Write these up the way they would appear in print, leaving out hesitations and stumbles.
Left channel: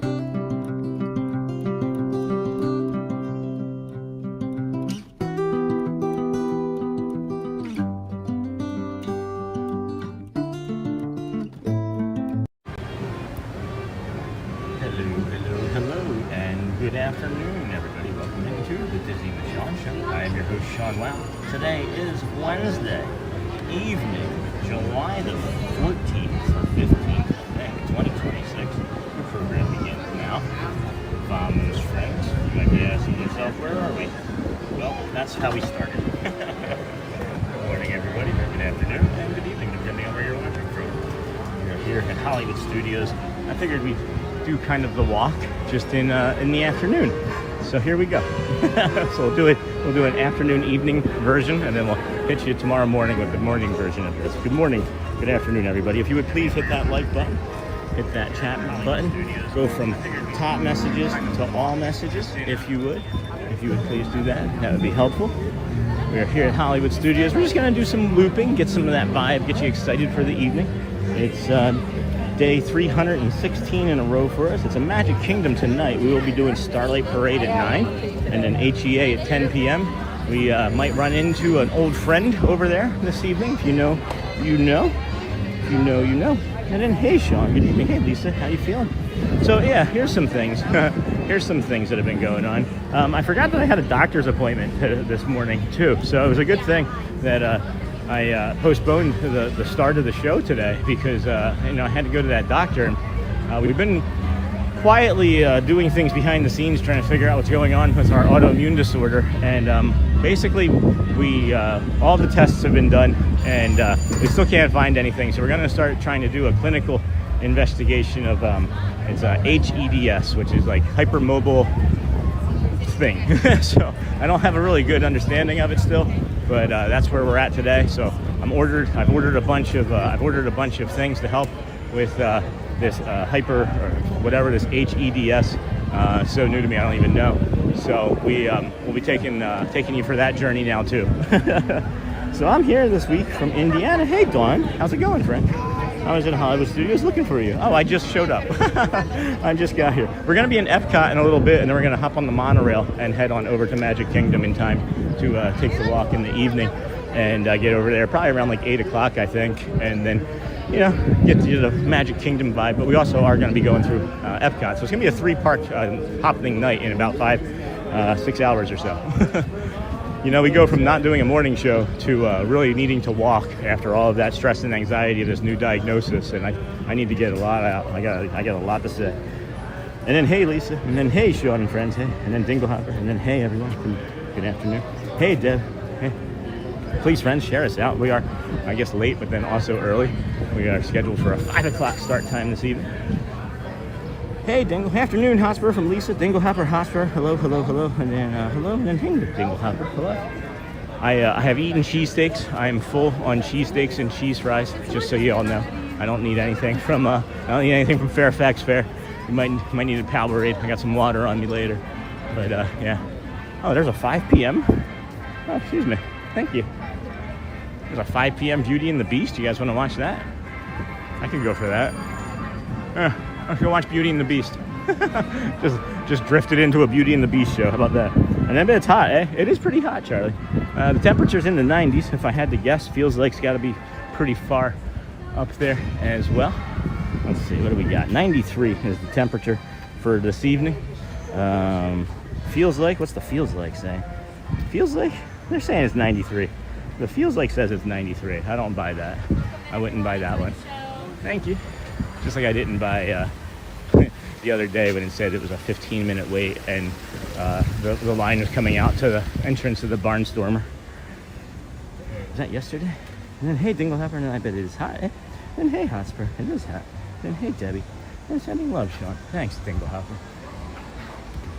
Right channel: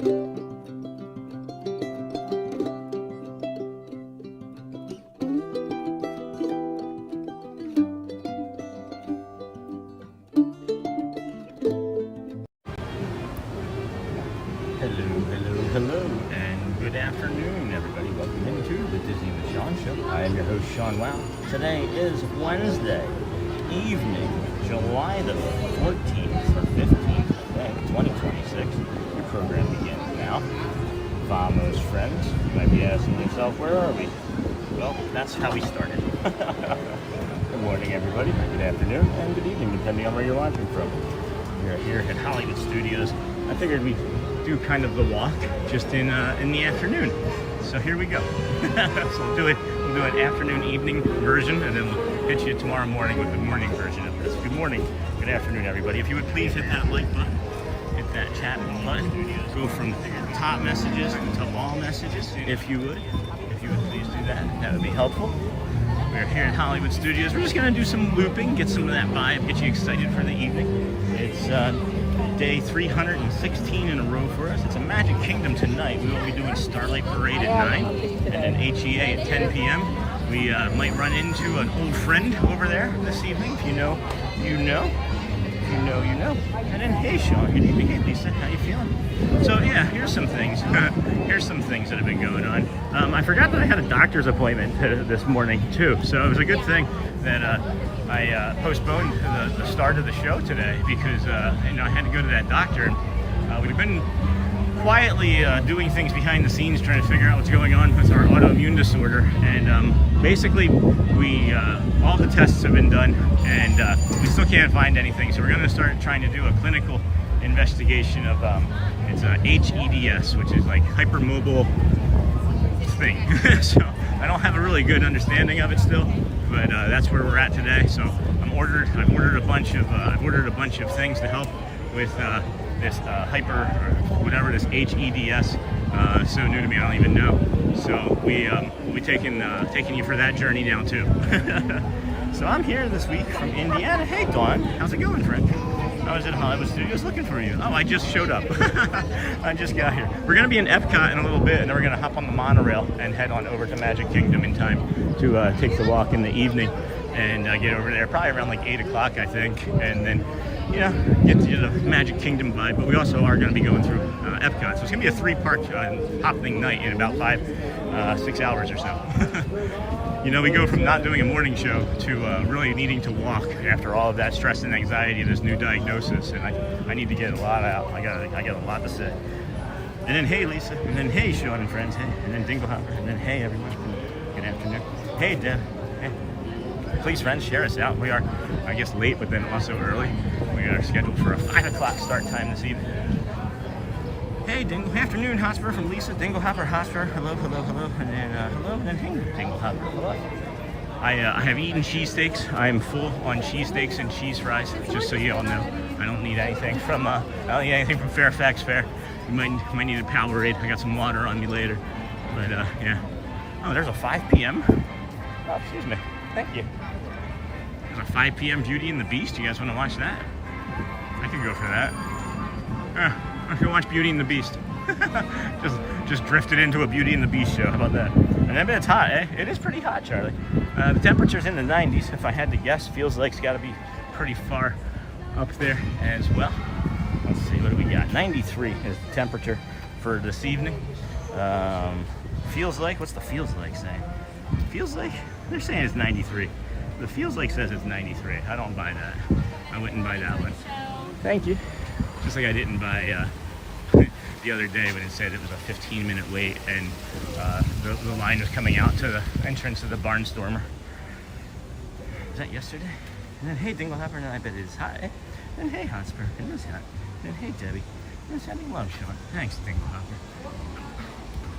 Hello, and good afternoon, everybody. Welcome into the Disney with Sean Show. I am your host, Sean Wow. Today is Wednesday evening, July the 14th or 15th, I think, 2026. Your program begins now. Vamos, friends. You might be asking yourself, where are we? Well, that's how we started. Good morning, everybody. Good afternoon, and good evening, depending on where you're watching from. We are here at Hollywood Studios. I figured we'd do kind of the walk just in the afternoon. So here we go. So we'll do an afternoon evening version, and then we'll hit you tomorrow morning with the morning version of this. Good morning, good afternoon, everybody. If you would please hit that like button, hit that chat button, go from top messages to all messages, if you would please do that. That would be helpful. We are here at Hollywood Studios. We're just gonna do some looping, get some of that vibe, get you excited for the evening. It's day 316 in a row for us. It's a Magic Kingdom tonight. We will be doing Starlight Parade at 9 and then HEA at 10 p.m. We might run into an old friend over there this evening. If you know, you know. If you know, you know. And then, hey, Sean, good evening. Hey, Lisa, how you feeling? So, yeah, here's some things. Here's some things that have been going on. I forgot that I had a doctor's appointment this morning, too. So it was a good thing that I postponed the start of the show today because I had to go to that doctor. And we've been quietly doing things behind the scenes, trying to figure out what's going on with our autoimmune disorder. And basically, we all the tests have been done, and we still can't find anything. So we're going to start trying to do a clinical investigation of it's HEDS, which is like hypermobile thing. So I don't have a really good understanding of it still, but that's where we're at today. So I've ordered a bunch of things to help with this hyper or whatever this HEDS. So new to me, I don't even know. So we'll be taking you for that journey now too. So I'm here this week from Indiana. Hey Dawn, how's it going, friend? I was at Hollywood Studios looking for you. Oh, I just showed up. I just got here. We're going to be in EPCOT in a little bit, and then we're going to hop on the monorail and head on over to Magic Kingdom in time to take the walk in the evening and get over there probably around like 8 o'clock, I think, and then, get to the Magic Kingdom vibe. But we also are going to be going through EPCOT. So it's going to be a 3-park hopping night in about 6 hours or so. We go from not doing a morning show to really needing to walk after all of that stress and anxiety of this new diagnosis, and I need to get a lot out. I got a lot to say. And then hey Lisa, and then hey Sean and friends, hey, and then Dingle Hopper, and then hey everyone, good afternoon. Hey Deb, hey. Please friends, share us out. We are, I guess, late, but then also early. We are scheduled for a 5 o'clock start time this evening. Hey, Dingle. Afternoon, Hotspur from Lisa. Dingle Hopper, Hotspur. Hello, hello, hello. And then, hello, and then Dingle Hopper. I have eaten cheesesteaks. I am full on cheesesteaks and cheese fries, just so you all know. I don't need anything from Fairfax Fair. You might need a Powerade. I got some water on me later. But, yeah. Oh, there's a 5 p.m. Oh, excuse me. Thank you. There's a 5 p.m. Beauty and the Beast. You guys want to watch that? I could go for that. I should watch Beauty and the Beast. just drifted into a Beauty and the Beast show. How about that? And I bet it's hot, eh? It is pretty hot, Charlie. The temperature's in the 90s, if I had to guess. Feels like it's got to be pretty far up there as well. Let's see, what do we got? 93 is the temperature for this evening. Feels like, what's the feels like saying? Feels like, they're saying it's 93. The feels like says it's 93. I don't buy that. I wouldn't buy that one. Thank you. Just like I didn't buy the other day when it said it was a 15-minute wait and the line was coming out to the entrance of the Barnstormer. Was that yesterday? And then hey Dinglehopper, and I bet it is hot. Eh? Then hey Hotspur, it is hot. Then hey Debbie, and sending love, Sean. Thanks, Dinglehopper.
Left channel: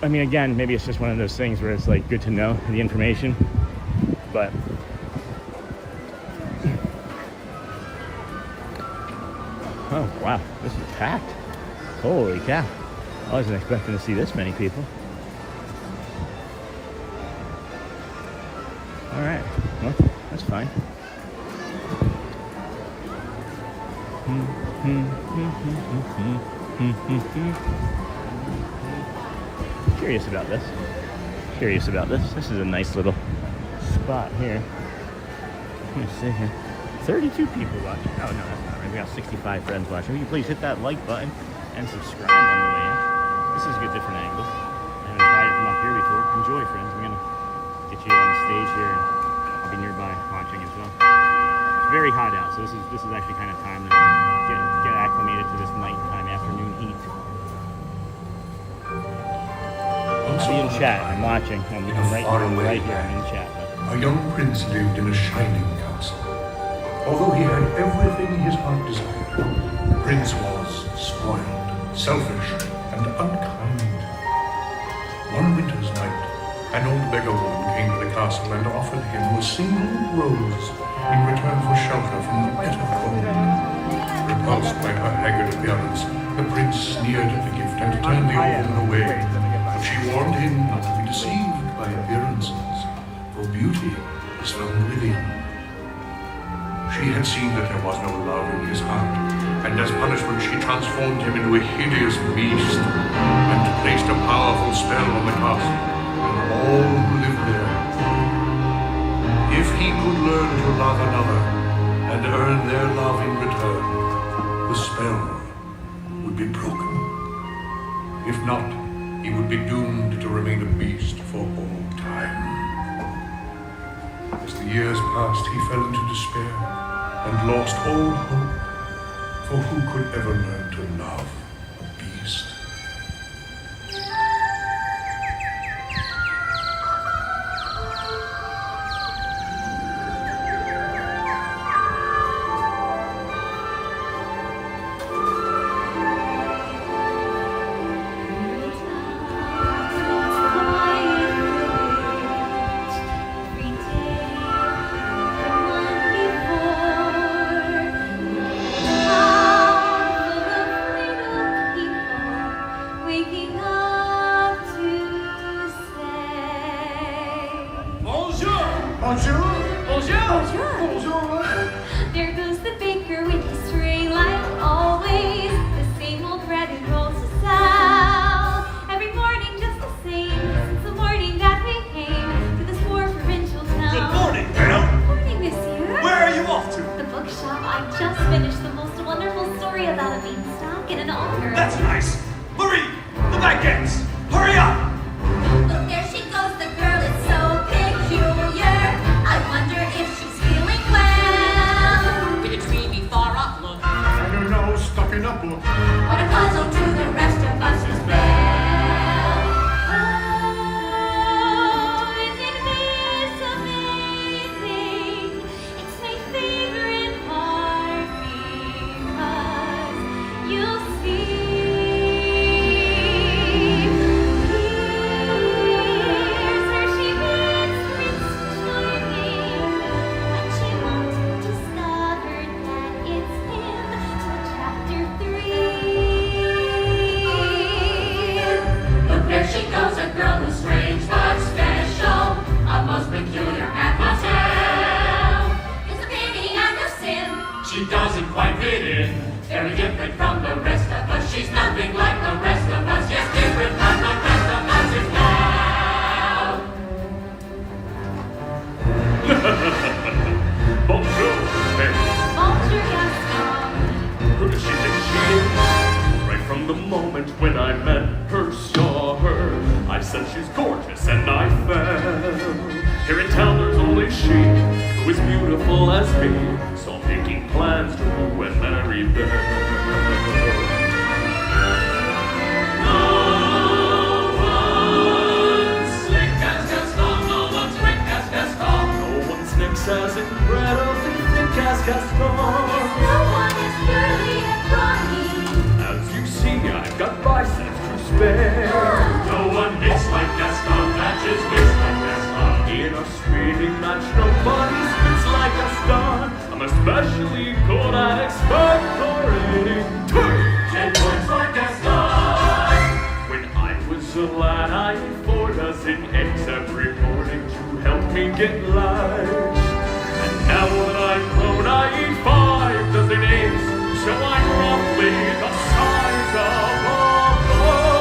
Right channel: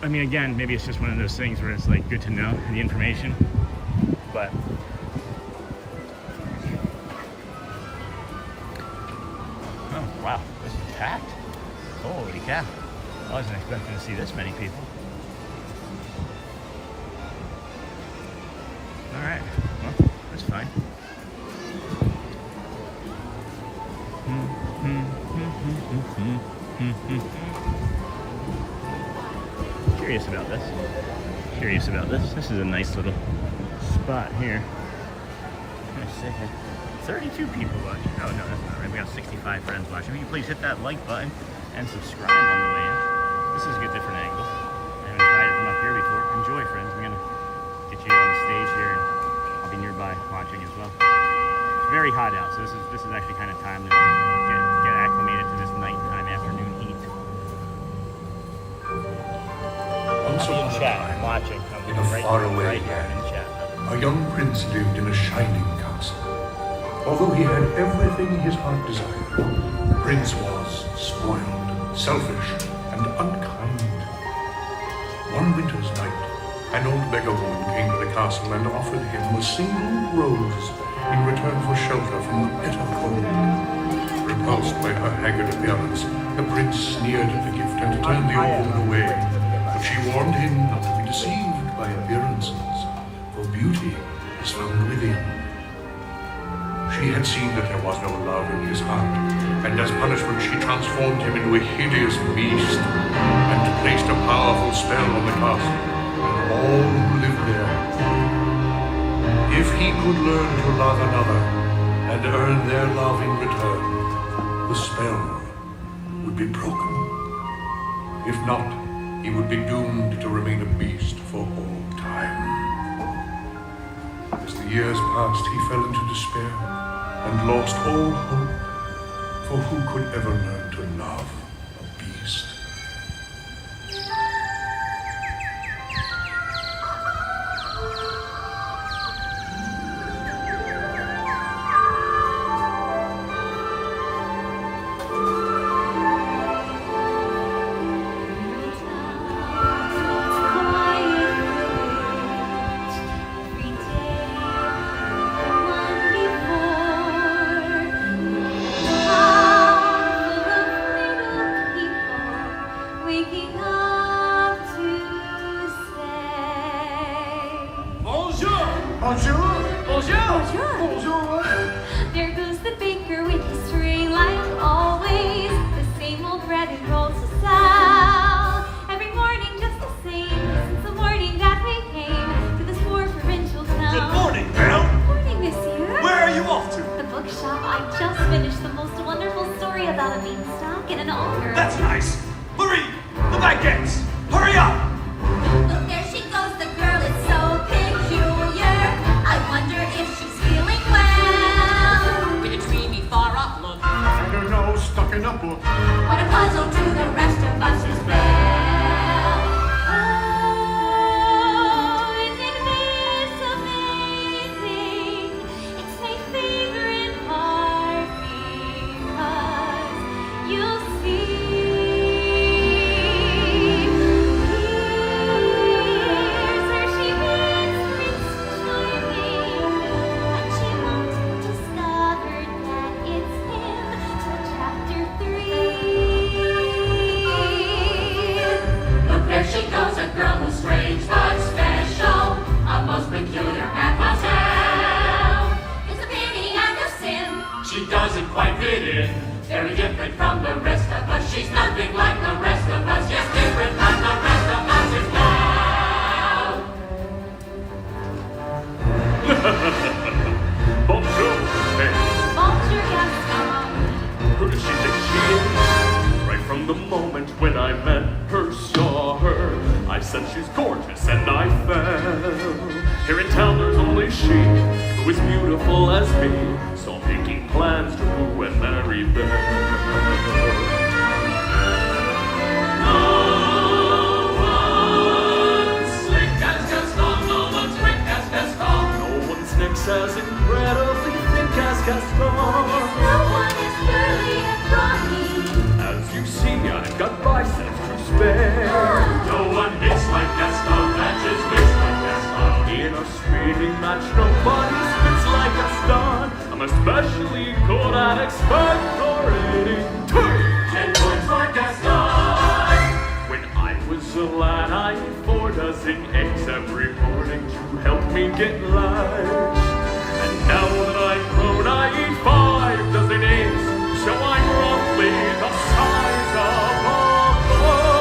I mean, again, maybe it's just one of those things where it's like good to know the information, but oh wow, this is packed. Holy cow. I wasn't expecting to see this many people. Alright, well, that's fine. Curious about this. Curious about this. This is a nice little spot here. Let me see here. 32 people watching. Oh, no, that's not right. We got 65 friends watching. Will you please hit that like button and subscribe on the way in. This is a good different angle. I haven't tried it from up here before. Enjoy, friends. I'm going to get you on the stage here, and I'll be nearby watching as well. It's very hot out, so this is actually kind of time to get acclimated to this nighttime afternoon heat. In chat, I'm watching. In a faraway land, a young prince lived in a shining castle. Although he had everything his heart desired, the prince was spoiled, selfish, and unkind. One winter's night, an old beggar woman came to the castle and offered him a single rose in return for shelter from the bitter cold. Repulsed by her haggard appearance, the prince sneered at the gift and turned the old woman away. But she warned him not to be deceived by appearances, for beauty is found within. She had seen that there was no love in his heart, and as punishment she transformed him into a hideous beast, and placed a powerful spell on the castle and all who lived there. If he could learn to love another, and earn their love in return, the spell would be broken. If not, he would be doomed to remain a beast for all time. As the years passed, he fell into despair and lost all hope, for who could ever learn to love a beast? There goes the baker with his string like always. The same old bread and rolls to sell. Every morning just the same, since the morning that we came to this poor provincial town. Good morning, ma'am. Good morning, monsieur. Where are you off to? The bookshop. I just finished the most wonderful story about a beanstalk and an ogre. That's nice. Marie, the baguettes. Hurry up. Look, there she goes, the girl is so peculiar. I wonder if she's feeling well. With a dreamy, far-off look. And her nose stuck in a book. What a puzzle to the rest of us is Belle. Oh, isn't this amazing? It's my favorite part because you'll see. Here's where she meets Prince Charming, but she won't discover that it's him till chapter 3. Look, there she goes, a girl who's strange but special, a most peculiar mademoiselle. It's a pity and a sin. She doesn't quite fit in. Very different from the rest of us. She's nothing like the rest of us. Yes, different from the rest of us is now. Bonjour, Belle. Bonjour, Gaston. Who does she think she is? Right from the moment when I met her, saw her, I said she's gorgeous and I fell. Here in town there's only she who is beautiful as me, so I'm making plans to woo and marry Belle. No one's slick as Gaston. No one's quick as Gaston. No one's next as incredibly thick as Gaston. No one is girly and brawny. As you see, I've got biceps to spare. No one hits like Gaston. Matches hits like Gaston. In a sweeping match, nobody spits like Gaston. I'm especially good at expectorating. 10 points for Gaston. When I was a lad, I ate 4 dozen eggs every morning to help me get light. And now that I'm grown, I eat 5 dozen eggs, so I'm roughly the size of a boy.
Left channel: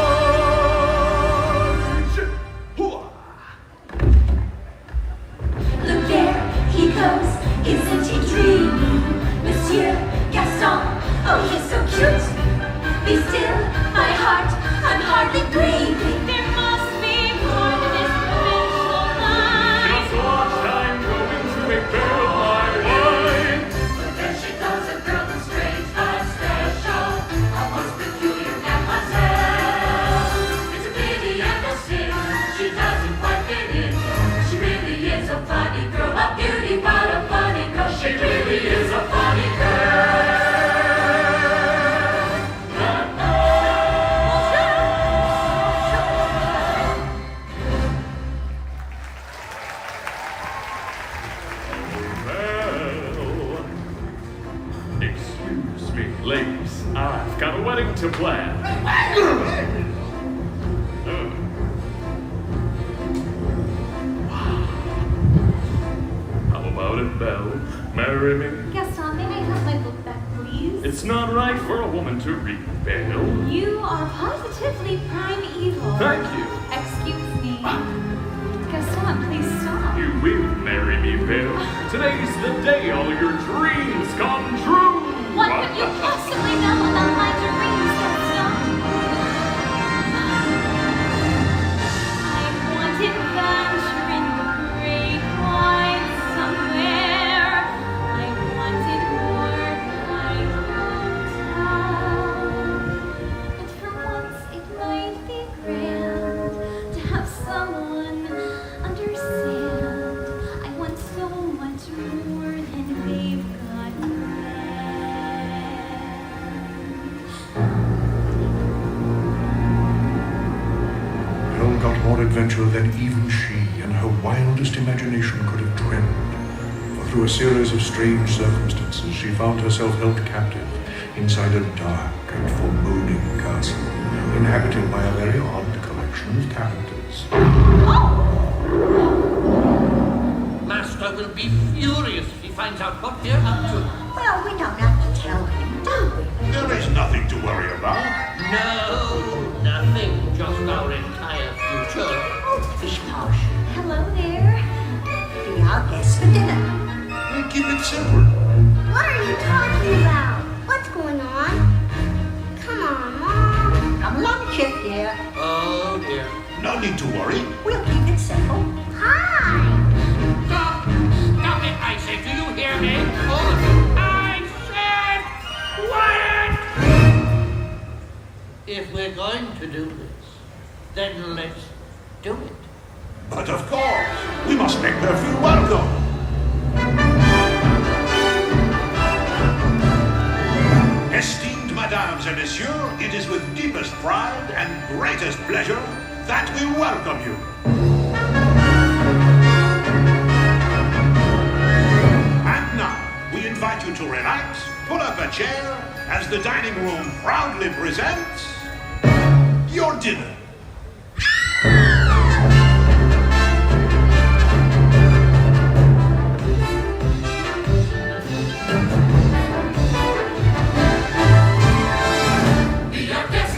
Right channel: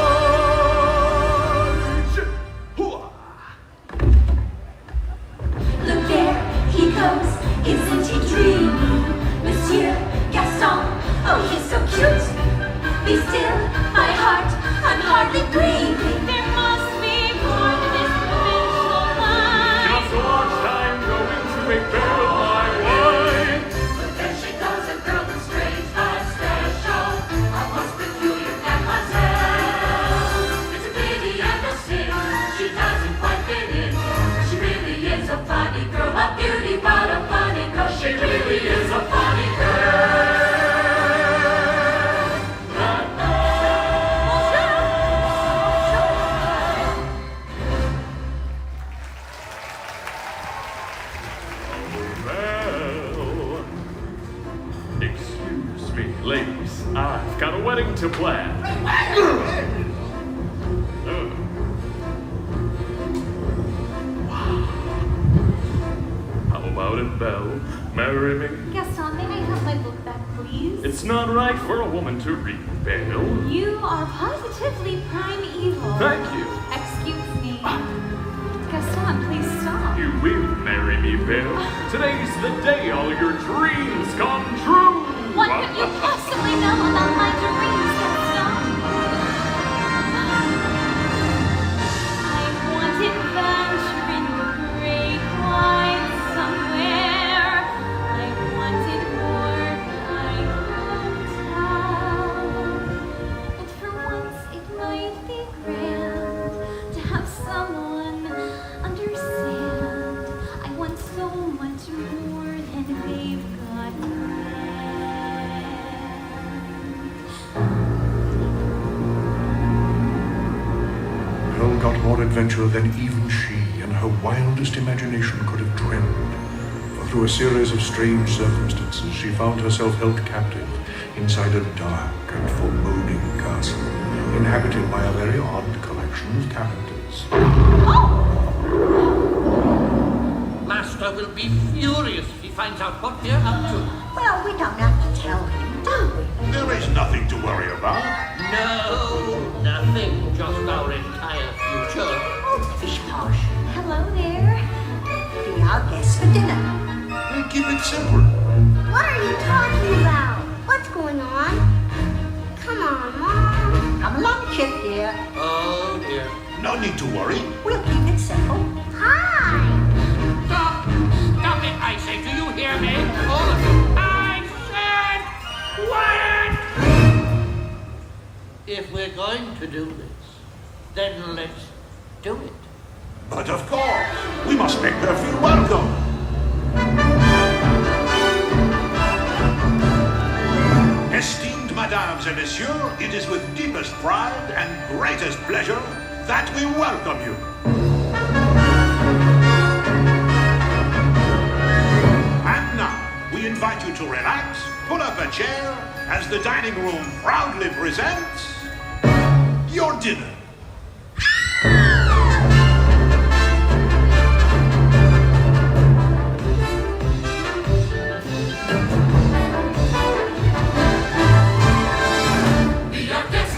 How about it, Belle? Marry me? Gaston, may I have my book back, please? It's not right for a woman to read, Belle. You are positively primeval. Thank you. Excuse me. Gaston, please stop. You will marry me, Belle. Today's the day all your dreams come true. What could you possibly know about my dreams, Gaston? I want adventure in the great wide somewhere. I wanted more I could tell. And for once it might be grand to have someone understand. I want so much more than they've got planned. Belle got more adventure than even she and her wildest imagination could have dreamed. For through a series of strange circumstances, she found herself held captive inside a dark and foreboding castle, inhabited by a very odd collection of characters. Master will be furious if he finds out what we're up to. Well, we don't have to tell him, do we? There is nothing to worry about. No, nothing, just our entire future. Oh, Fish Posh, Hello there. be our guest for dinner. We keep it simple. What are you talking about? What's going on? Come on, Mom. Come along, Chip, dear. Oh dear. No need to worry. We'll keep it simple. Hi. Stop! Stop it, I say. Do you hear me? All of you. I said quiet! If we're going to do this, then let's do it. But of course, we must make her feel welcome. Esteemed Mesdames and Messieurs, it is with deepest pride and greatest pleasure that we welcome you. And now, we invite you to relax, pull up a chair, as the dining room proudly presents your dinner. Be our guest,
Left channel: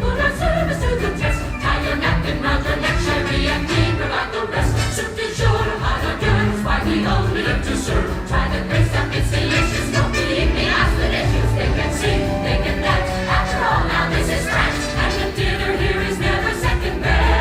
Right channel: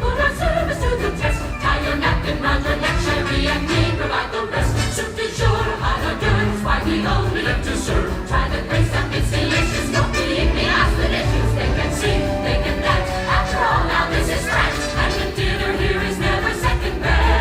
put our service to the test. Tie your napkin round your neck, sherry and tea, provide the rest. Soup du jour, hot hors d'oeuvres, why we only live to serve. Try the grace up, it's delicious, don't believe me, ask the dishes. They can sing, they can dance, after all, now this is France. And the dinner here is never second best.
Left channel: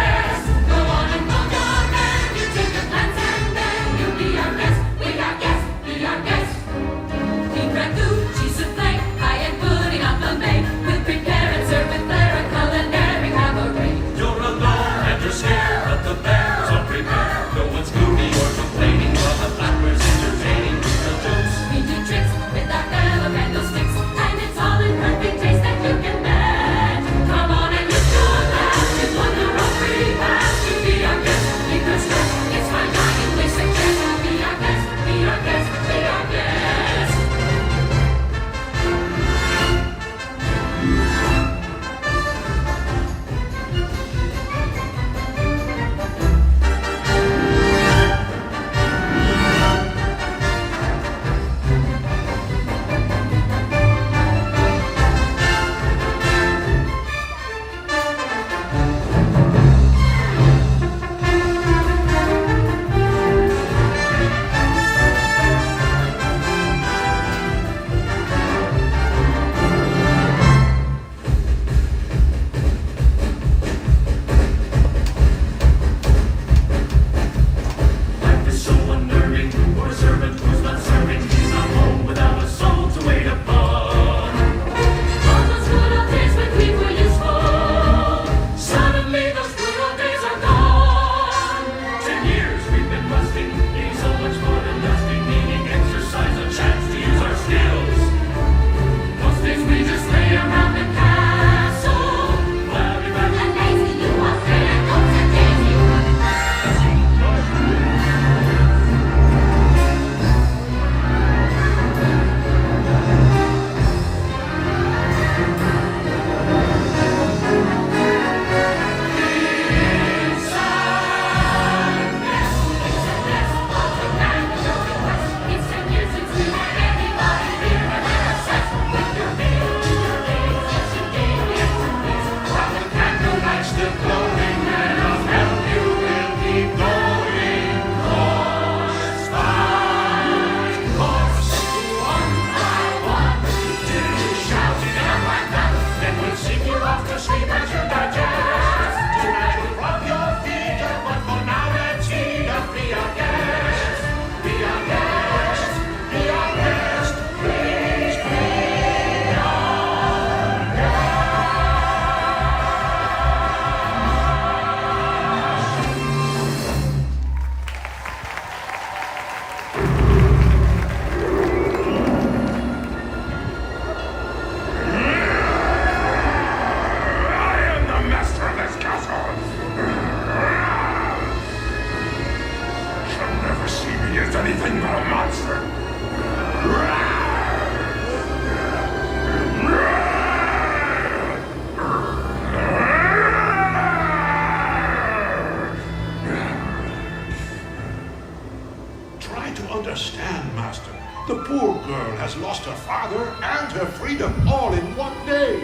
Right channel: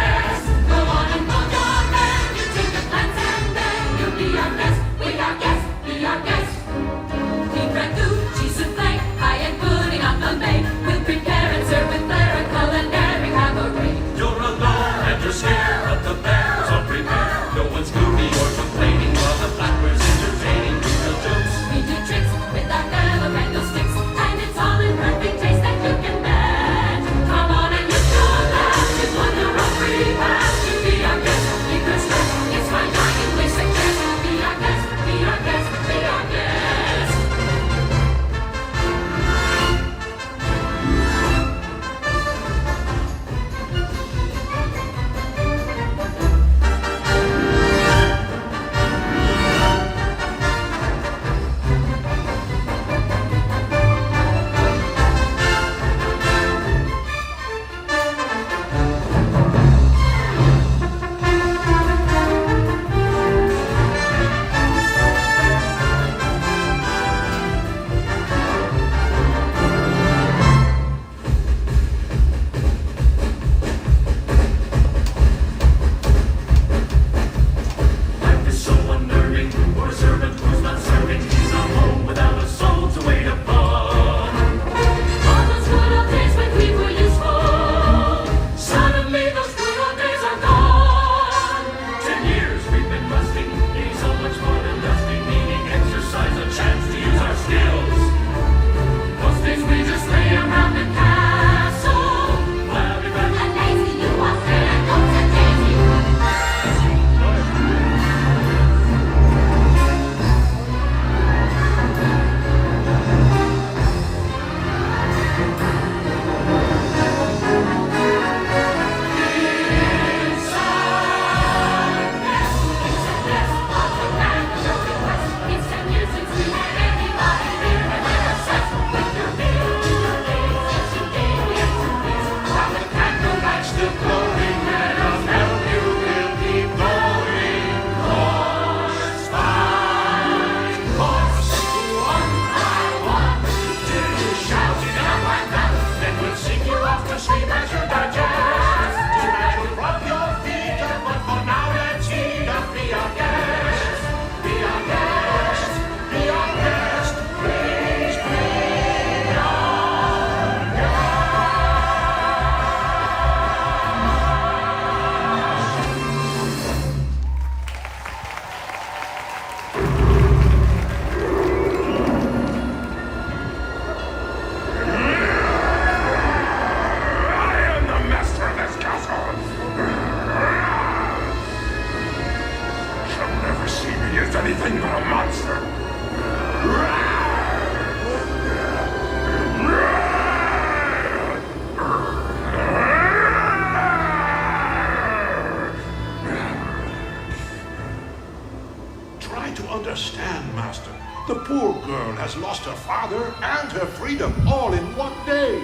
girl has lost her father and her freedom all in one day.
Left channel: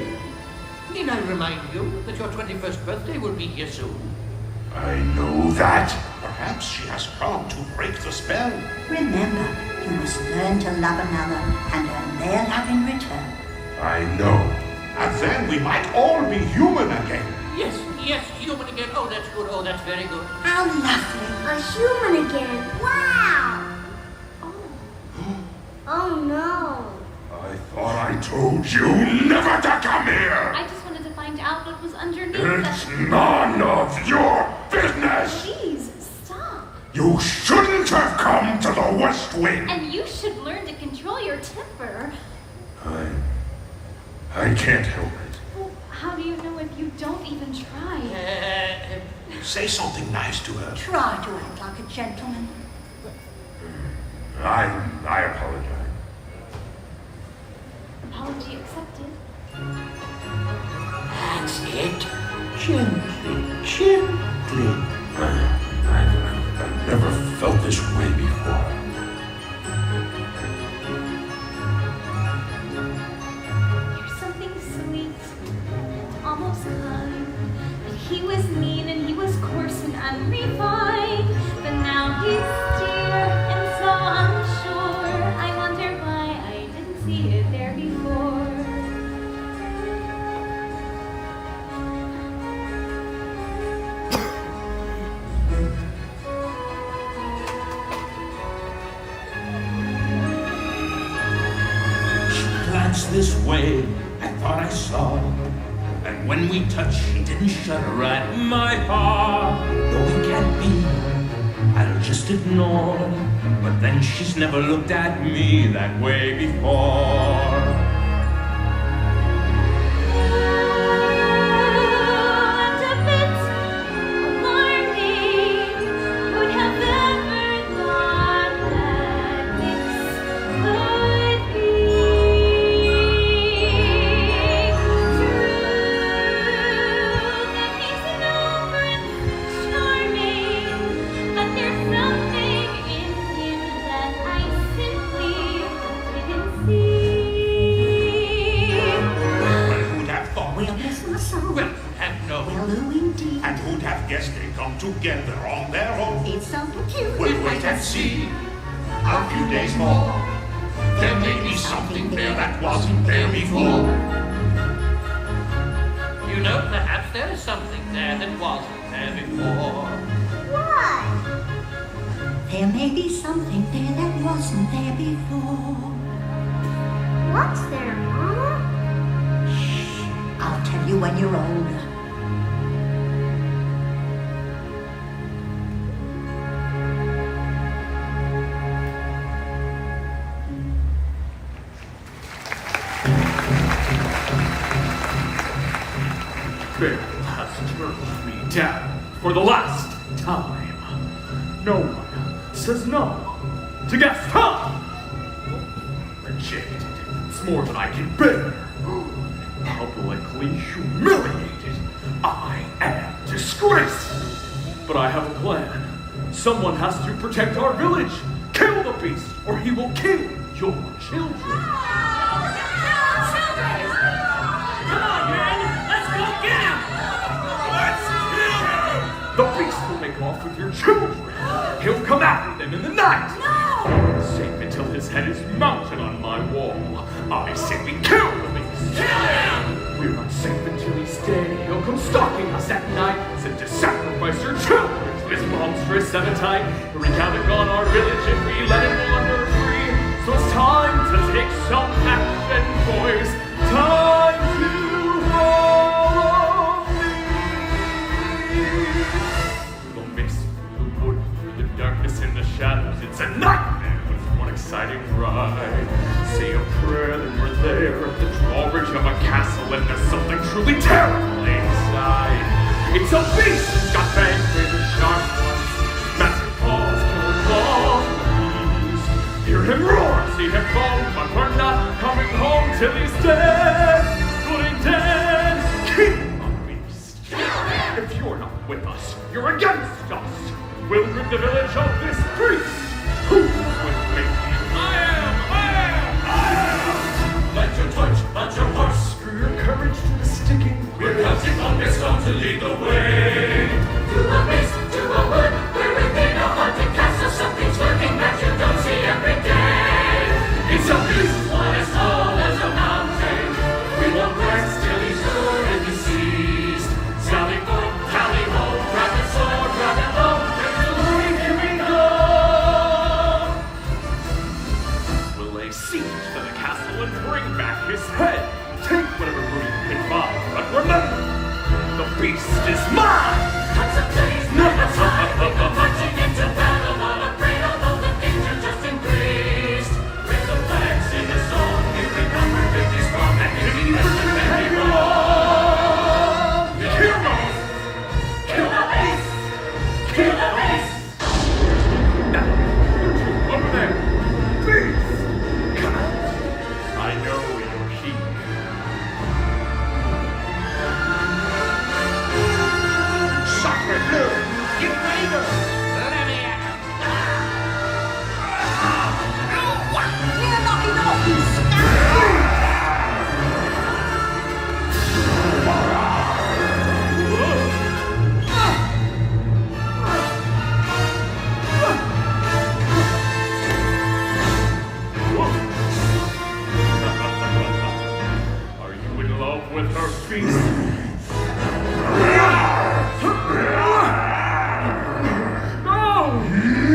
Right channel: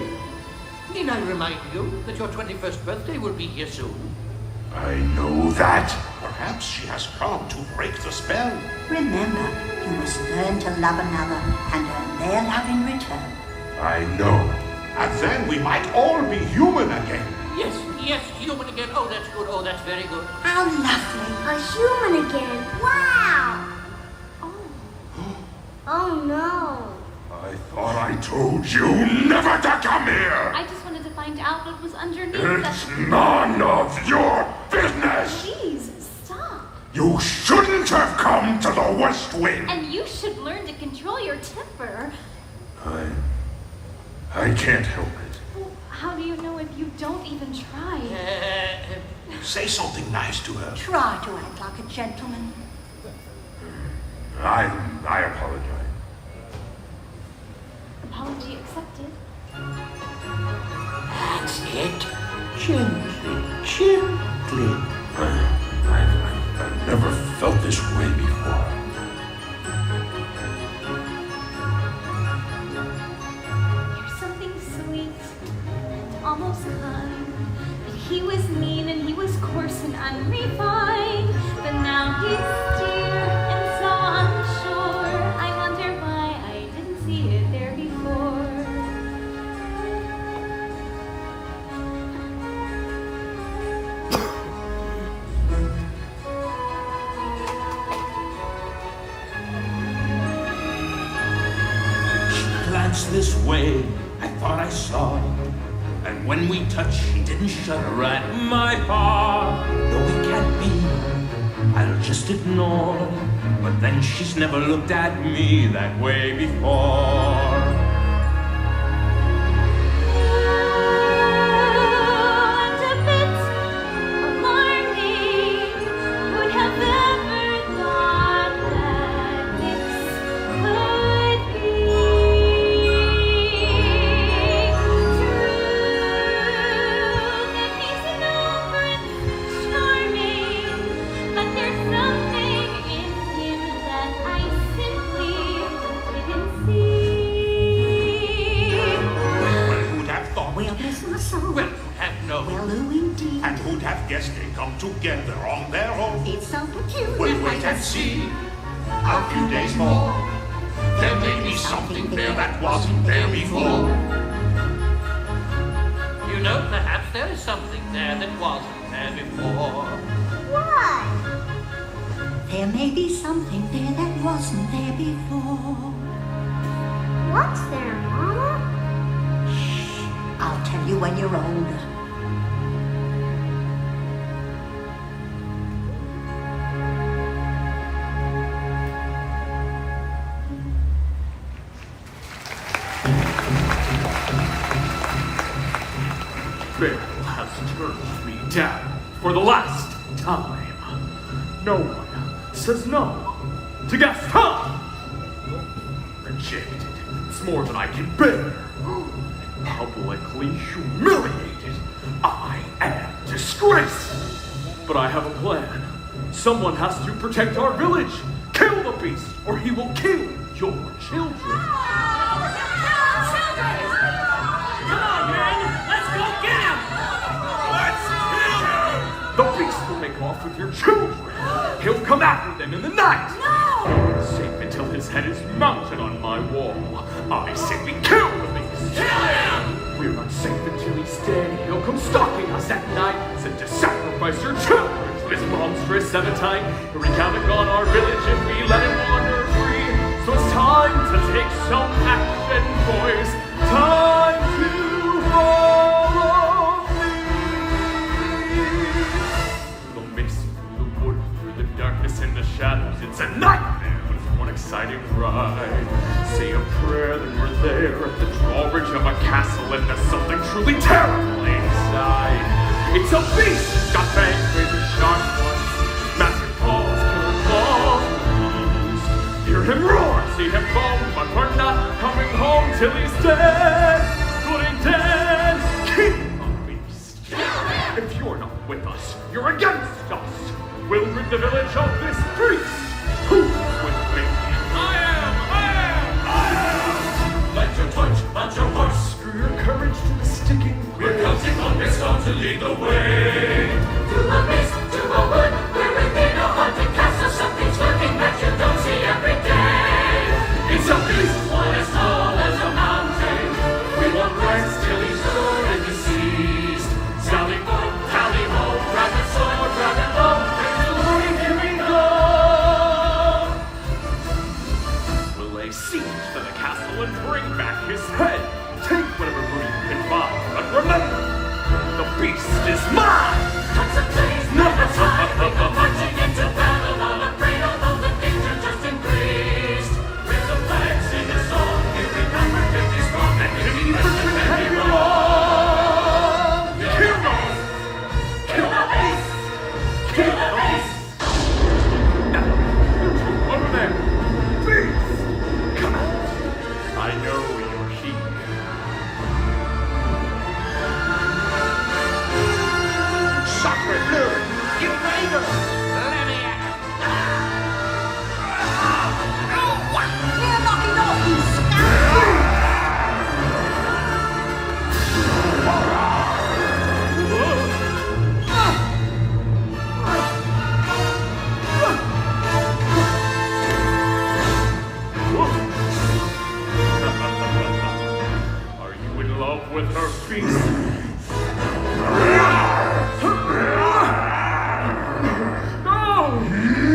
Need I remind you that your 21st birthday will be here soon? I know that. Perhaps she has come to break the spell. Remember, you must learn to love another and earn their love in return. I know. And then we might all be human again. Yes, human again. Oh, that's good. Oh, that's very good. How lovely. A human again. Wow. Oh no. I thought I told you never to come here! I just wanted to find out what was underneath It's that. none of your business! Please, stop. You shouldn't have come to the West Wing! And you should learn to control your temper. I can't help it. Well, how do you know if you don't even try? Say something nice to her. Try to act like a gentleman. I apologize. Apology accepted. That's it. Gently. I've never felt this way before. There's something sweet, almost kind. But he was mean and he was coarse and unrefined. But now he's dear and so unsure. I wonder why I didn't see it there before. Glanced this way, I thought I saw. And when we touched, she didn't shudder at my heart. Though it can't be, I'll just ignore. But then she's never looked at me that way before. And a bit alarming. Would have ever thought that this could be true. That he's no prince charming, but there's something in him that I simply didn't see. Well, who'd have thought? Well, bless my soul. Well, have no. Well, who indeed? And who'd have guessed they'd come together on their own? It's so peculiar. We'll wait and see. A few days more. There may be something there that wasn't there before. You know, perhaps there is something there that wasn't there before. What? There may be something there that wasn't there before. What's there, Mama? I'll tell you when you're older. Bill has turned me down for the last time. No one says no to Gaston. Rejected. It's more than I can bear. Publicly humiliated. I am disgraced. But I have a plan. Someone has to protect our village. Kill the beast, or he will kill your children. Come on, men! Let's go get him! Let's kill him! The beast will make off with your children. He'll come after them in the night. No! Safe until his head is mounted on my wall. I say we kill the beast. Kill him! We're not safe until he's dead. He'll come stalking us at night, sent to sacrifice your children to his monstrous appetite. Wreak havoc on our village if we let him wander free. So it's time to take some action, boys. Time to follow me. Through the mist, through the wood, through the darkness and the shadows. It's a nightmare, but it's one exciting ride. Say a prayer, then we're there at the drawbridge of a castle, and there's something truly terrible inside. It's a beast that's got fangs, razor sharp ones, massive paws, killer claws. Hear him roar, see him foam, but we're not coming home till he's dead. Good and dead, kill the beast. If you're not with us, you're against us. We'll rid the village of this beast. Who's with me? I am! ticking. We're counting on Vista to lead the way. To a mist, to a wood, we're within a haunted castle. Something's lurking that you don't see every day. It's a beast, one as tall as a mountain. We won't rest till he's sure and deceased. Sally forth, tally ho, grab the sword, grab the bow. There's the morning, here we go. We'll lay siege to the castle and bring back his head. Take whatever booty you can find, but remember, the beast is mine! Cut some trees, never time. We go marching into battle, not afraid, although the danger just increased. Raise the flags, sing a song, here we come, we're 50 strong, and if you miss the heavy wrong, kill the beast! Kill the beast! Kill the beast! Now, you two over there, beast! Come on! I know you're here. Sacre bleu! You Gator! Let me at him! You're knocking off, you scum! Are you in love with her beast?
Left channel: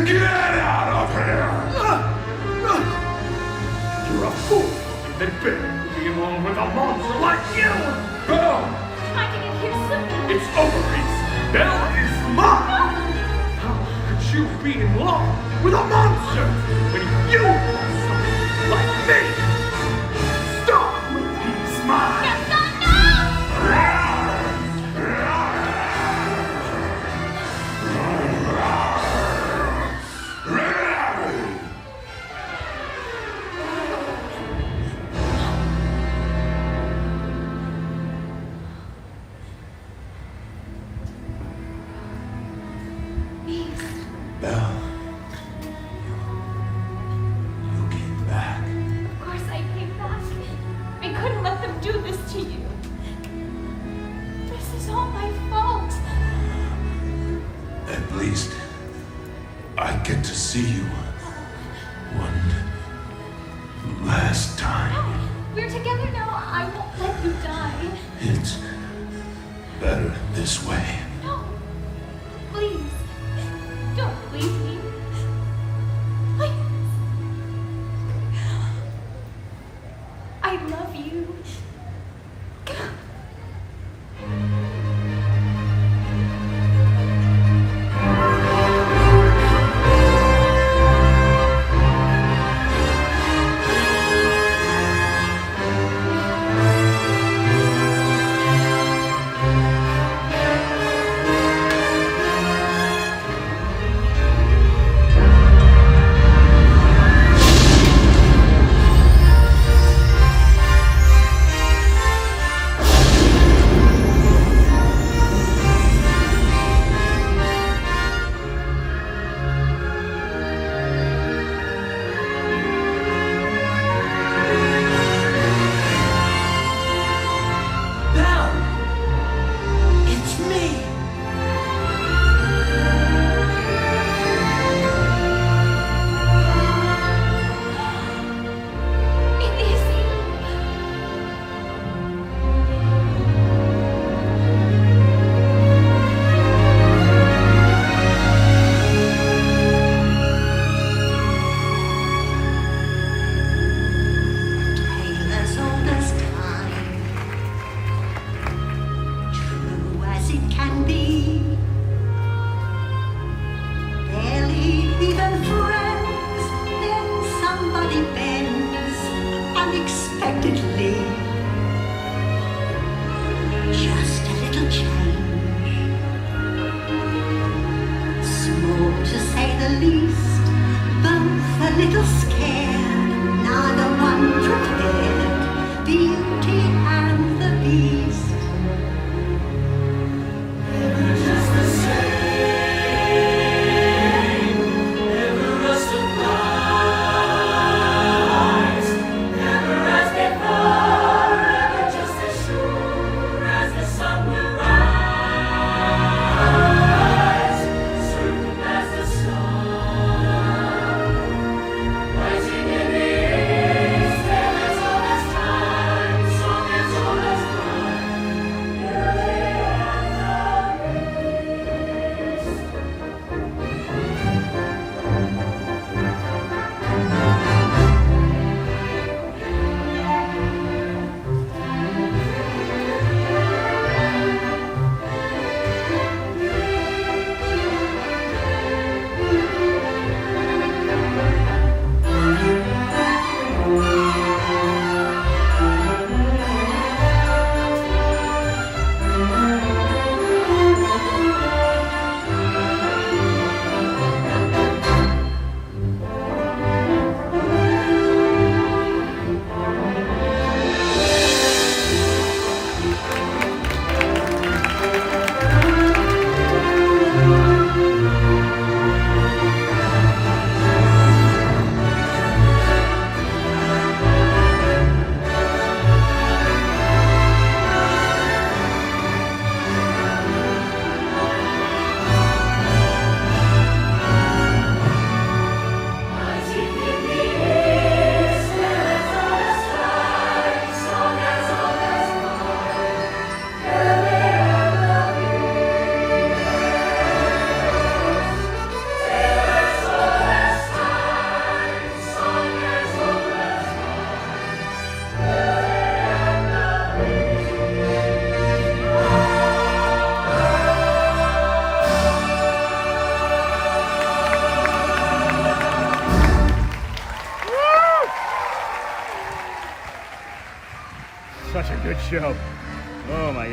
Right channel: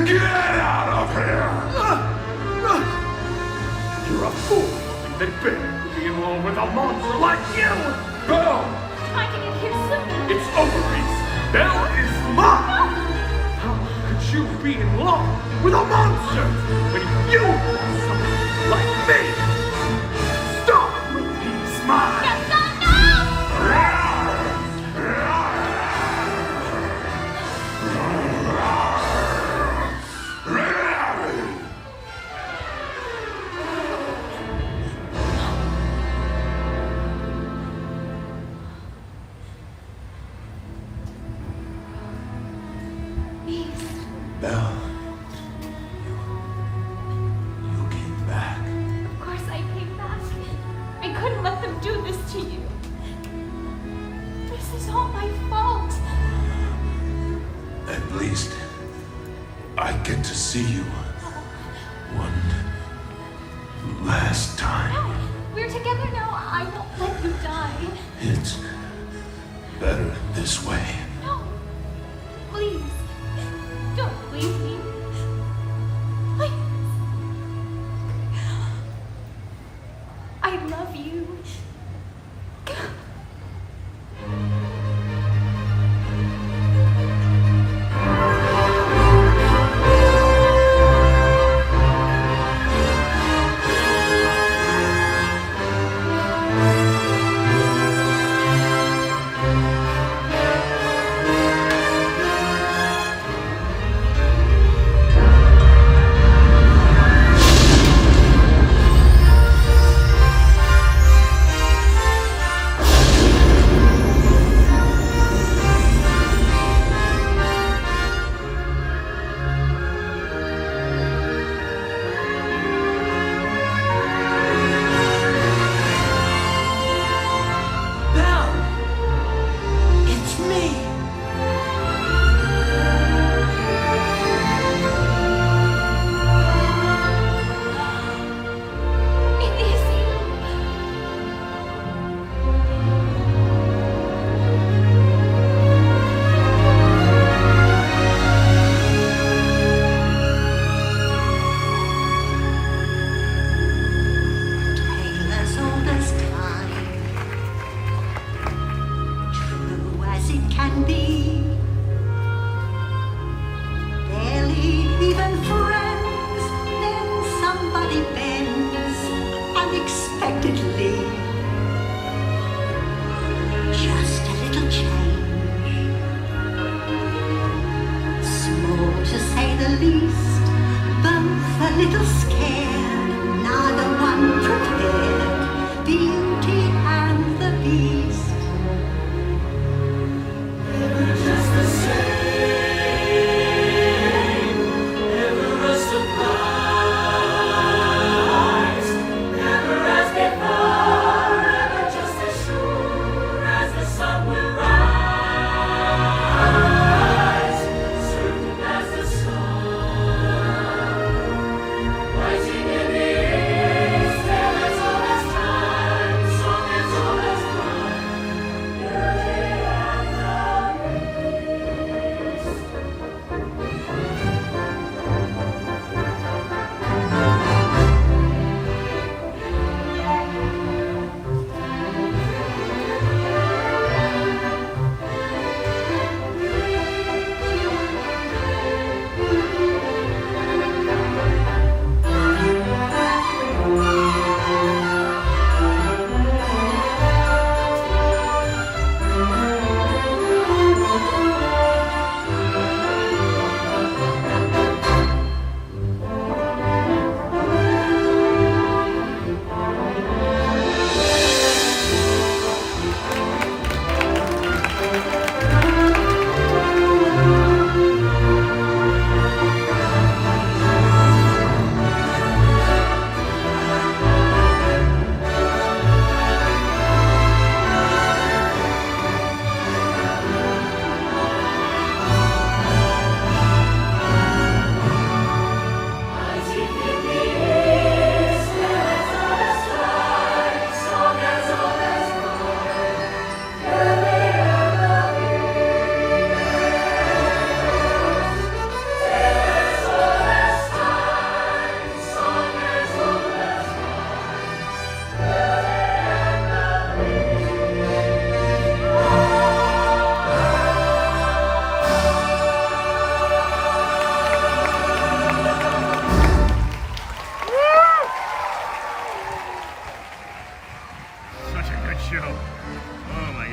Get out of here! You're a fool to think that Bray would be in love with a monster like you! Go! Trying to get here soon. It's over, Reese. Belle is mine! How could you be in love with a monster when you want someone like me? Stop when he's mine! Belle, you came back. Of course I came back. I couldn't let them do this to you. This is all my fault. At least I get to see you one last time. No, we're together now. I won't let you die. It's better this way. No, please, don't leave me. Please. I love you.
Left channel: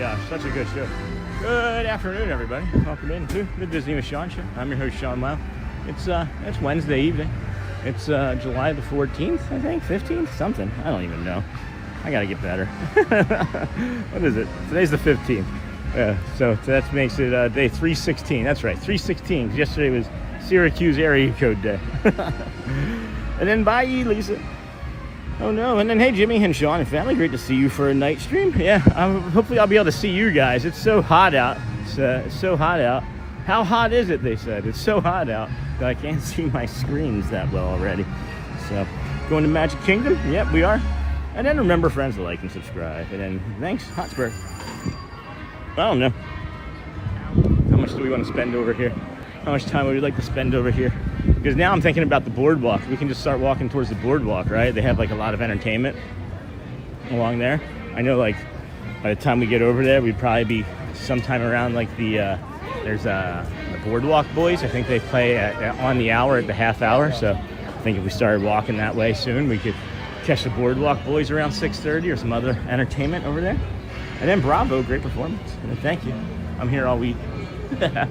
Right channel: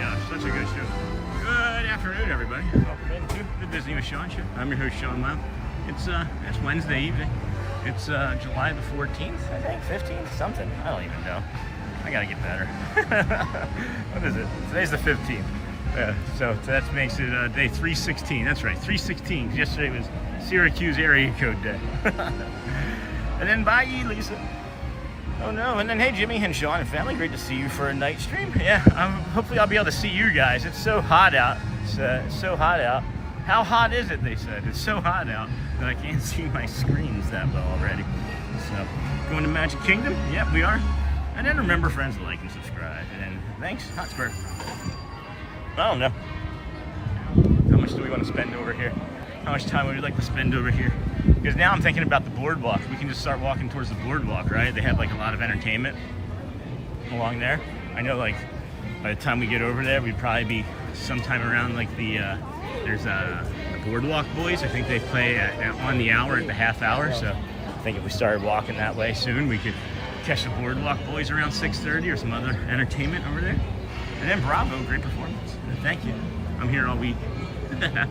gosh, such a good show. Good afternoon, everybody. Welcome into the Disney with Sean show. I'm your host, Sean Wow. It's Wednesday evening. It's July the 14th, I think, 15th, something. I don't even know. I gotta get better. What is it? Today's the 15th. Yeah, so that makes it day 316. That's right, 316. Yesterday was Syracuse area code day. And then bye, Lisa. Oh no, and then hey, Jimmy and Sean and family, great to see you for a night stream. Yeah, hopefully I'll be able to see you guys. It's so hot out. It's so hot out. How hot is it, they said? It's so hot out that I can't see my screens that well already. So, going to Magic Kingdom? Yep, we are. And then remember, friends, to like and subscribe. And then, thanks, Hotspur. I don't know. How much do we want to spend over here? How much time would we like to spend over here? Because now I'm thinking about the BoardWalk. We can just start walking towards the BoardWalk, right? They have like a lot of entertainment along there. I know, like, by the time we get over there, we'd probably be sometime around like the there's the BoardWalk Boys. I think they play on the hour at the half hour. So I think if we started walking that way soon, we could catch the BoardWalk Boys around 6:30 or some other entertainment over there. And then Bravo, great performance. Thank you. I'm here all week. I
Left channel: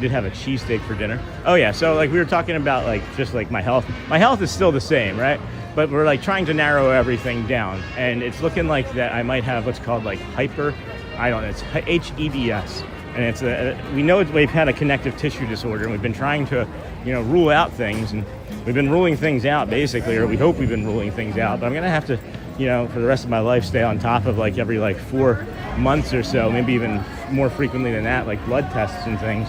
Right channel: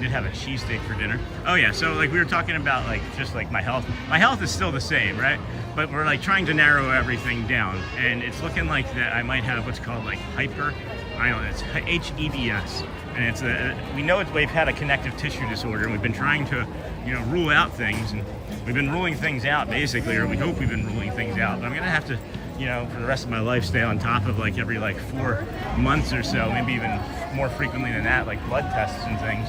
did have a cheesesteak for dinner. Oh yeah, so like we were talking about like just like my health. My health is still the same, right? But we're like trying to narrow everything down, and it's looking like that I might have what's called like it's HEDS, and it's we know we've had a connective tissue disorder, and we've been trying to, rule out things, and we've been ruling things out basically, or we hope we've been ruling things out. But I'm gonna have to, for the rest of my life, stay on top of like every like 4 months or so, maybe even more frequently than that, like blood tests and things.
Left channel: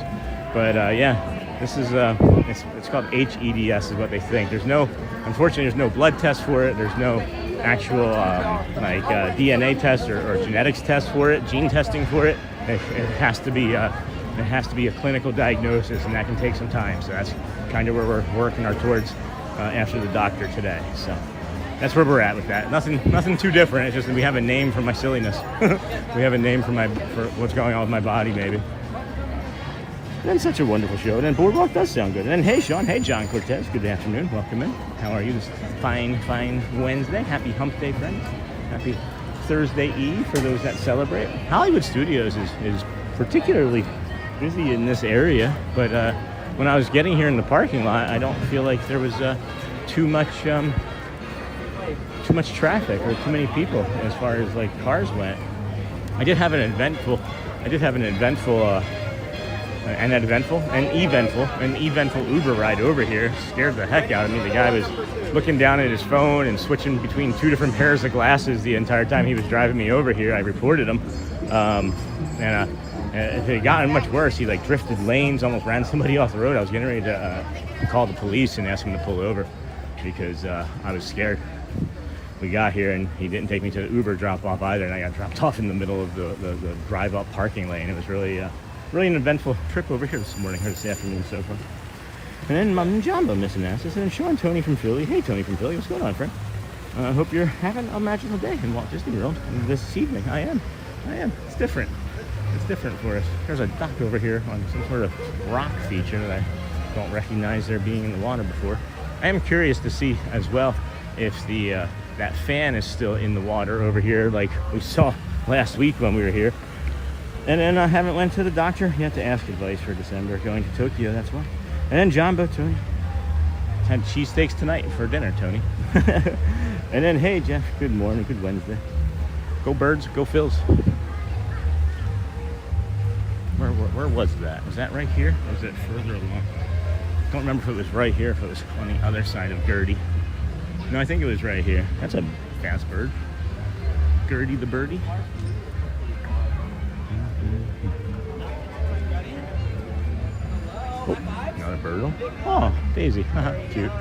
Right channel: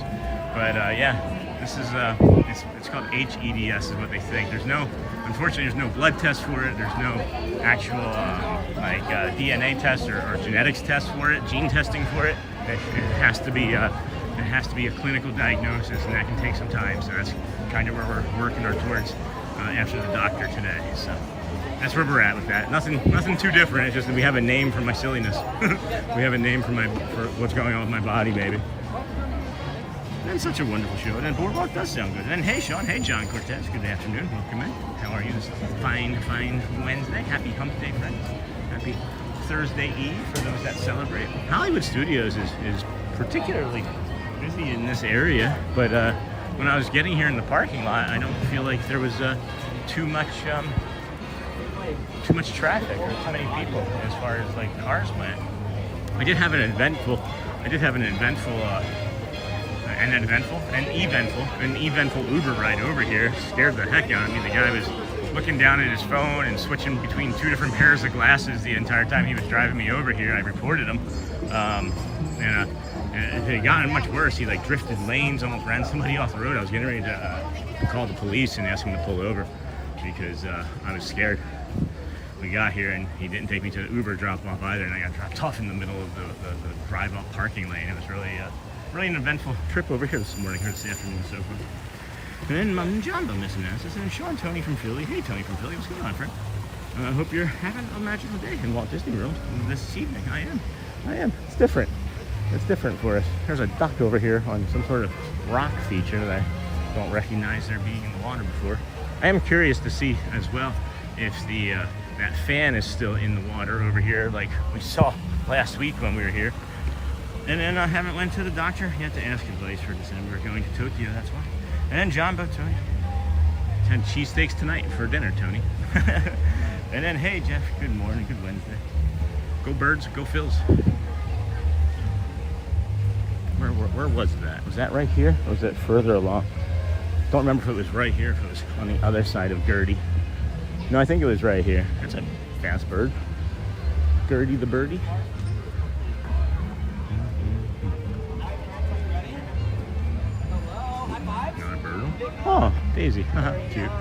But yeah, this is it's called HEDS is what they think. Unfortunately, there's no blood test for it. There's no actual DNA test or genetics test for it, gene testing for it. It has to be a clinical diagnosis, and that can take some time. So that's kind of where we're working towards after the doctor today. So that's where we're at with that. Nothing too different. It's just that we have a name for my silliness. We have a name for what's going on with my body, maybe. And then such a wonderful show. And then BoardWalk does sound good. And then hey, Sean. Hey, John Cortez. Good afternoon. Welcome in. How are you this fine Wednesday? Happy Hump Day, friends. Happy Thursday Eve for those that celebrate. Hollywood Studios is particularly busy in this area. But when I was getting here in the parking lot, I don't feel like there was too much traffic or too many people as far as like cars went. I did have an eventful Uber ride over here. Scared the heck out of me. The guy was looking down at his phone and switching between 2 different pairs of glasses the entire time he was driving me over here. I reported him. And if it had gotten much worse, he like drifted lanes, almost ran somebody off the road. I was getting ready to call the police and ask him to pull over because I was scared. We got here and he didn't take me to the Uber drop off either, and I got dropped off in the middle of the drive up parking lane. It was really an eventful trip over here this morning, or this afternoon so far. And then Mom Jumbo missing asses, and Sean, Tony from Philly. Hey, Tony from Philly, what's going on, friend? I hope you're having a magical day in Walt Disney World this evening. I am. It's different. It's different for us. There's a duck over here on some sort of rock feature that I don't recognize there being in the water before. I am curious to see as well if that fan is still in the water over here, like we saw last week when we were here. And then I haven't went to the doctor yet to ask advice for December. Going to Tokyo, that's why. And then Jumbo, Tony. Had cheesesteaks tonight for dinner, Tony. And then, hey, Jeff, good morning, good Wednesday. Go Birds, go Phils. Where was that? Was that right here? Or was that further along? Don't remember if it was right here, if it was on the other side of Gertie. No, I think it was right here. That's a fast bird. Gertie the birdie. Oh, another bird. Oh, Daisy. Cute.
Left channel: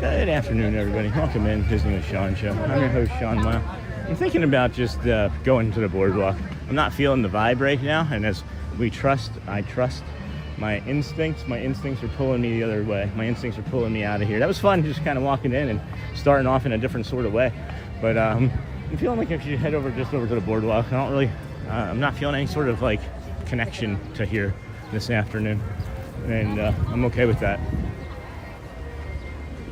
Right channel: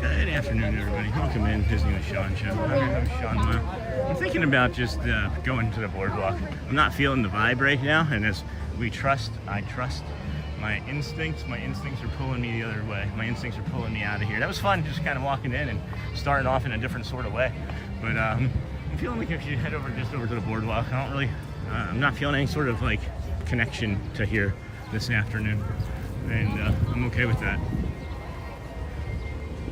Good afternoon, everybody. Welcome in Disney with Sean show. I'm your host, Sean Wow. I'm thinking about just going to the BoardWalk. I'm not feeling the vibe right now, and as I trust my instincts. My instincts are pulling me the other way. My instincts are pulling me out of here. That was fun, just kind of walking in and starting off in a different sort of way. But I'm feeling like I should head over to the BoardWalk. I'm not feeling any sort of like connection to here this afternoon, and I'm okay with that.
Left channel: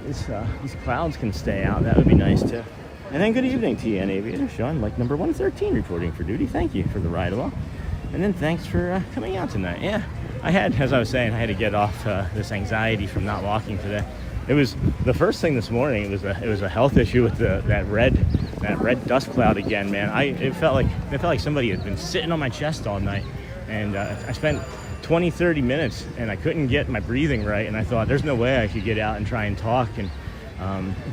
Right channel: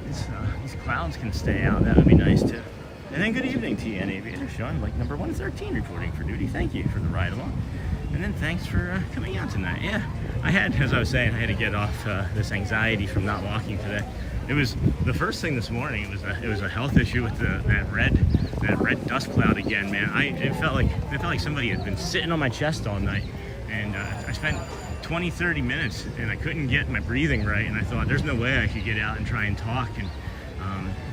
these clouds can stay out. That would be nice too. And then good evening to you, Aviator Sean, like number 113, reporting for duty. Thank you for the ride along. And then thanks for coming out tonight. Yeah, I had, as I was saying, I had to get off this anxiety from not walking today. It was the first thing this morning. It was a health issue with that red dust cloud again, man. It felt like somebody had been sitting on my chest all night, and I spent 20-30 minutes and I couldn't get my breathing right, and I thought there's no way I could get out and try and talk and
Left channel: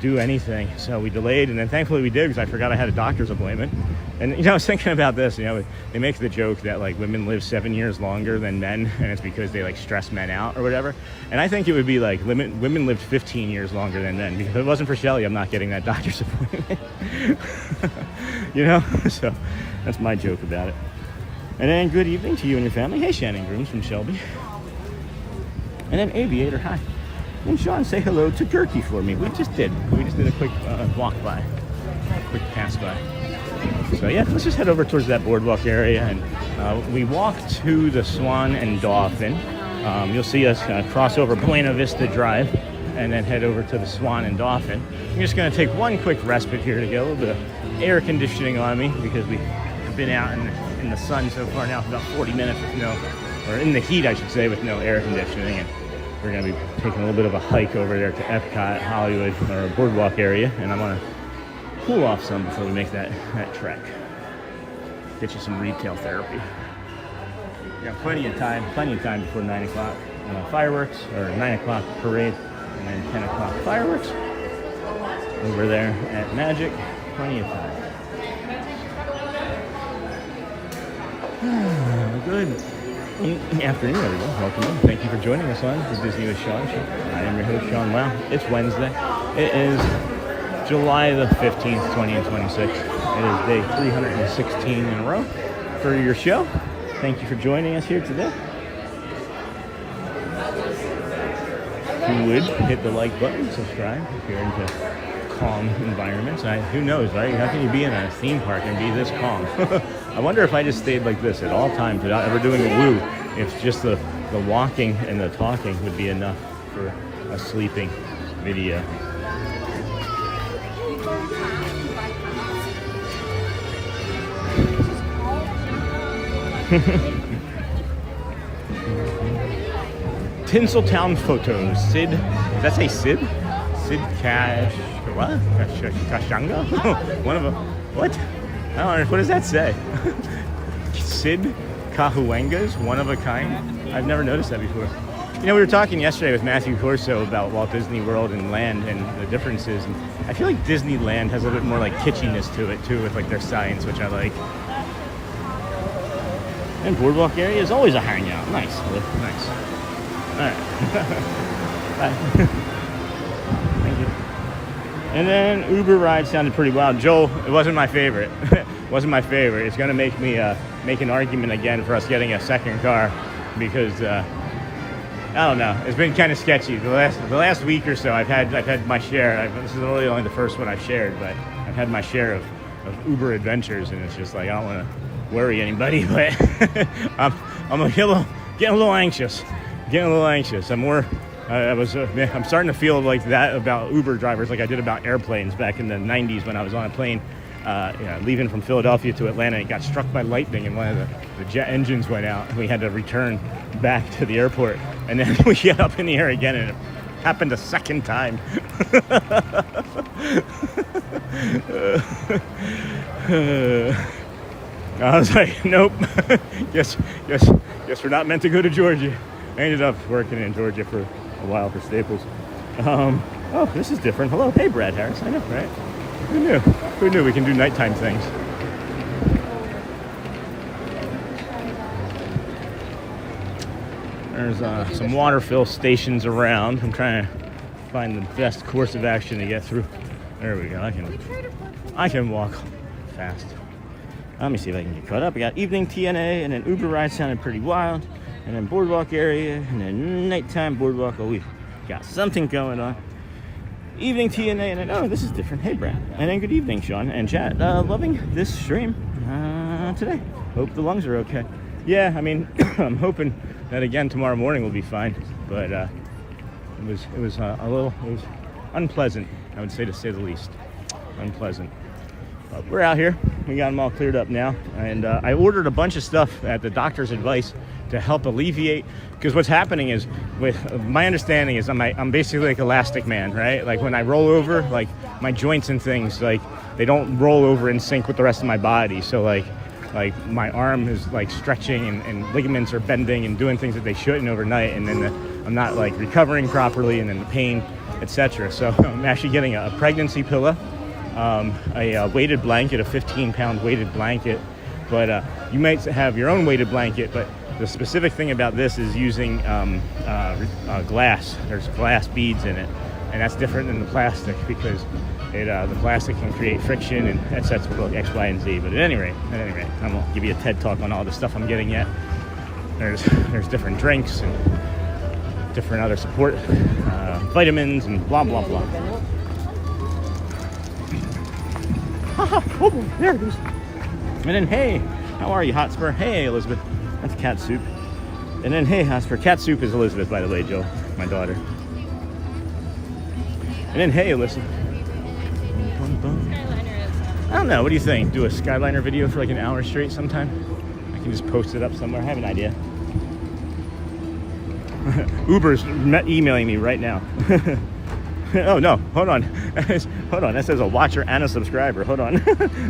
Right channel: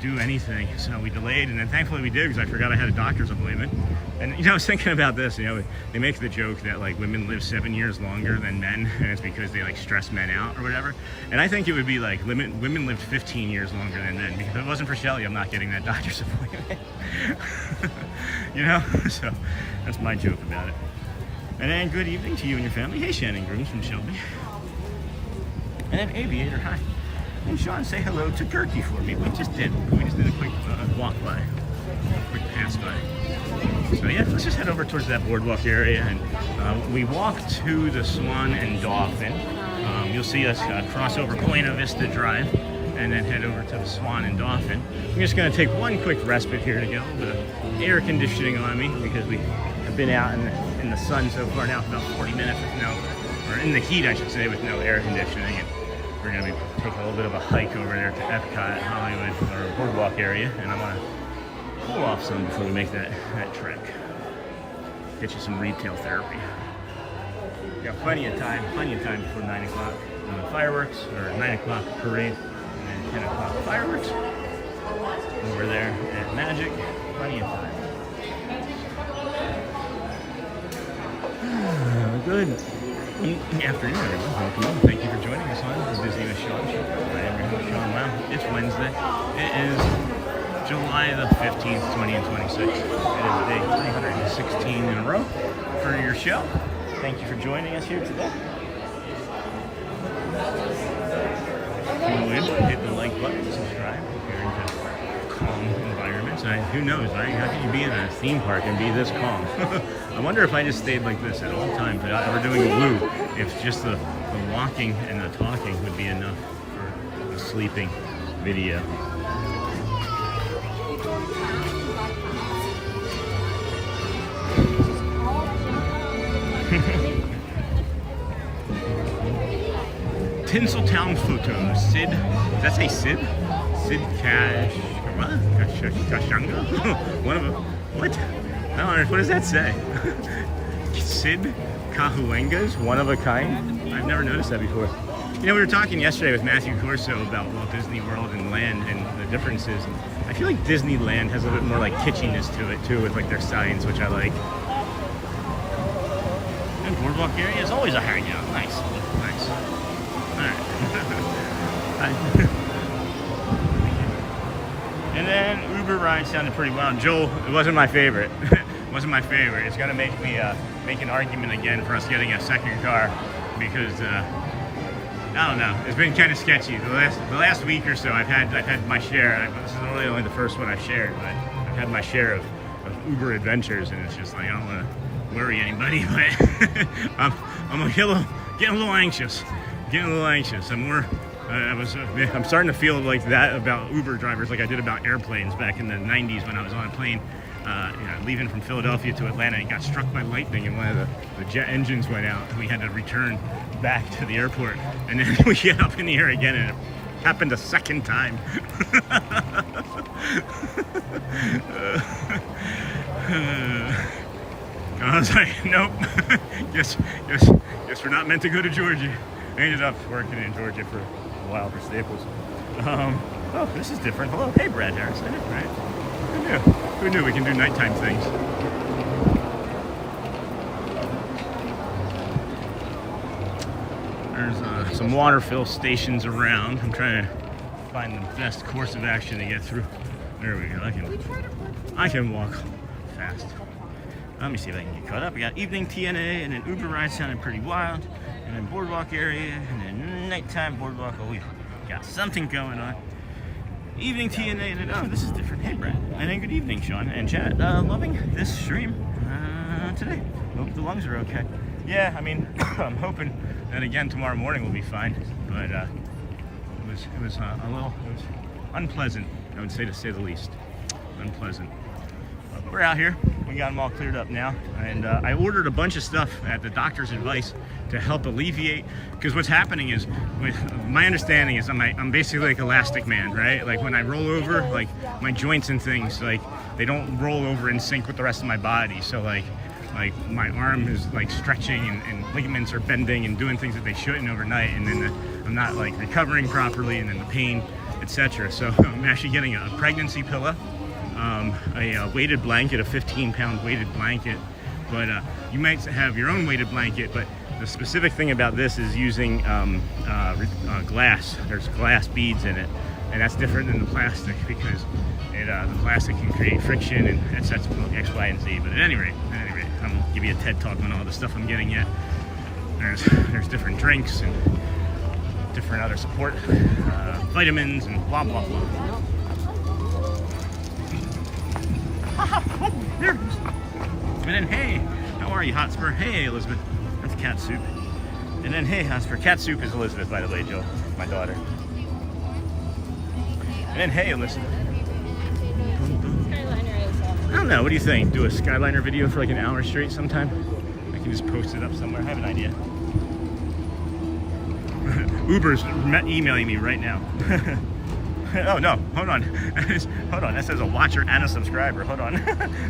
do anything. So we delayed, and then thankfully we did, because I forgot I had a doctor's appointment. And I was thinking about this, they make the joke that like women live 7 years longer than men, and it's because they like stress men out or whatever. And I think it would be like women lived 15 years longer than men, because if it wasn't for Shelly, I'm not getting that doctor's appointment. So that's my joke about it. And then good evening to you and your family. Hey, Shannon Grooms from Shelby. And then Aviator, hi. And Sean, say hello to Gertie for me. We just did a quick walk by, a quick pass by. So yeah, let's just head over towards that boardwalk area, and we walk to the Swan and Dolphin. You'll see us cross over Buena Vista Drive, and then head over to the Swan and Dolphin. I'm just going to take one quick respite here to get a little bit of air conditioning on me, because we have been out in the sun so far now for about 40 minutes with or in the heat I should say, with no air conditioning. And we're going to be taking a little bit of a hike over there to EPCOT, Hollywood, or boardwalk area, and I'm going to cool off some before we make that trek. Get you some retail therapy. We got plenty of time before 9 o'clock fireworks, or 9 o'clock parade, and then 10 o'clock fireworks. Over there at Magic, plenty of time. Good afternoon, everyone. Welcome in. Thank you for joining us on the Disney with Sean show. I am your host, Sean. Wow, it's Wednesday. It is July the 15th, 2026. It is day 316 in a row for your show. Thank you for joining us here today. If you would, hit the like button and subscribe if you're into calm environments. Who knows, right? How can you be in a theme park and be this calm? I wonder if I just stayed like this at all times without ever doing a woo, if just the walking and the talking would be enough for a sleeping video. Tinseltown photos. Sid, does that say Sid? Sid Cash, what? Kashanga? One of them, what? I don't know, what does that say? Sid Cahuengas, one of a kind? I've never noticed that before. We were talking yesterday with Matthew Corso about Walt Disney World and Land and the differences. And I feel like Disneyland has a little bit more like kitschiness to it too, with like their signs, which I like. And boardwalk area is always a hangout. Nice, nice. All right. Bye. And then Uber ride sounded pretty wild. Joel, it wasn't my favorite. Wasn't my favorite. It's going to make me make an argument again for us getting a second car, because I don't know. It's been kind of sketchy. The last week or so, I've had my share. This is really only the first one I've shared, but I've had my share of Uber adventures, and it's just like I don't want to worry anybody, but I'm getting a little anxious. I'm starting to feel like that about Uber drivers, like I did about airplanes back in the 90s when I was on a plane, leaving from Philadelphia to Atlanta. It got struck by lightning and one of the jet engines went out. We had to return back to the airport, and then we get up in the air again, and it happened a second time. I was like, nope. Guess we're not meant to go to Georgia. I ended up working in Georgia for a while for Staples. Oh, this is different. Hello, hey Brad Harris. I know, right? Who knew we can do nighttime things? There's some water fill stations around. I'm trying to find the best course of action to get through. There we go. I can walk fast. Let me see if I can get caught up. We got evening TNA, and then Uber ride sounded pretty wild, and then boardwalk area, and then nighttime boardwalk. Oh, we've got something going on. Evening TNA, and then, oh, this is different. Hey, Brad. And then good evening, Sean and chat. Loving this stream today. Hope the lungs are okay. Yeah, I mean, I'm hoping that again tomorrow morning will be fine, but it was unpleasant, I would say, to say the least. Unpleasant. We're out here. We got them all cleared up now, and I ordered a bunch of stuff at the doctor's advice to help alleviate, because what's happening is, with my understanding is, I'm basically like Elastic Man, right? Like when I roll over, like my joints and things, like they don't roll over in sync with the rest of my body. So like my arm is like stretching, and ligaments are bending and doing things that they shouldn't overnight, and then I'm not like recovering properly, and then the pain, etc. So I'm actually getting a pregnancy pillow, a weighted blanket, a 15-pound weighted blanket. But you might have your own weighted blanket, but the specific thing about this is using glass. There's glass beads in it, and that's different than the plastic, because the plastic can create friction, and that's X, Y, and Z. But at any rate, I won't give you a TED talk on all the stuff I'm getting yet. There's different drinks and different other support, vitamins, and blah blah blah. Oh, there it is. And then, hey, how are you, Hotspur? Hey, Elizabeth. That's cat soup. And then, hey, Hotspur. Cat soup is Elizabeth, by the way, Joe, my daughter. And then, hey, Alyssa. I don't know. What do you think? Do a Skyliner video for like an hour straight sometime? I can just post it up somewhere. I have an idea. Uber's emailing me right now. Oh no, hold on. Hold on, that says a watcher and a subscriber. Hold on.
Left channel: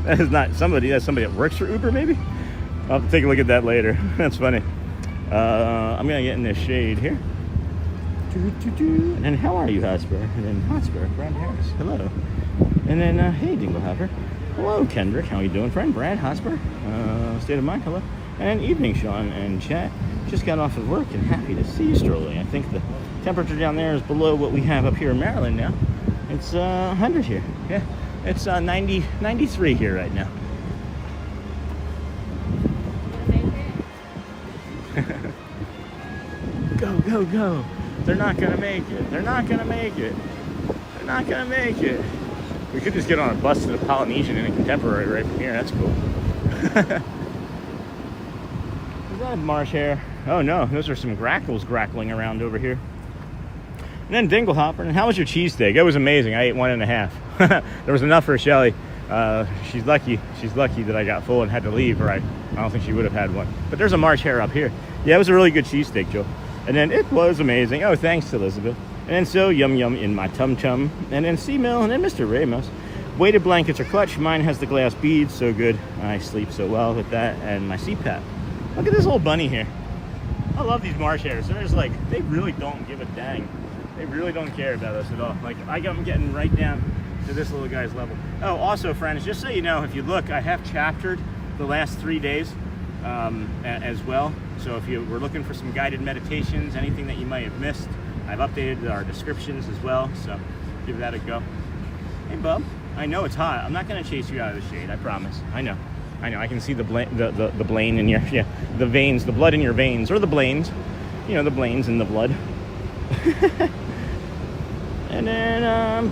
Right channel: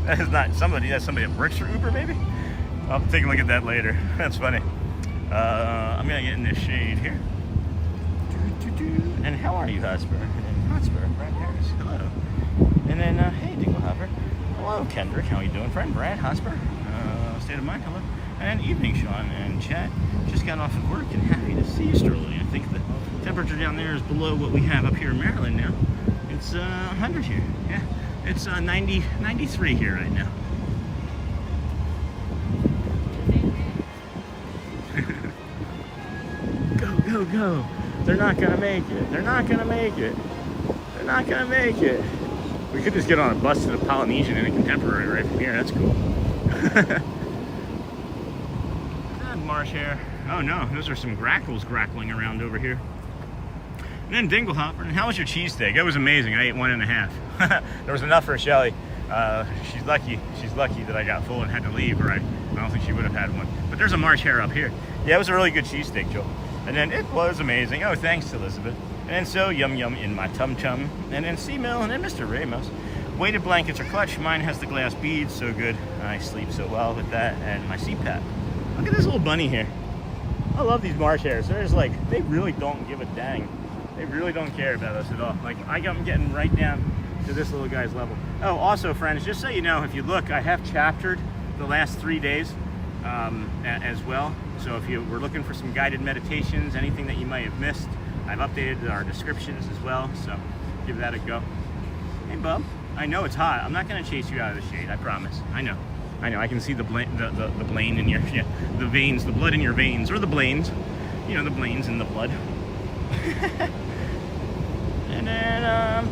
That is not somebody, that's somebody that works for Uber, maybe? I'll take a look at that later. That's funny. I'm gonna get in this shade here. And then, how are you, Hotspur? And then, Hotspur, Brad Harris, hello. And then, hey, Dinglehopper. Hello, Kendrick, how are you doing, friend? Brad, Hotspur, State of Mind, hello. And then, evening, Sean and chat. Just got off of work and happy to see you strolling. I think the temperature down there is below what we have up here in Maryland now. It's 100 here. Yeah, it's 93 here right now. Go, go, go. They're not gonna make it. They're not gonna make it. They're not gonna make it. We could just get on a bus to the Polynesian in a Contemporary right from here. That's cool. Is that marsh hare? Oh no, those are some grackles grackling around over here. And then Dinglehopper. And how was your cheesesteak? It was amazing. I ate 1.5. There was enough for Shelly. She's lucky that I got full and had to leave, or I don't think she would have had one. But there's a marsh hare up here. Yeah, it was a really good cheesesteak, Joel. And then it was amazing. Oh, thanks, Elizabeth. And then so yum yum in my tum-tum. And then C-Mill, and then Mr. Ramos. Weighted blankets are clutch. Mine has the glass beads, so good. I sleep so well with that. And my CPAP. Look at this little bunny here. I love these marsh hares. They're just like, they really don't give a dang. They really don't care about us at all. Like, I'm getting right down to this little guy's level. Oh, also, friends, just so you know, if you look, I have chaptered the last 3 days as well. So if you were looking for some guided meditations, anything that you might have missed, I've updated our descriptions as well. So give that a go. Hey, bub. I know it's hot. I'm not going to chase you out of the shade. I promise. I know. I can see the blane in your, the veins, the blood in your veins, or the blanes. You know, the blanes in the blood. And then,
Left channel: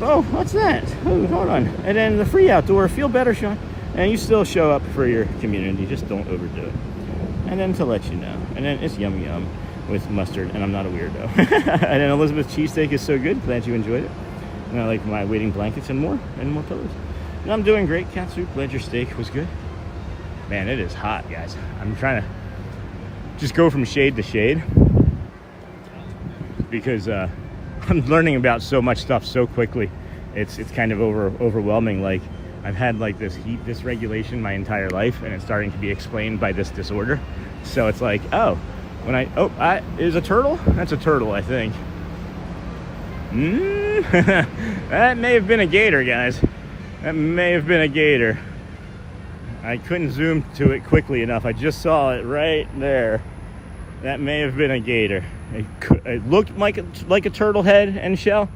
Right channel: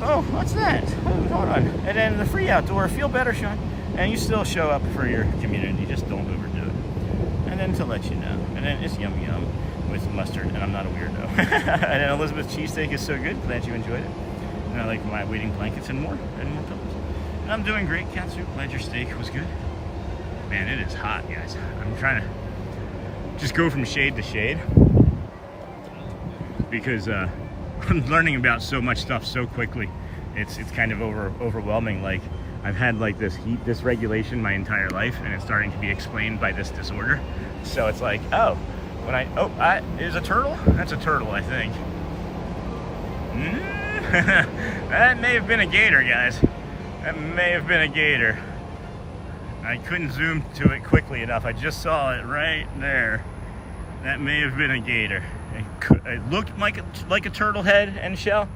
oh, what's that? Oh, hold on. And then the free outdoor, feel better, Sean. And you still show up for your community, just don't overdo it. And then to let you know. And then it's yum yum with mustard, and I'm not a weirdo. And then Elizabeth's cheesesteak is so good, glad you enjoyed it. And I like my weighting blankets and more pillows. And I'm doing great, cat soup, glad your steak was good. Man, it is hot, guys. I'm trying to just go from shade to shade, because I'm learning about so much stuff so quickly. It's kind of overwhelming. Like, I've had like this heat dysregulation my entire life, and it's starting to be explained by this disorder. So it's like, oh, is a turtle? That's a turtle, I think. That may have been a gator, guys. That may have been a gator. I couldn't zoom to it quickly enough. I just saw it right there. That may have been a gator. It looked like a turtle head and shell,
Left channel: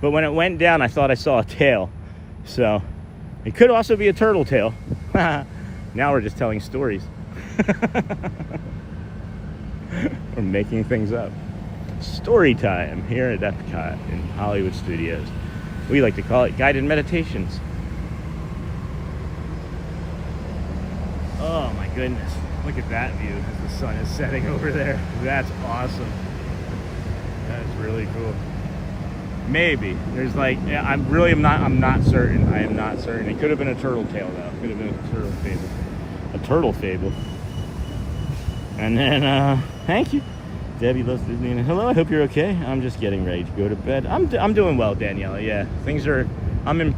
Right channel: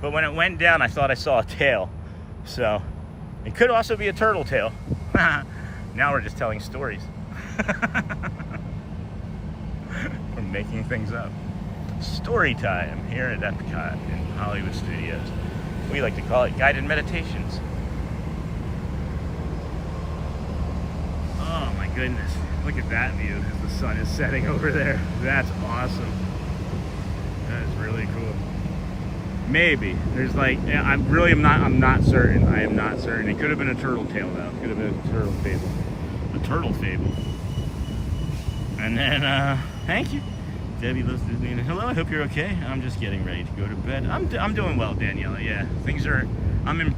but when it went down, I thought I saw a tail. So it could also be a turtle tail. Now we're just telling stories. We're making things up. Story time here at EPCOT in Hollywood Studios. We like to call it guided meditations. Oh my goodness. Look at that view as the sun is setting over there. That's awesome. That is really cool. Maybe. There's like, I'm not certain. I am not certain. It could have been a turtle tail though. Could have been a turtle fable. A turtle fable. And then, thank you. Debbie loves Disney. And hello, I hope you're okay. I'm just getting ready to go to bed. I'm doing well, Daniela. Yeah, things are, I'm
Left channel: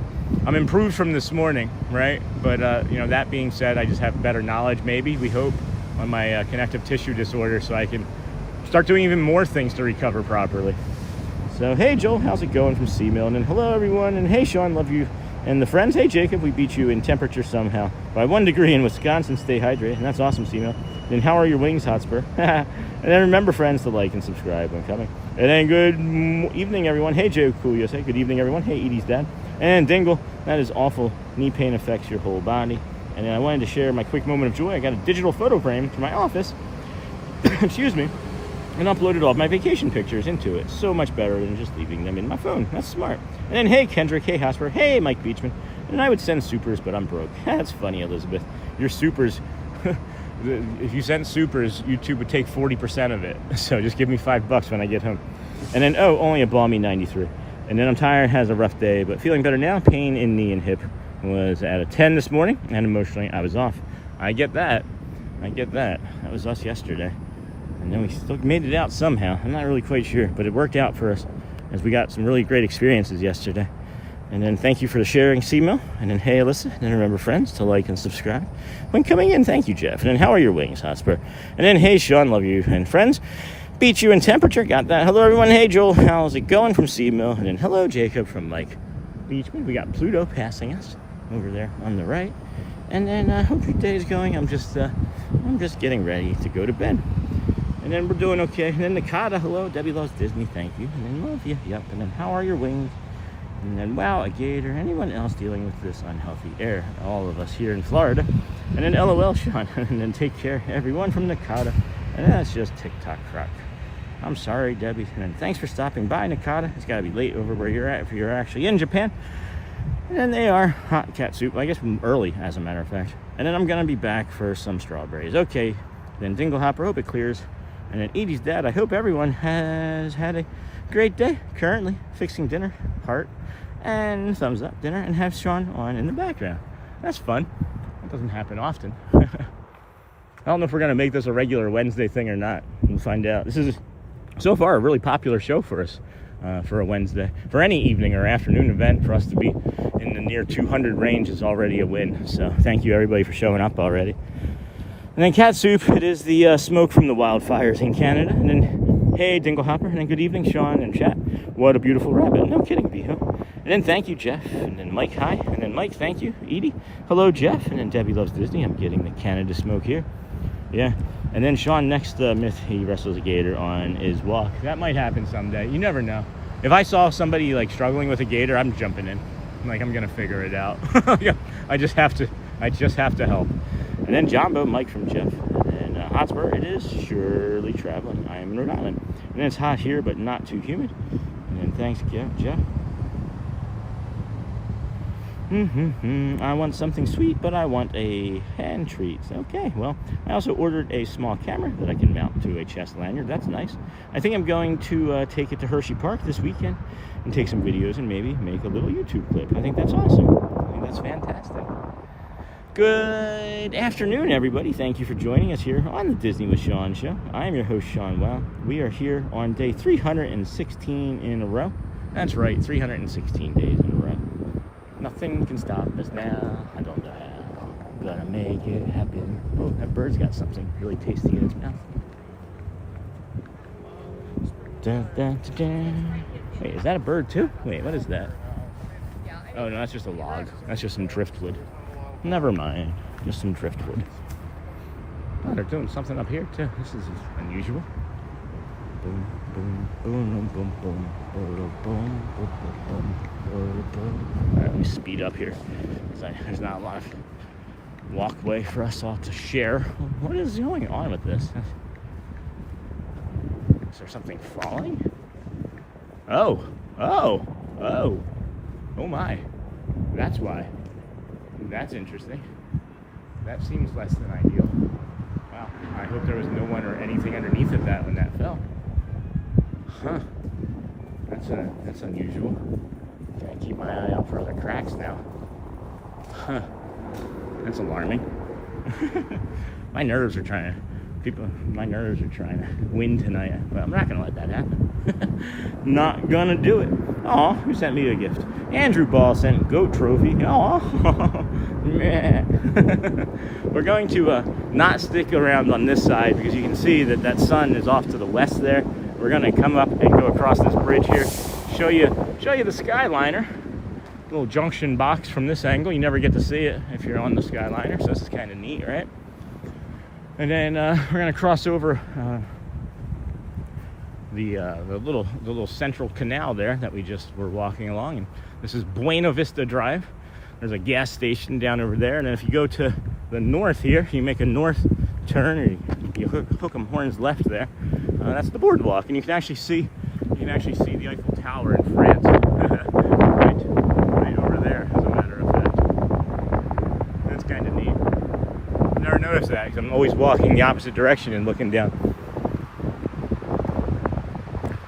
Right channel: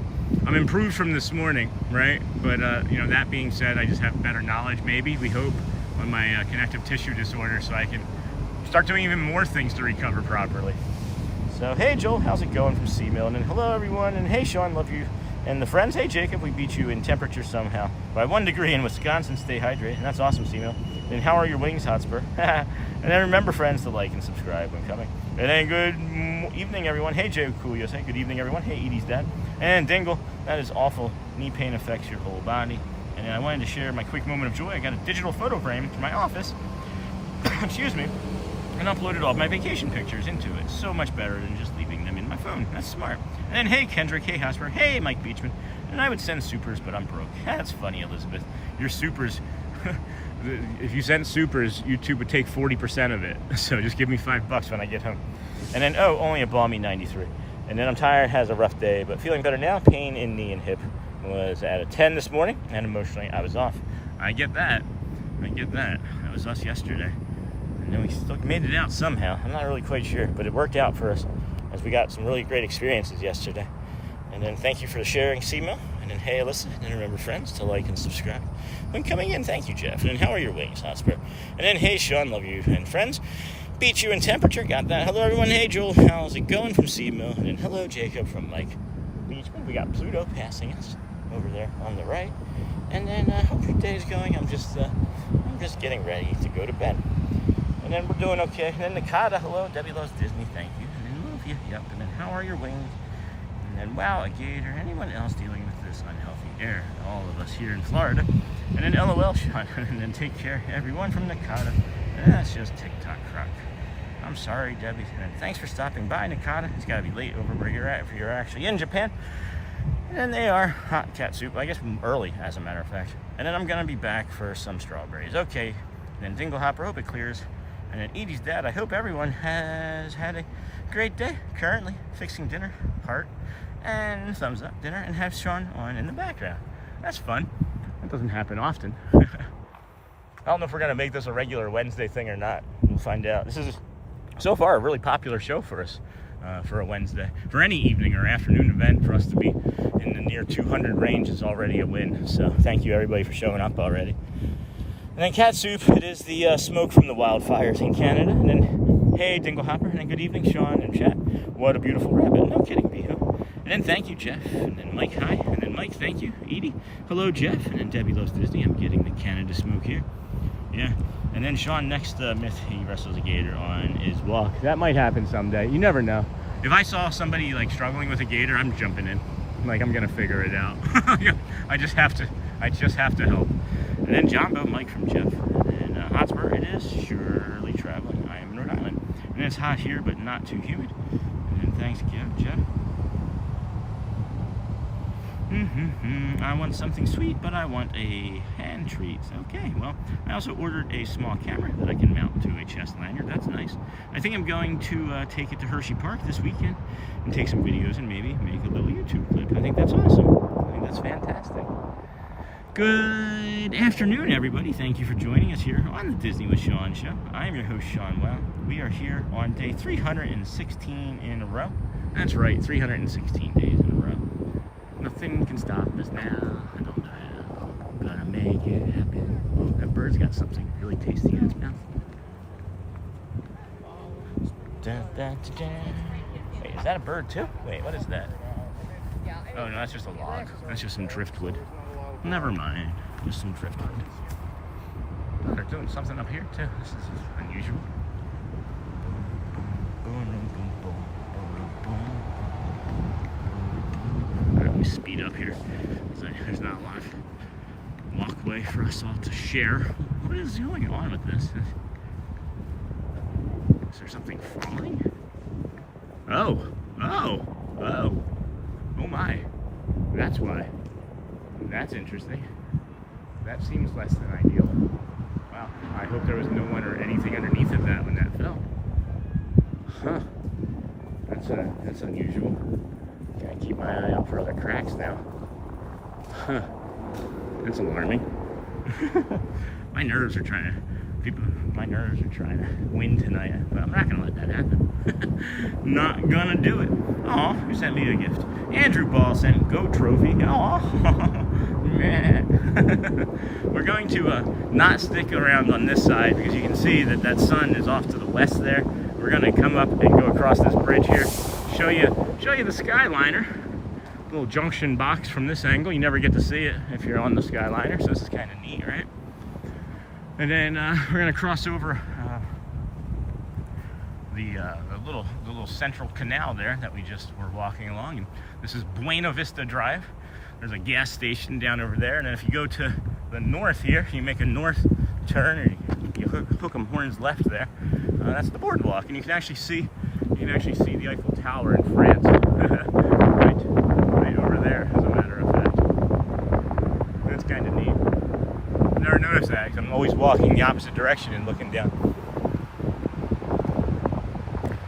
improved from this morning, right? But, you know, that being said, I just have better knowledge, maybe, we hope, on my connective tissue disorder, so I can start doing even more things to recover properly. So, hey, Joel, how's it going from Seamill? And then, hello, everyone. And hey, Sean, love you. And the friends, hey, Jacob, we beat you in temperature somehow. By 1 degree in Wisconsin, stay hydrated. And that's awesome, Seamill. And how are your wings, Hotspur? And then remember, friends, to like and subscribe when coming. And then good evening, everyone. Hey, Joe Coolios. Good evening, everyone. Hey, Edie's dad. And Dingle, that is awful. Knee pain affects your whole body. And then I wanted to share my quick moment of joy. I got a digital photo frame to my office. Excuse me. And uploaded all of my vacation pictures into it. So much better than just leaving them in my phone. That's smart. And then, hey, Kendrick. Hey, Hosper. Hey, Mike Beachman. And I would send supers, but I'm broke. That's funny, Elizabeth. Your supers... If you sent supers, YouTube would take 40% of it. So just give me $5 when I get home. And then, oh, only a balmy 93. And then I'm tired, has a rough day, but feeling better now. Pain in knee and hip was at a 10 this morning, and emotionally I was off. I get that. That was us yesterday. And then we still made it out somehow. I'm not really quite sure, but it worked out for us as we got some really great experiences yesterday. And then thank you for the sharing, Seamill. And then, hey, Alyssa. And then remember, friends, to like and subscribe. When coming in, thank you, Jeff. And then, how are your wings, Hotspur? And then, hey, Sean, love you. And friends, beat you in temperature. Got that. Hello, everyone. Hey, Joel. How's it going from Seamill? And then, hello, Jacob from Mike Beachman. We got Pluto passing us over there on the right. And then, hope your day is going. I'm just getting ready to go to bed. And then we're doing okay. And then Nakata, hello. Debbie loves Disney. Thank you. And then, love you. Yep. And then, how are your wings? And then, wow, a gator. Anyone else dealing with this unhealthy air? All of us here in Florida. And then LOL, Sean. And then take care, everyone from Nakata. And that's just TikTok crock. I'm sorry, Debbie. And then thanks for stopping by, Nakata. It's got to be late over where you're at if you're actually in Japan. And then they are hot cat soup. I guess early, as a matter of fact. And then I'm going to be back for some strawberries. Okay. Then Dinglehopper, hope it clears. And then Edie's dad, I hope everyone has had a great day. Currently fixing dinner, heart, and thumbs up dinner, and have Sean on in the background. That's fun. That doesn't happen often. I don't know if we're going to make this a regular Wednesday thing or not. We'll find out. This is, so far, a really popular show for us for a Wednesday. For any evening or afternoon event, for us to be in the near 200 range is already a win. So thank you, everybody, for showing up already. And then cat soup, it is the smoke from the wildfires in Canada. And then, hey, Dinglehopper. And then good evening, Sean and chat. What a beautiful rabbit. No kidding, Beho. And then thank you, Jeff. And then Mike, hi. And then Mike, thank you. Edie, hello, Jeff. And then Debbie loves Disney. I'm getting the Canada smoke here. Yeah. And then Sean, next myth he wrestles a gator on is walk. That might happen someday. You never know. If I saw somebody like struggling with a gator, I'm jumping in. Like, I'm gonna figure it out. I just have to help. And then Jumbo, Mike from Jeff. And then Hotspur, it is surely traveling. I am in Rhode Island. And then it's hot here, but not too humid. And then thanks, Jeff. I want something sweet, but I want a hand treat. Okay, well, I also ordered a small camera that I can mount to a chest lanyard. That's nice. I think I'm going to take it to Hershey Park this weekend and take some videos and maybe make a little YouTube clip. I think that's awesome. I think that's fantastic. Good afternoon, everybody. Thank you for joining us here on the Disney with Sean show. I am your host, Sean Wow. We are here on day 316 in a row. That's right, 316 days in a row. Nothing can stop us now. I don't know how. I'm gonna make it happen. Oh, that bird's got something really tasty in its mouth. Dun, dun, dun, dun. Wait, is that a bird too? Wait, what is that? Oh no, that's just a log. That's just some driftwood. Never mind. Just some driftwood. Oh, they're doing something up here too. This is unusual. Boom, boom, boom, boom, boom, boom, boom, boom. All right, let me speed up here. There's not a lot of walkway for us all to share. What is going on with this? Is there something falling? Oh my. That's why. That's interesting. That seems less than ideal. Wow. I hope there was no one or anything underneath of that when that fell. Huh. That's unusual. Gotta keep my eye out for other cracks now. Huh. That's alarming. My nerves are trying to win tonight, but I'm not gonna let that happen. Not gonna do it. Oh, who sent me a gift? Andrew Ball sent goat trophy. Oh, yeah. We're going to not stick around on this side because you can see that sun is off to the west there. We're gonna come up and go across this bridge here. Show you the Skyliner. Little junction box from this angle. You never get to see it if you're on the Skyliner, so this is kind of neat, right? And then we're gonna cross over the little central canal there that we just were walking along. And this is Buena Vista Drive. There's a gas station down over there, and then if you go to the north here, you make a north turn, or you hook 'em horns left there. That's the BoardWalk, and you can actually see the Eiffel Tower in France, right over there. As a matter of fact, that's kind of neat. Never noticed that because I'm always walking the opposite direction and looking down.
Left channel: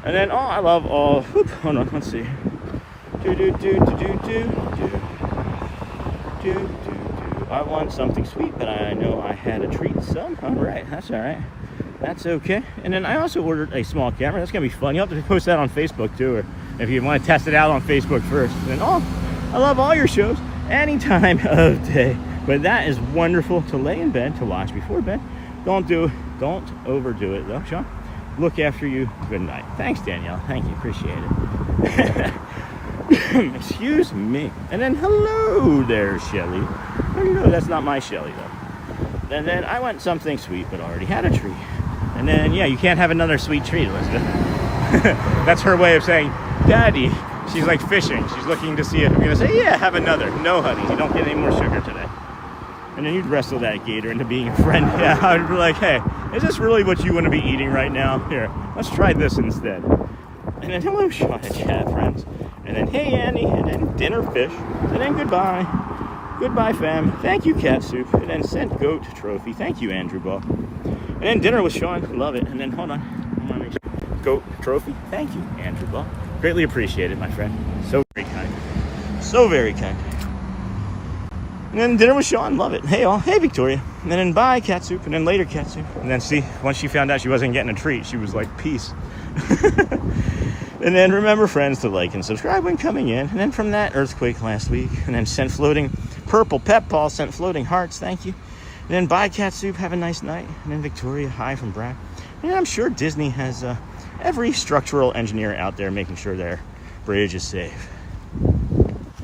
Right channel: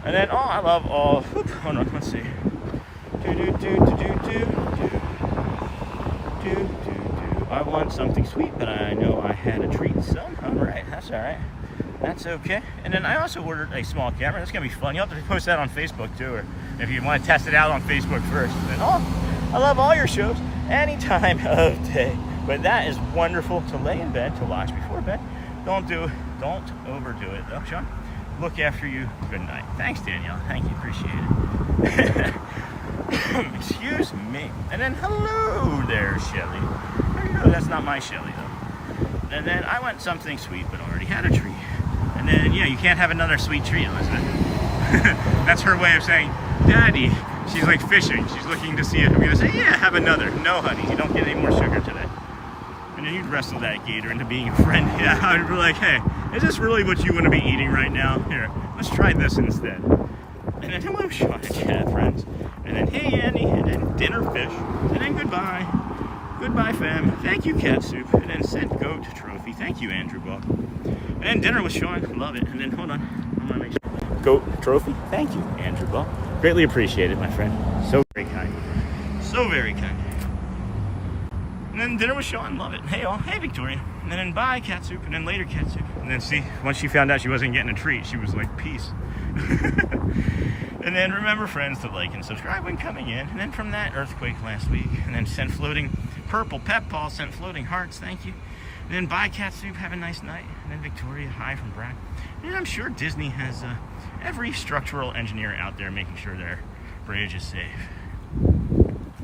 And then I love all. Hold on, let's see. I want something sweet, but I know I had a treat. So, all right, that's all right. That's okay. And then I also ordered a small camera. That's gonna be fun. You'll have to post that on Facebook too, or if you want to test it out on Facebook first. And I love all your shows any time of day. But that is wonderful to lay in bed to watch before bed. Don't overdo it though, Sean. Look after you. Good night. Thanks, Danielle. Thank you. Appreciate it. Excuse me. And then hello there, Shelly. Hello, that's not my Shelly though. And then I want something sweet, but already had a treat. And then yeah, you can't have another sweet treat, Elizabeth. That's her way of saying, Daddy. She's like fishing. She's looking to see if I'm gonna say, yeah, have another. No, honey, you don't get any more sugar today. And then you'd wrestle that gator into being a friend. Yeah, I would be like, hey, is this really what you want to be eating right now? Here, let's try this instead. And then hello, Sean and Chad, friends. And then hey, Annie. And then dinner fish. And then goodbye. Goodbye, fam. Thank you, cat soup. And then sent goat trophy. Thank you, Andrew Ball. And then dinner with Sean. Love it. And then hold on. I want to make sure. Goat trophy. Thank you, Andrew Ball. Greatly appreciated, my friend. So very kind. So very kind. And then dinner with Sean, love it. Hey all, hey Victoria. And then bye cat soup, and then later cat soup. And then see, once she found out she wasn't getting a treat, she was like, peace. And then remember, friends, to like and subscribe when coming in. And then from that, earthquake last week. And then sent floating purple pep ball, sent floating hearts, thank you. And then bye cat soup, have a nice night. And then Victoria, hi from Brad. And I'm sure Disney has every structural engineer out there making sure their bridge is safe.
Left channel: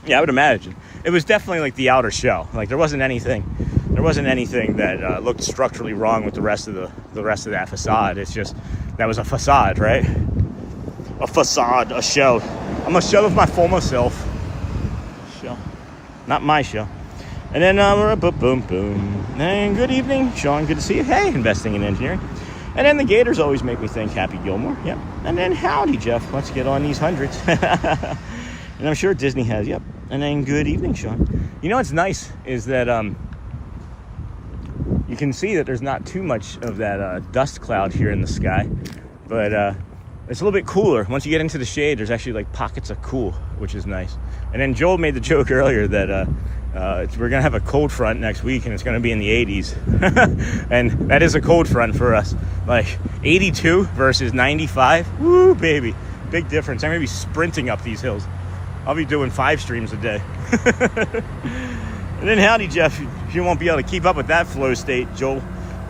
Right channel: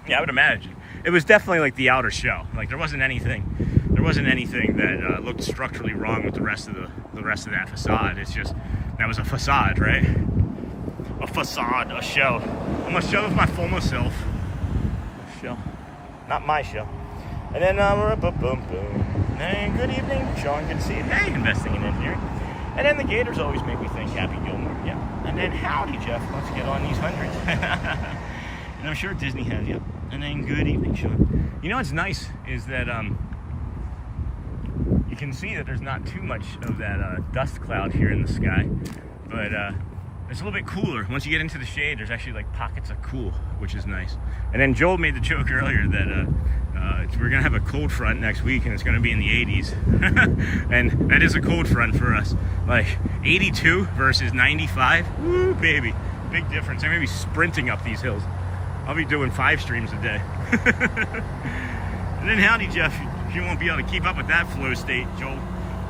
Yeah, I would imagine. It was definitely like the outer shell. Like there wasn't anything that looked structurally wrong with the rest of that facade. It's just that was a facade, right? A facade, a shell. I'm a shell of my former self. Shell, not my shell. And then boom, boom. And good evening, Sean. Good to see you. Hey, investing in engineering. And then the Gators always make me think Happy Gilmore. Yep. And then howdy, Jeff. Let's get on these hundreds. And I'm sure Disney has, yep. And then good evening, Sean. You know what's nice is that you can see that there's not too much of that dust cloud here in the sky, but it's a little bit cooler. Once you get into the shade, there's actually like pockets of cool, which is nice. And then Joel made the joke earlier that we're gonna have a cold front next week and it's gonna be in the 80s. And that is a cold front for us. Like 82 versus 95, woo baby, big difference. I'm gonna be sprinting up these hills. I'll be doing 5 streams a day. And then howdy, Jeff. You won't be able to keep up with that flow state, Joel.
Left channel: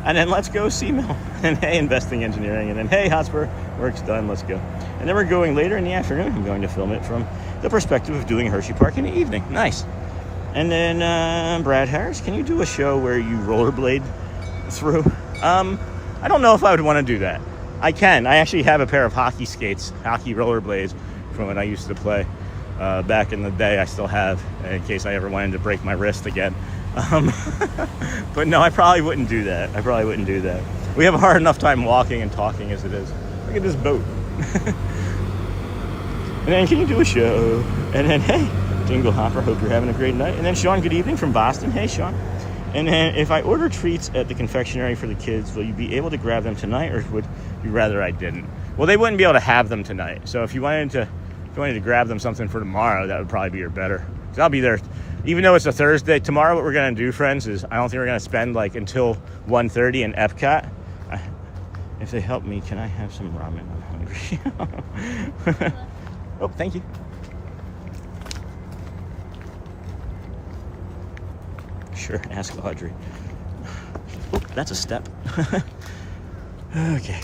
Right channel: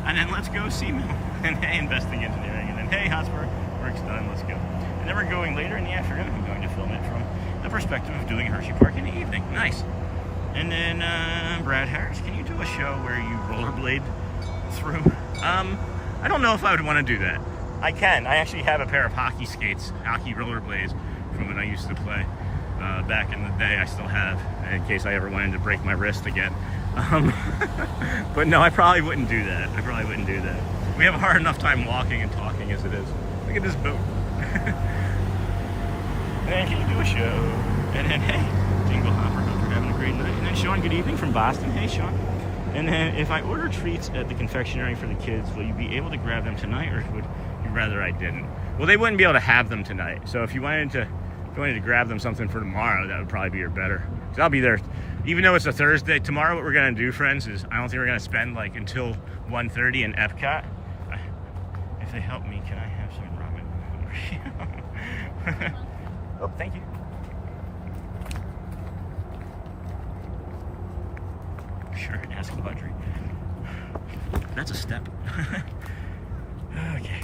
And then let's go, C-Mill. And hey, investing engineering. And then hey, Hotspur, work's done, let's go. And then we're going later in the afternoon. I'm going to film it from the perspective of doing Hershey Park in the evening. Nice. And then Brad Harris, can you do a show where you rollerblade through? I don't know if I would want to do that. I can. I actually have a pair of hockey skates, hockey rollerblades from when I used to play. Back in the day. I still have, in case I ever wanted to break my wrist again. But no, I probably wouldn't do that. We have a hard enough time walking and talking as it is. Look at this boat. And then can you do a show? And then hey, Jingle Hopper, hope you're having a great night. And then Sean, good evening from Boston. Hey Sean. And then if I order treats at the confectionery for the kids, will you be able to grab them tonight, or would you rather I didn't? Well, they wouldn't be able to have them tonight. So if you wanted to if you wanted to grab them something for tomorrow, that would probably be better. Because I'll be there, even though it's a Thursday. Tomorrow, what we're gonna do, friends, is I don't think we're gonna spend like until 1:30 in EPCOT. If they help me, can I have some ramen? Oh, thank you. Sure, ask Audrey. Oh, that's a step. Okay.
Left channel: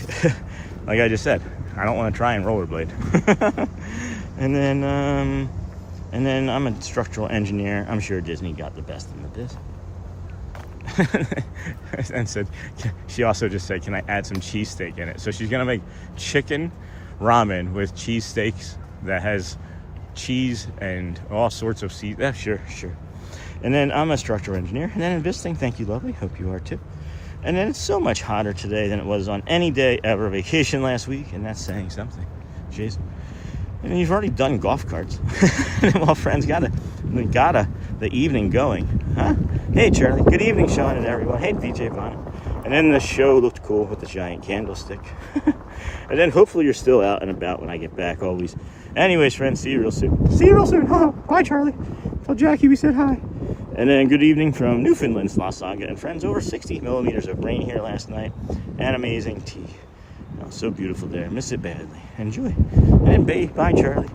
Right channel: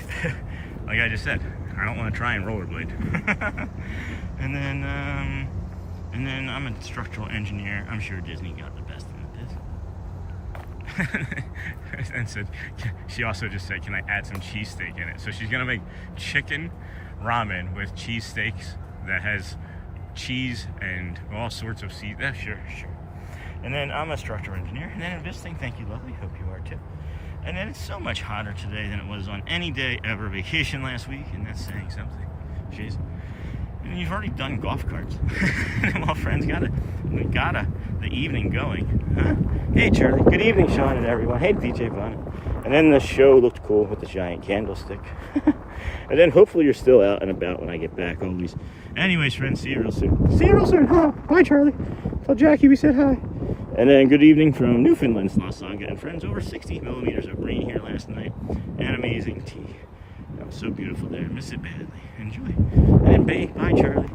Like I just said, I don't want to try and rollerblade. And then I'm a structural engineer. I'm sure Disney got the best in the biz. And said, she also just said, can I add some cheesesteak in it? So she's gonna make chicken ramen with cheesesteaks that has cheese and all sorts of seeds. Sure. And then I'm a structural engineer. And then in visiting, thank you, lovely. Hope you are too. And then it's so much hotter today than it was on any day ever vacation last week, and that's saying something. Jeez. And you've already done golf carts. Well, friends, we got the evening going, huh? Hey, Charlie. Good evening, Sean and everyone. Hey, DJ Buena. And then the show looked cool with the giant candlestick. And then hopefully you're still out and about when I get back always. Anyways, friends, see you real soon. See you real soon. Huh? Bye, Charlie. Tell Jackie we said hi. And then good evening from Newfoundland's La Saga and friends. Over 60 millimeters of rain here last night and amazing tea. Oh, so beautiful there. Miss it badly. Enjoy. And then bye, Charlie.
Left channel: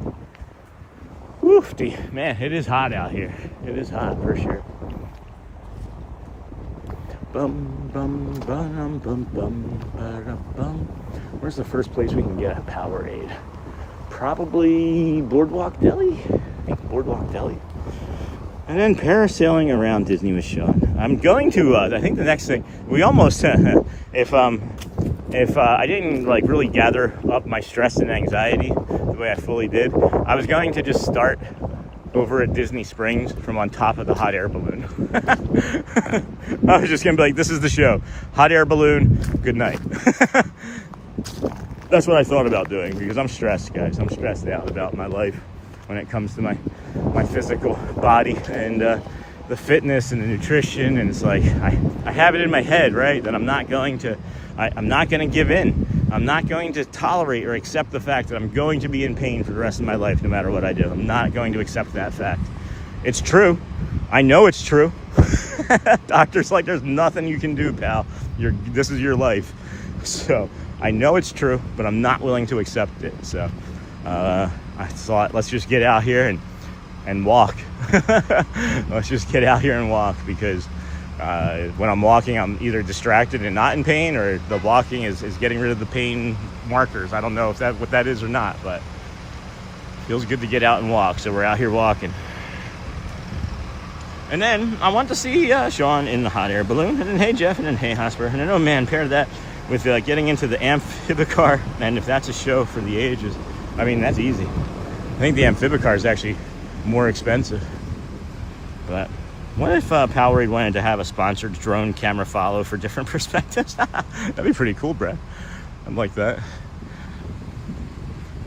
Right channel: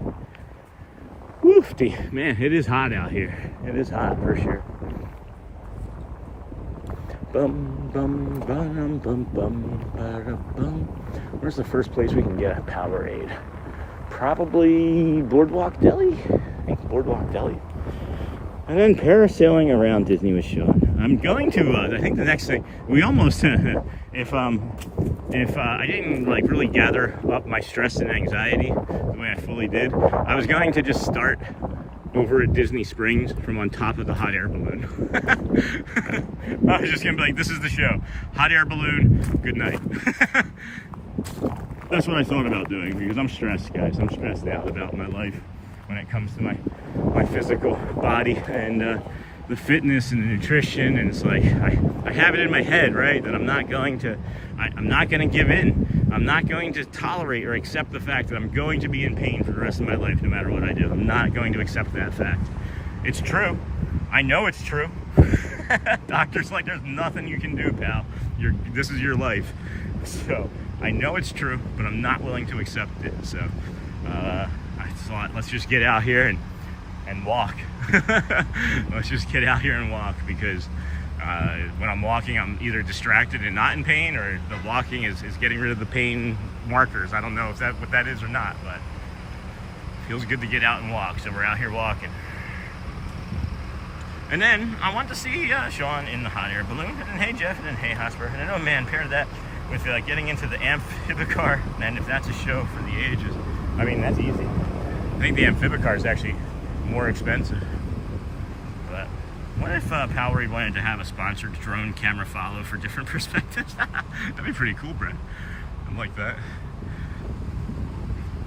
Woofy. Man, it is hot out here. It is hot for sure. Bum, bum, bum, bum, bum, bum. Where's the first place we can get a Powerade? Probably BoardWalk Deli? I think BoardWalk Deli. And then parasailing around Disney with Sean. I'm going to, I think the next thing, we almost, if I didn't like really gather up my stress and anxiety the way I fully did, I was going to just start over at Disney Springs from on top of the hot air balloon. I was just gonna be like, this is the show. Hot air balloon, good night. That's what I thought about doing because I'm stressed, guys. I'm stressed out about my life when it comes to my physical body and the fitness and the nutrition. And it's like, I have it in my head, right? That I'm not going to give in. I'm not going to tolerate or accept the fact that I'm going to be in pain for the rest of my life, no matter what I do. I'm not going to accept that fact. It's true. I know it's true. Doctor's like, there's nothing you can do, pal. This is your life. So I know it's true, but I'm not willing to accept it. So I thought, let's just get out here and walk. Let's just get out here and walk because when I'm walking, I'm either distracted and not in pain, or the walking is getting rid of the pain markers. I don't know if that's what that is or not, but it feels good to get out and walk. So we're out here walking. And then I want to see Sean in the hot air balloon. And then hey, Jeff, and then hey, Hosper. And then, oh man, pair that with getting into the amphibicar. And if that's a show for the ages, I mean, that's easy. I think the amphibicar is actually more expensive. But what if Powerade wanted to have a sponsored drone camera follow for different perspectives? That'd be pretty cool, Brad. I'd like that.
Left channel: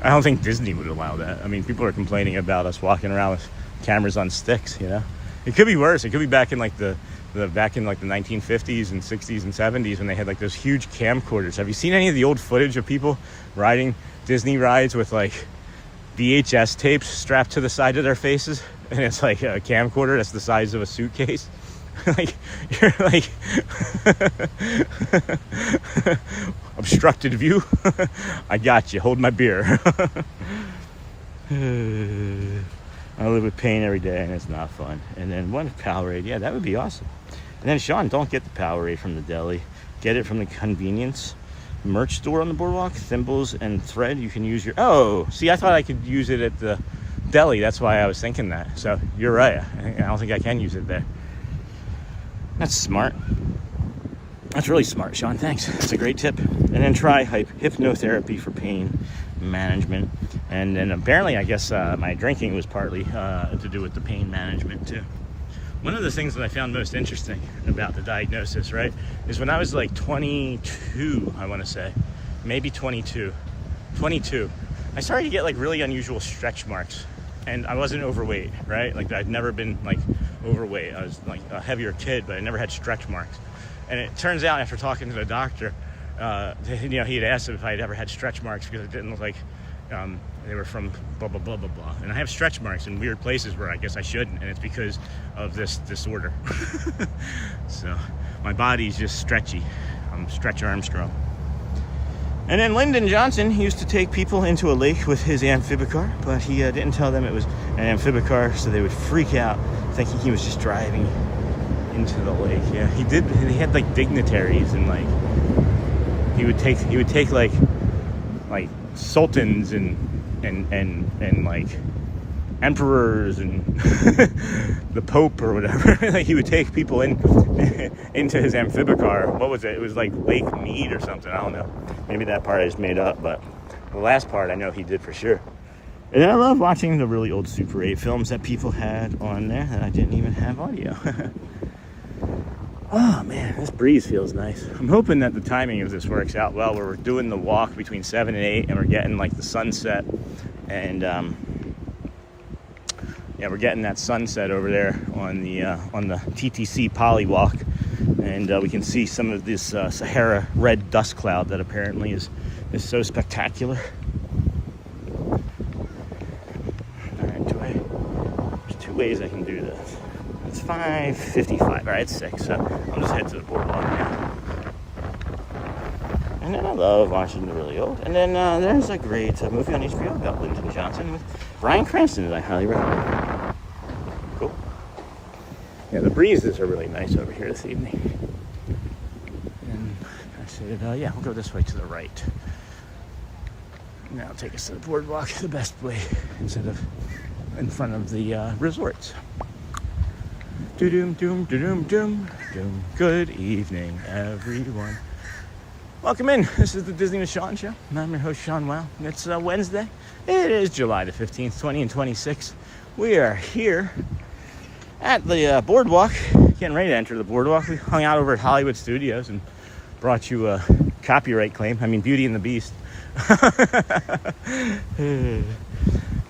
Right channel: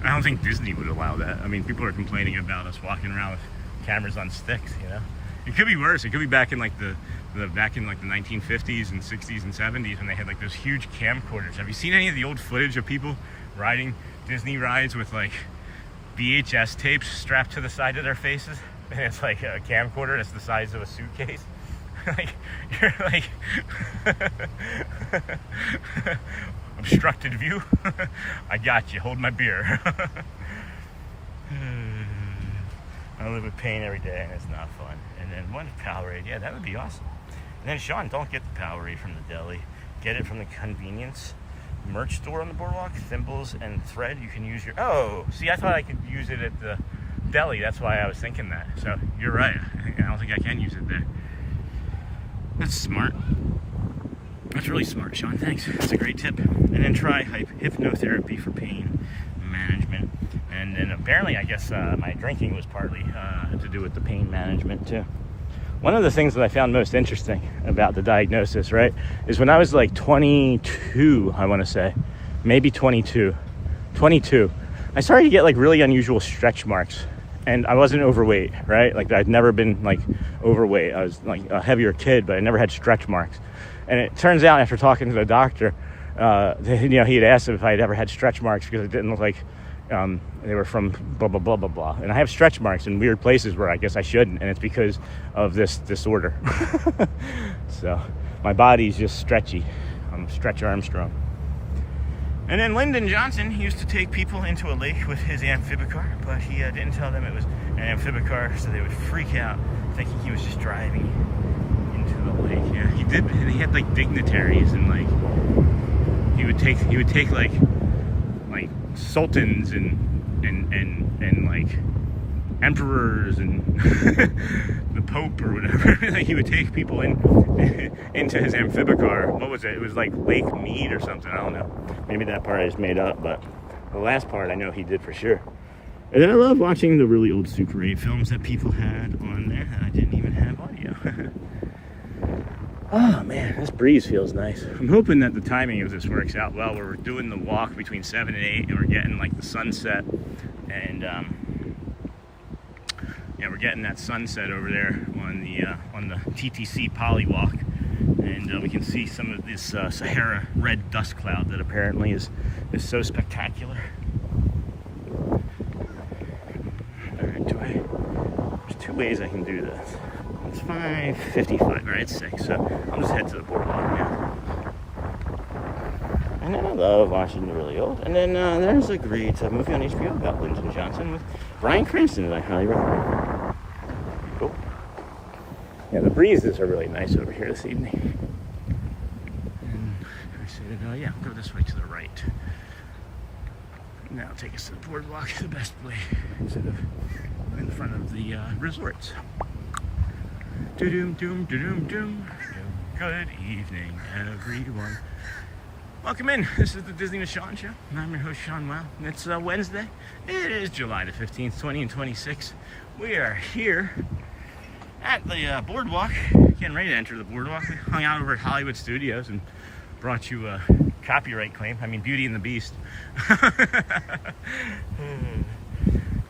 I don't think Disney would allow that. I mean, people are complaining about us walking around with cameras on sticks, you know? It could be worse. It could be back in like the 1950s and 60s and 70s when they had like those huge camcorders. Have you seen any of the old footage of people riding Disney rides with like VHS tapes strapped to the side of their faces? And it's like a camcorder that's the size of a suitcase. Like, you're like obstructed view. I got you. Hold my beer. I live with pain every day and it's not fun. And then one Powerade, yeah, that would be awesome. And then Sean, don't get the Powerade from the deli. Get it from the convenience merch store on the boardwalk. Thimbles and thread. You can use your, oh, see, I thought I could use it at the deli. That's why I was thinking that. So you're right. I don't think I can use it there. That's smart. That's really smart, Sean. Thanks. That's a great tip. And then try hypnotherapy for pain management. And then apparently, I guess my drinking was partly to do with the pain management too. One of the things that I found most interesting about the diagnosis, right, is when I was like 22, I want to say, maybe 22, I started to get like really unusual stretch marks. And I wasn't overweight, right? Like I'd never been like overweight. I was like a heavier kid, but I never had stretch marks. And it turns out after talking to the doctor, you know, he had asked if I had ever had stretch marks because it didn't look like they were from blah, blah, blah, blah, blah. And I have stretch marks in weird places where I guess I shouldn't, and it's because of this disorder. So my body's just stretchy. I'm Stretch Armstrong. And then Lyndon Johnson used to take people into a lake with his amphibicar, but he didn't tell them it was an amphibicar, so they would freak out thinking he was just driving into the lake. Yeah, he did. He had like dignitaries, and like he would take like sultans and like emperors and the Pope or whatever. Like he would take people into his amphibicar. What was it? It was like Lake Mead or something. I don't know. Maybe that part I just made up, but the last part I know he did for sure. And then I love watching the really old Super 8 films that people had on there that I didn't even have audio. Oh man, this breeze feels nice. I'm hoping that the timing of this works out well, where we're doing the walk between 7 and 8 and we're getting like the sunset, and yeah, we're getting that sunset over there on the TTC Polywalk, and we can see some of this Sahara red dust cloud that apparently is so spectacular. All right, there's two ways I can do this. It's 5:55. All right, it's 6. So I'll just head to the boardwalk now. And then I love watching the really old. And then there's a great movie on HBO about Lyndon Johnson with Bryan Cranston that I highly recommend. Cool. Yeah, the breezes are really nice over here this evening. And I said, yeah, we'll go this way to the right. And that'll take us to the boardwalk, the best way, instead of in front of the resorts. Doom, doom, doom, doom, doom. Good evening, everyone. Welcome in. This is the Disney Sean Show. And I'm your host, Sean Wow. It's Wednesday. It is July the 15th, 2026. We are here at the boardwalk, getting ready to enter the boardwalk. We hung out over at Hollywood Studios and brought you a copyright claim. I mean, Beauty and the Beast.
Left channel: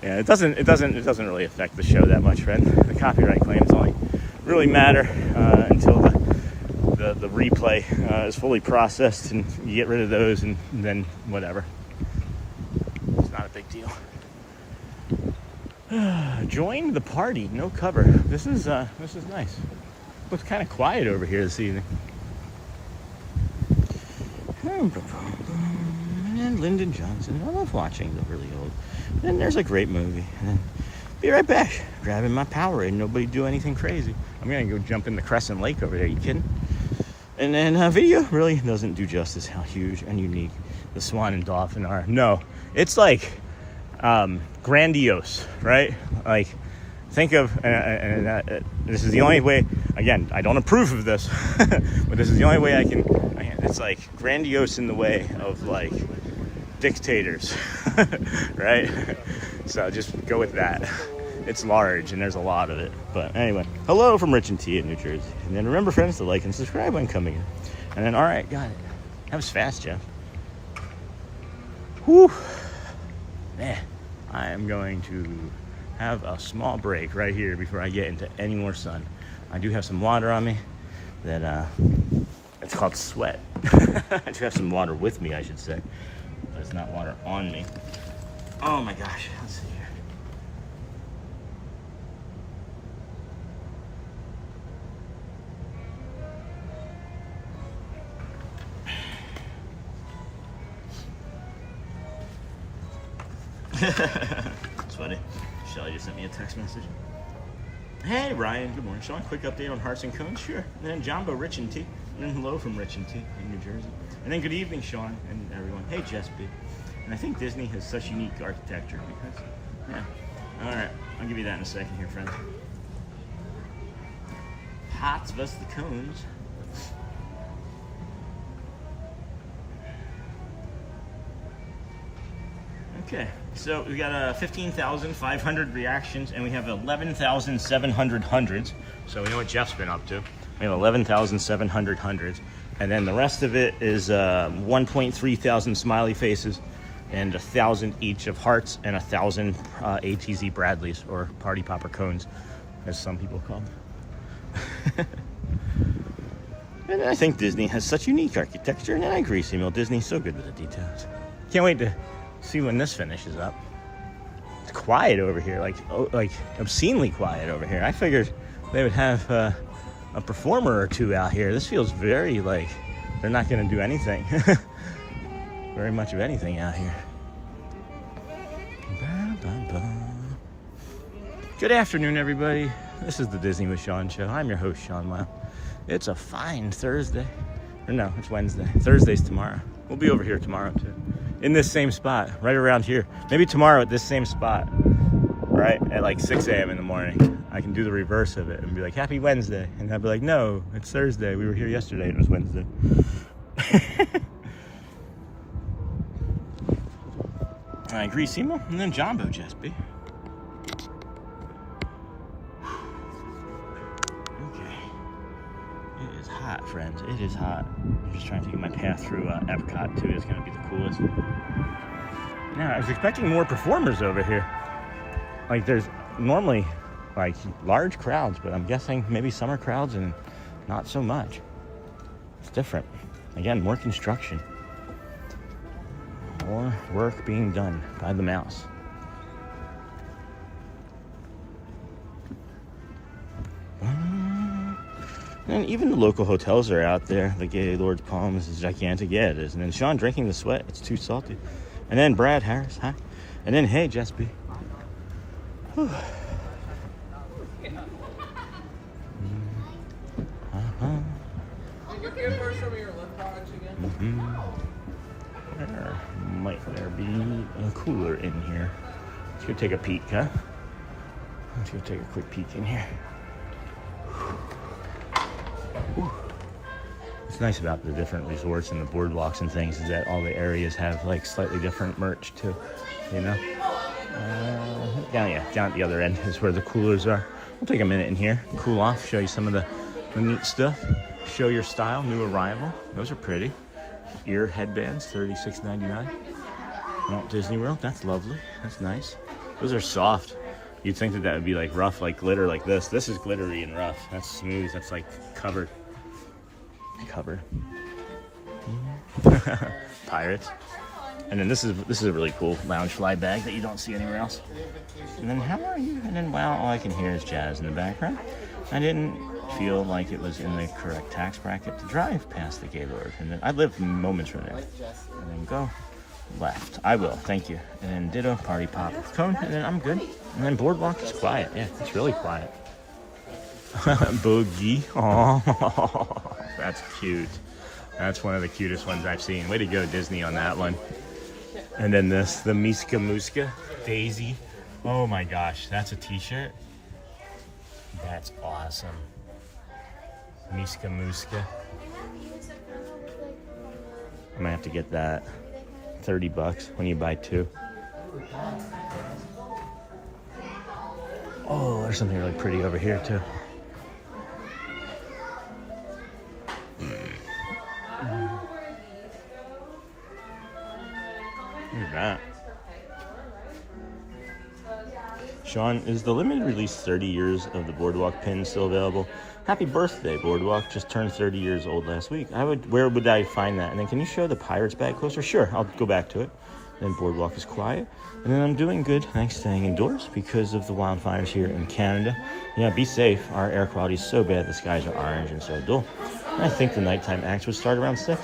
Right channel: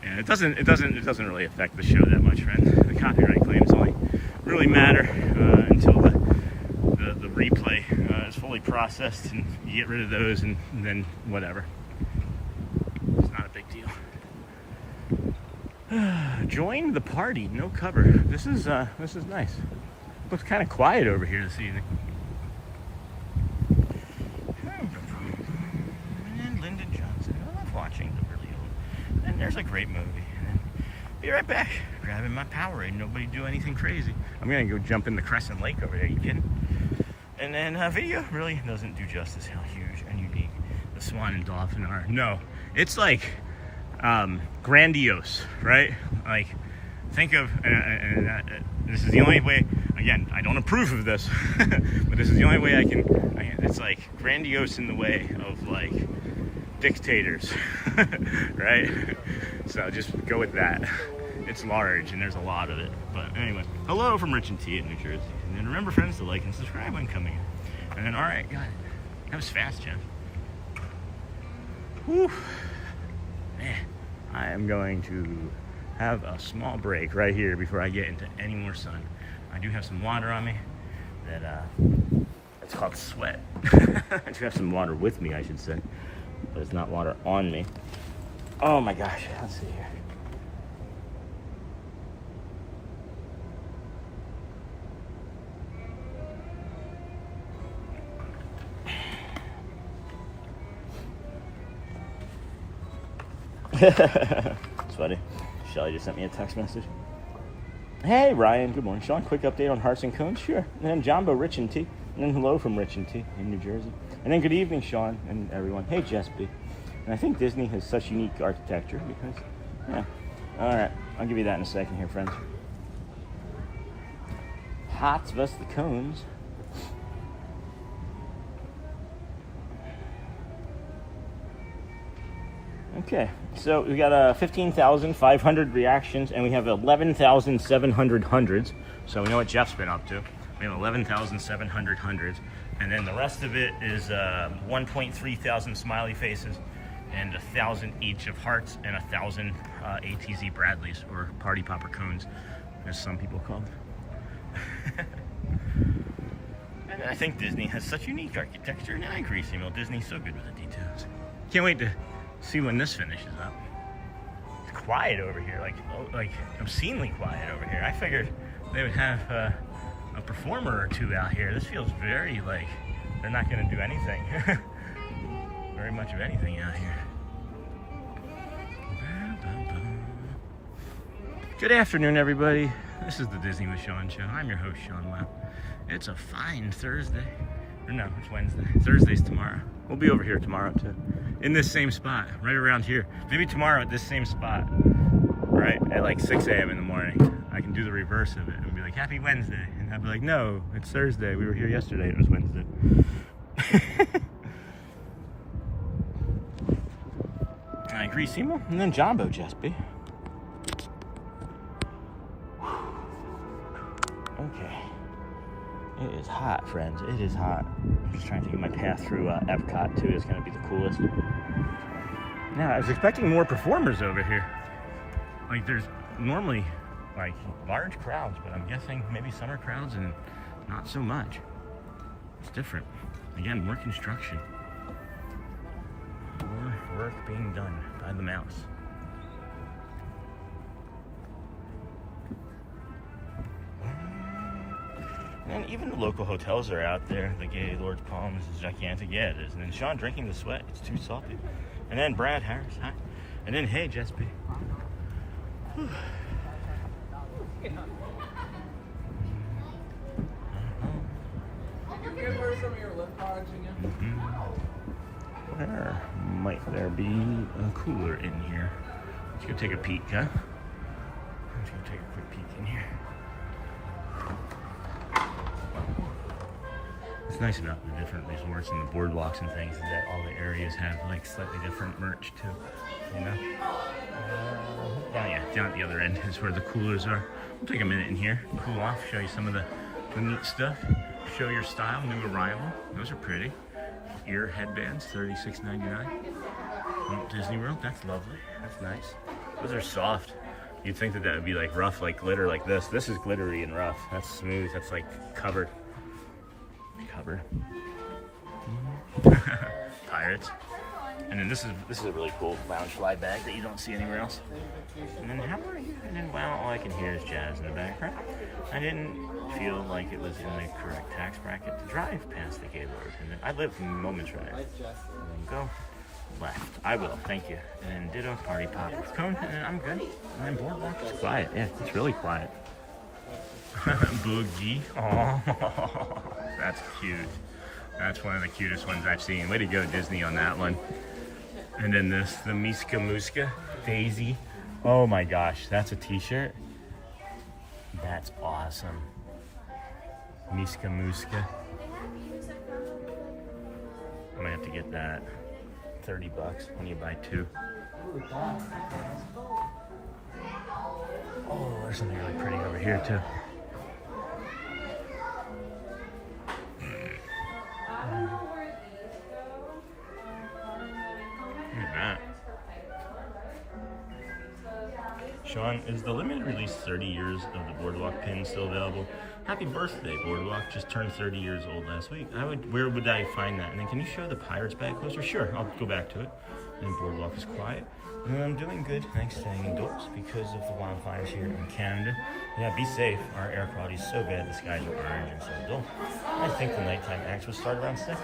Yeah, it doesn't really affect the show that much, friend. The copyright claims only really matter until the replay is fully processed, and you get rid of those, and then whatever. It's not a big deal. Join the party, no cover. This is nice. Looks kind of quiet over here this evening. And Lyndon Johnson. I love watching the really old. And there's a great movie. And be right back. Grabbing my Powerade. Nobody do anything crazy. I'm gonna go jump in the Crescent Lake over there. You kidding? And then video really doesn't do justice how huge and unique the Swan and Dolphin are. No, it's like grandiose, right? Like, think of this is the only way. Again, I don't approve of this, but this is the only way I can. It's like grandiose in the way of like dictators, right? So just go with that. It's large and there's a lot of it. But anyway, hello from Rich and T in New Jersey. And then remember, friends, to like and subscribe when coming in. And then, all right, got it. That was fast, Jeff. Whew. Man, I am going to have a small break right here before I get into any more sun. I do have some water on me that it's called sweat. I do have some water with me, I should say, but it's not water on me. Oh my gosh, let's see here. It's funny. Shelly just sent me a text message. Hey Ryan, good morning. Sean, quick update on Hearts and Cones? Sure. And then Jumbo, Rich and T. And then hello from Rich and T in New Jersey. And then good evening, Sean and everyone. Hey Jess B. And I think Disney has such unique architecture because, yeah. All right, I'll give you that in a second here, friends. Hots vs the Cones. Okay, so we got 15,500 reactions, and we have 11,700 hundreds. So we know what Jeff's been up to. We have 11,700 hundreds, and then the rest of it is 1.3 thousand smiley faces, and 1,000 each of hearts, and 1,000 ATZ Bradleys, or Party Popper Cones, as some people call them. And I think Disney has such unique architecture, and I agree, Samuel. Disney's so good with the details. Can't wait to See when this finishes up. It's quiet over here, like obscenely quiet over here. I figured they would have a performer or two out here. This feels very like they're not going to do anything. Very much of anything out here. Good afternoon, everybody. This is the Disney with Sean show. I'm your host, Sean Wow. It's a fine Thursday. Or no, it's Wednesday. Thursday's tomorrow. We'll be over here tomorrow too. In this same spot, right around here. Maybe tomorrow at this same spot, right? At like 6 a.m. in the morning. I can do the reverse of it and be like, happy Wednesday. And I'd be like, no, it's Thursday. We were here yesterday and it was Wednesday. All right, Greasimo, and then Jumbo Jespy. Okay. It is hot, friends. It is hot. I'm just trying to get my path through EPCOT too. It's gonna be the coolest. Now, I was expecting more performers over here. Like, there's normally like large crowds, but I'm guessing maybe summer crowds and not so much. It's different. Again, more construction. More work being done by the mouse. And even the local hotels are out there. The Gaylord's Palms is gigantic. Yeah, it is. And then Sean drinking the sweat. It's too salty. And then Brad Harris. Hi. And then, hey, Jespy. Whew. Where might there be a cooler in here? Let's go take a peek, huh? Let's go take a quick peek in here. What's nice about the different resorts and the boardwalks and things is that all the areas have like slightly different merch too, you know? Yeah, down at the other end is where the coolers are. We'll take a minute in here, cool off, show you some of the neat stuff. Show your style, new arrival. Those are pretty. Ear headbands, $36.99. Walt Disney World, that's lovely. That's nice. Those are soft. You'd think that would be like rough, like glitter like this. This is glittery and rough. That's smooth. That's like covered. Covered. Pirates. And then this is a really cool lounge fly bag that you don't see anywhere else. And then how are you? And then wow, all I can hear is jazz in the background. I didn't feel like it was in the correct tax bracket to drive past the Gaylord. And then I live moments from there. And then go left. I will, thank you. And ditto party pop cone, and then I'm good. And then boardwalk is quiet. Yeah, it's really quiet. Boogie. Oh, that's cute. That's one of the cutest ones I've seen. Way to go, Disney, on that one. And then this, the Miska Muska Daisy. Oh my gosh, that's a t-shirt. That's awesome. Miska Muska. I might have to get that. $30 when you buy two. Oh, there's something really pretty over here too. Look at that. Sean, is the limited release 30 years of the Boardwalk pin still available? Happy birthday, Boardwalk. Just turned 30 years old last week. Where would I find that? And then can you show the Pirates bag coaster? Sure, I'll go back to it. Then Boardwalk is quiet. And then I'm doing good, thanks to staying indoors because of the wildfires here in Canada. Yeah, be safe. Our air quality is so bad, the skies are orange and so dull. And I think the nighttime acts will start around 6.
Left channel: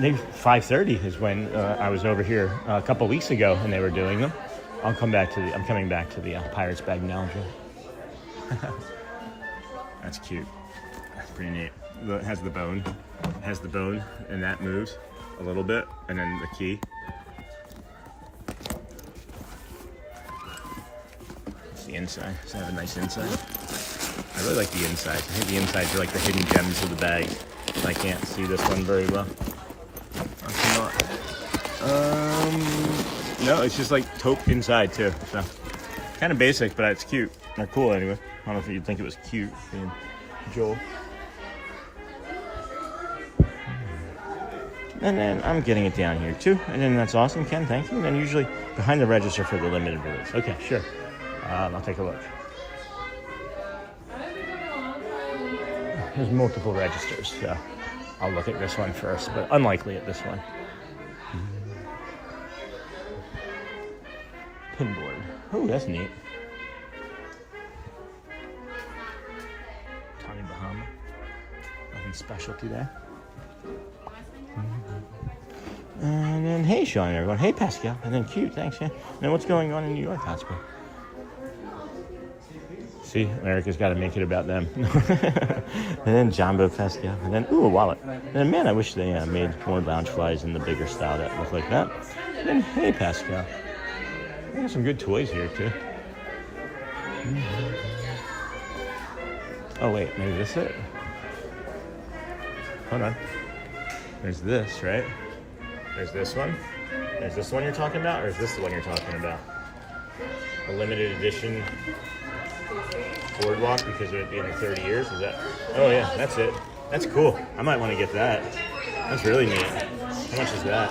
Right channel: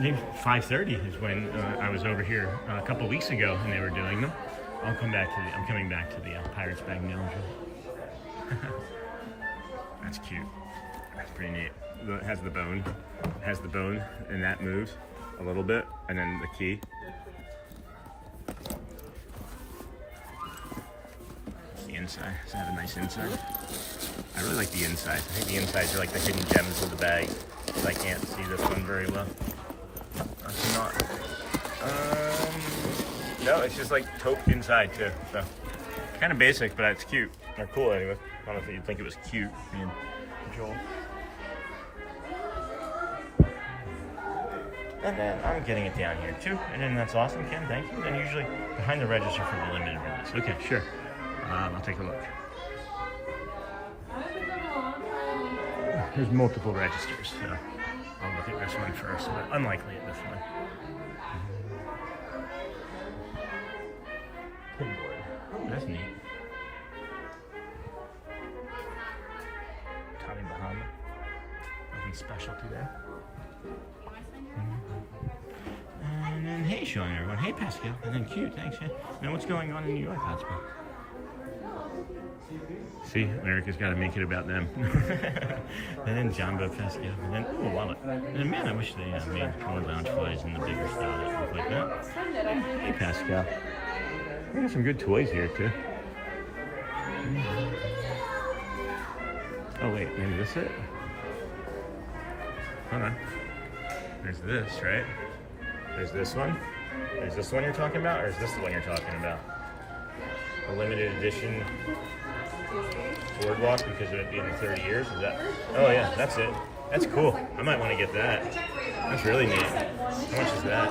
Maybe 5:30 is when I was over here a couple weeks ago and they were doing them. I'm coming back to the Pirates bag now. That's cute. That's pretty neat. It has the bone. It has the bone, and that moves a little bit, and then the key. It's the inside. Does it have a nice inside? I really like the inside. I think the insides are like the hidden gems of the bag. I can't see this one very well. No, it's just like taupe inside too. So kind of basic, but it's cute. Or cool anyway. I don't know if you'd think it was cute being Joel. And then I'm getting it down here too. And then that's awesome, Ken, thank you. And then usually behind the register for the limited release. Okay, sure. I'll take a look. There's multiple registers, so I'll look at this one first, but unlikely at this one. Pinboard. Oh, that's neat. Tommy Bahama. Nothing specialty there. And then, hey, Sean, everyone. Hey, Pascal. And then, cute, thanks. Yeah. And then, what's going on in New York, Hotspur? See, America's got to make it about them. And then, Jumbo Pascal. And then, ooh, a wallet. And then, man, I wish they made more lounge flies in the bigger style that look like that. And then, hey, Pascal. We got some good toys here, too. Oh, wait, maybe this is it? Hold on. There's this, right? There's this one. There's this one you're talking about, or is this the one you're talking about? A limited edition BoardWalk because of it being 30 years? Is that? Oh yeah, that's it. That's cool. I might want to get that. That's really neat. How much is that?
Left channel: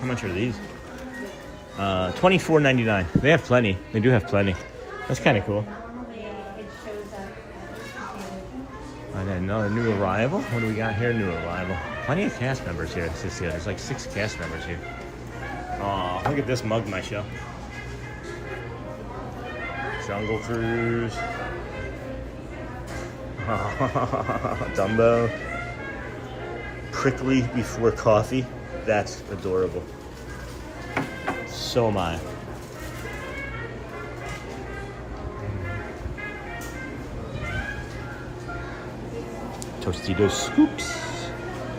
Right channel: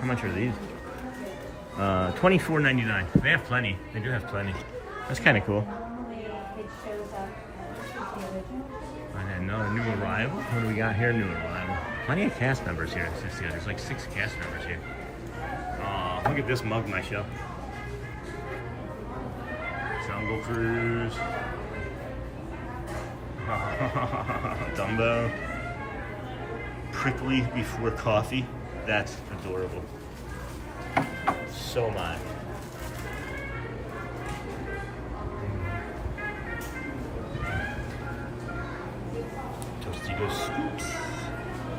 How much are these? $24.99. They have plenty. They do have plenty. That's kind of cool. And then another new arrival. What do we got here? New arrival. Plenty of cast members here. There's like 6 cast members here. Oh, look at this mug, my show. Jungle Cruise. Dumbo. Prickly before coffee. That's adorable. So am I. Tostitos scoops.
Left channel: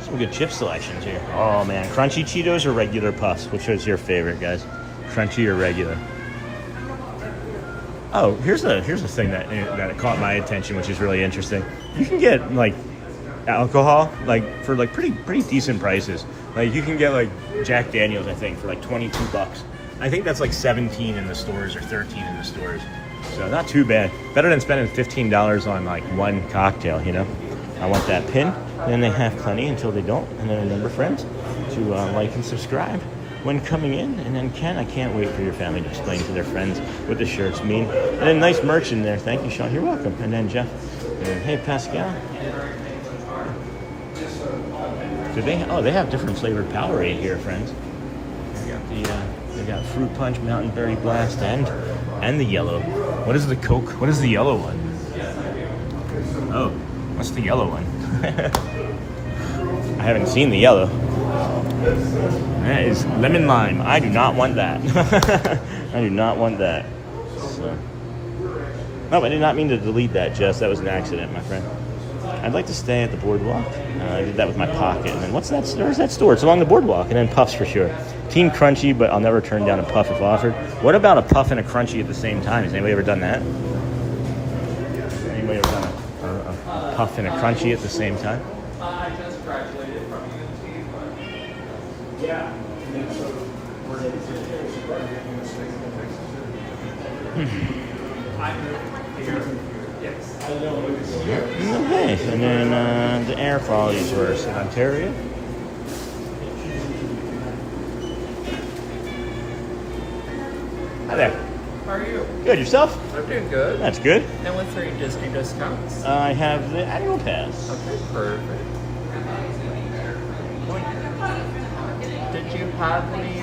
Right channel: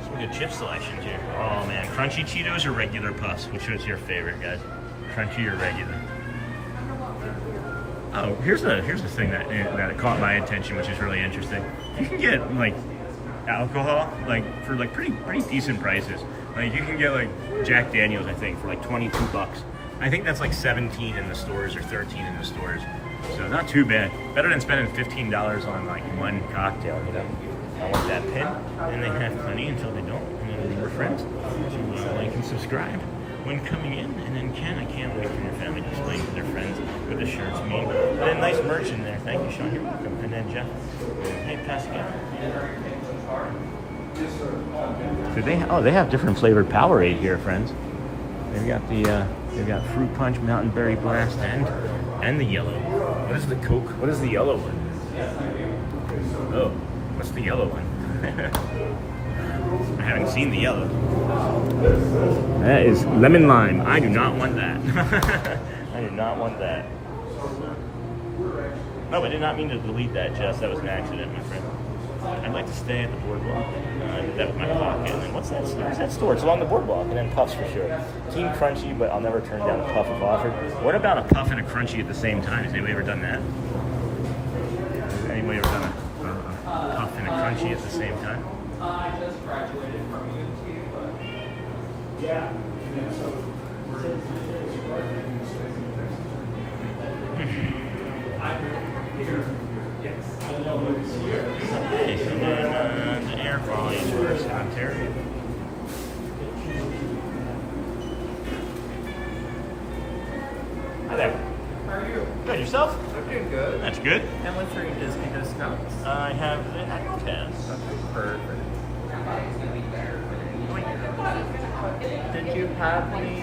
Some good chip selections here. Oh man, crunchy Cheetos or regular puffs? Which is your favorite, guys? Crunchy or regular? Oh, here's a thing that caught my attention, which is really interesting. You can get like alcohol for pretty decent prices. Like you can get like Jack Daniels, I think, for like $22. I think that's like 17 in the stores or 13 in the stores. So not too bad. Better than spending $15 on like one cocktail, you know? I want that pin, and they have plenty until they don't. And then remember, friends, to like and subscribe when coming in. And then Ken, I can't wait for your family to explain to their friends what the shirts mean. And then nice merch in there. Thank you, Sean. You're welcome. And then Jeff. And hey, Pascal. Do they? They have different flavored Powerade here, friends. They got fruit punch, mountain berry blast, and the yellow. What is the Coke? What is the yellow one? Oh. What's the yellow one? I haven't seen the yellow. That is lemon lime. I do not want that. I do not want that. No, I did not mean to delete that, Jess. That was an accident, my friend. I'd like to stay at the BoardWalk. I did that with my pocket. And then what's that? Where's that store? It's along the BoardWalk. And then puffs for sure. Team Crunchy, but I'll never turn down a puff if offered. What about a puff and a crunchy at the same time? Has anybody ever done that? Has anybody ever done a puff and a crunchy at the same time? Okay, and then the air quality tours in Ontario. Hi there. How are you? Good, yourself? I'm doing good. That's good. And what's your Disney discounts? I have the annual pass. Okay, perfect. Did you have any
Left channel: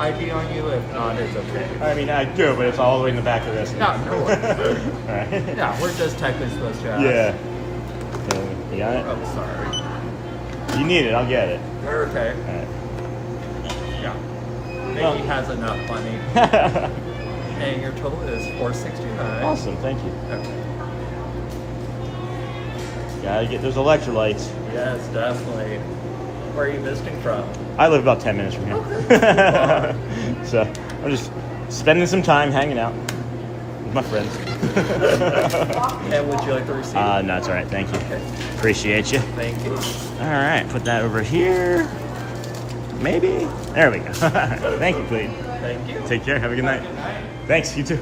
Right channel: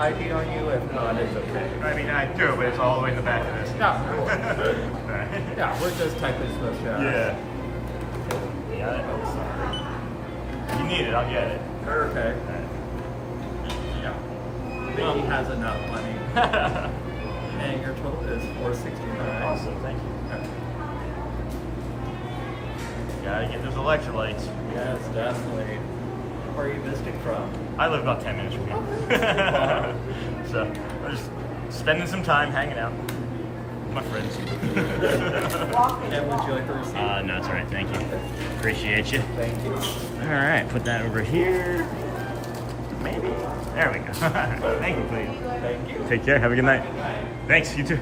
ID on you? If not, it's okay. I mean, I do, but it's all the way in the back of this. No, cool. Right. Yeah, we're just technically supposed to ask. Yeah. You got it? Oh, sorry. You need it, I'll get it. You're okay. Yeah. Mickey has enough money. And your total is $469. Awesome, thank you. Okay. Gotta get those electrolytes. Yes, definitely. Where are you visiting from? I live about 10 minutes from here. So I'm just spending some time hanging out with my friends. And would you like the receipt? No, it's all right. Thank you. Appreciate you. Thank you. All right, put that over here. Maybe. There we go. Thank you, Clayton. Thank you. Take care. Have a good night. Thanks. You too.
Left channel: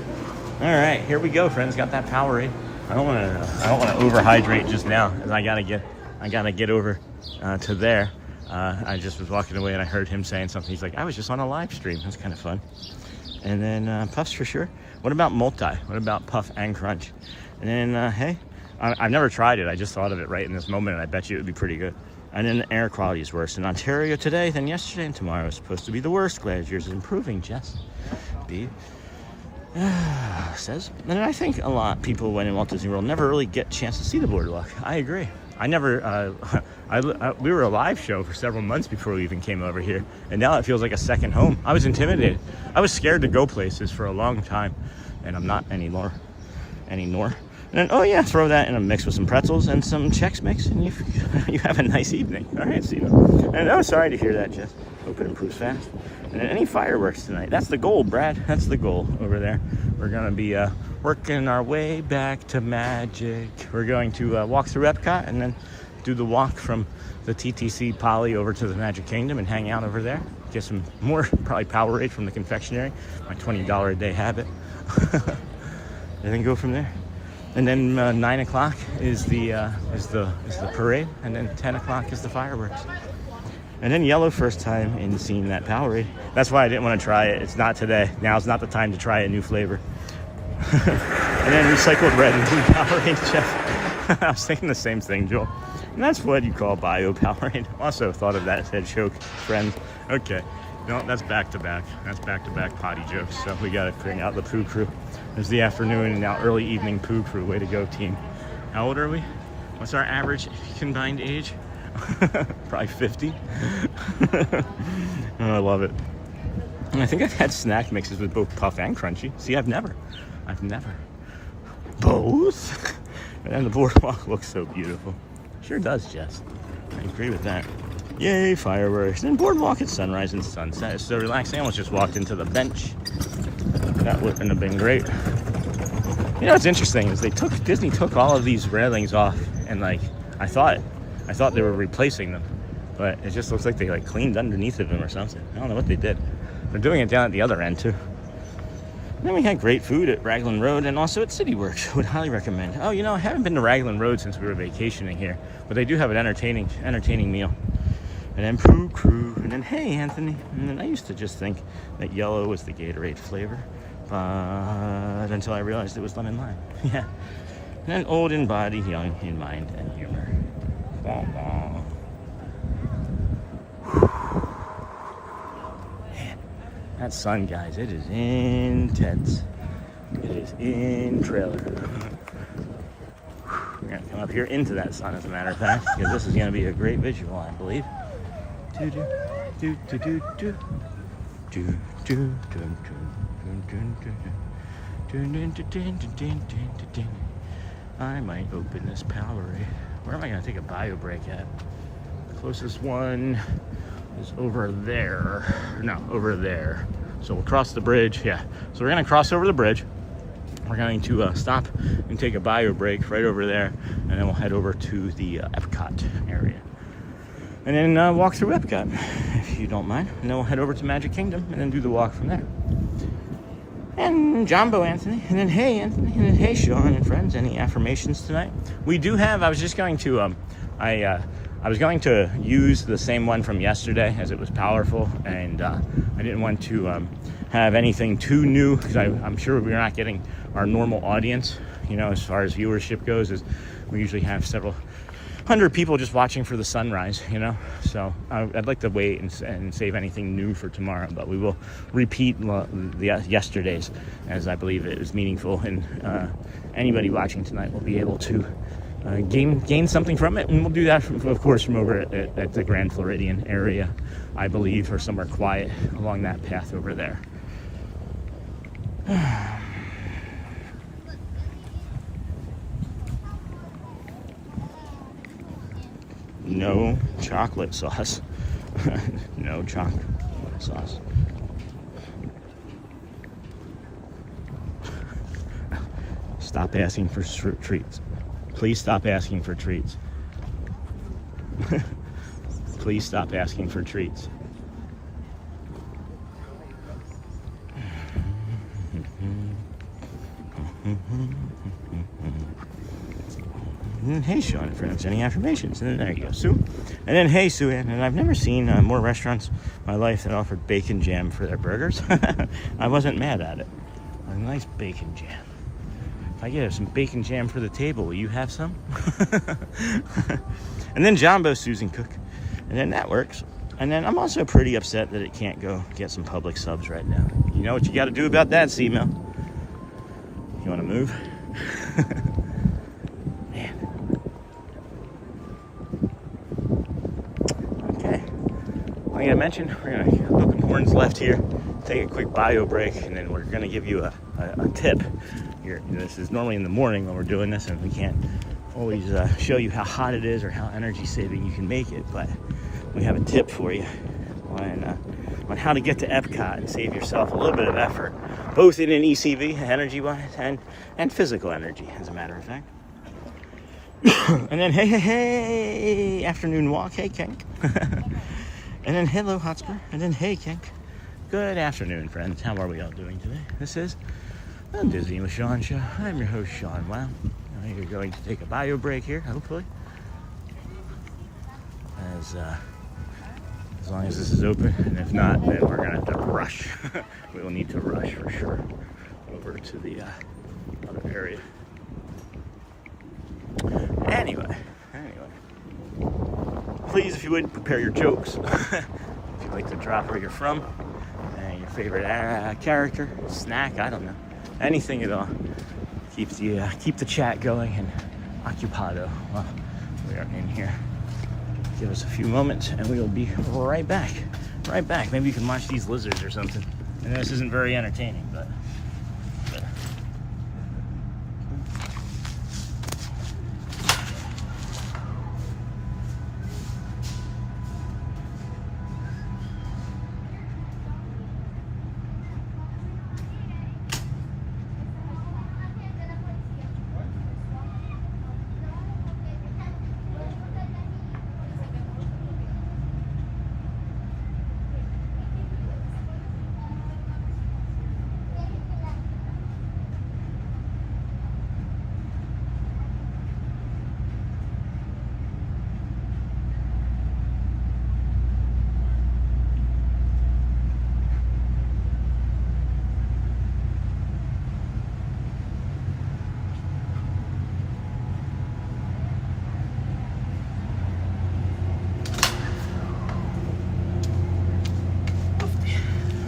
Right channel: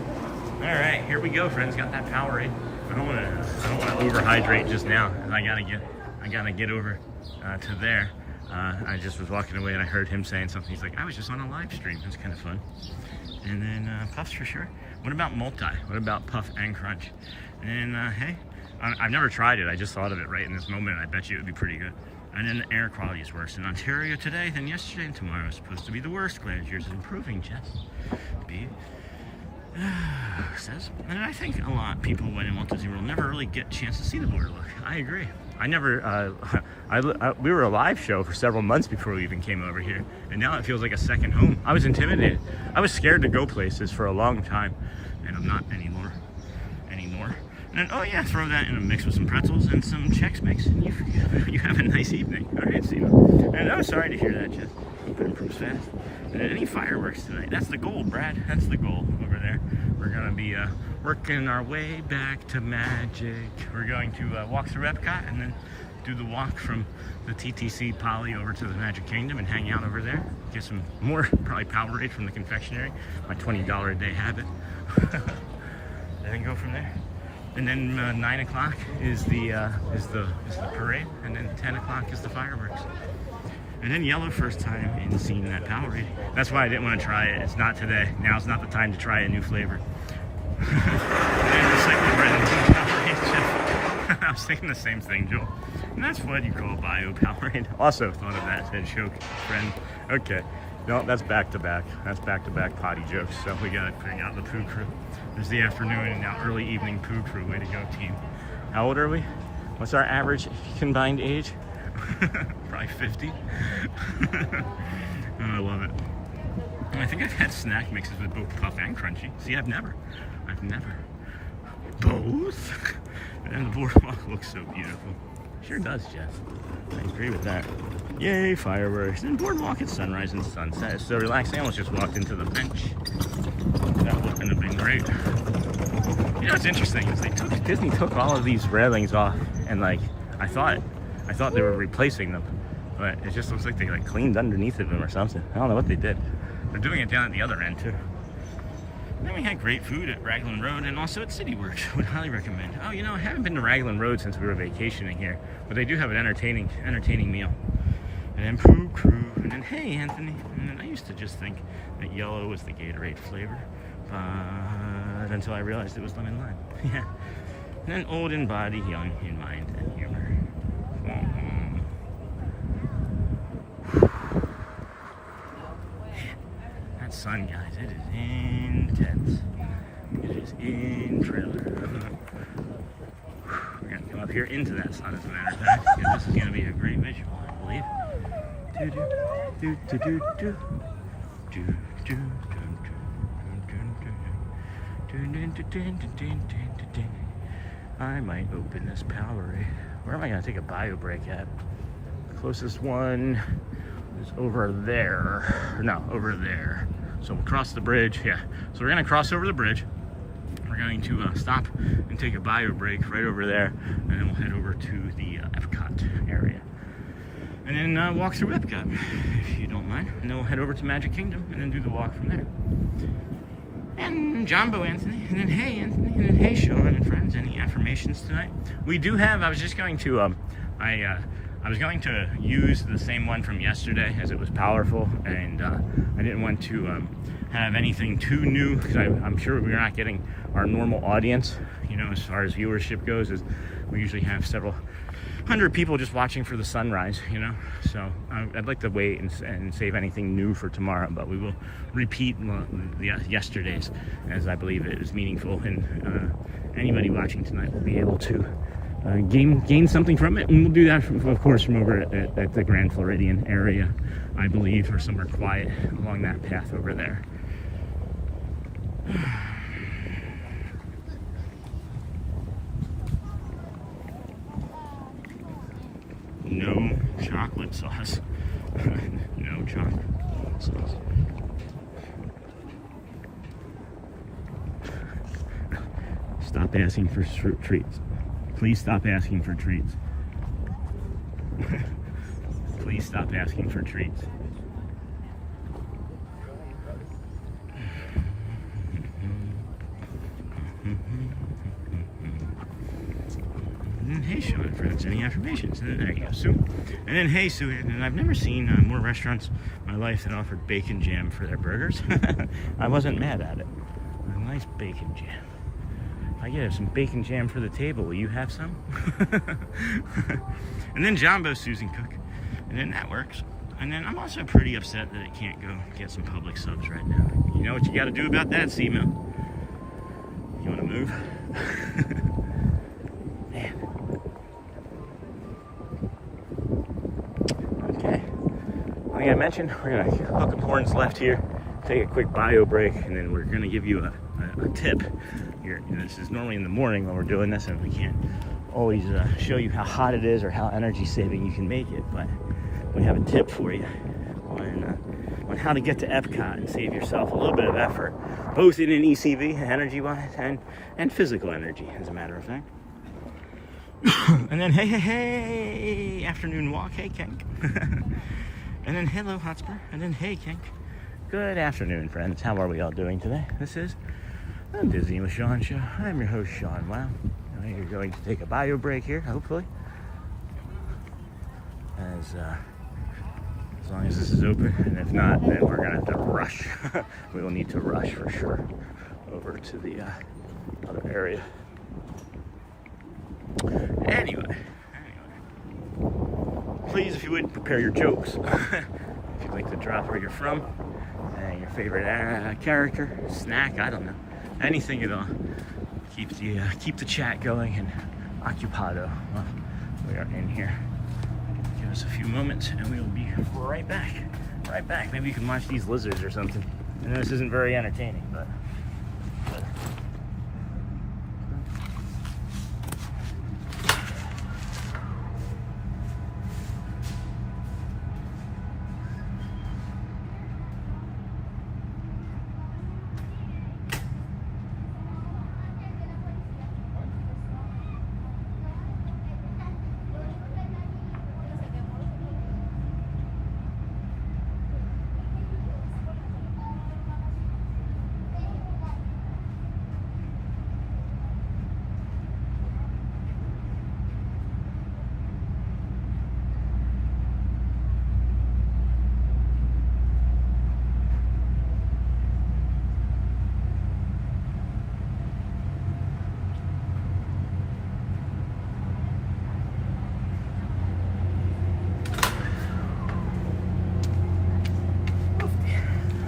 All right, here we go, friends. Got that Powerade. I don't want to overhydrate just now, as I gotta get over to there. I just was walking away and I heard him saying something. He's like, I was just on a live stream. That's kind of fun. And then puffs for sure. What about multi? What about puff and crunch? And then hey, I've never tried it. I just thought of it right in this moment, and I bet you it would be pretty good. And then the air quality is worse in Ontario today than yesterday, and tomorrow is supposed to be the worst. Glad yours is improving, Jess. B says. And I think a lot of people when in Walt Disney World never really get a chance to see the boardwalk. I agree. I never, we were a live show for several months before we even came over here. And now it feels like a second home. I was intimidated. I was scared to go places for a long time. And I'm not anymore. And then, oh yeah, throw that in a mix with some pretzels and some Chex Mix, and you have a nice evening. All right, Cena. And I'm sorry to hear that, Jess. Hope it improves fast. And then any fireworks tonight. That's the goal, Brad. That's the goal over there. We're gonna be working our way back to Magic. We're going to walk through EPCOT and then do the walk from the TTC Poly over to the Magic Kingdom and hang out over there. Get some more, probably Powerade from the Confectionery. My $20 a day habit. And then go from there. And then 9 o'clock is the parade, and then 10 o'clock is the fireworks. And then Yellow, first time in seeing that Powerade. That's why I didn't want to try it. It's not today. Now's not the time to try a new flavor. And then recycled red and blue Powerade, Jeff. I was thinking the same thing, Joel. And that's what you call bio Powerade. Also thought of that, said choke, friends. Okay. No, that's back-to-back. That's back-to-back potty jokes. So we got to bring out the poo crew. It's the afternoon and now early evening poo crew. Way to go, team. How old are we? What's our average combined age? Probably 50. Oh, I love it. And I think I've had snack mixes with both puff and crunchy. See, I've never. Both? And the boardwalk looks so beautiful. Sure does, Jess. I agree with that. Yay, fireworks. And boardwalk at sunrise and sunset. It's so relaxing. I almost just walked into the bench. That wouldn't have been great. You know what's interesting is Disney took all of these railings off, and like I thought they were replacing them, but it just looks like they like cleaned underneath of them or something. I don't know what they did. They're doing it down at the other end too. And then we had great food at Raglan Road and also at CityWorks. Would highly recommend. Oh, you know, I haven't been to Raglan Road since we were vacationing here, but they do have an entertaining meal. And then poo crew, and then hey Anthony. And then I used to just think that yellow was the Gatorade flavor, but until I realized it was lemon lime. Yeah. And then old in body, young in mind and humor. Wah, wah. Man, that sun, guys, it is intense. It is in trailer. We're gonna come up here into that sun, as a matter of fact, because this is gonna be a great visual, I believe. Do do do do do do do do do. I might open this Powerade. Where am I gonna take a bio break at? The closest one is over there. No, over there. So we'll cross the bridge. Yeah. So we're gonna cross over the bridge. We're going to stop and take a bio break right over there, and then we'll head over to the EPCOT area. And then walk through EPCOT, if you don't mind. And then we'll head over to Magic Kingdom and then do the walk from there. And Jumbo Anthony, and then hey Anthony, and then hey Sean and friends. Any affirmations tonight? We do have, I was just going to, I was going to use the same one from yesterday as it was powerful, and I didn't want to have anything too new, because I'm sure we're not getting our normal audience, you know, as far as viewership goes, is we usually have several hundred people just watching for the sunrise, you know. So I'd like to wait and save anything new for tomorrow, but we will repeat the yesterday's, as I believe it is meaningful, and anybody watching tonight will be able to gain something from it. And we'll do that of course from over at the Grand Floridian area, I believe, or somewhere quiet along that path over there. No chocolate sauce. No chocolate sauce. Stop asking for treats. Please stop asking for treats. Please stop asking for treats. And hey, Sean and friends, any affirmations? And then there you go, Sue. And then hey, Sue, and I've never seen more restaurants in my life that offered bacon jam for their burgers. I wasn't mad at it. A nice bacon jam. If I get some bacon jam for the table, will you have some? And then Jumbo Susan Cook. And then that works. And then I'm also pretty upset that it can't go get some public subs right now. You know what you got to do about that, C-Mail? You want to move? Man. Okay. I gotta mention, we're gonna hook and horns left here, take a quick bio break, and then we're gonna give you a tip. Here, you know, this is normally in the morning when we're doing this, and we can't always show you how hot it is or how energy saving you can make it, but we have a tip for you on how to get to Epcot and save yourself a little bit of effort, both in an ECV, energy-wise, and physical energy, as a matter of fact. And then, hey, afternoon walk, hey, Kink. And then, hello, Hotspur. And then, hey, Kink. Good afternoon, friends. How are we all doing today? This is the Disney with Sean show. I'm your host, Sean. Wow. You're going to take a bio break here, hopefully. As long as this is open, and if not, then we're gonna have to rush. We will need to rush for sure over to the other area. Anyway, please, if you would, prepare your jokes. If you'd like to drop where you're from, and your favorite character, snack, I don't know, anything at all. Keep the chat going and occupado while we are in here. Give us a few moments and we will be right back. Maybe you can watch these lizards or something. I know this isn't very entertaining, but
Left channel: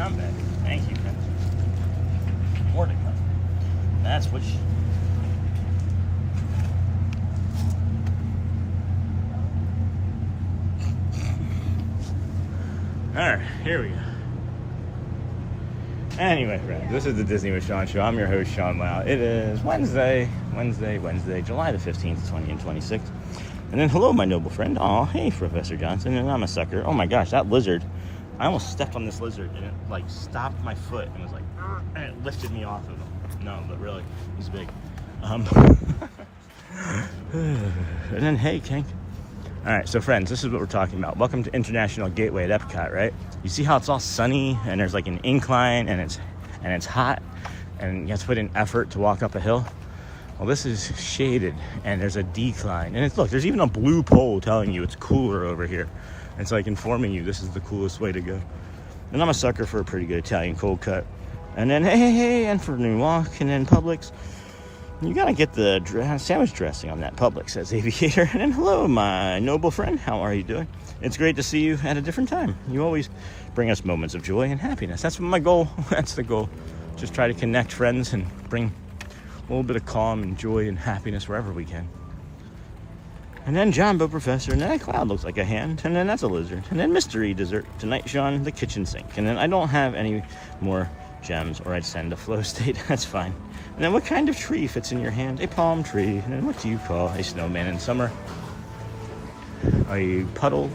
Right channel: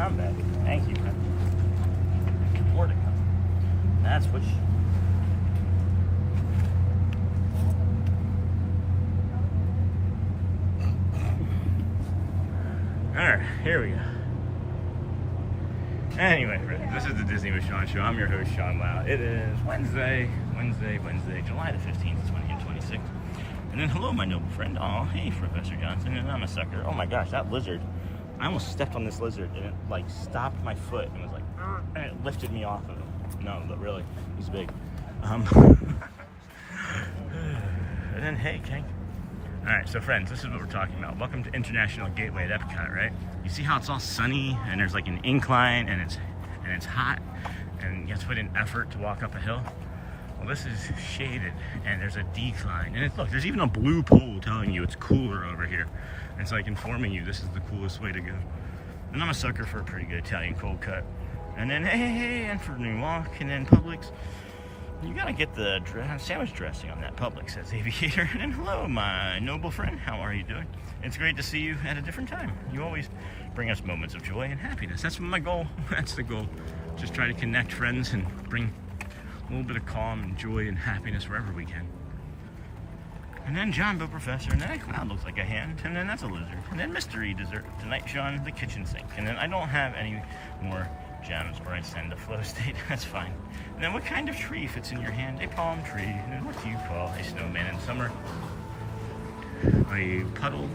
I'm back. Thank you, man. More to come. That's what Alright, here we go. Anyway, friends, this is the Disney with Sean show. I'm your host, Sean Lau. It is Wednesday, July the 15th, 2026. And then, hello, my noble friend. Oh, hey, Professor Johnson. And I'm a sucker. Oh my gosh, that lizard. I almost stepped on this lizard and it like stopped my foot and was like, and it lifted me off of him. No, but really, he's big. And then, hey, King. All right, so friends, this is what we're talking about. Welcome to International Gateway at Epcot, right? You see how it's all sunny and there's like an incline and it's hot and you have to put in effort to walk up a hill. Well, this is shaded and there's a decline. And look, there's even a blue pole telling you it's cooler over here. It's like informing you this is the coolest way to go. And I'm a sucker for a pretty good Italian cold cut. And then, hey, and for New Walk, and then Publix. You gotta get the sandwich dressing on that Publix, says Aviator. And then, hello, my noble friend. How are you doing? It's great to see you at a different time. You always bring us moments of joy and happiness. That's my goal. That's the goal. Just try to connect friends and bring a little bit of calm and joy and happiness wherever we can. And then Jumbo Professor, and then that cloud looks like a hand, and then that's a lizard, and then mystery dessert tonight, Sean, the kitchen sink, and then I don't have any more gems, or I'd send a flow state. That's fine. And then what kind of tree fits in your hand? A palm tree. And then what do you call a snowman in summer? A puddle.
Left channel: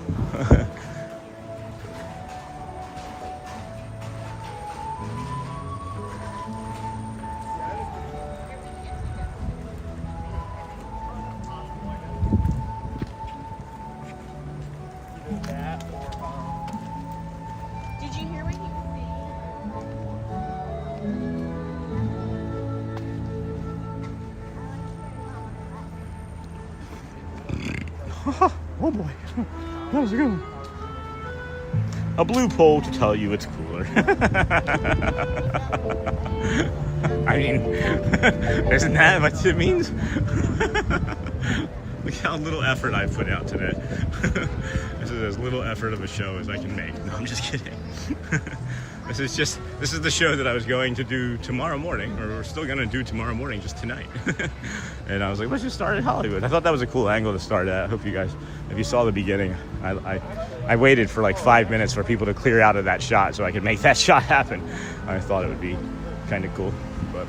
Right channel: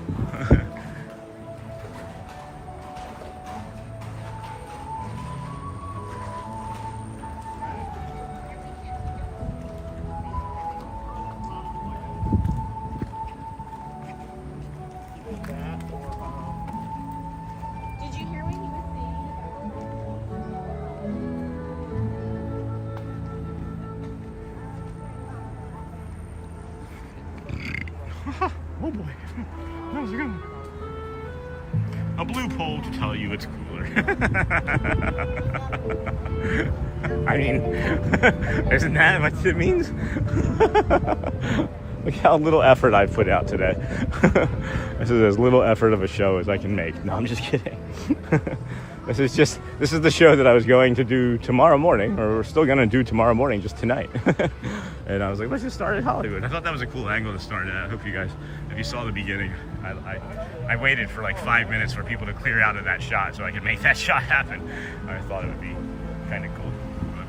Oh boy, that was a good one. A blue pole to tell you it's cooler. I mean, isn't that what it means? Look how little effort I put out today. This is as little effort of a show as I can make. No, I'm just kidding. This is the show that I was going to do tomorrow morning, or we're still going to do tomorrow morning, just tonight. And I was like, let's just start at Hollywood. I thought that was a cool angle to start at. I hope you guys, if you saw the beginning, I waited for like 5 minutes for people to clear out of that shot so I could make that shot happen. I thought it would be kind of cool, but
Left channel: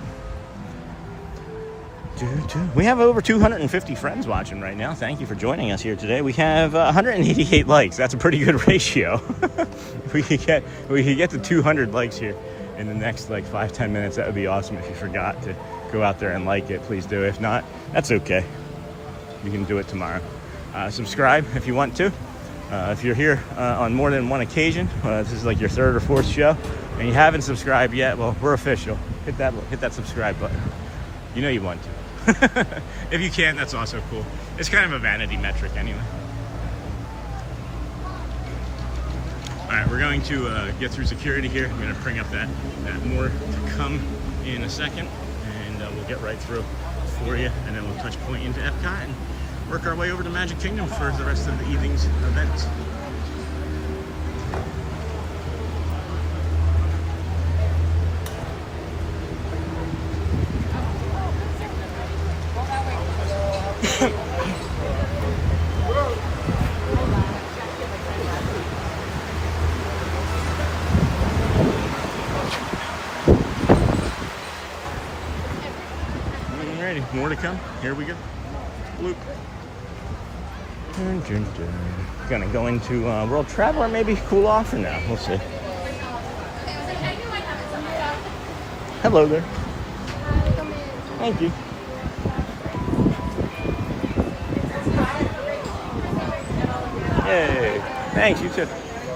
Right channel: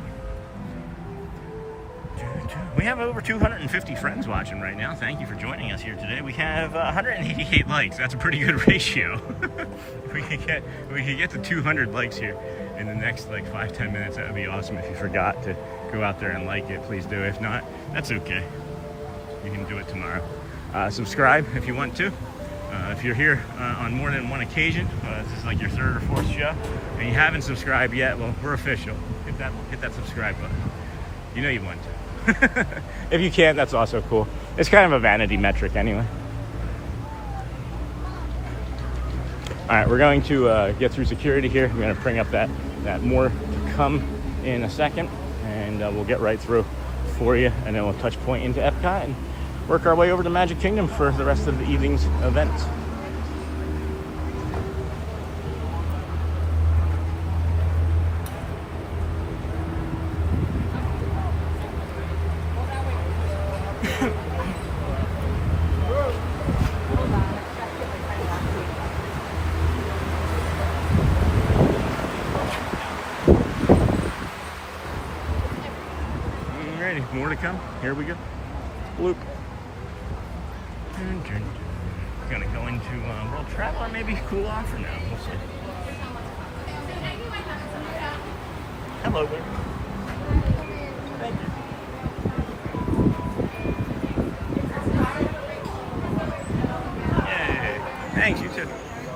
we have over 250 friends watching right now. Thank you for joining us here today. We have 188 likes. That's a pretty good ratio. If we could get to 200 likes here in the next like 5-10 minutes, that would be awesome. If you forgot to go out there and like it, please do. If not, that's okay. You can do it tomorrow. Subscribe if you want to. If you're here on more than one occasion, this is like your third or fourth show, and you haven't subscribed yet, well, we're official. Hit that subscribe button. You know you want to. If you can't, that's also cool. It's kind of a vanity metric anyway. All right, we're going to get through security here. We're going to bring up that more to come in a second, and we'll get right through for you, and then we'll touch point into EPCOT and work our way over to Magic Kingdom for the rest of the evening's events. Alrighty, more to come. Here we go. Loop. Gonna go into World Traveler, maybe cool off for now. We'll see. Hello there. Thank you. Yay. Thanks, you too.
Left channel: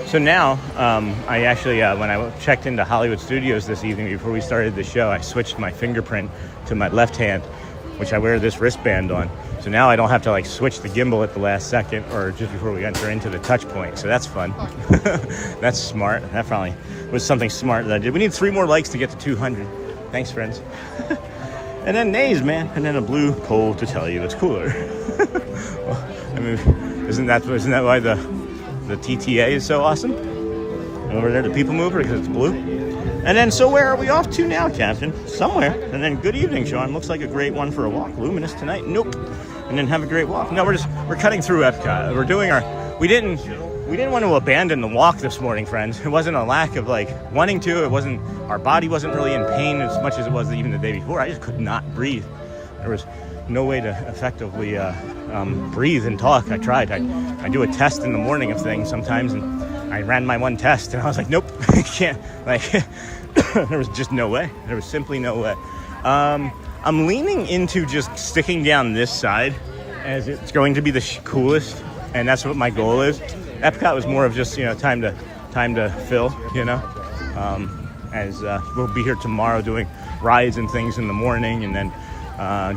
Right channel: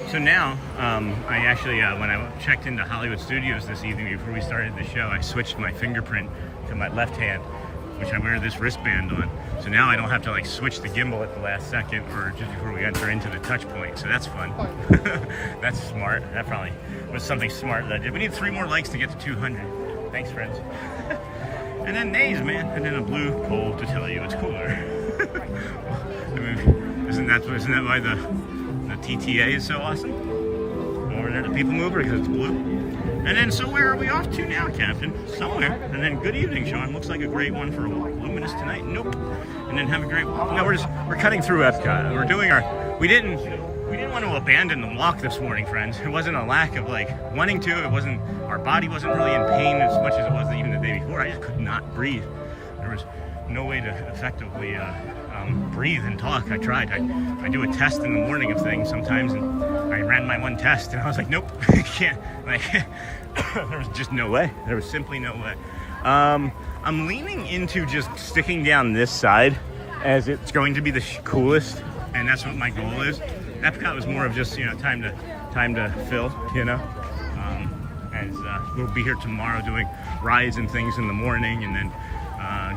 So now, I actually, when I checked into Hollywood Studios this evening before we started the show, I switched my fingerprint to my left hand, which I wear this wristband on. So now I don't have to like switch the gimbal at the last second or just before we enter into the touch point. So that's fun. That's smart. That probably was something smart that I did. We need 3 more likes to get to 200. Thanks, friends. And then nays, man. And then a blue pole to tell you it's cooler. Well, I mean, isn't that why the TTA is so awesome? Over there, the people mover, because it's blue. And then, so where are we off to now, Captain? Somewhere. And then, good evening, Sean. Looks like a great one for a walk. Luminous tonight? Nope. And then have a great walk. No, we're cutting through EPCOT. We're doing we didn't want to abandon the walk this morning, friends. It wasn't a lack of like wanting to. Our body wasn't really in pain as much as it was even the day before. I just could not breathe. There was no way to effectively breathe and talk. I tried. I do a test in the morning of things sometimes, and I ran my one test, and I was like, nope, I can't. Like, there was just no way. There was simply no way. I'm leaning into just sticking down this side as it's going to be the coolest, and that's what my goal is. EPCOT was more of just, time to fill, as we'll be here tomorrow doing rides and things in the morning, and then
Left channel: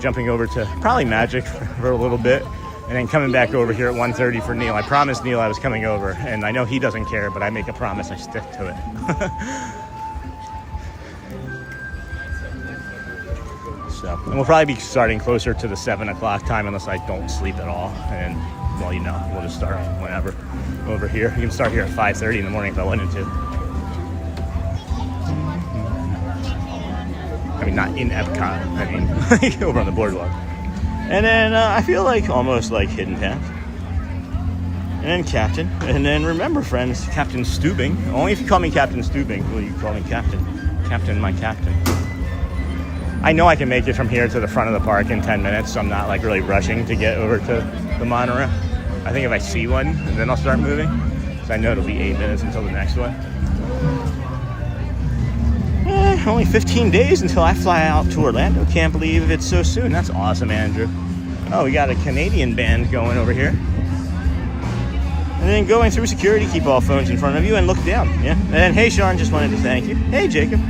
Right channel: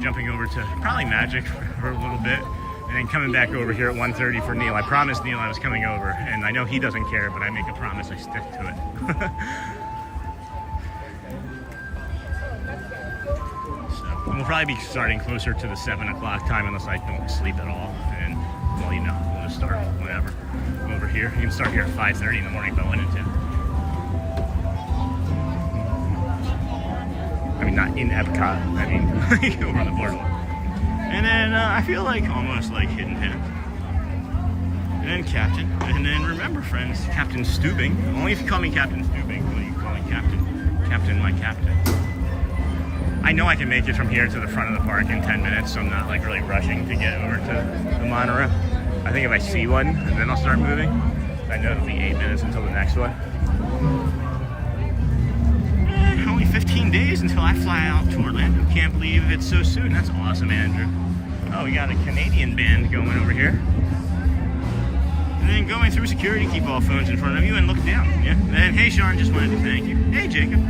jumping over to probably Magic for a little bit, and then coming back over here at 1:30 for Neil. I promised Neil I was coming over, and I know he doesn't care, but I make a promise, I stick to it. So, and we'll probably be starting closer to the 7 o'clock time unless I don't sleep at all, and well, we'll just start whenever over here. You can start here at 5:30 in the morning if I wanted to. I mean, not in EPCOT, I mean, over on the boardwalk. And then I feel like almost like Hidden Path. And then Captain. And then remember, friends, Captain Stubing. Only if you call me Captain Stubing will you call me Captain. Captain, my captain. I know I can make it from here to the front of the park in 10 minutes, so I'm not like really rushing to get over to the monorail. I think if I see one, and then I'll start moving. So I know it'll be 8 minutes until the next one. Only 15 days until I fly out to Orlando. Can't believe it's so soon. That's awesome, Andrew. Oh, we got a Canadian band going over here. And then going through security, keep all phones in front of you and look down. Yeah. And then, hey, Sean, just wanted to thank you. Hey, Jacob.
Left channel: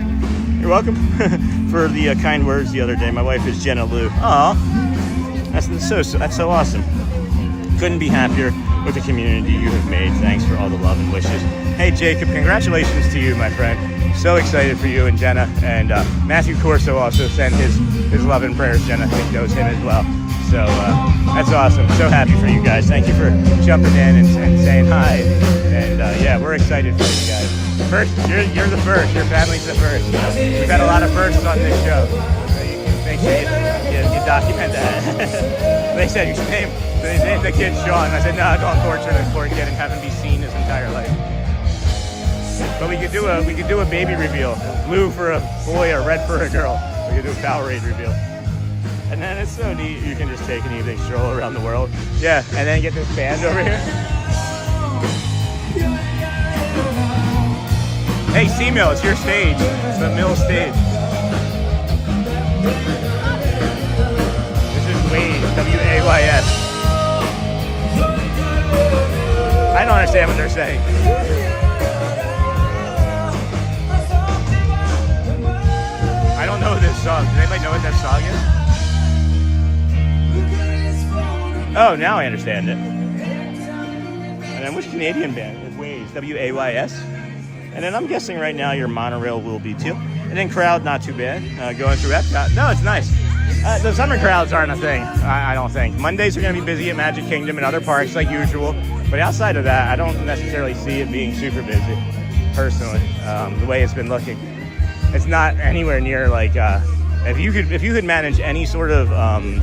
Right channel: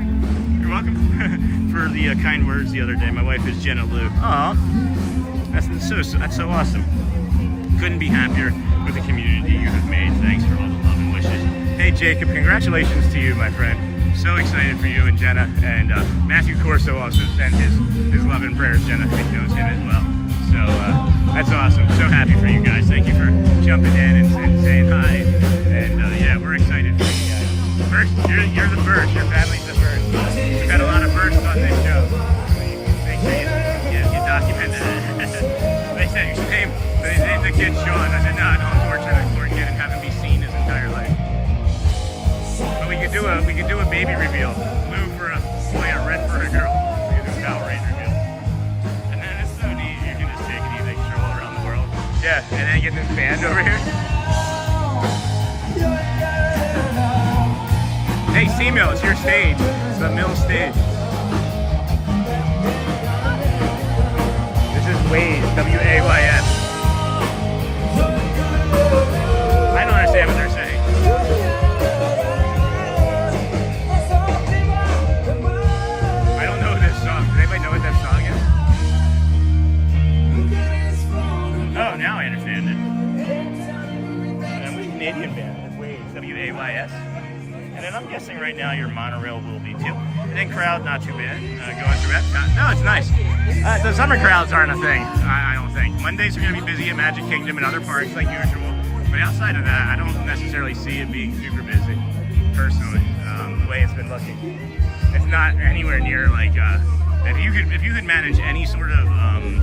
You're welcome for the kind words the other day. My wife is Jenna Lou. Aw. That's so awesome. Couldn't be happier with the community you have made. Thanks for all the love and wishes. Hey, Jacob, congratulations to you, my friend. So excited for you and Jenna. And Matthew Corso also sent his love and prayers. Jenna, I think, knows him as well. So That's awesome. So happy for you guys. Thank you for jumping in and saying hi. And yeah, we're excited for you guys. First, you're the first. Your family's the first. We've had a lot of firsts on this show. Make sure you document that. They said his name the kid Sean. I said, no, don't torture this poor kid and have him be seen his entire life. But we could do a baby reveal. Blue for a boy or red for a girl. We could do a Power Rage reveal. And then it's so neat. You can just take an easy stroll around the world. Yeah, and then get this band over here. Hey, C-Mill, it's your stage. It's the Mill stage. This is Ways, W-A-Y-S. I don't understand what they're saying. I don't know this song. Does anybody know what that song is? Oh, now I understand it. And then which Canadian band? Ways, W-A-Y-S. And then I'm guessing right now your monorail will be too. And then crowd, not too bad. Going through EPCOT. No, it's nice. The summer crowds aren't a thing, I don't think. Mondays are going to be busy at Magic Kingdom and other parks like usual. But outside of that, I don't necessarily see it being super busy, personally, the way it's been looking. It's not anywhere near like, if you could manage any sort of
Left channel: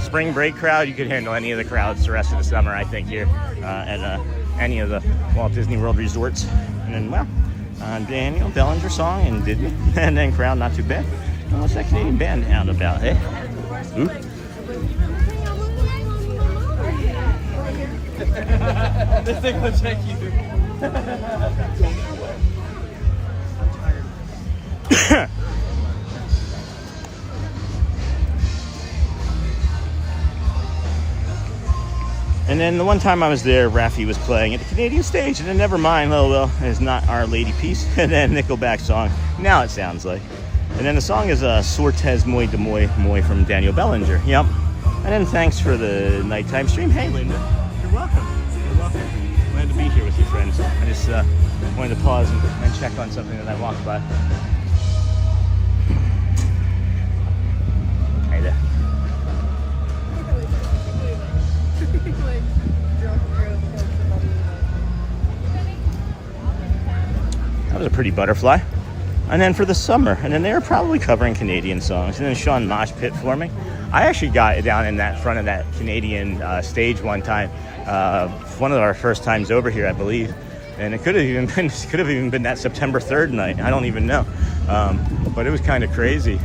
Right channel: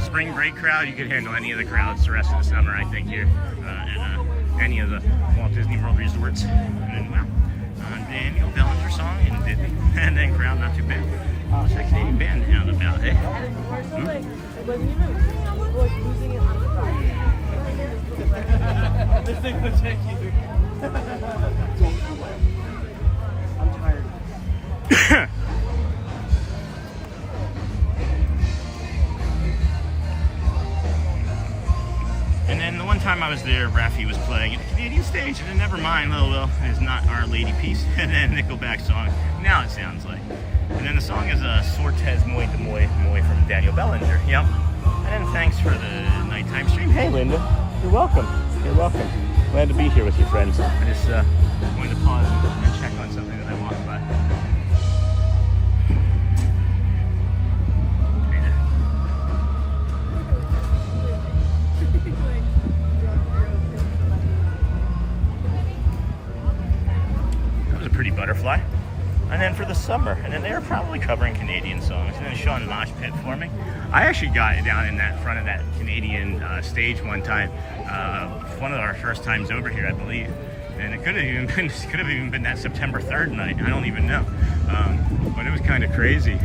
spring break crowd, you could handle any of the crowds the rest of the summer, I think, here at any of the Walt Disney World resorts. And then, well, Daniel Bellinger song and Disney, and then crowd not too bad. What's that Canadian band out about, eh? Ooh. This thing will check you. And then the one time I was there, Raffi was playing at the Canadian stage, and then never mind, oh well, it's not Our Lady Peace. And then Nickelback song, now it sounds like. And then the song is Sortes Moi de Moi Moi from Daniel Bellinger. Yep. And then thanks for the nighttime stream. Hey Linda, you're welcome. You're welcome. Glad to be here with your friends. I just wanted to pause and check on something that I walked by. Hey there. That was a pretty butterfly. And then for the summer, and then they were probably covering Canadian songs. And then Sean mosh pit for me. I actually got down in that front of that Canadian stage one time. One of our first times over here, I believe. And it could have even been that September 3rd night. I don't even know. But it was kind of crazy.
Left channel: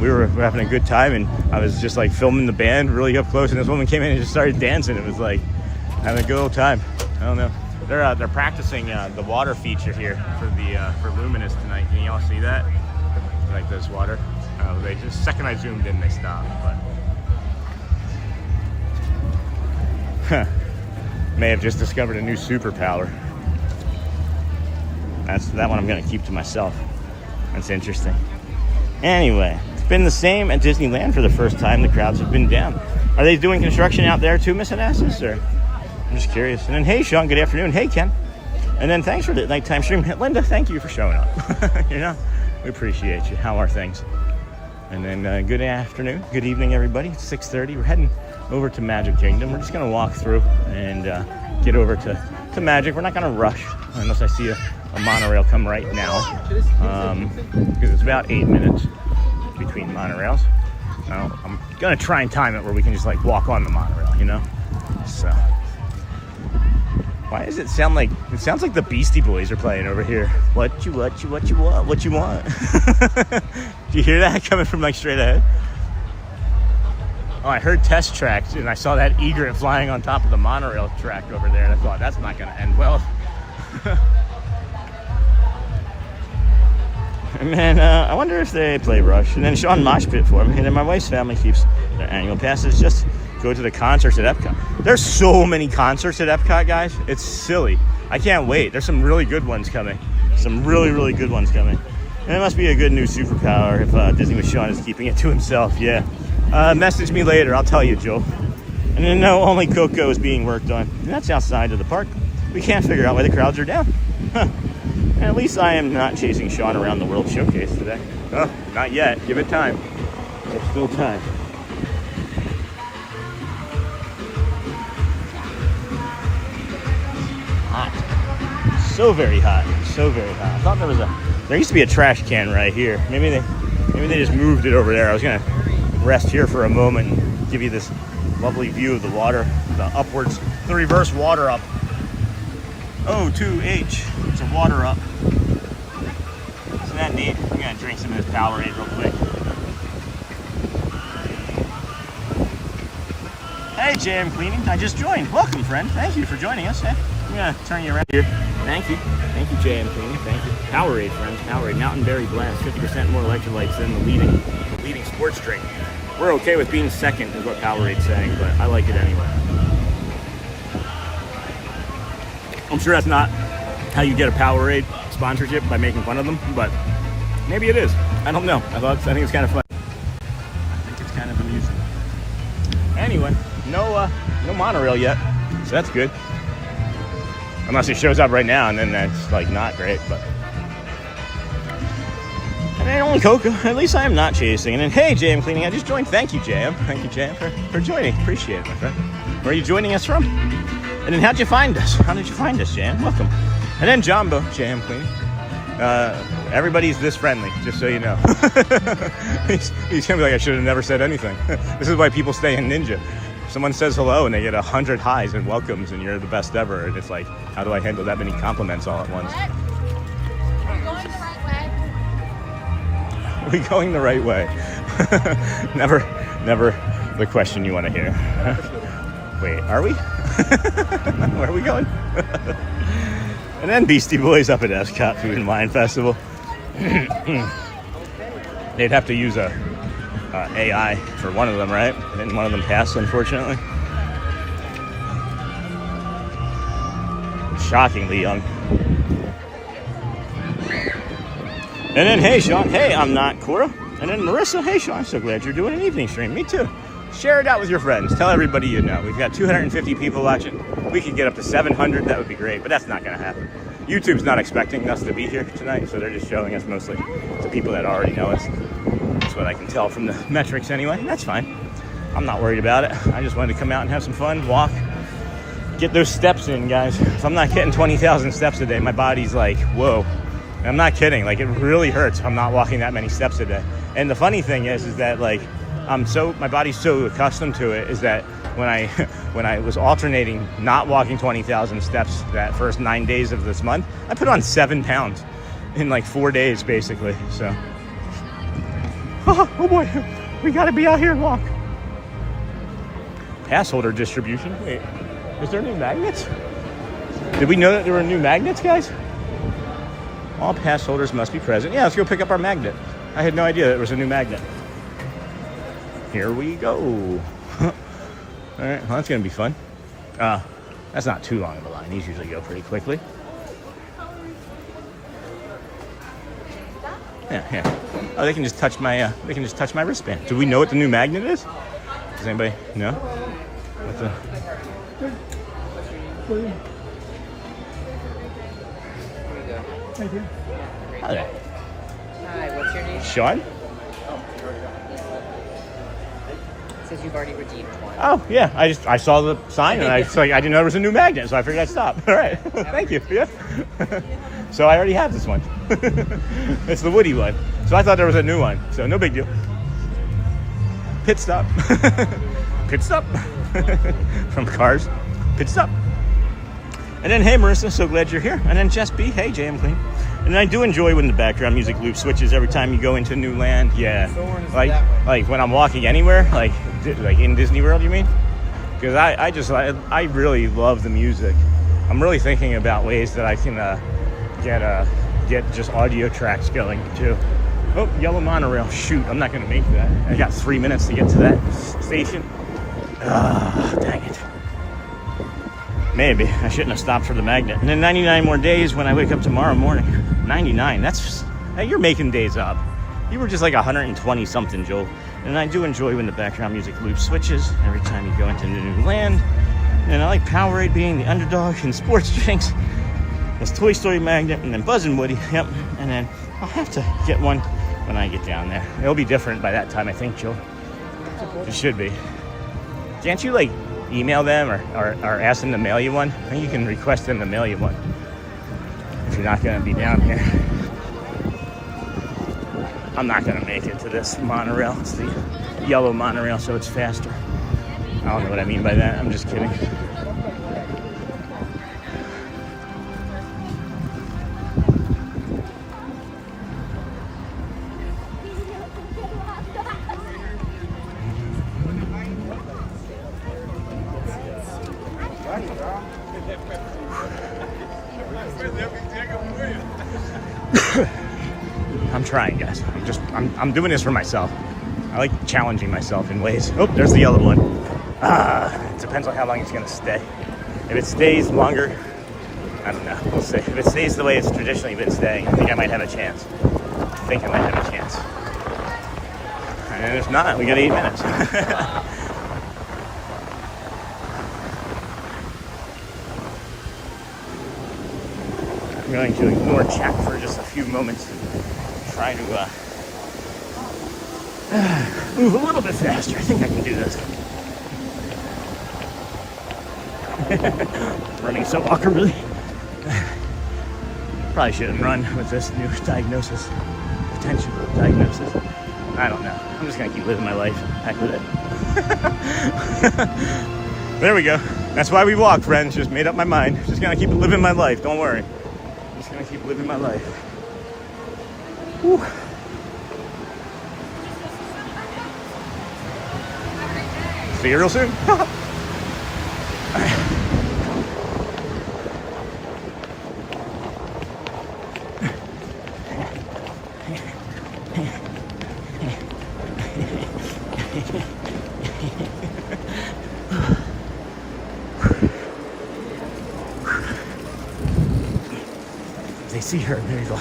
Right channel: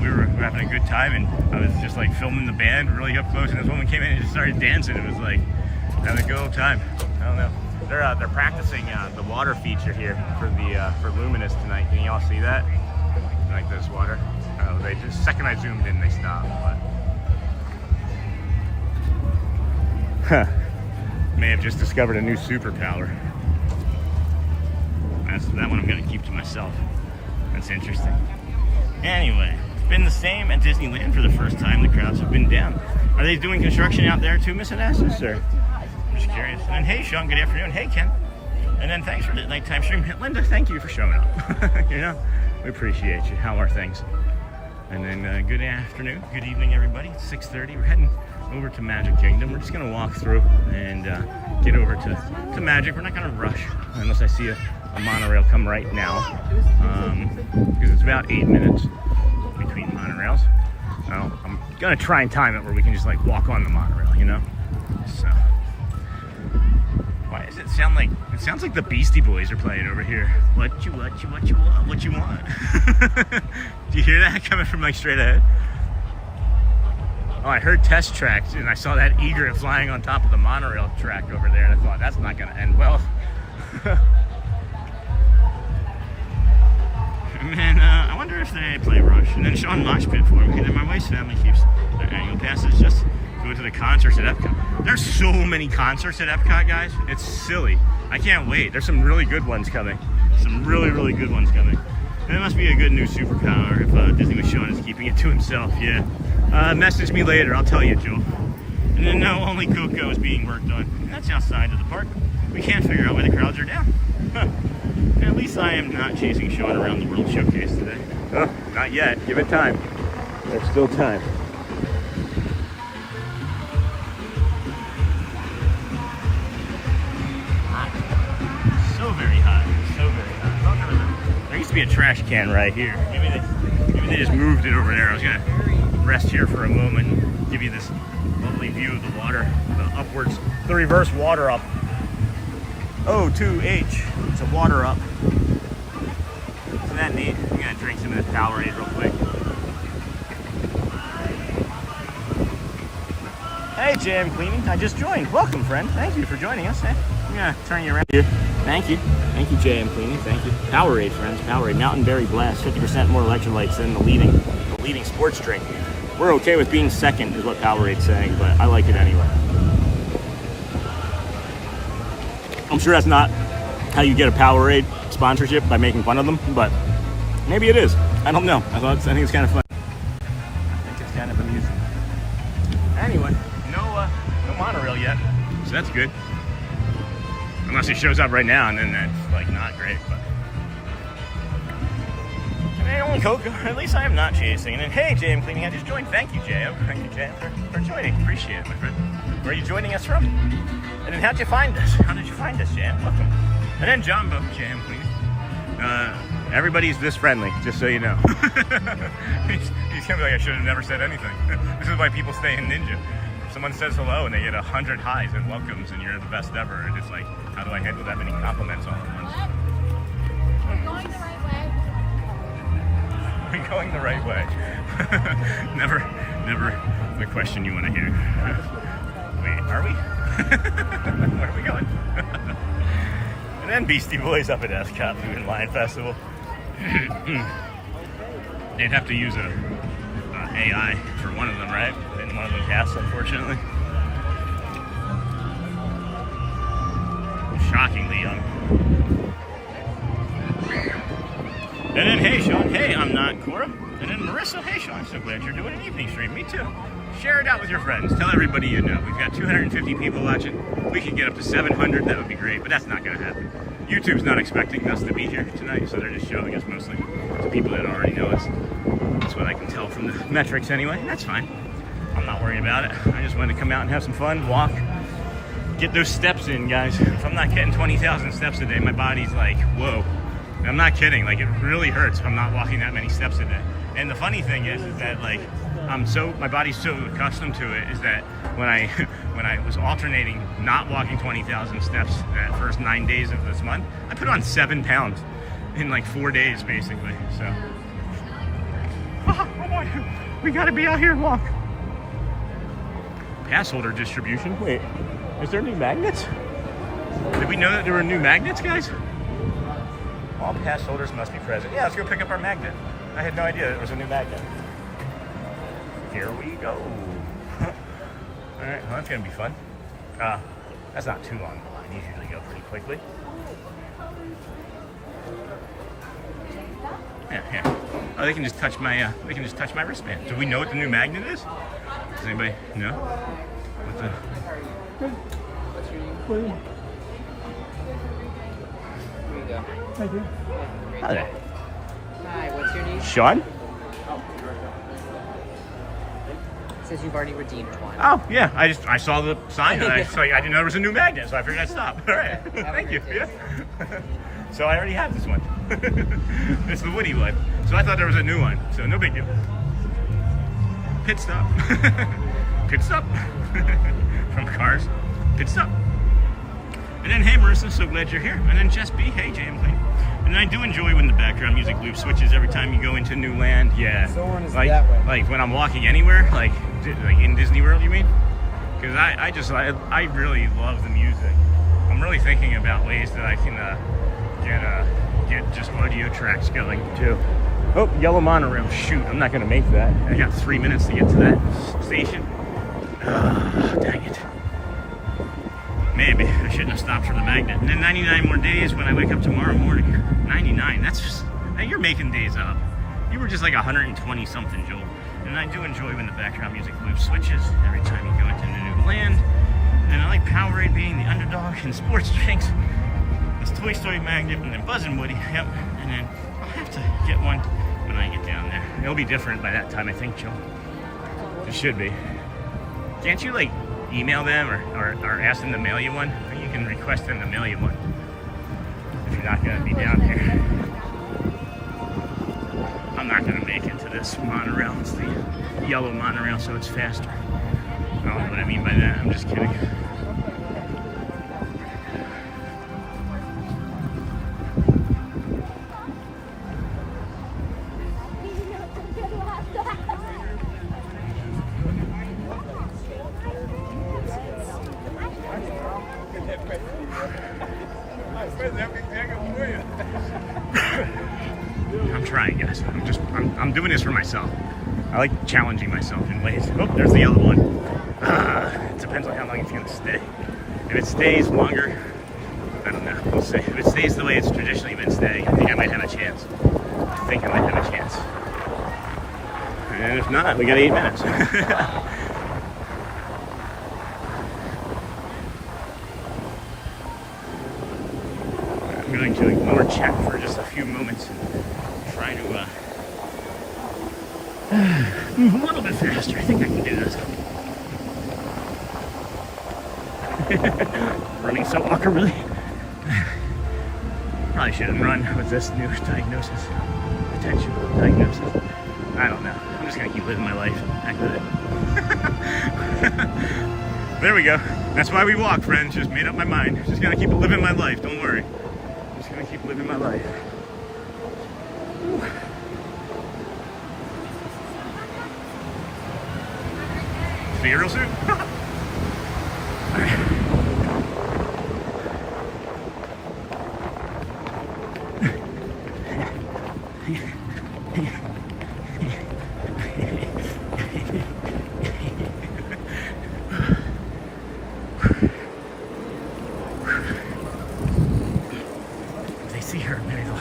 We were having a good time, and I was just like filming the band really up close, and this woman came in and just started dancing. It was like having a good old time. I don't know. They're practicing the water feature here for Luminous tonight. Can you all see that? Like this water. They just second I zoomed in, they stopped. But may have just discovered a new superpower. That one I'm gonna keep to myself. That's interesting. Anyway, it's been the same at Disneyland for the first time. The crowds have been down. Are they doing construction out there too, Miss Onassis, or? I'm just curious. And then, hey, Sean, good afternoon. Hey, Ken. And then thanks for the nighttime stream. Linda, thank you for showing up. You know, we appreciate you. How are things? And then good afternoon, good evening, everybody. It's 6:30. We're heading over to Magic Kingdom. We're just going to walk through and get over to Magic. We're not going to rush unless I see a monorail come right now, because it's about 8 minutes between monorails. Now, I'm going to try and time it where we can just like walk on the monorail, you know? So... Why does it sound like, it sounds like the Beastie Boys are playing over here. What you want? Do you hear that coming from like straight ahead? Oh, I heard test tracks and I saw that egret flying on top of the monorail track over there. And I thought, that's not gonna end well. And then I wonder if they play Rush. And then Sean mosh pit for me. And then my wife's family keeps their annual passes. Just go to the concerts at EPCOT. There's so many concerts at EPCOT, guys. It's silly. I can't wait. There's some really good ones coming. Some really, really good ones coming. And it must be a good new superpower if Disney with Sean is keeping it to himself. Yeah. Message me later. I'll tell you, Joe. And then no, only Coco is being worked on. And that's outside of the park. We can't figure out why the crowds are down. Huh. And at least I am not chasing Sean around the World Showcase today. Oh, not yet. Give it time. There's still time. So very hot. So very hot. I thought there used to be a trash can right here. Maybe they just moved it over there. I was gonna rest here for a moment and give you this lovely view of the water, the upwards, the reverse water up. O2H. It's a water up. Isn't that neat? I'm gonna drink some of this Powerade real quick. Hey, JM Cleaning. I just joined. Welcome, friend. Thank you for joining us. Hey, I'm gonna turn you around here. Thank you. Thank you, JM Cleaning. Thank you. Powerade, friends. Powerade. Mountain Berry Blast. 50% more electrolytes than the leading sports drink. We're okay with being second, is what Powerade's saying, but I like it anyway. I'm sure that's not how you get a Powerade sponsorship, by making fun of them, but maybe it is. I don't know. I think it's kind of fun. I think it's kind of amusing. Anyway, no monorail yet, so that's good. Unless it shows up right now, and then that's like not great. But and only Coco. At least I am not chasing. And then hey, JM Cleaning, I just joined. Thank you, JM. Thank you, JM, for joining. Appreciate it, my friend. Where are you joining us from? And then how'd you find us? How did you find us, JM? Welcome. And then Jumbo, JM Cleaning. Everybody's this friendly, just so you know. He's gonna be like, I should have never said anything. This is why people stay in Ninja. Someone says hello and they get 100 highs and welcomes and you're the best ever. And it's like, how do I handle that many compliments all at once? Are we going the right way? Never the question you want to hear. Wait, are we? Where are we going? And then Beastie Boys up at EPCOT Food and Wine Festival. They'd have to use a AI for one of them, right? And one of them passed, unfortunately. Shockingly young. And then, hey, Sean. Hey, I'm not Cora. And then Marissa. Hey, Sean. I'm so glad you're doing an evening stream. Me too. Share it out with your friends. Tell everybody you know. We've got 250 people watching. We could get up to 700. That would be great, but that's not going to happen. YouTube's not expecting us to be here tonight, so they're just showing us mostly to people that already know us. That's what I can tell from the metrics anyway. That's fine. I'm not worried about it. I just wanted to come out and have some fun, walk, get those steps in, guys. If I'm not getting 20,000 steps a day, my body's like, whoa. And I'm not kidding. Like, it really hurts if I'm not walking that many steps a day. And the funny thing is that like, my body's so accustomed to it, is that when I was alternating not walking 20,000 steps that first 9 days of this month, I put on 7 pounds in like 4 days, basically. So, oh boy, we gotta be out here and walk. Passholder distribution. Wait, is there new magnets? Did we know that there were new magnets, guys? All pass holders must be present. Yeah, let's go pick up our magnet. I had no idea that it was a new magnet. Here we go. All right, well, that's gonna be fun. That's not too long of a line. These usually go pretty quickly. Yeah. Oh, they can just touch my wristband. Do we know what the new magnet is? Does anybody know? What the? Hi there. Hi, what's your name? Sean? Says you've already redeemed one. Oh yeah, I saw the sign and I didn't know there was a new magnet, so I figured I'd stop. All right, thank you. Yeah. So I already have this one. It's the Woody one. So I thought there was a new one. So no big deal. Pit stop. Pit stop. From Cars. Pit stop. And then hey Marissa, so glad you're here. And then Jess B. Hey JM Clean. And I do enjoy when the background music loop switches every time you go into new land. Yeah, like when I'm walking anywhere, like in Disney World, you mean? Because I really love the music. I'm really thinking about ways that I can get just audio tracks going too. Oh, yellow monorail. Shoot, I'm not gonna make that. I got 3 minutes to get to that station. Ah, dang it. Maybe I shouldn't have stopped for the magnet. And then 99 more days when I wake up tomorrow morning. 99. That's just, now you're making days up. You were just like 120 something, Joel. And I do enjoy when the background music loop switches every time you go into new land. And I like Powerade being the underdog in sports drinks. This Toy Story magnet, and then Buzz and Woody. Yep. And then I'll have to get one when I get down there. It'll be different by that time, I think, Joel. It should be. Can't you like email them or ask them to mail you one? I think you can request them to mail you one. actually not going to be down here. I'm not going to make it to this monorail. It's the yellow monorail, so it's faster. I don't know what I mean by that. I'm just kidding. I'm trying, guys. I'm doing this for myself. I like challenging myself in ways. Oh, there's the yellow one. It depends on how long it's gonna stay. If it stays longer, I don't know. We'll see. If it stays the way it's traditionally been staying, I think I might have a chance. And if not, we got 8 minutes. I'm going to ignore chat for just a few moments and try to move a little bit faster. I think I can do this. Running some awkwardly. Probably shouldn't run with this new diagnosis. Potential diagnosis. I don't know. I'm just gonna keep living my life. Heck with it. There we go. That's why we walk, friends. Just made up my mind. Just gonna keep living my life. Don't worry. Just gonna keep living my life. Whew. See you real soon. They see her, there you go.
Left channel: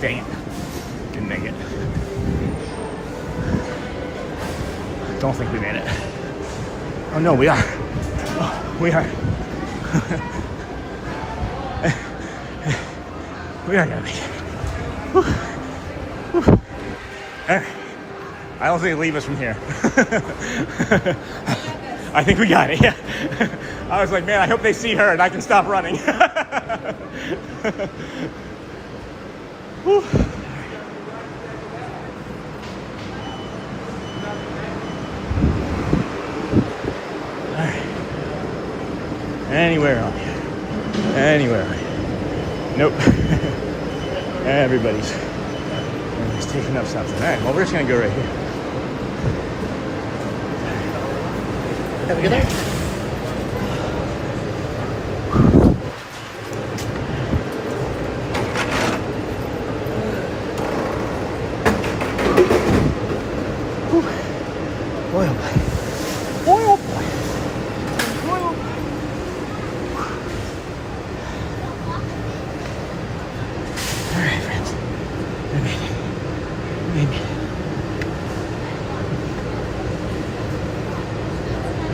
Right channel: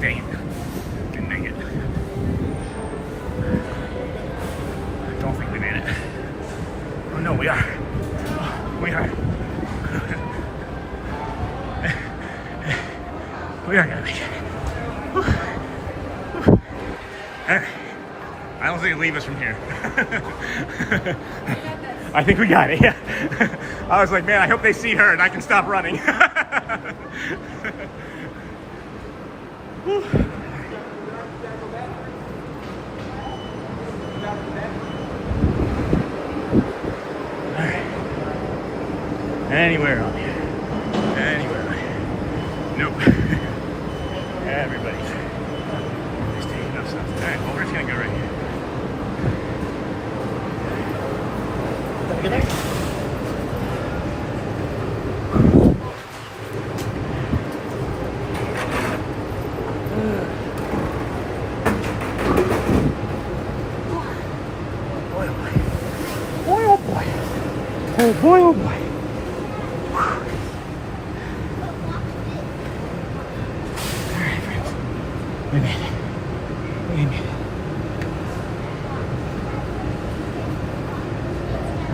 Dang it. Didn't make it. Don't think we made it. Oh no, we are. We are. We are gonna make it. Whew. Whew. I don't think they leave us from here. I think we got it, yeah. I was like, man, I hope they see her and I can stop running. Whew. All right. Anywhere on here. Anywhere on here. Nope. And everybody's taking up something. All right, well, we're just gonna go right here. Have a good day.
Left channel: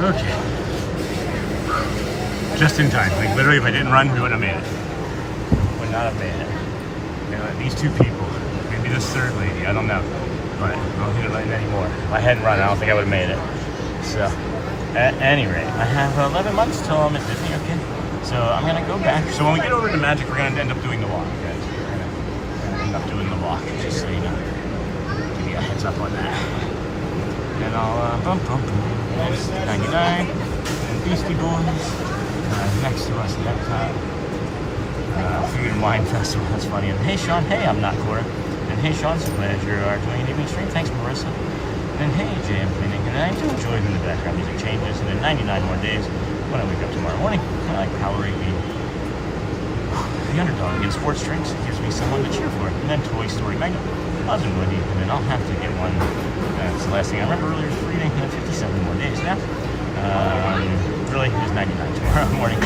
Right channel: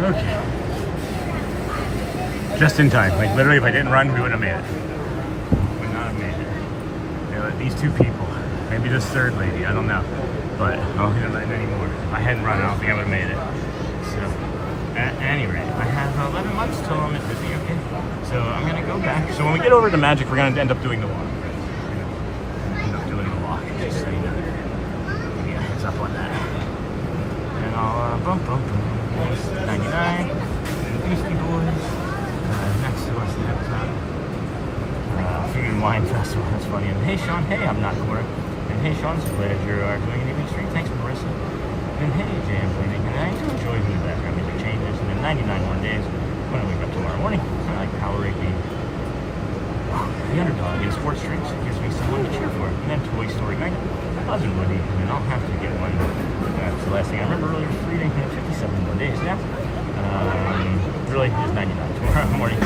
Okay. Just in time. Like literally, if I didn't run, we wouldn't have made it. Would not have made it. You know, these two people, maybe this third lady, I don't know. But I don't think I'm anymore. If I hadn't run, I don't think I would have made it. So, at any rate, I have 11 months till I'm at Disney, okay? So I'm gonna go back. So when we get over to Magic, we're gonna end up doing the walk, right? We're gonna end up doing the walk, just so you know. Give you a heads up on that. And I'll bump. There's 99, Beastie Boys, next to us in EPCOT, Food and Wine Festival, that's funny. And hey Sean, hey, I'm not Cora. And hey Sean, so glad you are doing an evening stream, thanks Marissa. And hey Jay, I'm cleaning, and I do enjoy when the background music changes. And in 99 more days, when I wake up tomorrow morning, I like Powerade being the underdog in sports drinks. It gives me someone to cheer for. And then Toy Story Mega, Buzz and Woody, and then I'll have to get one. That's the last thing I remember earlier reading. 57 more days now. Really, it's 99 tomorrow morning.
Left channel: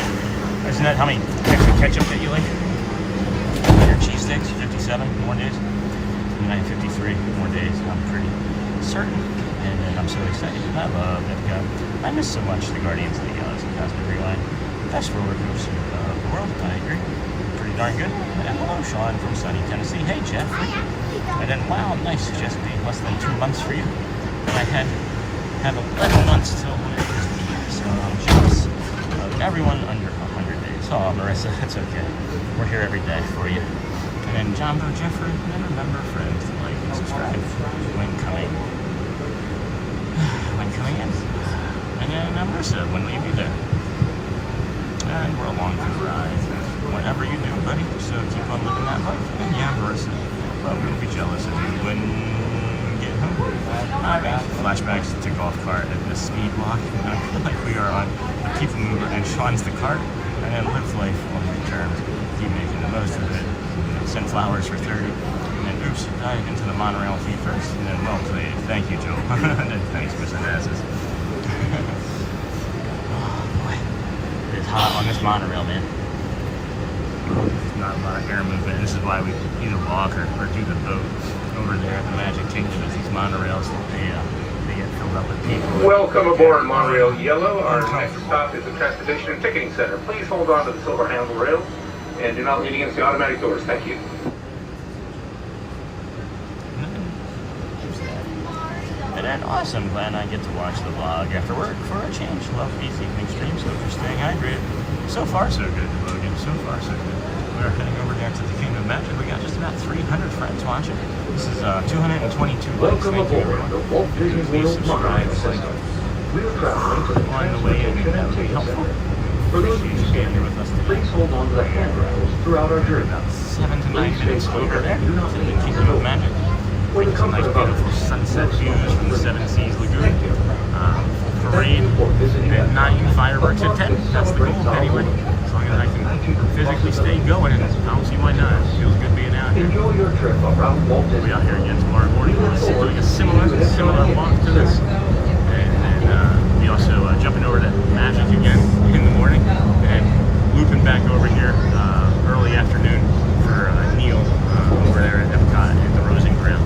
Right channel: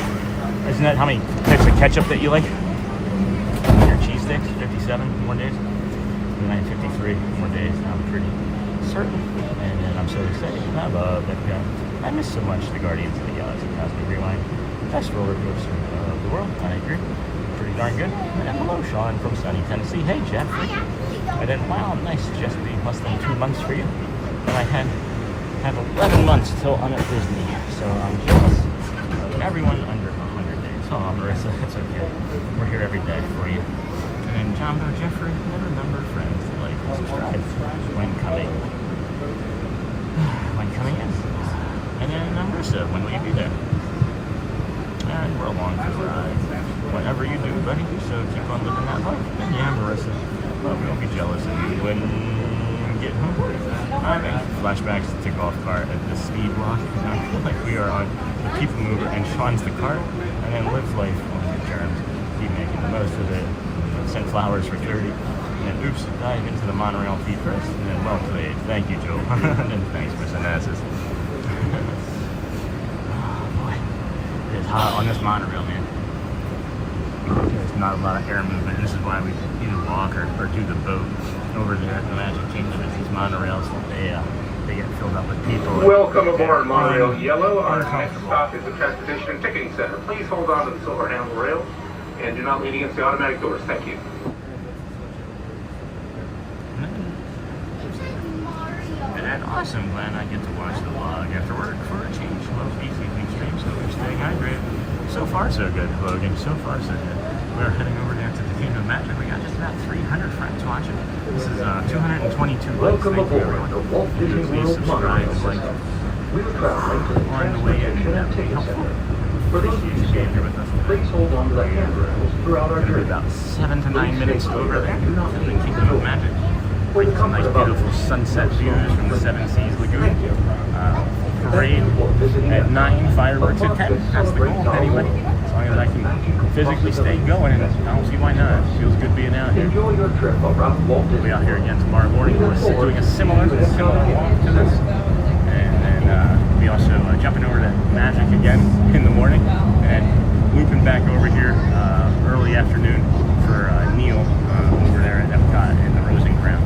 Isn't that how many types of ketchup that you like? Your cheese sticks, 57 more days. And I have 53 more days. I'm pretty certain. And then I'm so excited. I love EPCOT. I miss so much the Guardians of the Galaxy Cosmic Rewind. Best roller coaster of the world. I agree. Pretty darn good. And hello, Sean from sunny Tennessee. Hey, Jeff. And then, wow, nice. Just be less than 2 months for you. And I had have 11 months till I'm at Disney, so I'm jealous of everyone under 100 days. Oh, Marissa, that's okay. We're here every day for you. And then Jumbo Jeffrey, and remember, friends, to like and subscribe when coming in. And then Marissa, when will you be there? And we're along for the ride. Whatever you do, buddy, so keep on living that life. And yeah, Marissa, well, we won't be jealous of you when you get home. Having flashbacks to golf cart at the speed walk. I feel like we are on the people mover and Sean's the cart, and then live life on your terms. Keep making the most of it. Send flowers for 30. And then, oops, dive into the monorail feet first. And then, well played. Thank you, Joe. And then, thanks, Mr. Masses. Oh, boy. It is hot on this monorail, man. There's not a lot of air movement. This is why we either walk or do the boat over there at the Magic Kingdom. These monorails, they get filled up with people. Welcome aboard Monorail Yellow. Our next stop is the Transportation and Ticketing Center. Please hold on to the silver handle rail and do not lean against the automatic doors. Thank you. And then awesome. Glad I get to watch the vlog after work for a change. Love these evening streams, so we're staying hydrated. So far, so good, Logan. So far, so good. We're heading over there to the Kingdom of Magic. We got just about 300 friends watching. This is 222 likes. Thank you, everyone. Please subscribe and like on the way in. That would be helpful. Appreciate you being here with us today. Please hold on to the handrails throughout our journey. About 7 to 9 minutes over there to the Kingdom of Magic. Some nice, beautiful sunset views from the Seven Seas Lagoon. Parade at 9, fireworks at 10. That's the goal, anyway. As long as I can physically stay going, and I don't see why not. It feels good being out here. Enjoy your trip around Walt Disney. We'll be out here again tomorrow morning. We're doing a similar walk to this. And then we also jumping over to Magic again in the morning, and looping back over here early afternoon for Neil over there at EPCOT in the Rose and Crown.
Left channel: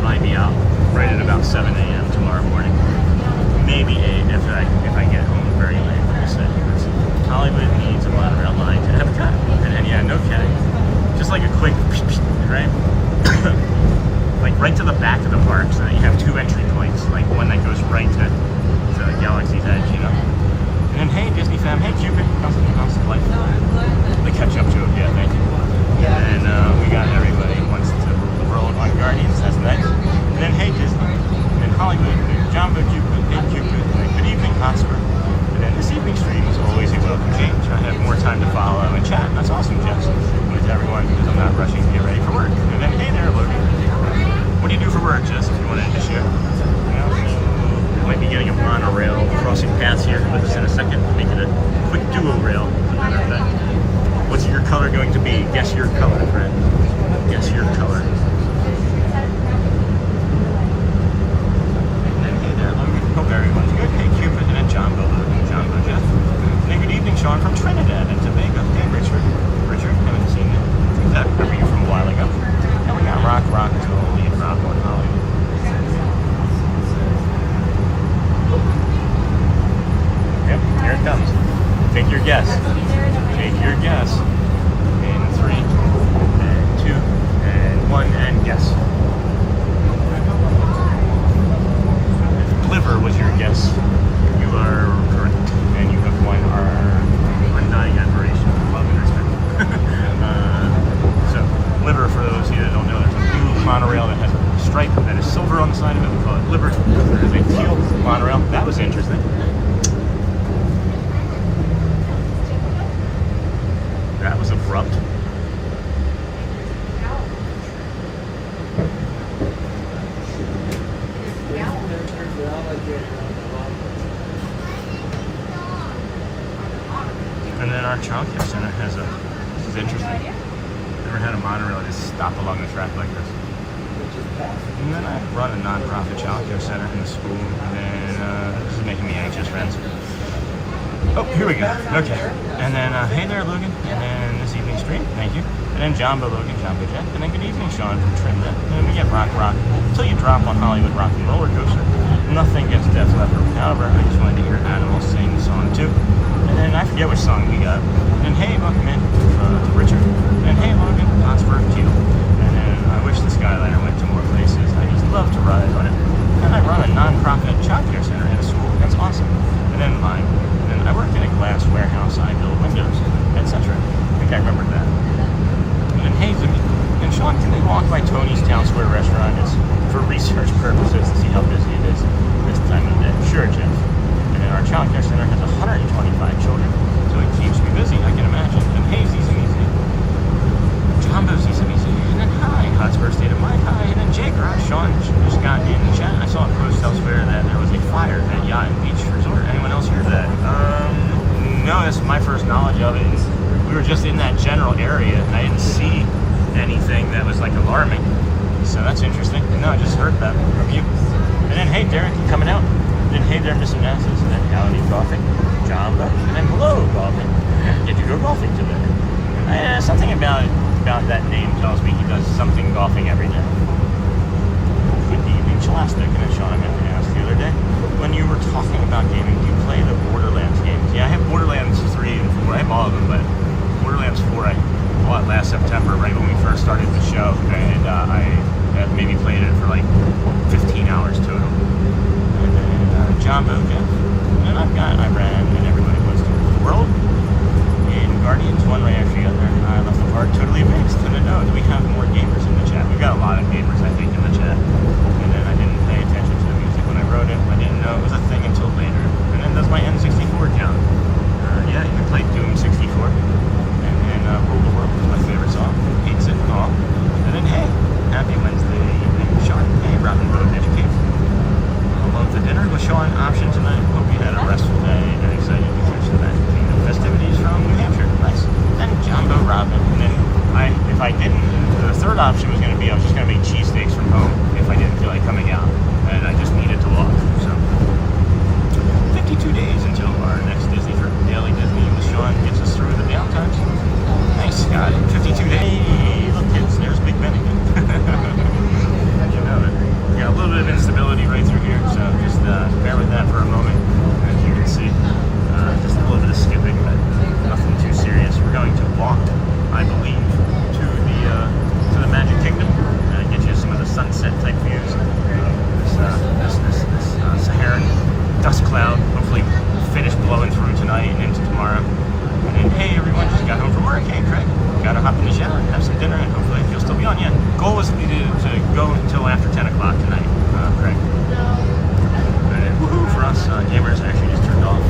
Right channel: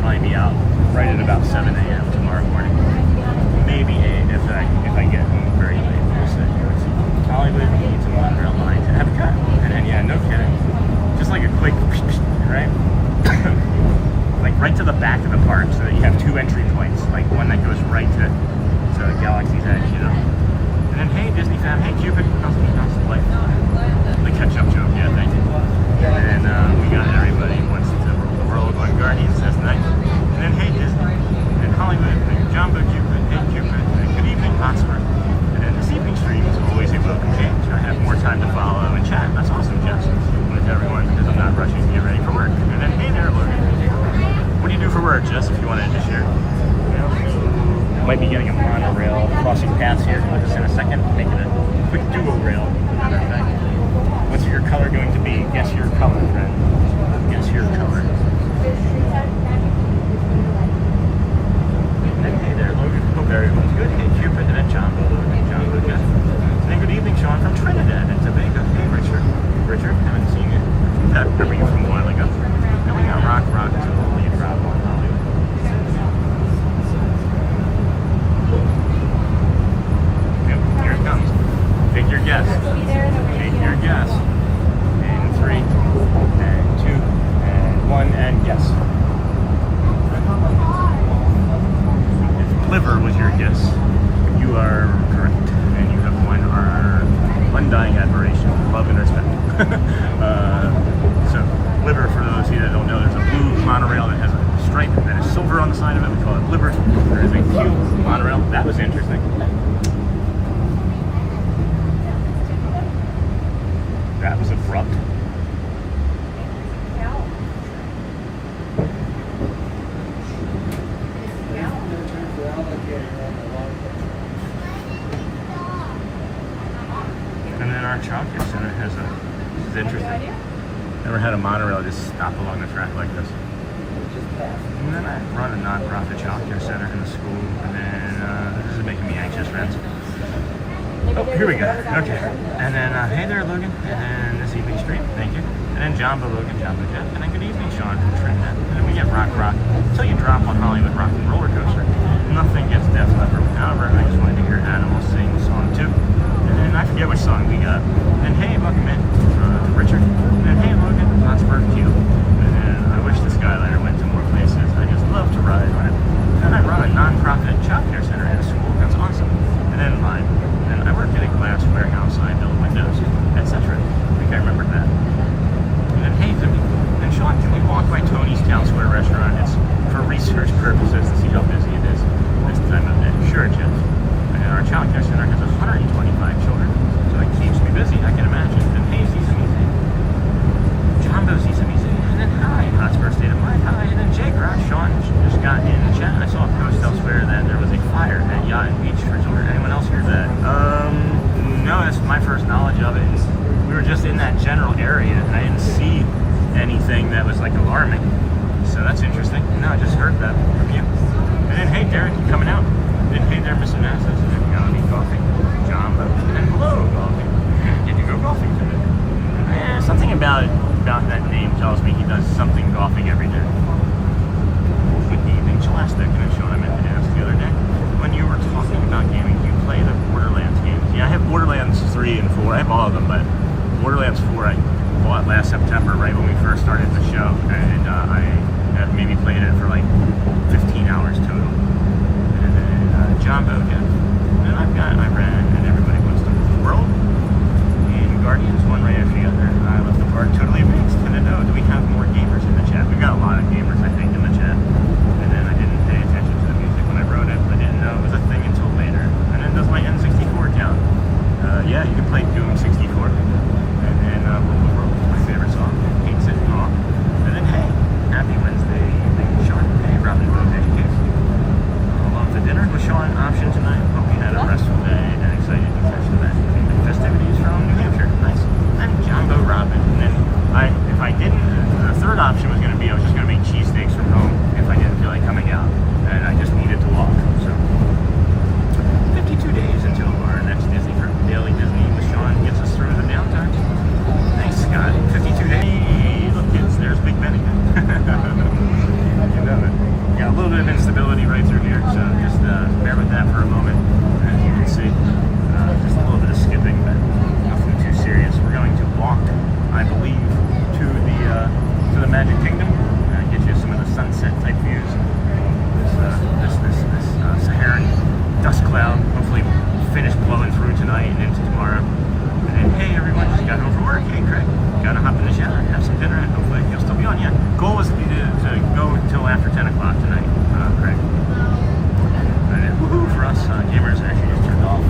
Probably be out right at about 7 a.m. tomorrow morning. Maybe 8 if I get home very late. We'll see. Hollywood needs a monorail line to EPCOT. And then, yeah, no kidding. Just like a quick, right? Like right to the back of the park so that you have 2 entry points. Like one that goes right to Galaxy's Edge, you know? And then, hey, Disney fam, hey, Cupid. How's the life? The catch-up joke, yeah, thank you. And then we got everybody who wants to rule the world on Guardians. That's nice. And then, hey, Disney. And then Hollywood. And then Jumbo Cupid. Hey, Cupid. And then good evening, Hotspur. And then this evening stream is always a welcome change. I have more time to follow and chat. That's awesome, Jess. With everyone, because I'm not rushing to get ready for work. And then, hey there, Logan. What do you do for work, Jess, if you wanted to share? You know, so might be getting a monorail crossing paths here with us in a second. Making a quick duo rail, another thing. What's your color going to be? Guess your color, friend. Guess your color. Hey there, Logan. Hope everyone's good. Hey, Cupid and Jumbo, Logan, Jumbo, Jeff. Hey, good evening, Sean from Trinidad and Tobago. Hey, Richard. Richard, haven't seen you. I think that remember you from a while ago. And we got Rock, Julie, Rob, and Holly. Yep, here it comes. Take your guess. Take your guess. In 3, and 2, and 1, and guess. If liver was your guess, you are correct. And you have won our undying admiration, love, and respect. So, liver, for those of you that don't know, there's a blue monorail that has a stripe that is silver on the side of it. We call it liver. There is a teal monorail. That was interesting. That was abrupt. And then our childcare center has this is interesting. Never had a monorail just stop along the track like this. And then I run a non-profit childcare center in the school, and then this is making me anxious, friends. Oh, here we go. Okay. And then, hey there, Logan. And then this evening stream, thank you. And then Jumbo, Logan, Jumbo Jeff. And then good evening, Sean from Trinidad. And then we get Rock until you drop on Hollywood Rock and Roller Coaster. Nothing gets Def Leppard. However, I just wanted to hear Animals sing the song too. And then I forget which song we got. And then hey, welcome in to Richard. And then hey, Logan, Hotspur, Teal. And then I wish the Skyliner went to more places. I just love to ride on it. And I run a non-profit that from you. And then, hey, Derek, you coming out? And then, hey there, Mr. Nassus. And then, howdy, golfing. John, and then, hello, golfing. Did you go golfing today? Something about that name tells me he does something golfing every day. Good evening, Scholastic. And Sean, I meant to ask the other day, when you were talking about gaming, do you play the Borderlands games? Yeah, I have Borderlands 3 and 4. I have all of them, but Borderlands 4 I bought last September, right when we first started the show, and I have maybe played it for like 15 hours total. And then John Boja, and I ran, and everybody wants to rule the world. And Guardians, one right after the other. I left the park totally amazed. And then, do we have more gamers in the chat? We've got a lot of gamers, I think, in the chat. And then I didn't pay attention to the music when I wrote it. I didn't know it was a thing until later. And then does my N64 count? Yeah, you can play Doom 64. And then Rule the World is my favorite song. Hates it. Oh. And then, hey, happy Wednesday evening, Sean. Hey, Robin Boat Educate. Love the dinner with Sean option tonight. Hope you had a restful day and excited to catch the Magic Kingdom festivities from New Hampshire. Nice. And John Boat Robin. And then if I didn't, the third option was going to be I was just going to make cheesesteaks from home if I didn't feel like coming out. And I just needed to walk. So 52 days until our next Disney trip. Daily Disney with Sean gets us through the downtimes. Thanks, Scott. 52 days. Hey, look, kids, there's Big Ben again. You know it. Yeah, a little bit of instability right through here, so just bear with that for a moment. As you can see, just a little bit of skipping, but nothing too serious. We're going to walk, I believe, to the Magic Kingdom. Get you some of the sunset type views. This Saharan dust cloud hopefully finish blowing through tonight and into tomorrow. And then, hey, everyone just got home from work. Hey, Craig, gotta hop in the shower and have some dinner, and hopefully you'll still be on. Yeah, goal was to go until after 10 o'clock tonight, Craig. And woohoo for us, gamers actually just turned off.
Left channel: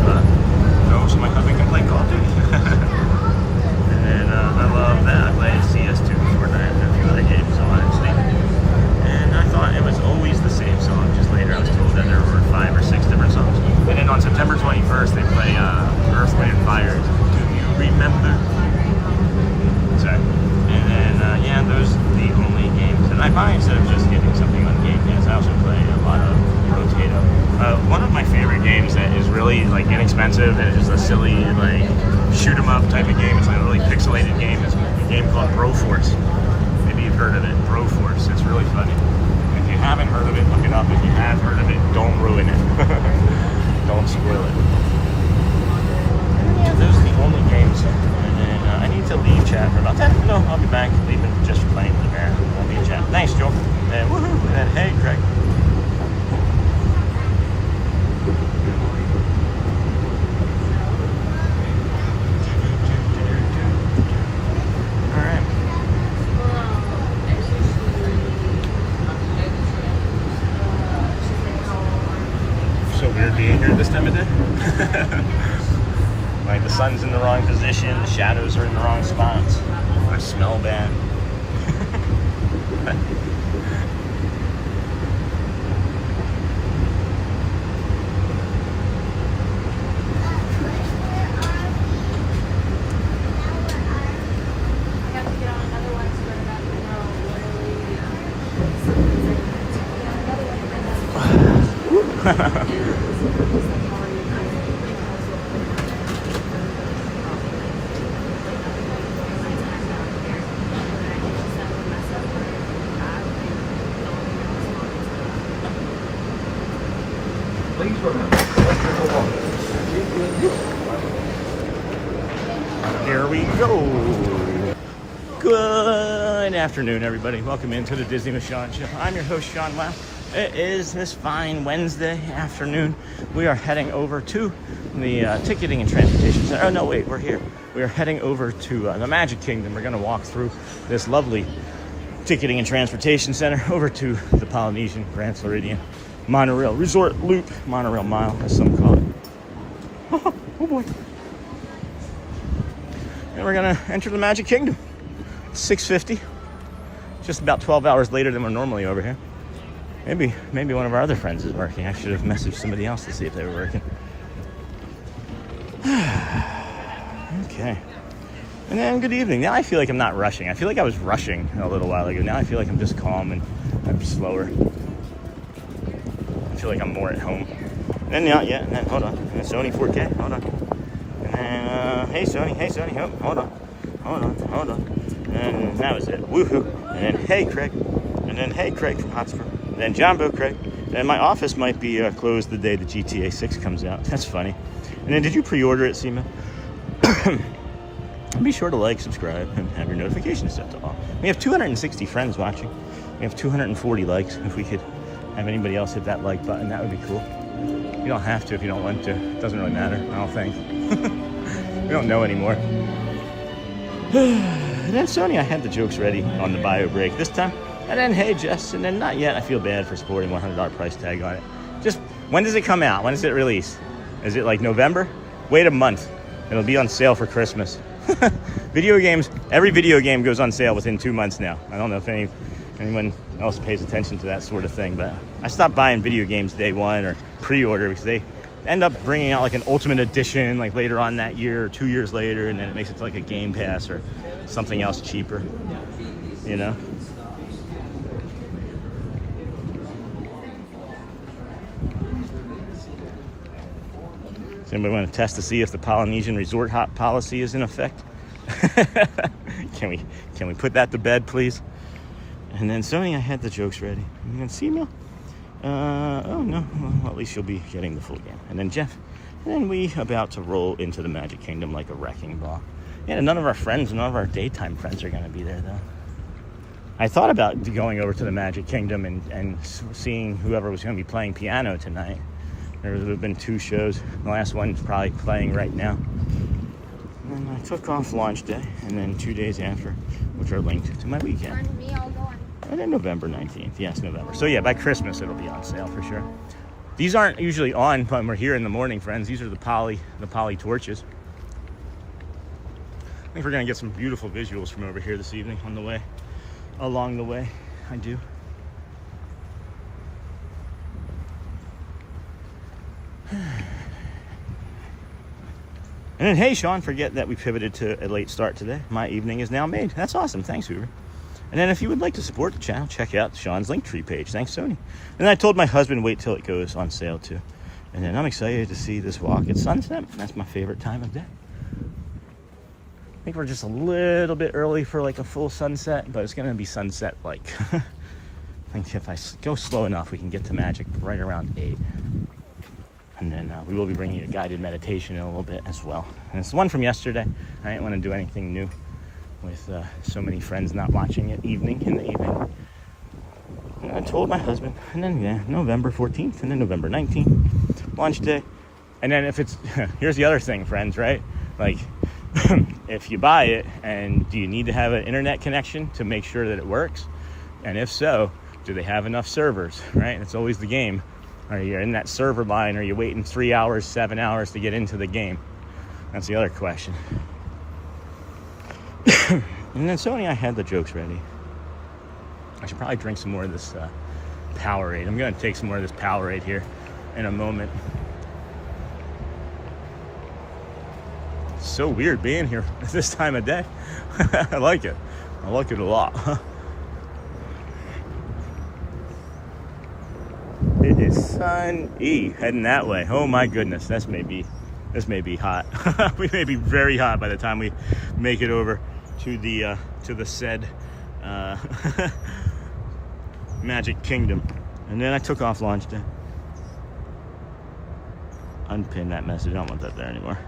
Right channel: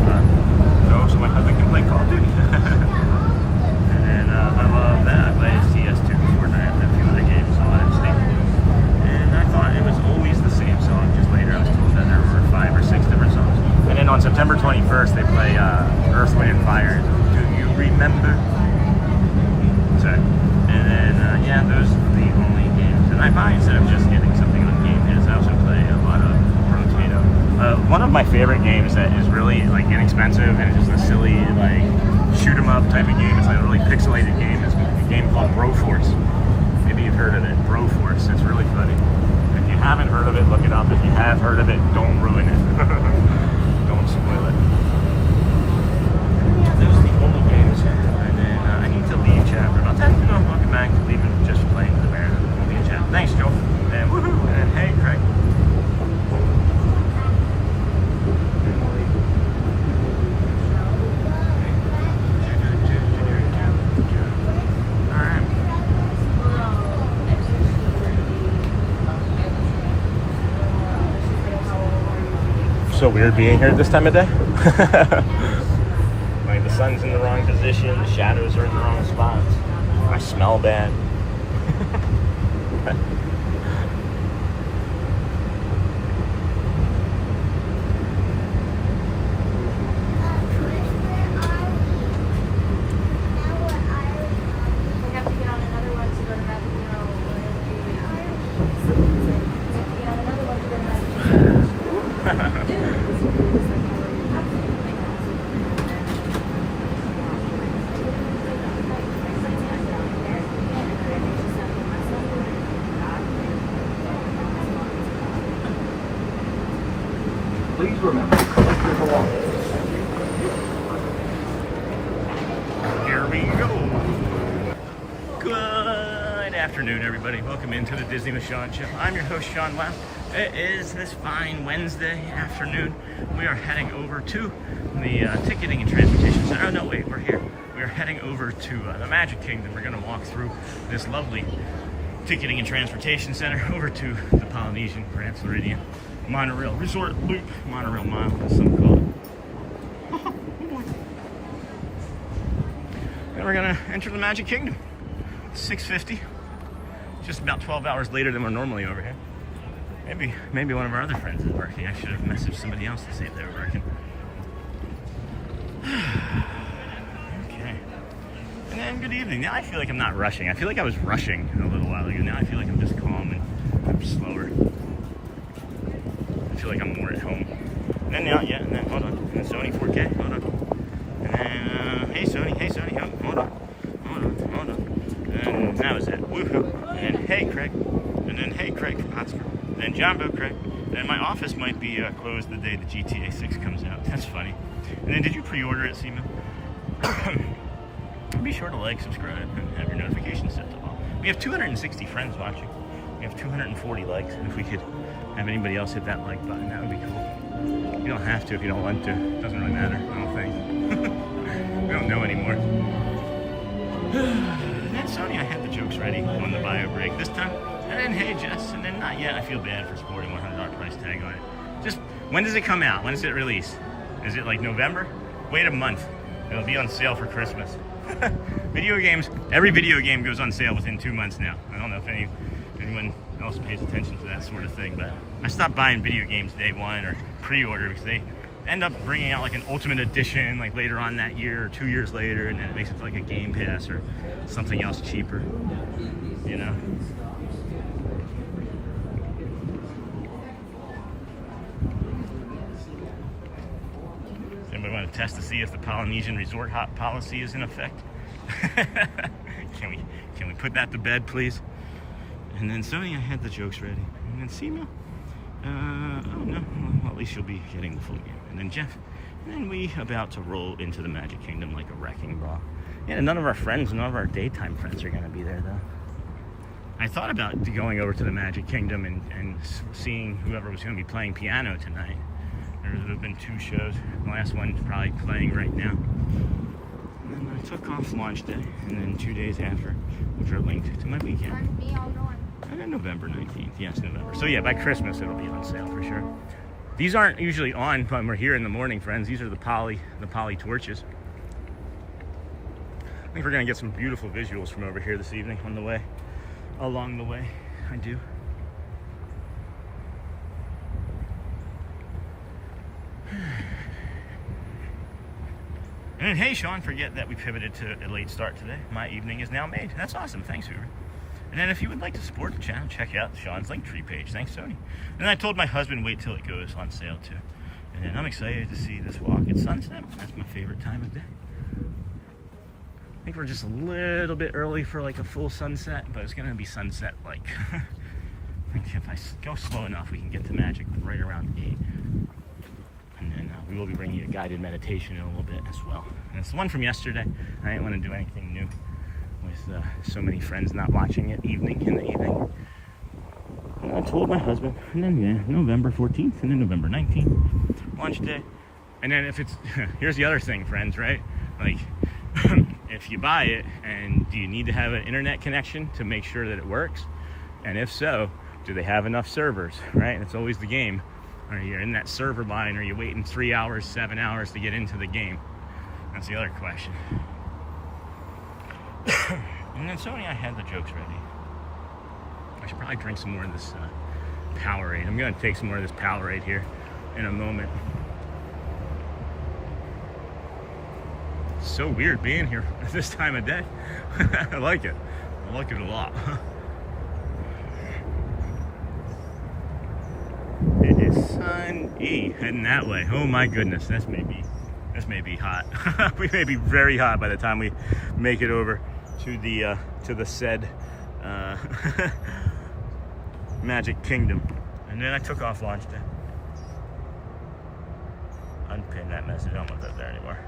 So my husband can play Call of Duty. And then I love that. I play CS2, Fortnite, and a few other games on Steam. And I thought it was always the same song. Just later I was told that there were 5 or 6 different songs. And then on September 21st they play Earth, Wind, and Fire. Do you remember? Sorry. And then, yeah, those are the only games. And I buy, instead of just getting something on Game Pass, I also play a lot of Rotato. One of my favorite games that is really, like, inexpensive and is just a silly, like, shoot-em-up type of game. It's like a really pixelated game. It's a game called Broforce. Maybe you've heard of it. Broforce. It's really funny. If you haven't heard of it, look it up. If you have heard of it, don't ruin it. Don't spoil it. Yeah, those are all the games. And then I need to leave chat for about 10. No, I'll be back. Leave it just playing the bear. I'll leave chat. Thanks, Joel. And woohoo. And hey, Craig. So weird being here this time of day. Like the sun's in the wrong position, the shadows are in the wrong spots. I smell bad. Please remember. Here we go. Good afternoon, everybody. Welcome into the Disney with Sean Show. I'm your host, Sean Wow. It is this fine Wednesday afternoon. We are heading over to the ticketing and transportation center. Oh, no, wait, we're here. We are heading over to the Magic Kingdom. We're going to walk through this lovely ticketing and transportation center over to the Polynesian, Grand Floridian, Monorail Resort Loop, Monorail Mile, as some call it. Oh boy. And we're gonna enter the Magic Kingdom. 6:50. Just about 12 hours later than we're normally over here. Maybe one of our other friends is working. I should have messaged somebody else to see if they were working. Okay. And then good evening. Now I feel like I'm not rushing. I feel like I was rushing a little while ago. Now I feel like I'm just calm and slower. feel like I'm more at home. And not yet. Hold on. Sony 4K. Hold on. And then, hey Sony. Oh, hold on. And that was it. Woohoo. And then, hey Craig. And then, hey Craig from Hotspur. And then Jumbo Craig. And my office might be closed the day the GTA 6 comes out. That's funny. And then, did you pre-order it, Seema? Be sure to like, subscribe, and have your notifications set to all. We have 260 friends watching. We have 240 likes. If we could have anybody else hit that like button, that would be cool. You don't have to if you don't want to. It doesn't really matter, I don't think. We don't know anymore. And then Sony, I had the jokes ready on the bio break this time. And then, hey Jess, and then not yet. I feel bad for sporting $100 price tag on it. Just, when does it come out? When does it release? Is it like November? Wait a month. It'll be on sale for Christmas. Video games, every video game goes on sale within 2 months now. I don't know if anyone else pays attention to that sort of thing, but I stopped buying video games day one or pre-order because they end up bringing out like an ultimate edition like later on that year or 2 years later, and then it makes it like a Game Pass or something else cheaper, you know? Does anybody want to test to see if the Polynesian resort hop policy is in effect? Can we put that to bed, please? And then Sony, I had the jokes ready. And then Seema, oh no, well, at least you'll be getting the full game. And then Jeff, and then we about to roll into the Magic Kingdom like a wrecking ball. Yeah, none of our friends, none of our daytime friends are gonna be there though. I thought about going over to the Magic Kingdom and seeing whoever was gonna be playing piano tonight. There would have been 2 shows. The last one's probably playing right now. And I took off launch day, and then 2 days after, which are linked to my weekend. And then November 19th. Yes, November. So yeah, by Christmas it'll be on sale for sure. These aren't usually on when we're here in the morning, friends. These are the poly torches. I think we're gonna get some beautiful visuals from over here this evening along the way. I do. And then, hey, Sean, forget that we pivoted to a late start today. My evening is now made. That's awesome. Thanks, Hoover. And then if you would like to support the channel, check out Sean's Linktree page. Thanks, Sony. And I told my husband, wait till it goes on sale, too. And then I'm excited to see this walk at sunset. That's my favorite time of day. I think we're just a little bit early for like a full sunset, but it's going to be sunset-like. I think if I go slow enough, we can get to Magic right around 8. And then we will be bringing a guided meditation in a little bit as well. And it's the one from yesterday. I didn't want to do anything new with so many friends not watching it in the evening. And I told my husband, and then yeah, November 14th, and then November 19th, launch day. And then if it's, here's the other thing, friends, right? Like, if you buy it, and do you need to have an internet connection to make sure that it works? And if so, do they have enough servers, right? It's always the game. Are you in that server line? Are you waiting 3 hours, 7 hours to get into the game? That's the other question. And then Sony, I had the jokes ready. I should probably drink some more of this Powerade. I'm going to take some more of this Powerade here in a moment. It's so weird being here at this time of day. I like it. I like it a lot. It is sunny, heading that way. Oh my goodness, this may be hot. We may be very hot by the time we make it over to the said Magic Kingdom. And then I took off launch day. Unpin that message. I don't want that there anymore.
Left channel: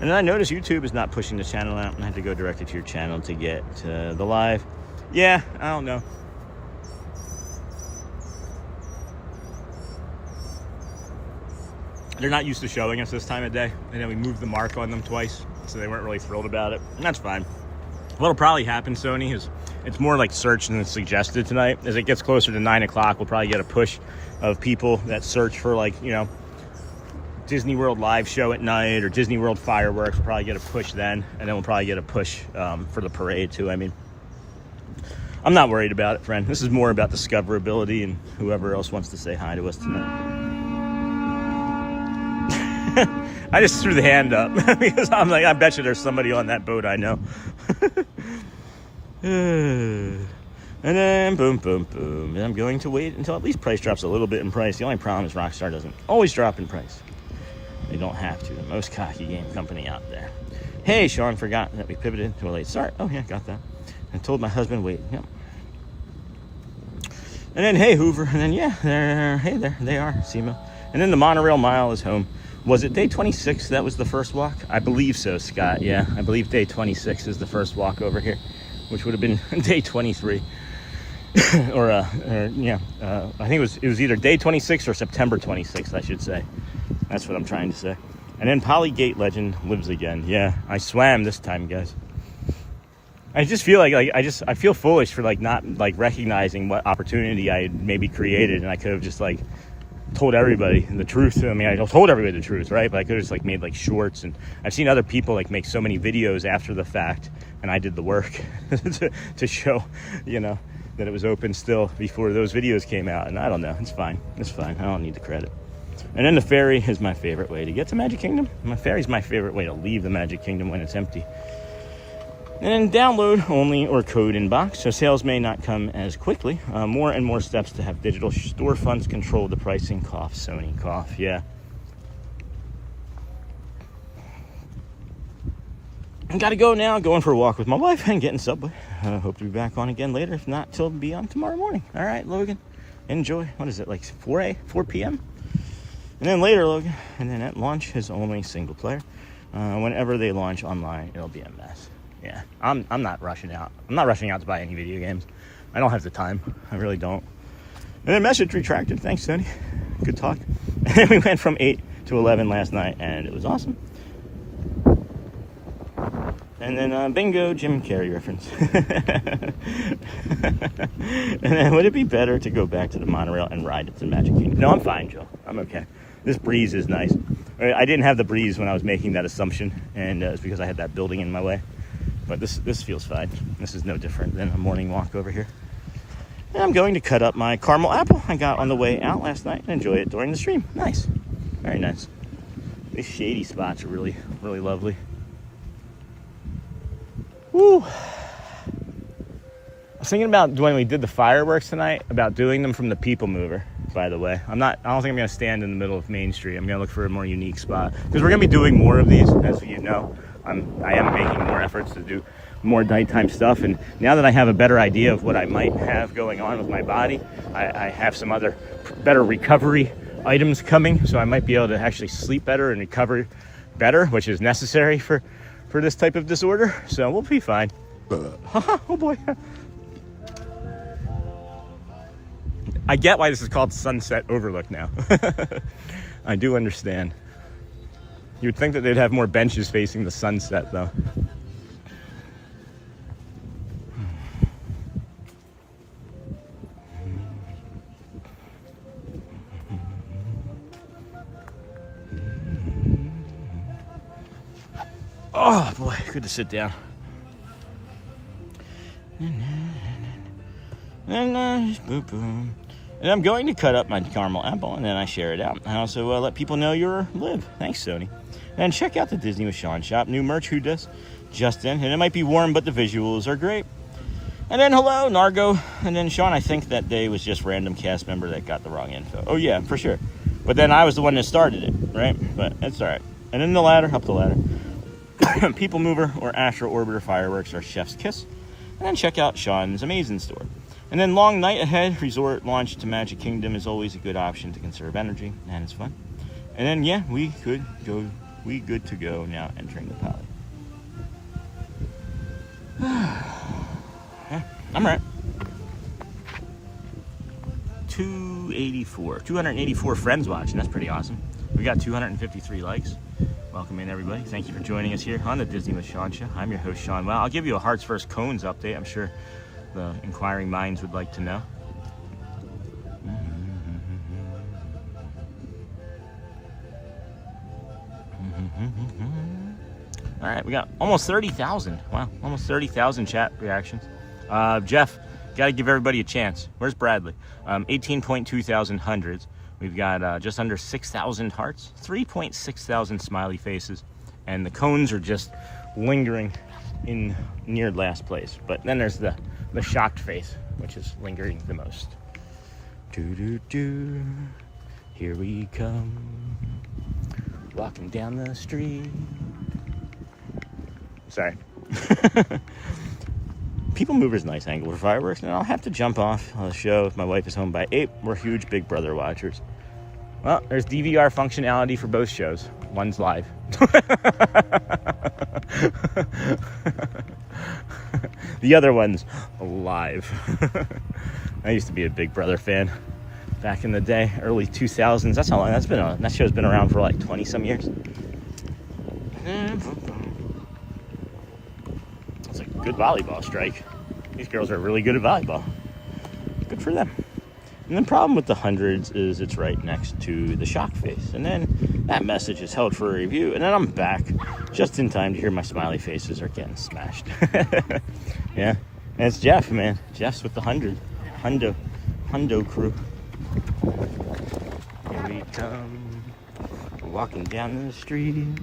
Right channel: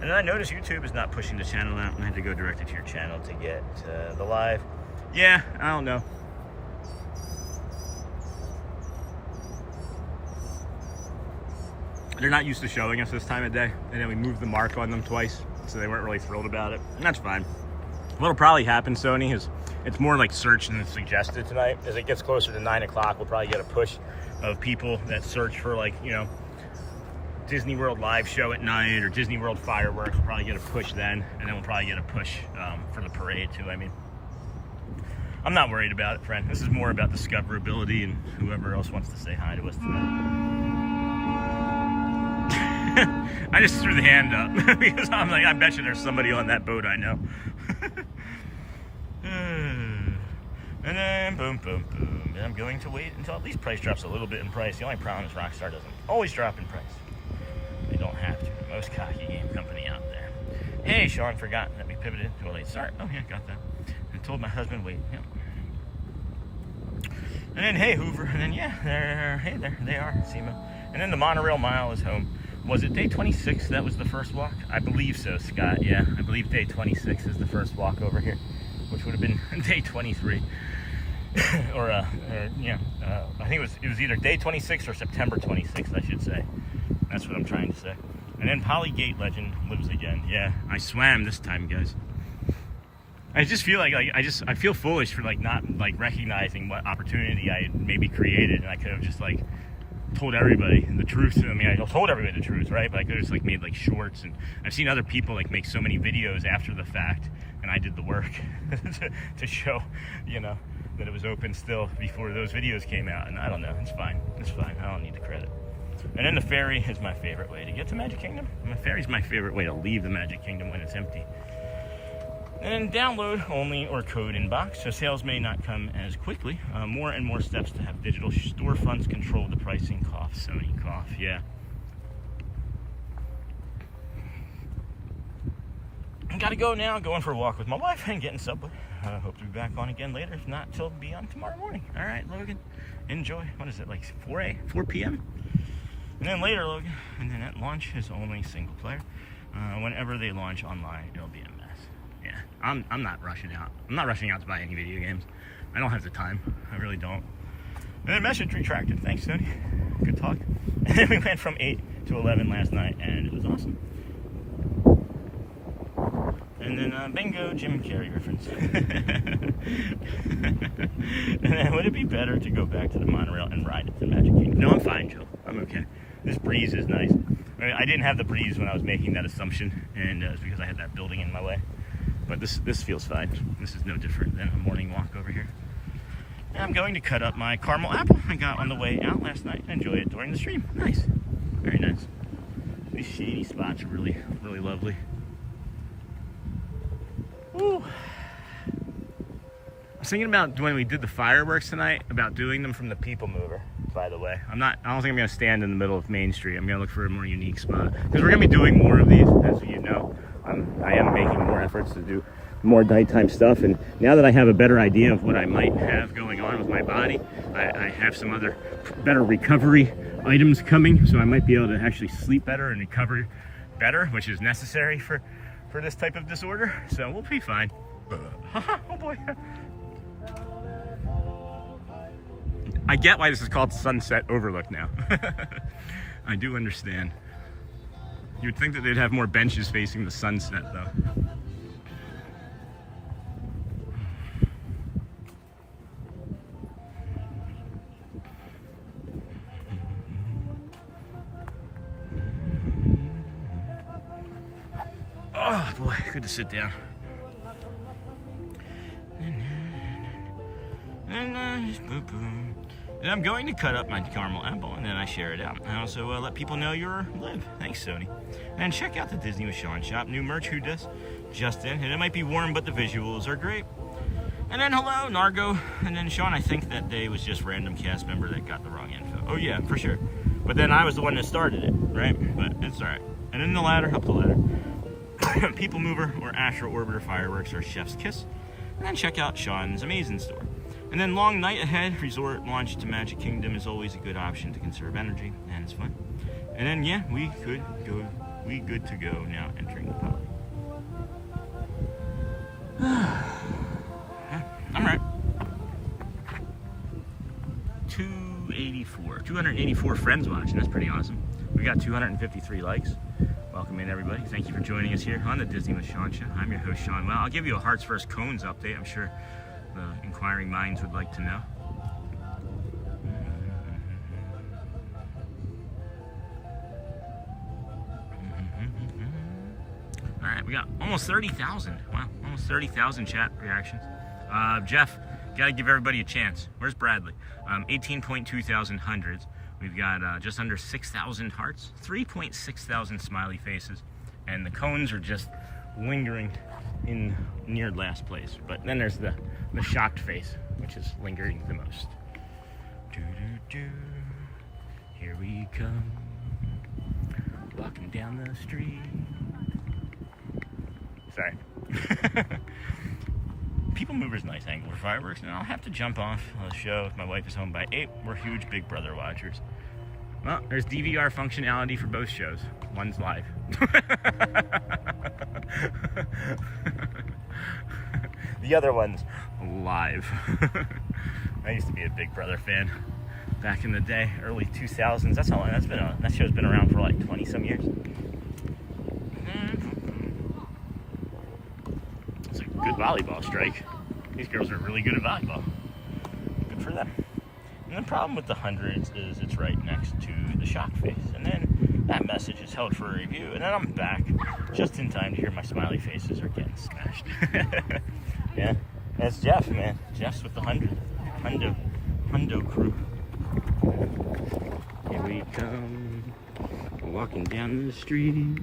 And then I noticed YouTube is not pushing the channel out, and I had to go directly to your channel to get to the live. Yeah, I don't know. They're not used to showing us this time of day, and then we moved the mark on them twice, so they weren't really thrilled about it, and that's fine. What'll probably happen, Sony, is it's more like search than suggested tonight. As it gets closer to 9 o'clock, we'll probably get a push of people that search for, like, you know, Disney World live show at night or Disney World fireworks. We'll probably get a push then, and then we'll probably get a push for the parade too. I mean, I'm not worried about it, friend. This is more about discoverability and whoever else wants to say hi to us tonight. I just threw the hand up because I'm like, I bet you there's somebody on that boat I know. And then boom, boom, boom. And I'm going to wait until at least price drops a little bit in price. The only problem is Rockstar doesn't always drop in price. They don't have to. Most cocky game company out there. Hey, Sean, forgot that we pivoted to a late start. Oh, yeah, got that. I told my husband, wait. Yep. And then, hey, Hoover. And then, yeah, there they are. SEMA. And then the Monorail Mile is home. Was it day 26 that was the first walk? I believe so, Scott. Yeah, I believe day 26 is the first walk over here, which would have been day 23. I think it was either day 26 or September 26th, I should say. That's what I'm trying to say. And then Polygate Legend lives again. Yeah, I swam this time, guys. I just feel like I feel foolish for like not like recognizing what opportunity I had maybe created, and I could have just like told everybody the truth. I mean, I told everybody the truth, right? But I could have just like made like shorts, and I've seen other people like make so many videos after the fact, and I did the work to show, you know, that it was open still before those videos came out. And I don't know, it's fine. It's fine. I don't need the credit. And then the ferry is my favorite way to get to Magic Kingdom. My ferry's my favorite way to leave the Magic Kingdom when it's empty. And download only or code in box, so sales may not come as quickly. More and more steps to have digital storefronts control the pricing. Cough, Sony, cough, yeah. I gotta go now, going for a walk with my wife and getting Subway. Hope to be back on again later. If not, till be on tomorrow morning. All right, Logan, enjoy. What is it, like 4 p.m.? And then later, Logan, and then at launch is only single player. Whenever they launch online, it'll be a mess. Yeah, I'm not rushing out. I'm not rushing out to buy any video games. I don't have the time. I really don't. And then message retracted. Thanks, Tony. Good talk. And then we went from 8 to 11 last night, and it was awesome. And then bingo, Jim and Carrey reference. And then would it be better to go back to the monorail and ride up to the Magic Kingdom? No, I'm fine, Joe. I'm okay. This breeze is nice. I didn't have the breeze when I was making that assumption, and it's because I had that building in my way. But this feels fine. This is no different than a morning walk over here. And I'm going to cut up my caramel apple I got on the way out last night and enjoy it during the stream. Nice. Very nice. These shady spots are really, really lovely. Woo. I was thinking about when we did the fireworks tonight, about doing them from the People Mover, by the way. I don't think I'm going to stand in the middle of Main Street. I'm going to look for a more unique spot. Because we're going to be doing more of these, as you know. I am making more efforts to do more nighttime stuff, and now that I have a better idea of what I might have going on with my body, I have some other better recovery items coming, so I might be able to actually sleep better and recover better, which is necessary for this type of disorder, so we'll be fine. Oh boy. I get why this is called Sunset Overlook now. I do understand. You would think that they'd have more benches facing the sunset, though. Oh boy, good to sit down. And I'm going to cut up my caramel apple, and then I share it out. I also let people know you're live. Thanks, Sony. And check out the Disney with Sean shop. New merch, who does? Just in. And it might be warm, but the visuals are great. And then hello, Nargo. And then Sean, I think that day was just random cast member that got the wrong info. Oh yeah, for sure. But then I was the one that started it, right? But that's all right. And then the ladder, up the ladder. People Mover or Astro Orbiter fireworks are chef's kiss. And then check out Sean's amazing store. And then long night ahead, resort launch to Magic Kingdom is always a good option to conserve energy, and it's fun. And then yeah, we good to go now entering the Poly. Yeah, I'm right. 284 friends watching. That's pretty awesome. We got 253 likes. Welcome in, everybody. Thank you for joining us here on the Disney with Sean show. I'm your host, Sean. Well, I'll give you a Hearts First Cones update. I'm sure the inquiring minds would like to know. All right, we got almost 30,000. Wow, almost 30,000 chat reactions. Jeff, got to give everybody a chance. Where's Bradley? 18.2 thousand hundreds. We've got just under 6,000 hearts, 3.6 thousand smiley faces, and the cones are just lingering in near last place. But then there's the shocked face which is lingering the most. Do-do-do, here we come, walking down the street. Sorry. People Mover's nice angle for fireworks, and I'll have to jump off the show if my wife is home by 8. We're huge Big Brother watchers. Well, there's DVR functionality for both shows. One's live. The other one's live. I used to be a Big Brother fan back in the day, early 2000s. That's how long that's been on. That show's been around for like 20 some years. It's a good volleyball strike. These girls are really good at volleyball. Good for them. And the problem with the hundreds is it's right next to the shock face. And then that message is held for a review. And then I'm back just in time to hear my smiley faces are getting smashed. Yeah. And it's Jeff, man. Jeff's with the Hundo crew. Here we come. Walking down the street.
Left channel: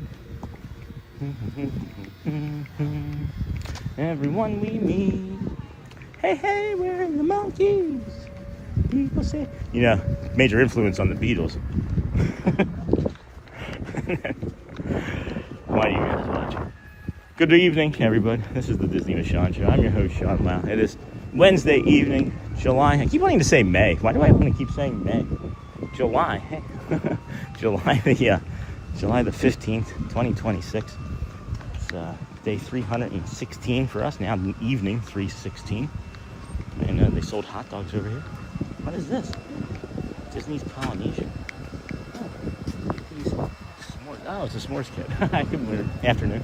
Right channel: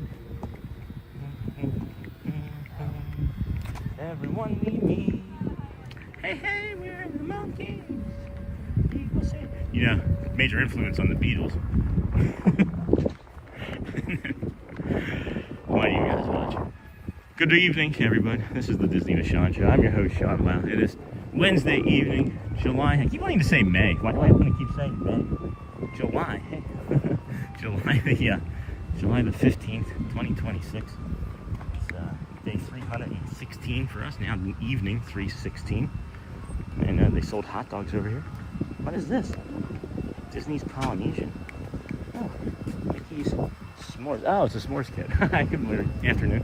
Everyone we meet. Hey, hey, we're in the mountains. People say, you know, major influence on the Beatles. Why do you guys watch? Good evening, everybody. This is the Disney with Sean Show. I'm your host, Sean Wow. It is Wednesday evening, July. I keep wanting to say May. Why do I want to keep saying May? July. July the 15th, 2026. It's day 316 for us. Now evening 316. And they sold hot dogs over here. What is this? Disney's Polynesian. Oh, these s'mores. Oh, it's a s'mores kit. Good morning. Afternoon.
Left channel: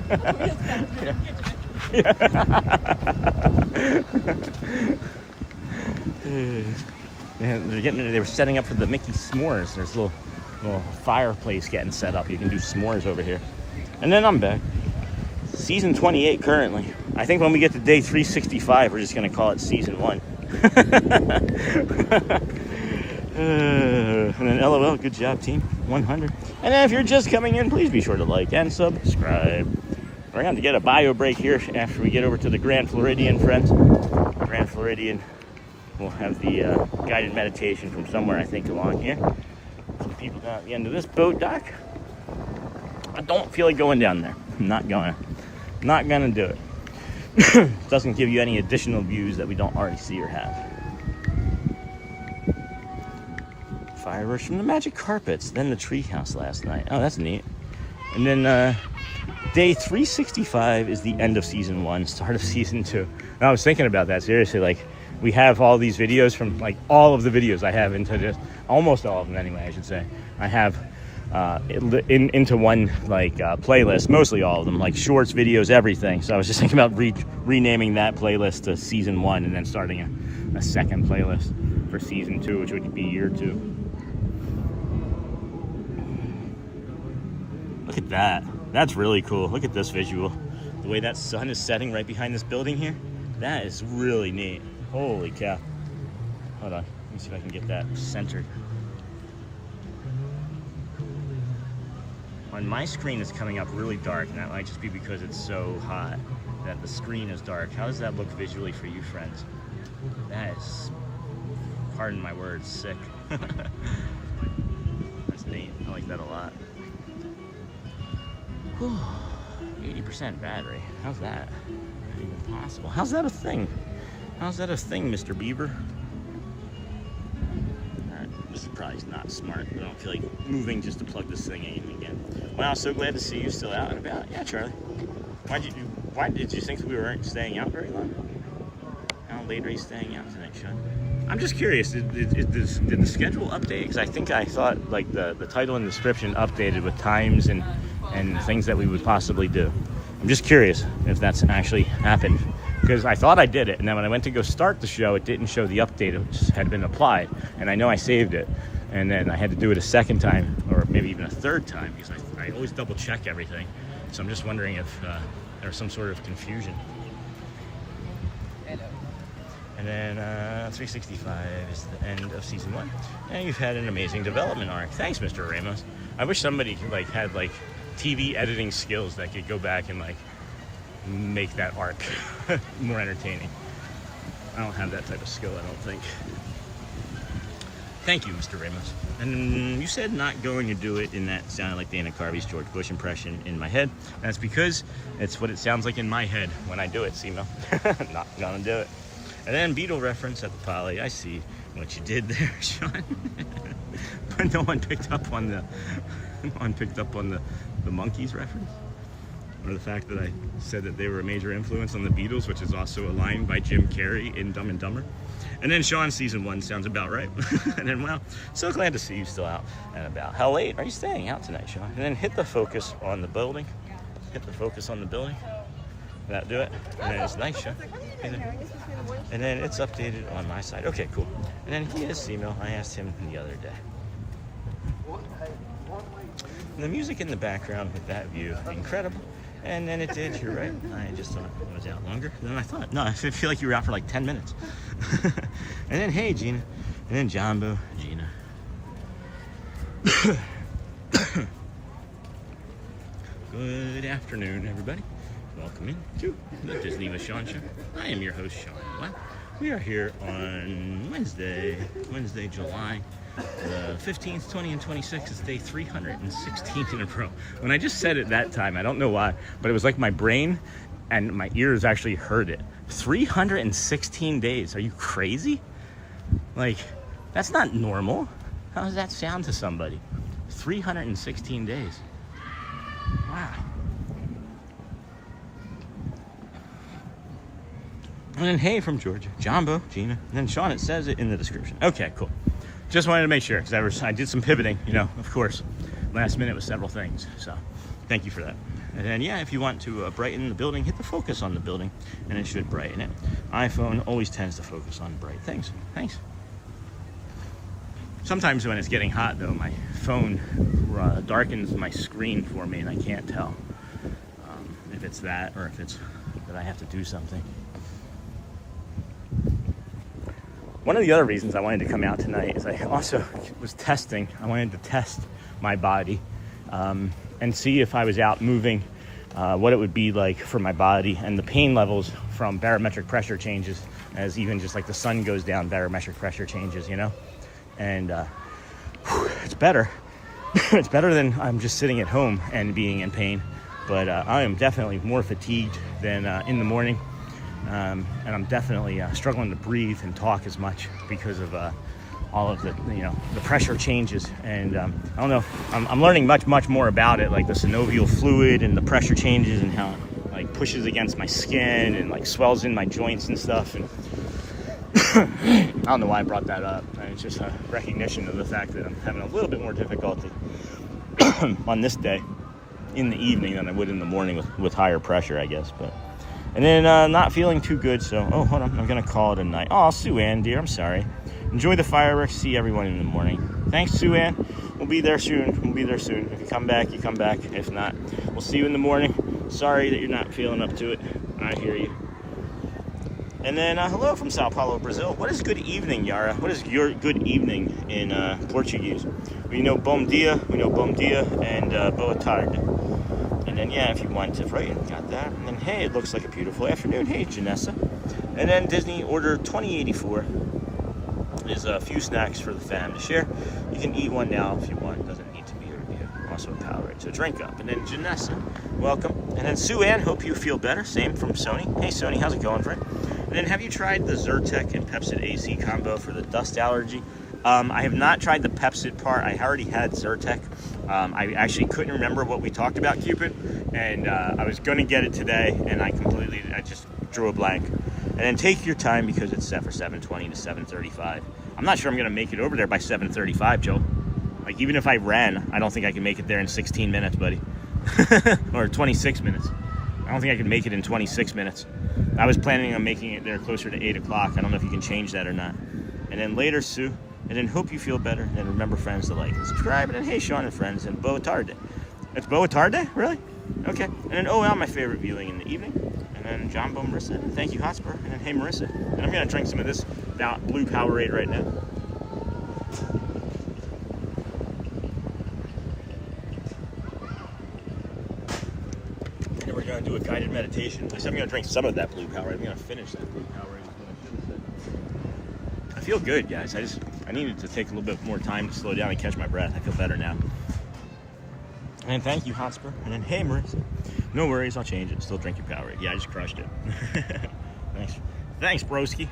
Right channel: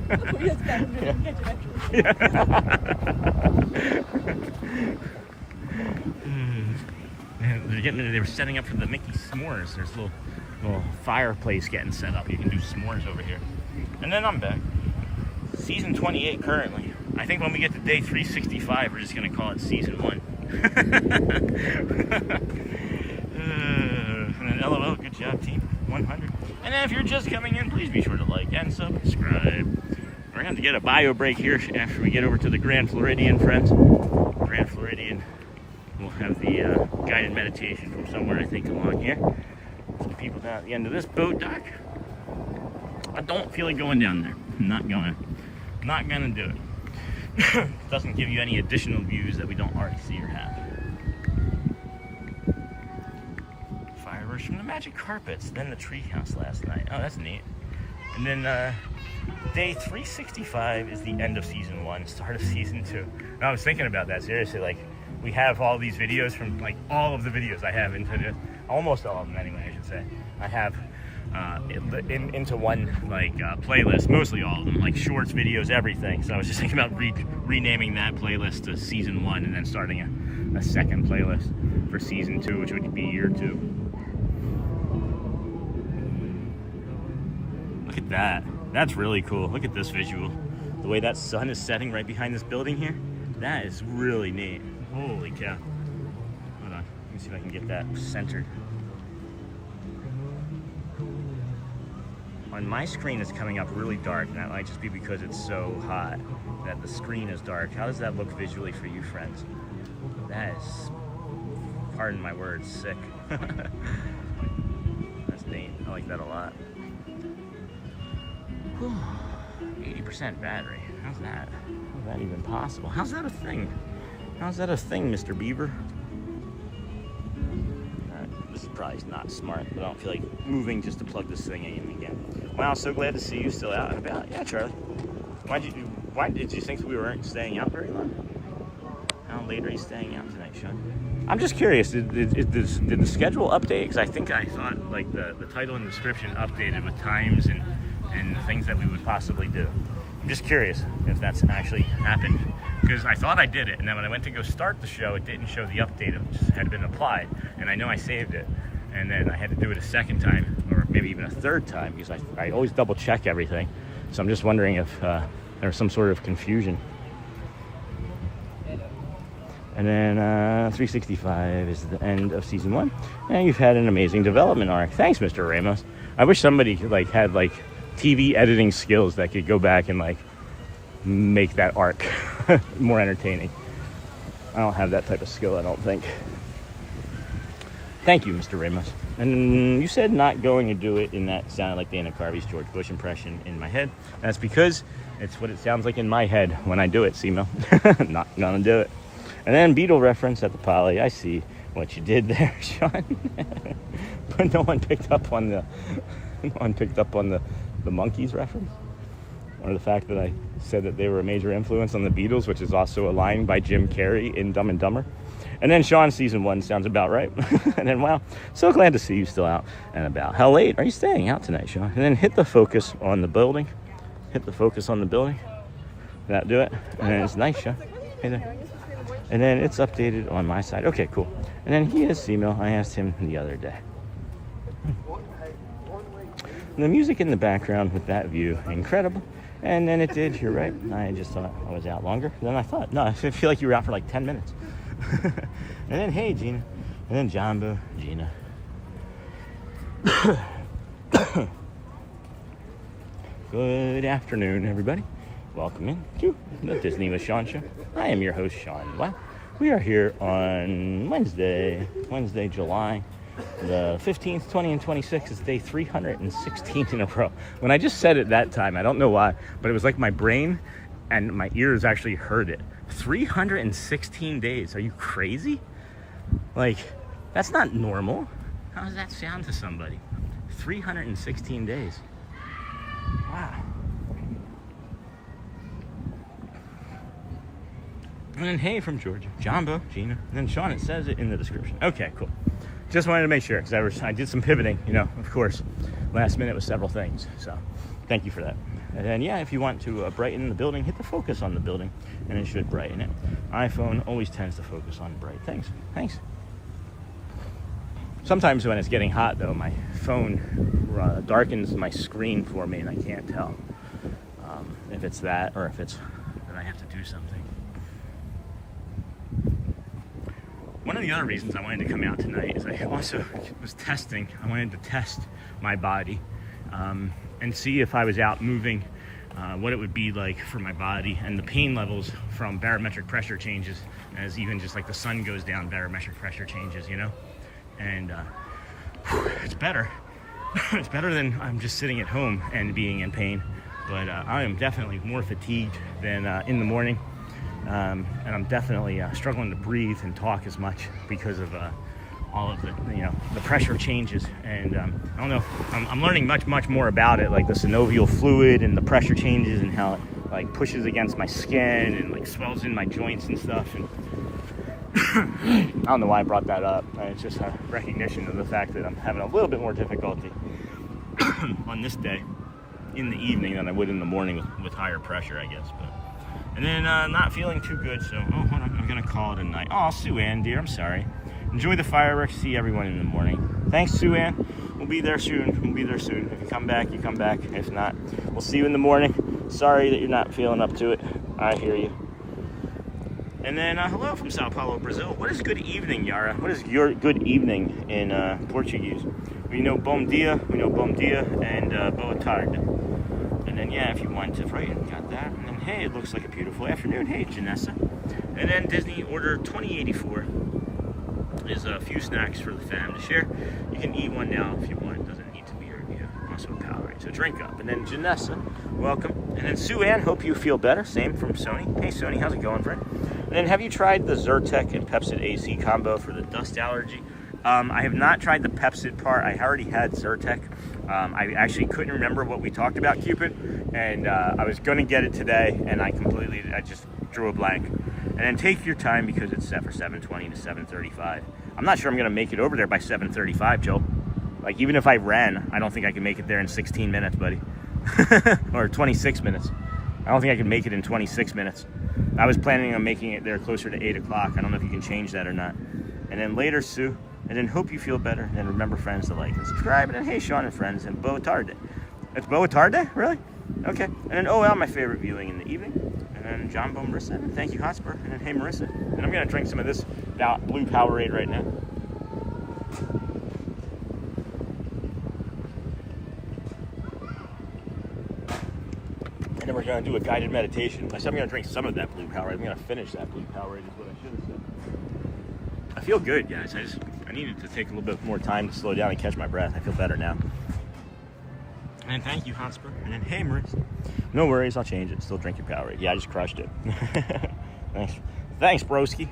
They were setting up for the Mickey s'mores. There's a little fireplace getting set up. You can do s'mores over here. And then I'm back. Season 28 currently. I think when we get to day 365, we're just going to call it season 1. And then LOL, good job team, 100. And then if you're just coming in, please be sure to like and subscribe. We're going to get a bio break here after we get over to the Grand Floridian, friends. Grand Floridian, we'll have the guided meditation from somewhere, I think, along here. Some people down at the end of this boat dock. I don't feel like going down there. I'm not gonna do it. Doesn't give you any additional views that we don't already see or have. Fireworks from the magic carpets, then the treehouse last night. Oh, that's neat. And then day 365 is the end of season 1, start of season 2. And I was thinking about that, seriously, like we have all these videos from like all of the videos I have into this, almost all of them anyway, I should say. I have into one like playlist, mostly all of them, like shorts, videos, everything. So I was just thinking about renaming that playlist to season 1 and then starting a second playlist for season 2, which would be year 2. Look at that. That's really cool. Look at this visual. The way that sun is setting right behind this building here. That is really neat. Holy cow. Hold on. Let me see if I can get that centered. On my screen, it's coming up really dark, and that might just be because it's so hot that the screen is dark. How does that look visually for you, friends? That is, pardon my words, sick. That's neat. I like that a lot. 80% battery. How's that? How's that even possible? How's that a thing? How's that a thing, Mr. Beaver? This is probably not smart, but I don't feel like moving just to plug this thing in again. Wow, so glad to see you still out and about. Yeah, Charlie. Why did you think we weren't staying out very long? How late are you staying out tonight, Sean? I'm just curious, did the schedule update? Because I think I thought like the title and description updated with times and things that we would possibly do. I'm just curious if that's actually happened. Because I thought I did it, and then when I went to go start the show, it didn't show the update, which had been applied. And I know I saved it, and then I had to do it a second time, or maybe even a third time, because I always double check everything. So I'm just wondering if there's some sort of confusion. And then 365 is the end of season 1, and you've had an amazing development arc. Thanks, Mr. Ramos. I wish somebody had TV editing skills that could go back and make that arc more entertaining. I don't have that type of skill, I don't think. Thank you, Mr. Ramos. And you said not going to do it, and that sounded like Dana Carvey's George Bush impression in my head. That's because it's what it sounds like in my head when I do it, Simo. Not gonna do it. And then Beetle reference at the Poly. I see what you did there, Sean. But no one picked up on the the monkeys reference, or the fact that I said that they were a major influence on the Beatles, which is also a line by Jim Carrey in Dumb and Dumber. And then Sean, season 1 sounds about right. And then, wow, so glad to see you still out and about. How late are you staying out tonight, Sean? And then hit the focus on the building. Hit the focus on the building. That do it. And then it's nice, Sean. And then it's updated on my side. Okay, cool. And then he has email. I asked him the other day. And the music in the background with that view, incredible. And then it did, you're right. I just thought I was out longer than I thought. No, I feel like you were out for like 10 minutes. And then, hey, Gina. And then Jumbo, Gina. Good afternoon, everybody. Welcome in to the Disney with Sean show. I am your host, Sean. Wow. We are here on Wednesday, July the 15th, 20, and 26th. It's day 316 in a row. When I just said it that time, I don't know why, but it was like my brain and my ears actually heard it. 316 days. Are you crazy? Like, that's not normal. How does that sound to somebody? 316 days. Wow. And then hey from Georgia, Jumbo, Gina, and then Sean, it says it in the description. Okay, cool. Just wanted to make sure, because I did some pivoting, you know, of course, last minute with several things. So thank you for that. And then, yeah, if you want to brighten the building, hit the focus on the building, and it should brighten it. iPhone always tends to focus on bright things. Thanks. Sometimes when it's getting hot, though, my phone darkens my screen for me, and I can't tell if it's that or if it's that I have to do something. One of the other reasons I wanted to come out tonight is I also was testing. I wanted to test my body and see if I was out moving, what it would be like for my body, and the pain levels from barometric pressure changes, as even just like the sun goes down, barometric pressure changes, you know? And it's better. It's better than I'm just sitting at home and being in pain, but I am definitely more fatigued than in the morning. And I'm definitely struggling to breathe and talk as much because of all of the, you know, the pressure changes. And I don't know, I'm learning much more about it, like the synovial fluid and the pressure changes and how it like pushes against my skin and like swells in my joints and stuff. And I don't know why I brought that up. It's just a recognition of the fact that I'm having a little bit more difficulty on this day in the evening than I would in the morning with higher pressure, I guess. But and then not feeling too good, so oh, hold on, I'm gonna call it a night. Oh, Sue Ann, dear, I'm sorry. Enjoy the fireworks. See everyone in the morning. Thanks, Sue Ann. We'll be there soon. If you come back, you come back. If not, we'll see you in the morning. Sorry that you're not feeling up to it. I hear you. And then hello from Sao Paulo, Brazil. What is good evening, Yara? What is your good evening in Portuguese? We know bom dia, and boa tarde. And then, yeah, if you want to, right, got that. And then, hey, it looks like a beautiful afternoon. Hey, Janessa. And then Disney Order 2084 is a few snacks for the fam to share. You can eat one now if you want. It doesn't need to be a review. Also a Powerade, so drink up. And then Janessa, welcome. And then Sue Ann, hope you feel better. Same from Sony. Hey, Sony, how's it going, friend? And then have you tried the Zyrtec and Pepcid AC combo for the dust allergy? I have not tried the Pepcid part. I already had Zyrtec. I actually couldn't remember what we talked about, Cupid, and I was going to get it today, and I just drew a blank. And then take your time because it's set for 7:20 to 7:35. I'm not sure I'm going to make it over there by 7:35, Joe. Like, even if I ran, I don't think I can make it there in 16 minutes, buddy. Or 26 minutes. I don't think I can make it in 26 minutes. I was planning on making it there closer to 8 o'clock. I don't know if you can change that or not. And then later, Sue. And then hope you feel better. And then remember, friends, to like and subscribe. And then hey, Sean and friends. And boa tarde. It's boa tarde? Really? Okay. And then well, my favorite viewing in the evening. And then Jumbo, Marissa. And thank you, Hotspur. And then hey, Marissa. And I'm going to drink some of this blue Powerade right now. And then we're going to do a guided meditation. I said I'm going to drink some of that blue Powerade. I'm going to finish that blue Powerade is what I should have said. I feel good, guys. I needed to take a little bit more time to slow down and catch my breath. I feel better now. And thank you, Hotspur. And then, hey, Marissa. No worries, I'll change it. Still drink your Powerade. Yeah, I just crushed it. Thanks, broski.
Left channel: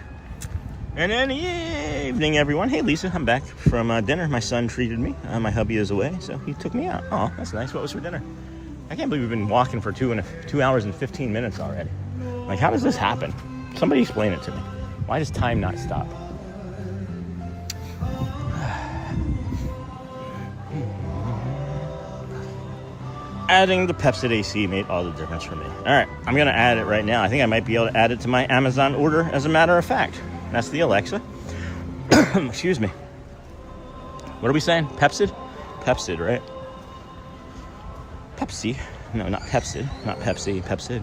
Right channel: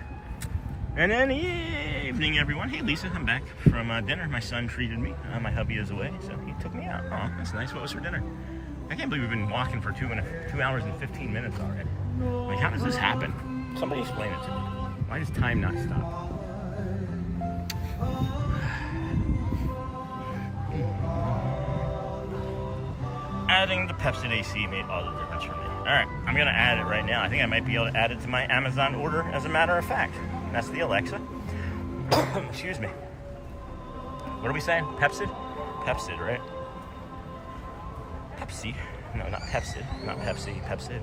And then evening, everyone. Hey, Lisa, I'm back from dinner. My son treated me. My hubby is away, so he took me out. Oh, that's nice. What was for dinner? I can't believe we've been walking for 2 hours and 15 minutes already. Like, how does this happen? Somebody explain it to me. Why does time not stop? Adding the Pepsi AC made all the difference for me. All right, I'm gonna add it right now. I think I might be able to add it to my Amazon order, as a matter of fact. That's the Alexa. Excuse me. What are we saying? Pepsid? Pepsid, right? Pepsi. No, not Pepsid. Not Pepsi. Pepsid.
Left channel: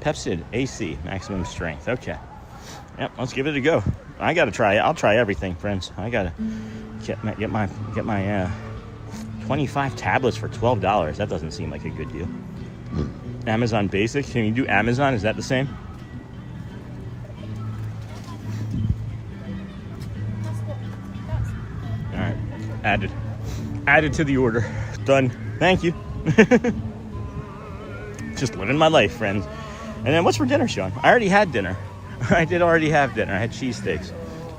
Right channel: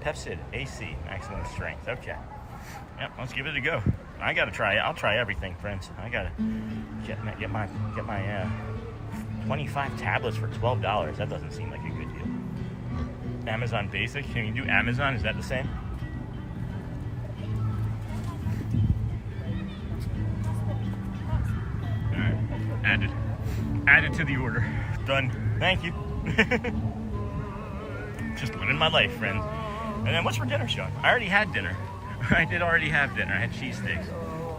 Pepsid AC, maximum strength. Okay. Yep, let's give it a go. I gotta try it. I'll try everything, friends. I gotta get my 25 tablets for $12. That doesn't seem like a good deal. Amazon Basic. Can you do Amazon? Is that the same? All right. Added to the order. Done. Thank you. Just living my life, friends. And then what's for dinner, Sean? I already had dinner. I did already have dinner. I had cheesesteaks.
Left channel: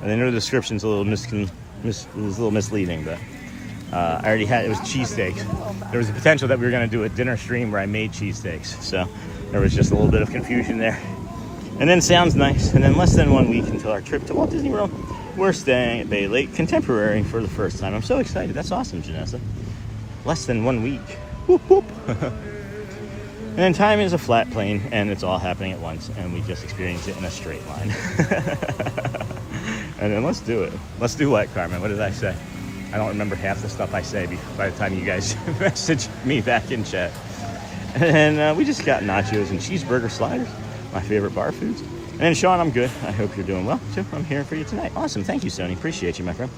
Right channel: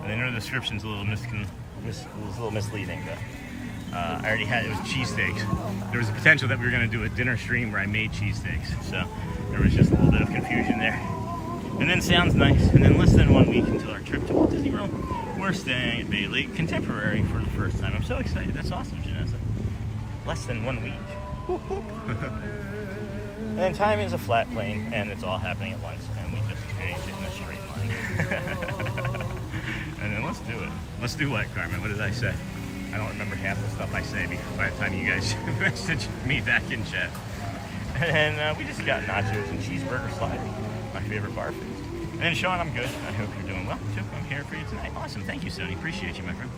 And I know the description's a little misleading, but I already had, it was cheesesteaks. There was a potential that we were going to do a dinner stream where I made cheesesteaks. So there was just a little bit of confusion there. And then sounds nice. And then less than 1 week until our trip to Walt Disney World, we're staying at Bay Lake Contemporary for the first time. I'm so excited. That's awesome, Janessa. Less than 1 week. Whoop, whoop. And then time is a flat plane, and it's all happening at once, and we just experience it in a straight line. And then let's do it. Let's do what, Carmen? What did I say? I don't remember half the stuff I say by the time you guys message me back in chat. And we just got nachos and cheeseburger sliders, my favorite bar foods. And Sean, I'm good. I hope you're doing well. So I'm here for you tonight. Awesome. Thank you, Sony. Appreciate you, my friend.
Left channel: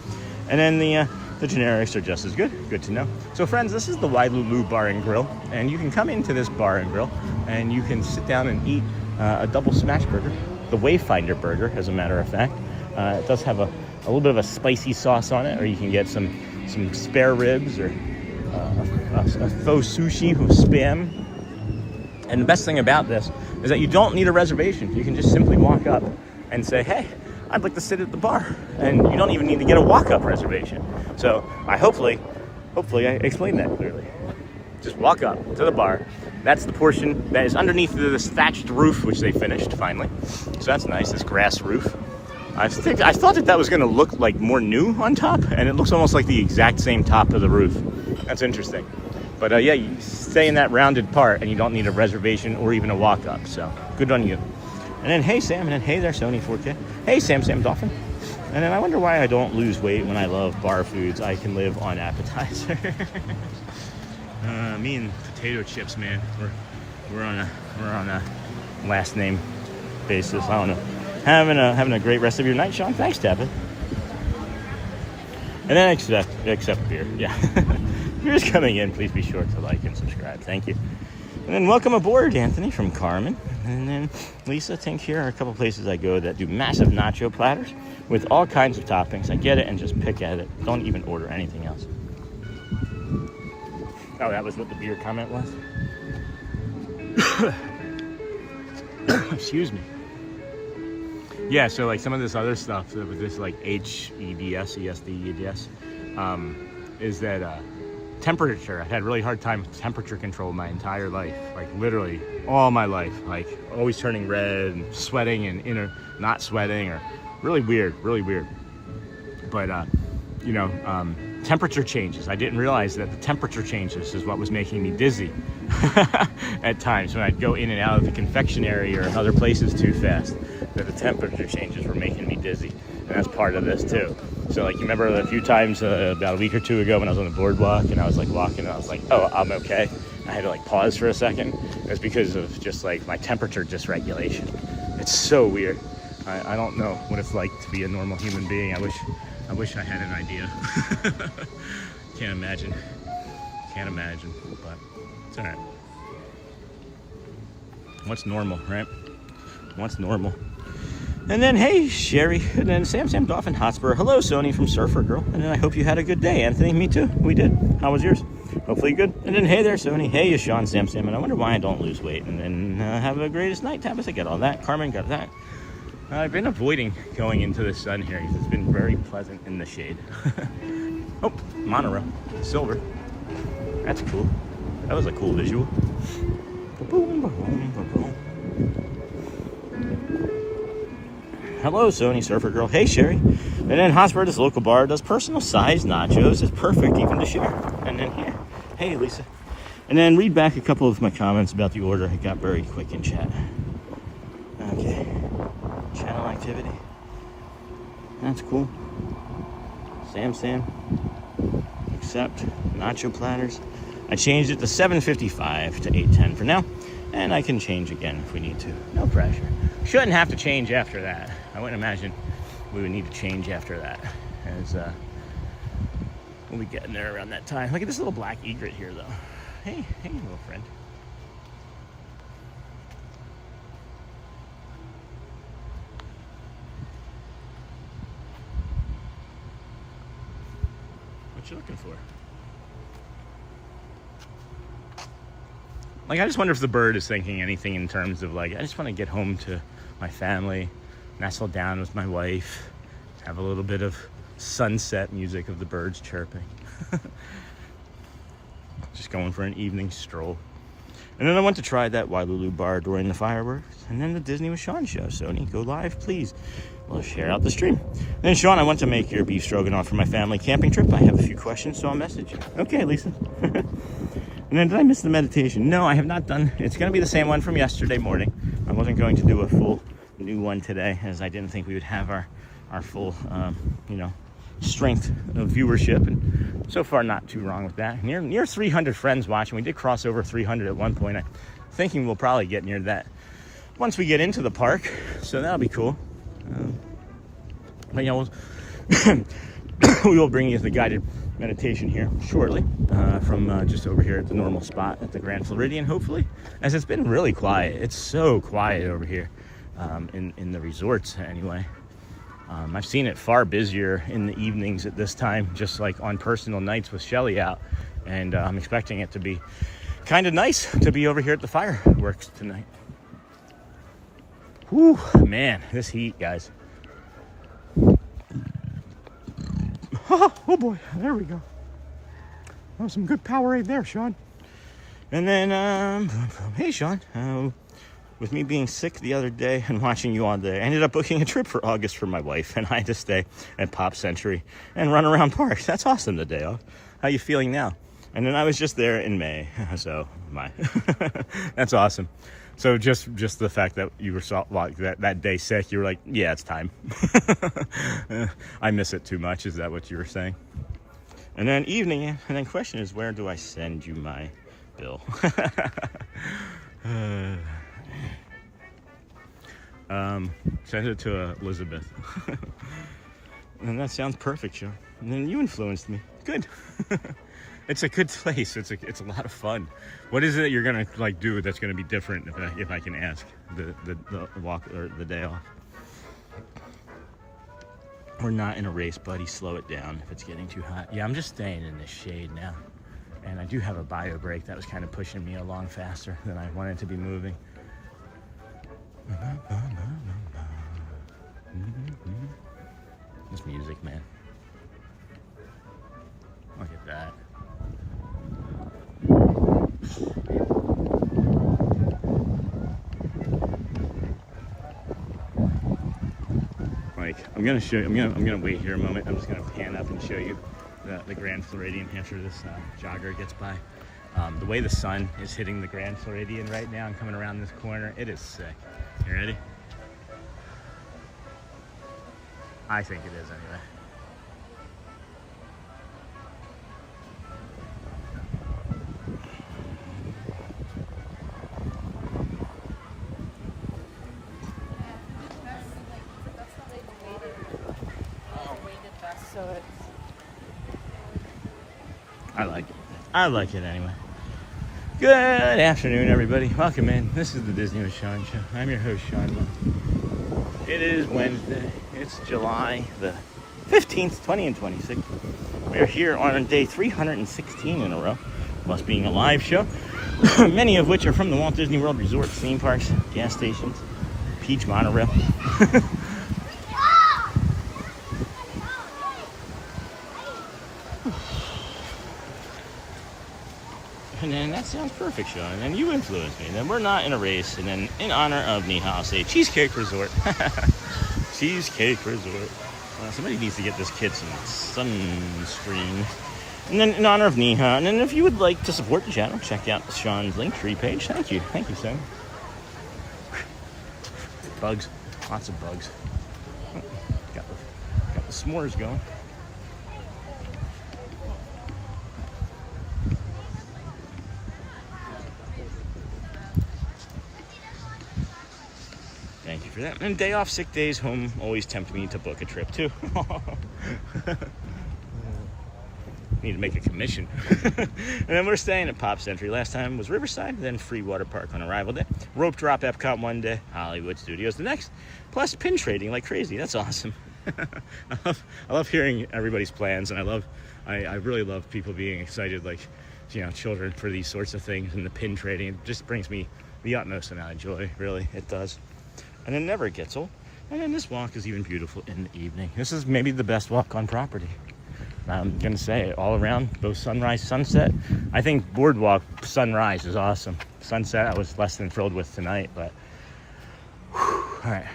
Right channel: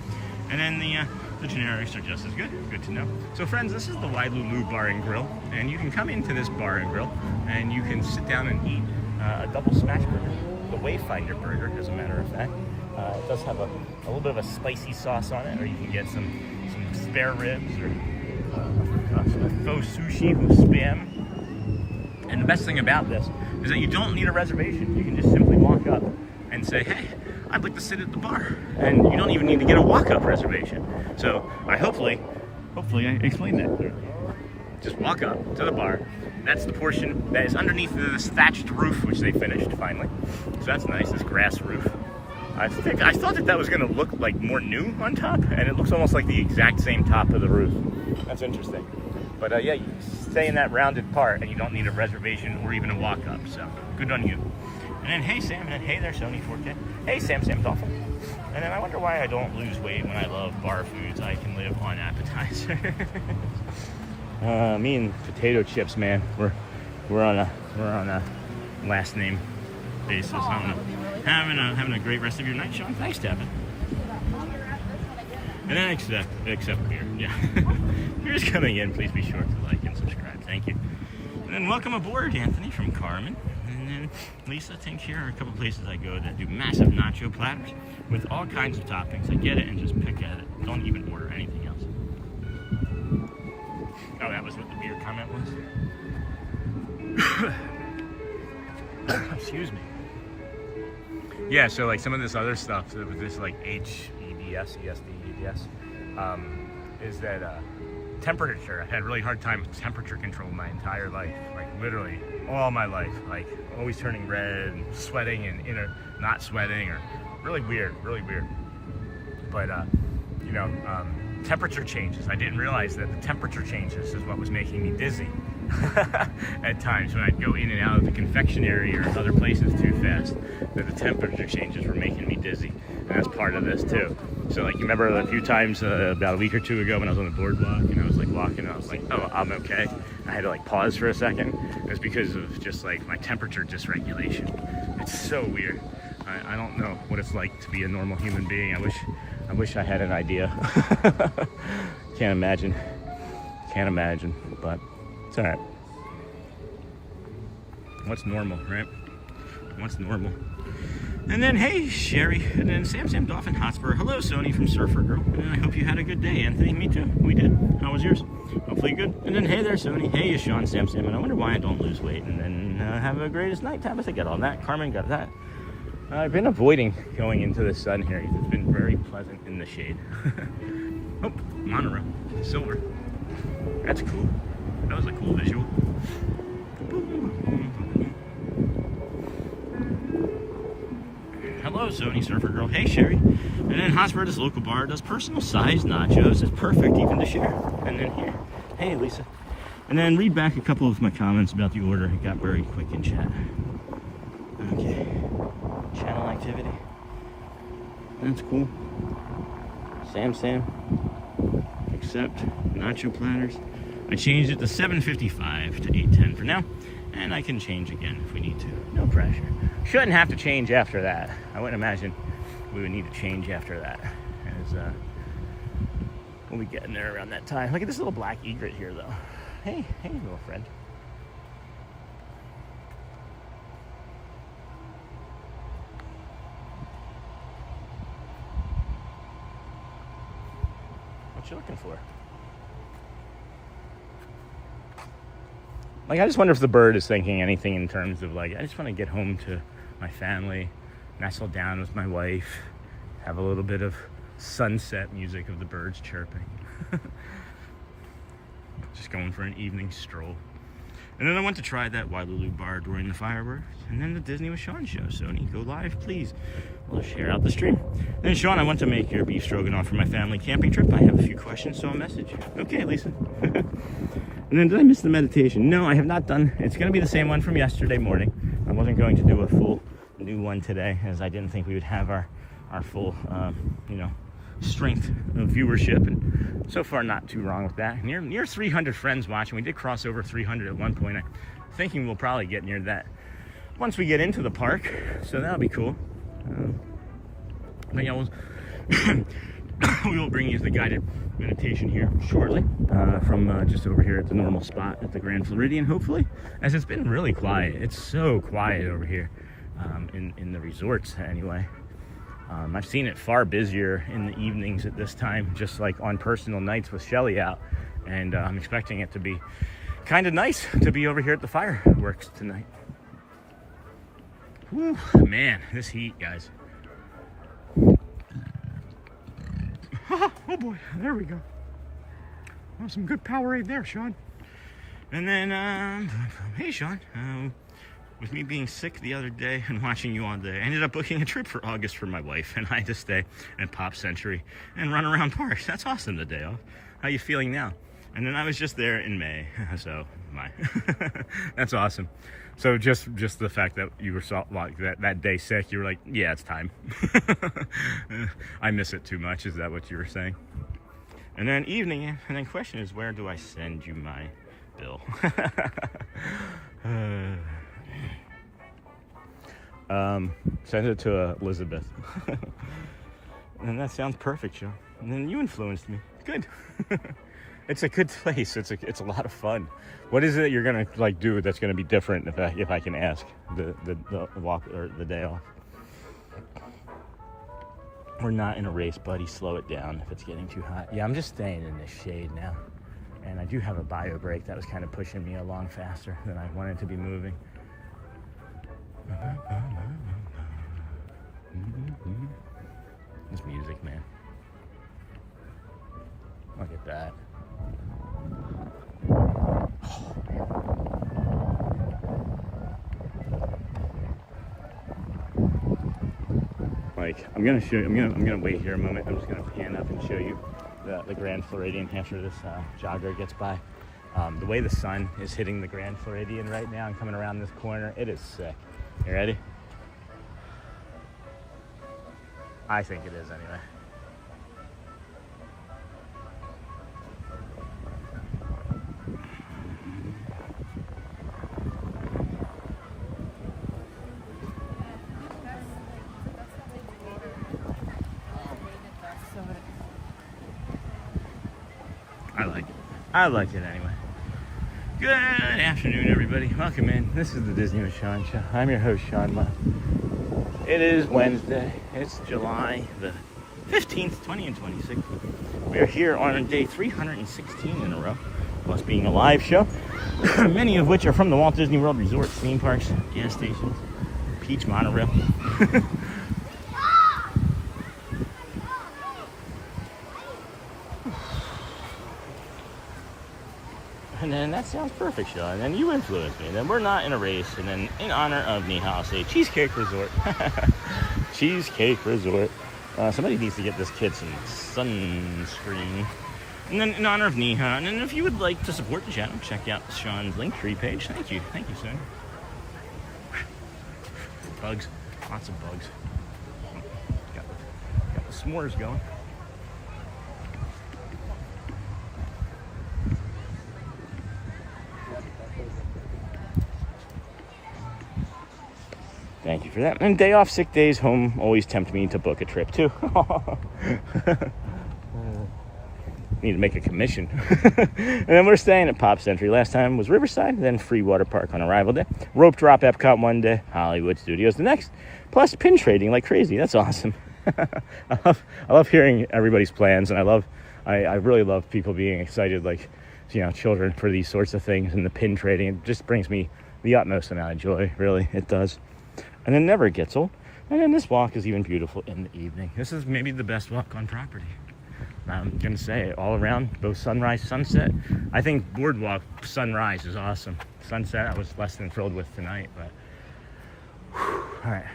And then the generics are just as good. Good to know. So friends, this is the Wailulu Bar and Grill, and you can come into this bar and grill, and you can sit down and eat a double smash burger, the Wayfinder burger, as a matter of fact. It does have a little bit of a spicy sauce on it, or you can get some spare ribs or a faux sushi with Spam. And the best thing about this is that you don't need a reservation. You can just simply walk up and say, hey, I'd like to sit at the bar, and you don't even need to get a walk-up reservation. So hopefully I explained that clearly. Just walk up to the bar. That's the portion that is underneath this thatched roof, which they finished finally. So that's nice, this grass roof. I thought that was going to look like more new on top, and it looks almost like the exact same top of the roof. That's interesting. But yeah, you stay in that rounded part, and you don't need a reservation or even a walk-up. So good on you. And then, hey, Sam, and then, hey there, Sony 4K. Hey, Sam Dolphin. And then I wonder why I don't lose weight when I love bar foods. I can live on appetizers. Me and potato chips, man. We're on a last name basis. I don't know. Having a great rest of your night, Sean. Thanks, Tabitha. And then except beer. Yeah. If you're just coming in, please be sure to like and subscribe. Thank you. And then welcome aboard, Anthony from Carmen. And then Lisa, I think here are a couple places I go that do massive nacho platters with all kinds of toppings. I get it and just pick at it. Don't even order anything else. Oh, that was what the beer comment was? Excuse me. Yeah, so like some of this other stuff with this like HEDS, is that temperature. I've had a really hard time with temperature control my entire life, like literally all my life, like always turning red and sweating and not sweating, or really weird. But temperature changes. I didn't realize that the temperature changes is what was making me dizzy at times when I'd go in and out of the confectionery or other places too fast, that the temperature changes were making me dizzy. And that's part of this too. So like, you remember a few times about a week or two ago when I was on the boardwalk and I was like walking and I was like, oh, I'm okay. I had to like pause for a second. It's because of just like my temperature dysregulation. It's so weird. I don't know what it's like to be a normal human being. I wish I had an idea. Can't imagine, but it's all right. What's normal, right? What's normal? And then, hey, Sherry. And then Sam Dolphin Hotspur. Hello, Sony from Surfer Girl. And then I hope you had a good day. Anthony, me too. We did. How was yours? Hopefully good. And then, hey there, Sony. Hey, Sean, Sam. And I wonder why I don't lose weight. And then have a greatest night, Tabitha. Got all that. Carmen got that. I've been avoiding going into the sun here because it's been very pleasant in the shade. Oh, monorail. Silver. That's cool. That was a cool visual. Hello, Sony Surfer Girl. Hey, Sherry. And then Hotspur, this local bar, does personal size nachos. It's perfect even to share. And then here. Hey, Lisa. And then read back a couple of my comments about the order. It got very quick in chat. Okay. Channel activity. That's cool. Sam. Accept. Nacho platters. I changed it to 7:55 to 8:10 for now. And I can change again if we need to. No pressure. Shouldn't have to change after that. I wouldn't imagine we would need to change after that. As we'll be getting there around that time. Look at this little black egret here, though. Hey, little friend. What you looking for? Like, I just wonder if the bird is thinking anything in terms of, like, I just want to get home to my family, nestle down with my wife, have a little bit of sunset music of the birds chirping. Just going for an evening stroll. And then I went to try that Wailulu Bar during the fireworks. And then the Disney with Sean show. Sony, go live, please. We'll share out the stream. And Sean, I want to make your beef stroganoff for my family camping trip. I have a few questions, so I'll message you. Okay, Lisa. And then did I miss the meditation? No, I have not done. It's going to be the same one from yesterday morning. I wasn't going to do a full new one today, as I didn't think we would have our full, strength of viewership. And so far, not too wrong with that. Near 300 friends watching. We did cross over 300 at one point. I'm thinking we'll probably get near that once we get into the park. So that'll be cool. But yeah, we will bring you the guided meditation here shortly from just over here at the normal spot at the Grand Floridian, hopefully, as it's been really quiet. It's so quiet over here in the resorts anyway. I've seen it far busier in the evenings at this time, just like on personal nights with Shelly out, and I'm expecting it to be kind of nice to be over here at the fireworks tonight. Whew, man, this heat, guys. Oh boy, there we go. Oh, some good Powerade there, Sean. And then, hey, Sean. With me being sick the other day and watching you all day, I ended up booking a trip for August for my wife, and I had to stay at Pop Century and run around parks. That's awesome, the day off. How you feeling now? And then I was just there in May, so that's awesome. So just the fact that you were like that day sick, you were like, yeah, it's time. I miss it too much. Is that what you were saying? And then evening, and then question is, where do I send you my bill? Send it to Elizabeth. And that sounds perfect, Sean. And then you influenced me. Good. It's a good place. It's a lot of fun. What is it that you're gonna like do that's gonna be different if I can ask the walk or the day off? We're not in a race, buddy. Slow it down if it's getting too hot. Yeah, I'm just staying in the shade now. And I do have a bio break that was kind of pushing me along faster than I wanted to be moving. This music, man. Look at that. Like, I'm gonna wait here a moment. I'm just gonna pan up and show you the Grand Floridian after this jogger gets by. The way the sun is hitting the Grand Floridian right now and coming around this corner, it is sick. You ready? I think it is anyway. I like it anyway. Good afternoon, everybody. Welcome in. This is the Disney with Sean show. I'm your host, Sean. It is Wednesday. It's July the 15th, 20 and 26. We are here on day 316 in a row, plus being a live show, many of which are from the Walt Disney World Resort, theme parks, gas stations, Peach Monorail. And then that sounds perfect, Sean. And then you influenced me. And then we're not in a race. And then in honor of Niha, I'll say Cheesecake Resort. Cheesecake Resort. Somebody needs to get this kid some sunscreen. And then in honor of Niha. And then if you would like to support the channel, check out Sean's Linktree page. Thank you. Thank you, son. Bugs. Lots of bugs. Oh, got the s'mores going. Thank you for that. And day off, sick days, home always tempt me to book a trip too. Need to make a commission. And then we're staying at Pop Century. Last time was Riverside, then Free Water Park on arrival day. Rope drop EPCOT one day, Hollywood Studios the next. Plus pin trading like crazy. That's awesome. I love hearing everybody's plans, and I really love people being excited, like, you know, children, for these sorts of things. And the pin trading, it just brings me the utmost amount of joy. Really, it does. And it never gets old. And then this walk is even beautiful in the evening. This is maybe the best walk on property. I'm gonna say it all around, both sunrise, sunset. I think BoardWalk sunrise is awesome. Sunset I was less than thrilled with tonight, but whew, all right.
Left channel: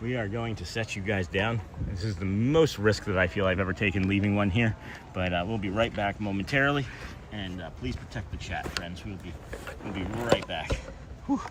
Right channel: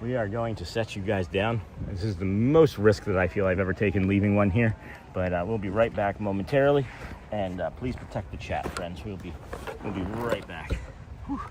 We are going to set you guys down. This is the most risk that I feel I've ever taken leaving one here, but we'll be right back momentarily. And please protect the chat, friends. We'll be right back. Whew.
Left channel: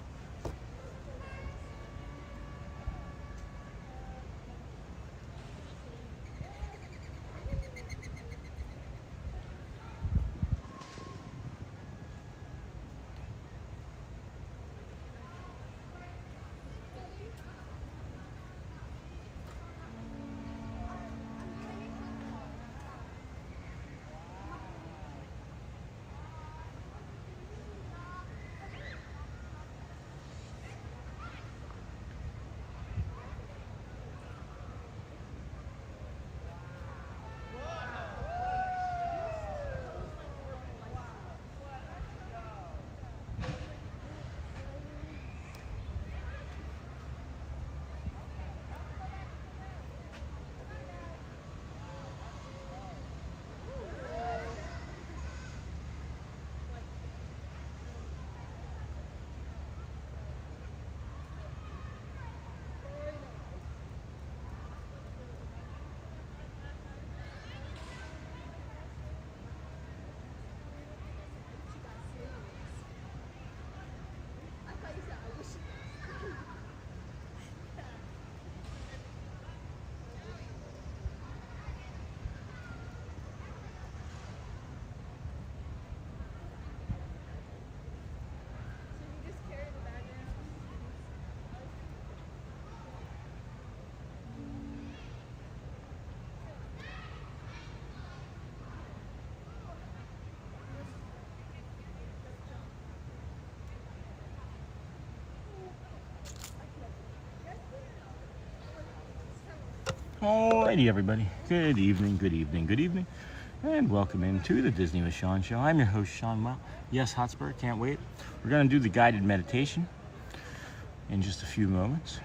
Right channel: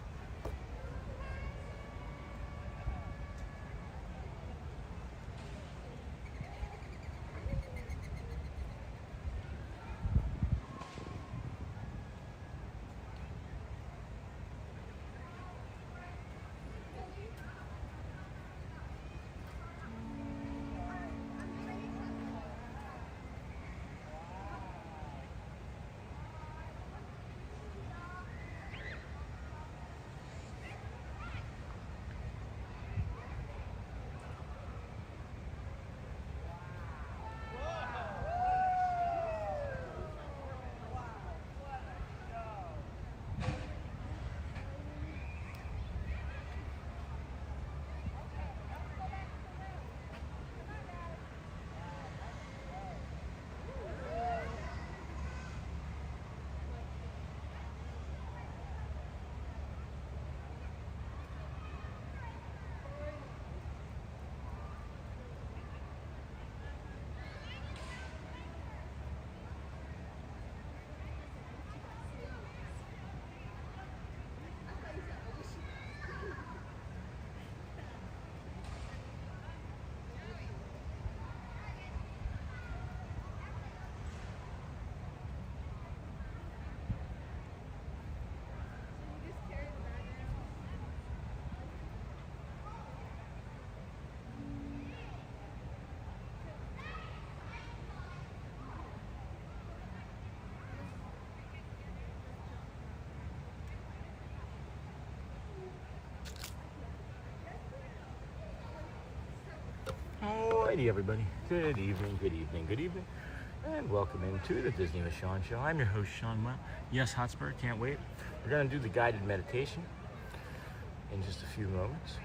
Alrighty, everybody. Good evening, good evening, good evening. And welcome into the Disney with Sean show. I'm your host, Sean Wow. Yes, Hotspur, can't wait. We're going to do the guided meditation in just a few moments.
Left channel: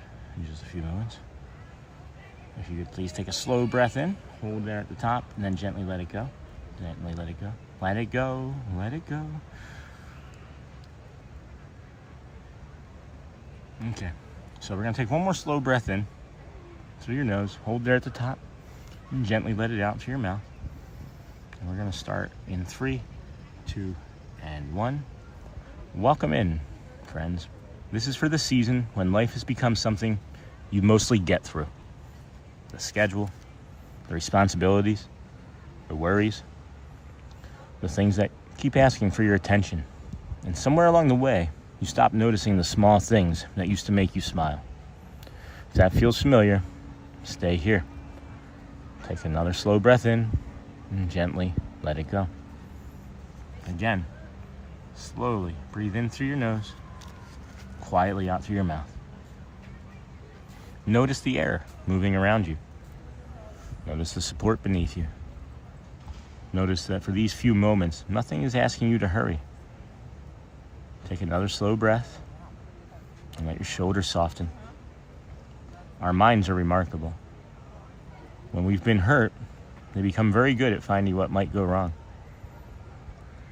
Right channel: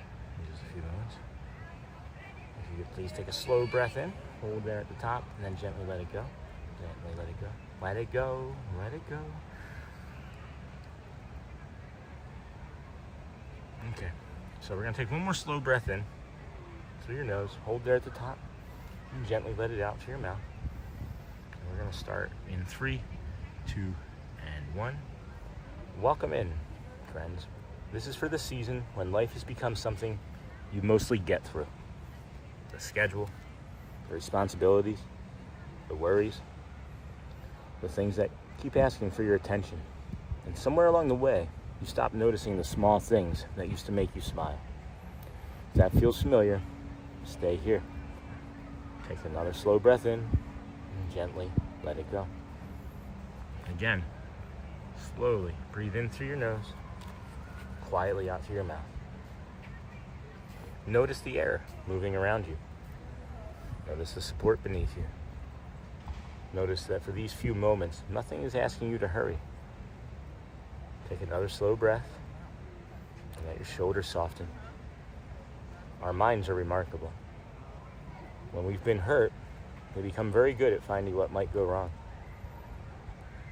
If you could please take a slow breath in, hold there at the top, and then gently let it go. Gently let it go. Let it go. Let it go. Okay. So we're going to take one more slow breath in through your nose, hold there at the top, and gently let it out through your mouth. And we're going to start in 3, 2, and 1. Welcome in, friends. This is for the season when life has become something you mostly get through. The schedule, the responsibilities, the worries, the things that keep asking for your attention. And somewhere along the way, you stop noticing the small things that used to make you smile. If that feels familiar, stay here. Take another slow breath in and gently let it go. Again, slowly breathe in through your nose, quietly out through your mouth. Notice the air moving around you. Notice the support beneath you. Notice that for these few moments, nothing is asking you to hurry. Take another slow breath and let your shoulders soften. Our minds are remarkable. When we've been hurt, they become very good at finding what might go wrong.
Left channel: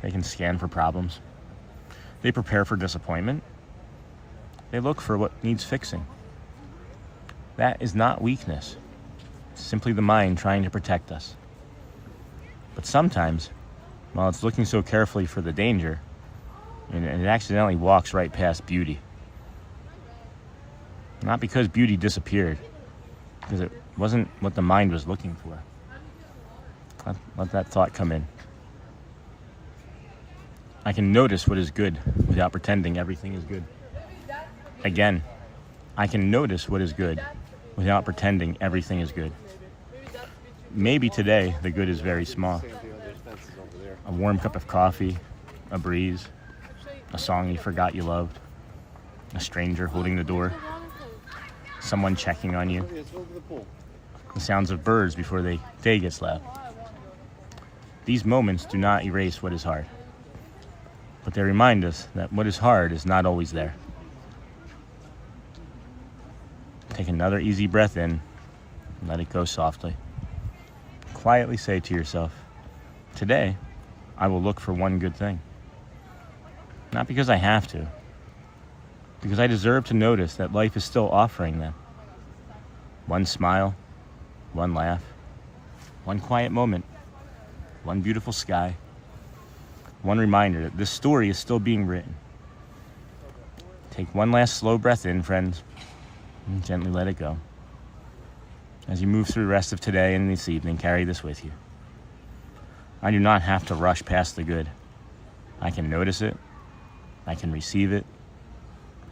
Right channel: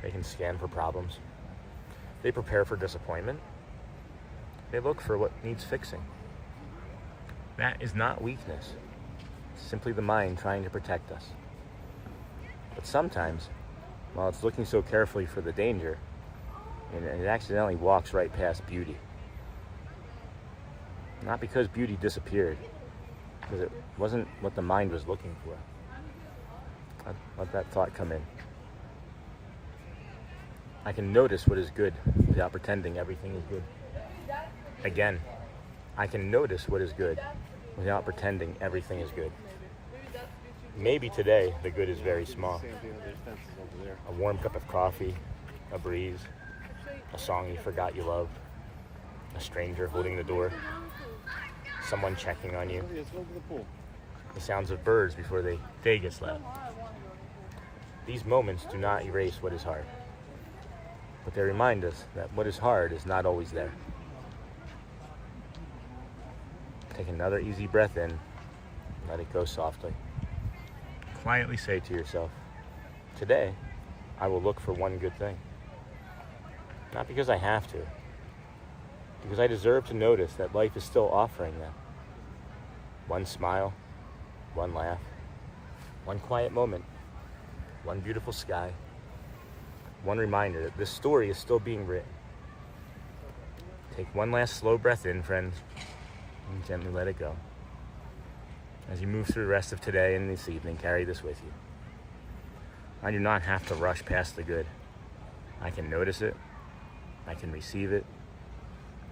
They can scan for problems. They prepare for disappointment. They look for what needs fixing. That is not weakness. It's simply the mind trying to protect us. But sometimes, while it's looking so carefully for the danger, it accidentally walks right past beauty. Not because beauty disappeared, because it wasn't what the mind was looking for. Let that thought come in. I can notice what is good without pretending everything is good. Again, I can notice what is good without pretending everything is good. Maybe today the good is very small. A warm cup of coffee, a breeze, a song you forgot you loved, a stranger holding the door, someone checking on you, the sounds of birds before the day gets loud. These moments do not erase what is hard, but they remind us that what is hard is not always there. Take another easy breath in and let it go softly. Quietly say to yourself, today I will look for one good thing. Not because I have to, because I deserve to notice that life is still offering them. One smile, one laugh, one quiet moment, one beautiful sky, one reminder that this story is still being written. Take one last slow breath in, friends, and gently let it go. As you move through the rest of today and this evening, carry this with you. I do not have to rush past the good. I can notice it, I can receive it,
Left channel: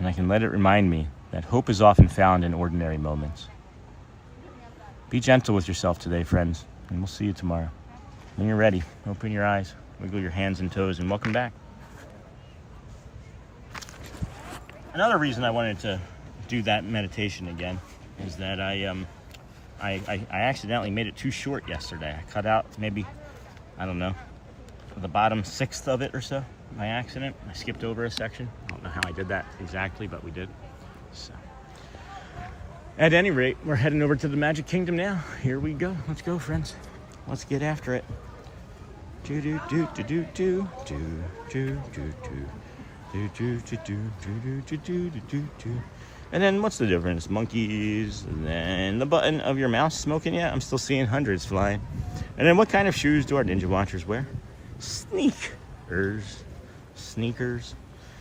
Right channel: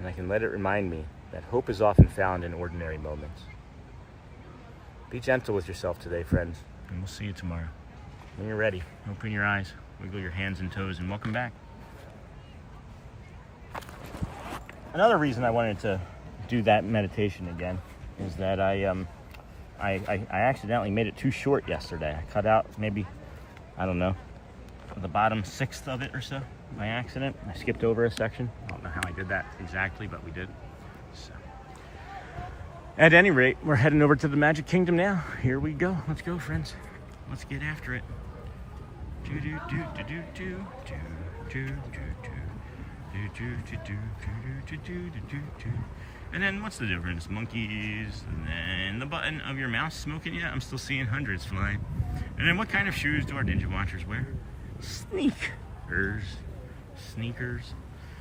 and I can let it remind me that hope is often found in ordinary moments. Be gentle with yourself today, friends, and we'll see you tomorrow. When you're ready, open your eyes, wiggle your hands and toes, and welcome back. Another reason I wanted to do that meditation again is that I accidentally made it too short yesterday. I cut out maybe, I don't know, the bottom sixth of it or so by accident. I skipped over a section. I don't know how I did that exactly, but we did. So, at any rate, we're heading over to the Magic Kingdom now. Here we go. Let's go, friends. Let's get after it. Do do do do do do do do do do do do do do do do. And then what's the difference? Monkeys, and then the button of your mouse smoking yet? I'm still seeing hundreds flying. And then what kind of shoes do our Ninja Watchers wear? Sneakers. Sneakers.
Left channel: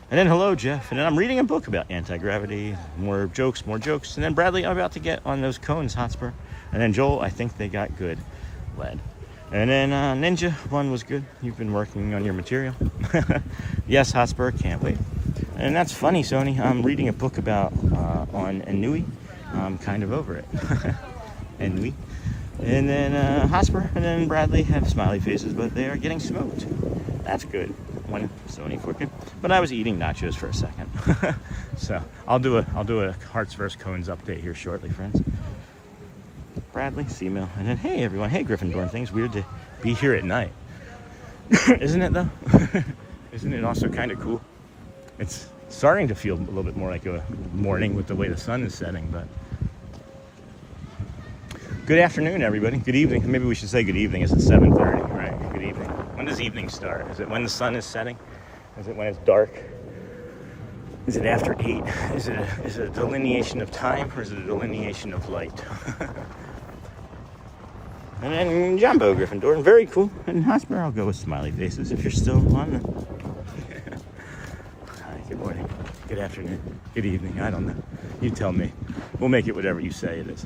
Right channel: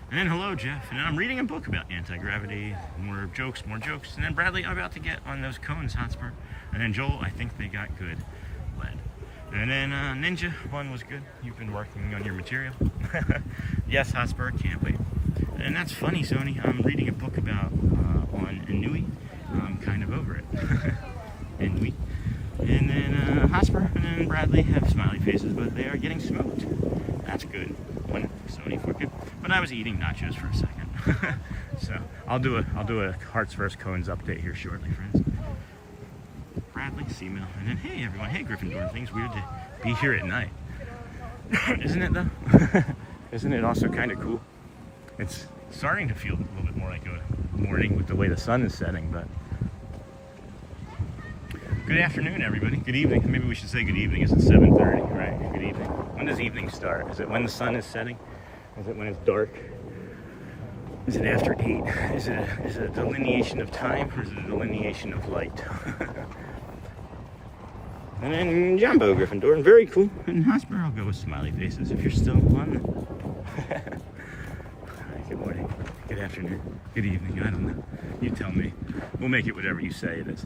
And then hello, Jeff. And then I'm reading a book about anti-gravity. More jokes. And then Bradley, I'm about to get on those cones, Hotspur. And then Joel, I think they got good lead. And then Ninja, one was good. You've been working on your material. Yes, Hotspur, can't wait. And that's funny, Sony. I'm reading a book about on Inui. I'm kind of over it. Inui. And then Hotspur and then Bradley have smiley faces, but they are getting smoked. That's good. One Sony for it. But I was eating nachos for a second. So I'll do a Hearts vs. Cones update here shortly, friends. Bradley, Seamail, and then hey everyone, hey Gryffindor. Things weird to be here at night. Isn't it though? Isn't it also kind of cool? It's starting to feel a little bit more like a morning with the way the sun is setting, but good afternoon, everybody. Good evening. Maybe we should say good evening. It's at 7:30, right? Good evening. When does evening start? Is it when the sun is setting? Is it when it's dark? Is it after 8? Is it a delineation of time, or is it a delineation of light? And then Jumbo Gryffindor, very cool. And Hotspur, I'll go with smiley faces if you're still on the... Hi, good morning, good afternoon, good evening, I don't know. You tell me. We'll make it whatever you say it is.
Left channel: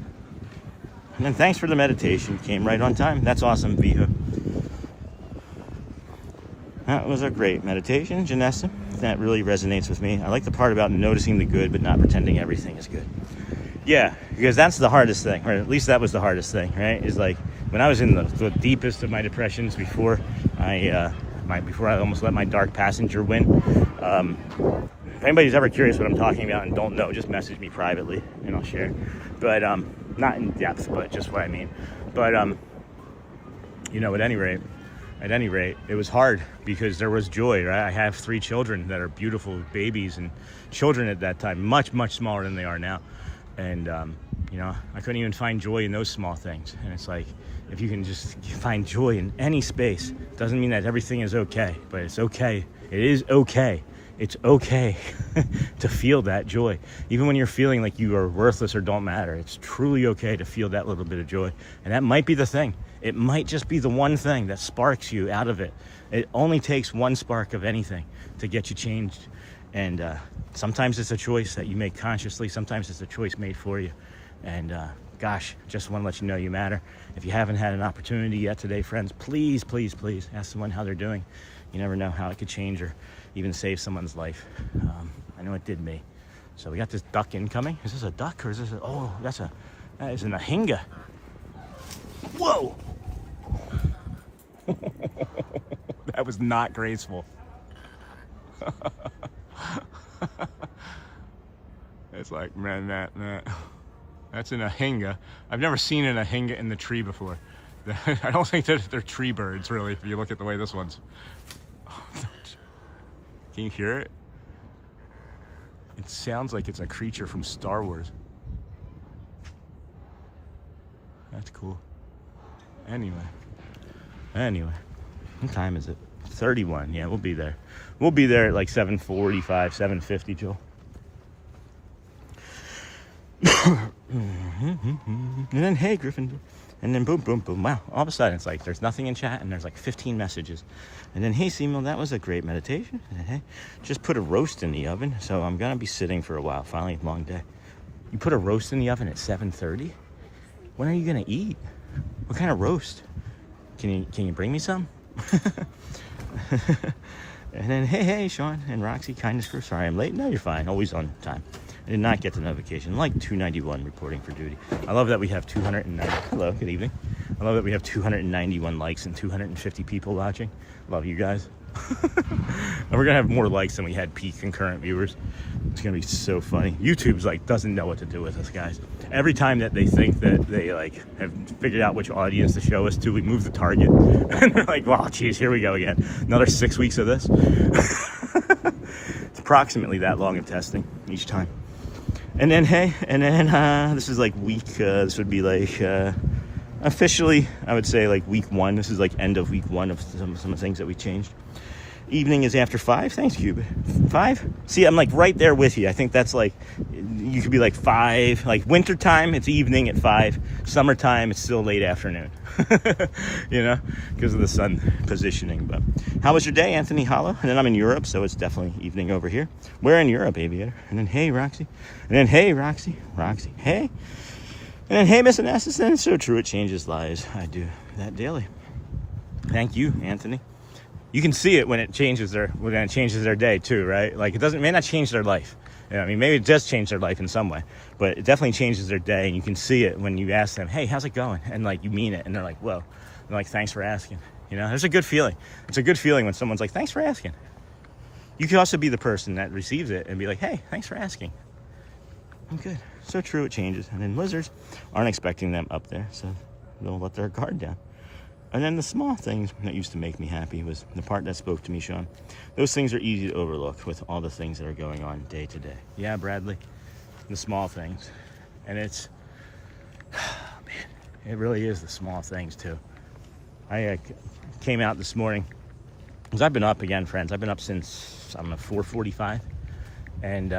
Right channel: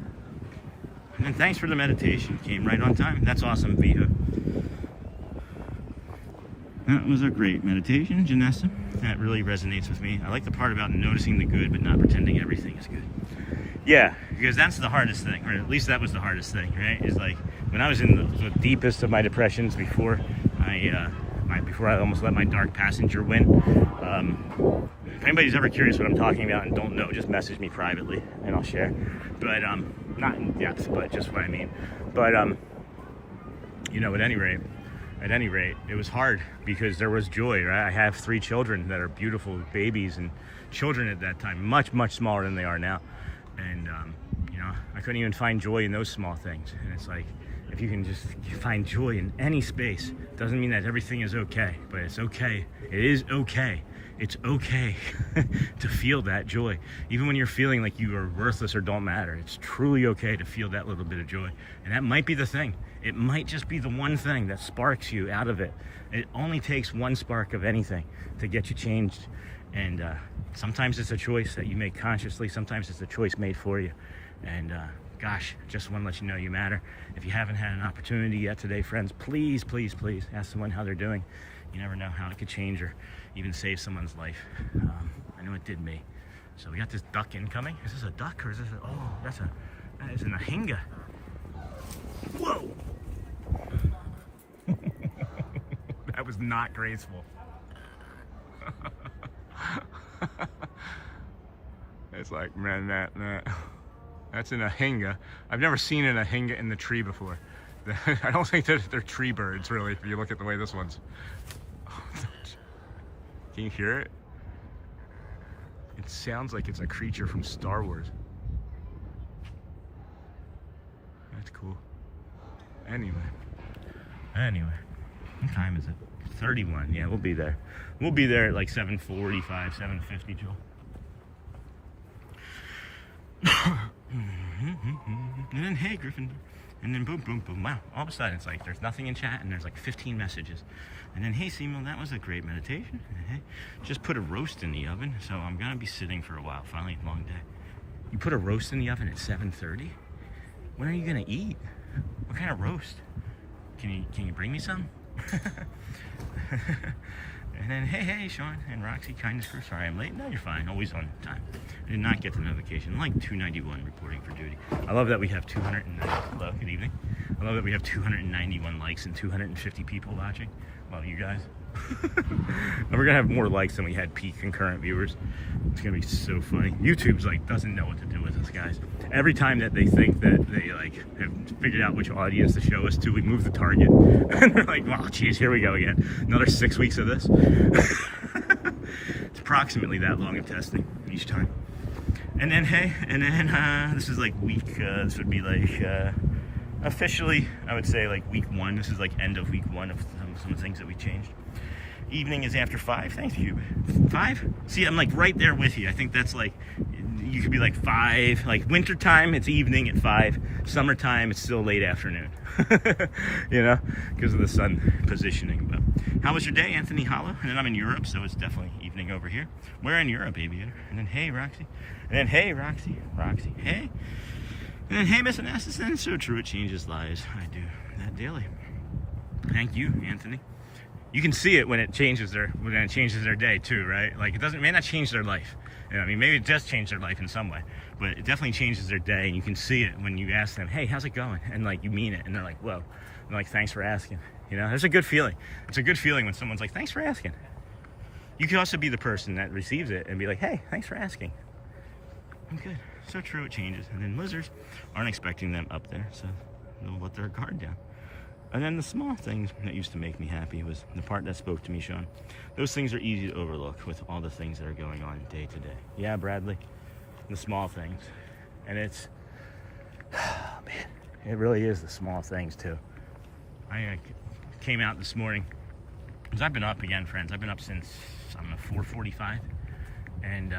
And then thanks for the meditation. Came right on time. That's awesome, Viha. That was a great meditation, Janessa. That really resonates with me. I like the part about noticing the good but not pretending everything is good. Yeah, because that's the hardest thing, or at least that was the hardest thing, right? Is like when I was in the deepest of my depressions before I almost let my dark passenger win. If anybody's ever curious what I'm talking about and don't know, just message me privately and I'll share. But not in depth, but just what I mean. But you know, at any rate, it was hard because there was joy, right? I have 3 children that are beautiful babies and children at that time, much smaller than they are now. And you know, I couldn't even find joy in those small things. And it's like, if you can just find joy in any space, doesn't mean that everything is okay, but it's okay. It is okay. It's okay to feel that joy. Even when you're feeling like you are worthless or don't matter, it's truly okay to feel that little bit of joy. And that might be the thing. It might just be the one thing that sparks you out of it. It only takes one spark of anything to get you changed. And sometimes it's a choice that you make consciously. Sometimes it's a choice made for you. And gosh, just want to let you know you matter. If you haven't had an opportunity yet today, friends, please ask someone how they're doing. You never know how it could change or even save someone's life. I know it did me. So we got this duck incoming. Is this a duck or is this a, oh, that is an ahinga. Whoa. That was not graceful. It's like, man, that's an ahinga. I've never seen an ahinga in the tree before. I don't think that they're tree birds, really, if you look at the way this one's. Can you hear it? It sounds like it's a creature from Star Wars. That's cool. Anyway. What time is it? 31. Yeah, we'll be there. We'll be there at like 7:45, 7:50, Joel. And then, hey, Griffin. And then boom. Wow. All of a sudden, it's like there's nothing in chat and there's like 15 messages. And then, hey, Seymour, that was a great meditation. And hey, just put a roast in the oven. So I'm going to be sitting for a while. Finally, a long day. You put a roast in the oven at 7:30? When are you going to eat? What kind of roast? Can you bring me some? And then, hey, Sean and Roxy, kindness first. Sorry I'm late. No, you're fine. Always on time. I did not get the notification. I'm like 291 reporting for duty. I love that we have 290. Hello, good evening. I love that we have 291 likes and 250 people watching. Love you guys. And we're gonna have more likes than we had peak concurrent viewers. It's gonna be so funny. YouTube's like doesn't know what to do with us, guys. Every time that they think that they like have figured out which audience to show us to, we move the target. And they're like, wow, geez, here we go again. Another 6 weeks of this. It's approximately that long of testing each time. And then, hey, this is like week, this would be like, officially, I would say like week 1. This is like end of week 1 of some of the things that we changed. Evening is after 5. Thanks, Cube. 5? See, I'm like right there with you. I think that's like, you could be like 5. Like wintertime, it's evening at 5. Summertime, it's still late afternoon. You know, because of the sun positioning. But how was your day, Anthony Hollow? And then I'm in Europe, so it's definitely evening over here. We're in Europe, Aviator. And then, hey, Roxy. And then, hey, Roxy. Hey. And then, hey, Miss Anastas. So true, it changes lives. I do that daily. Thank you, Anthony. You can see it when it changes their day too, right? Like it may not change their life. You know, I mean, maybe it does change their life in some way, but it definitely changes their day. And you can see it when you ask them, "Hey, how's it going?" And like you mean it, and they're like, "Whoa," and they're like, "Thanks for asking." You know, there's a good feeling. It's a good feeling when someone's like, "Thanks for asking." You could also be the person that receives it and be like, "Hey, thanks for asking." I'm good. So true, it changes. And then lizards aren't expecting them up there, so they'll let their guard down. And then the small things that used to make me happy was the part that spoke to me, Sean. Those things are easy to overlook with all the things that are going on day to day. Yeah, Bradley, the small things. And it's, oh, man, it really is the small things too. I came out this morning, because I've been up again, friends. I've been up since, 4:45. And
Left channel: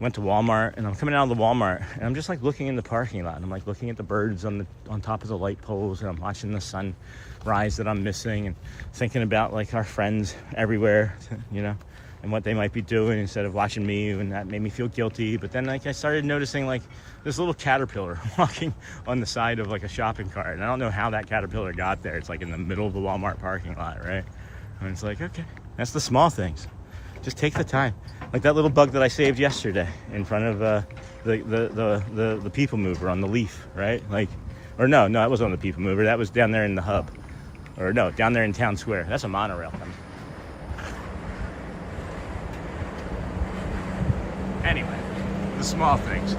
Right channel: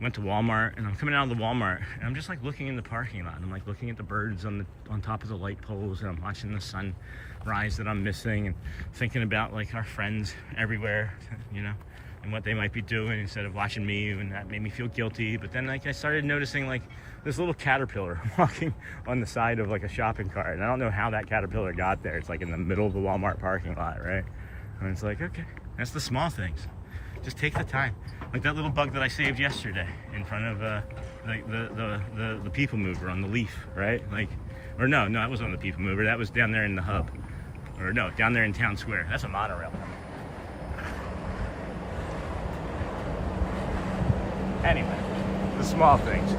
went to Walmart, and I'm coming out of the Walmart, and I'm just like looking in the parking lot, and I'm like looking at the birds on top of the light poles, and I'm watching the sun rise that I'm missing, and thinking about like our friends everywhere, you know, and what they might be doing instead of watching me, and that made me feel guilty. But then like I started noticing like this little caterpillar walking on the side of like a shopping cart, and I don't know how that caterpillar got there. It's like in the middle of the Walmart parking lot, right? And it's like, okay, that's the small things. Just take the time. Like that little bug that I saved yesterday in front of the people mover on the leaf, right? Like, or no, that wasn't on the people mover. That was down there in the hub. Or no, down there in Town Square. That's a monorail. Anyway, the small things.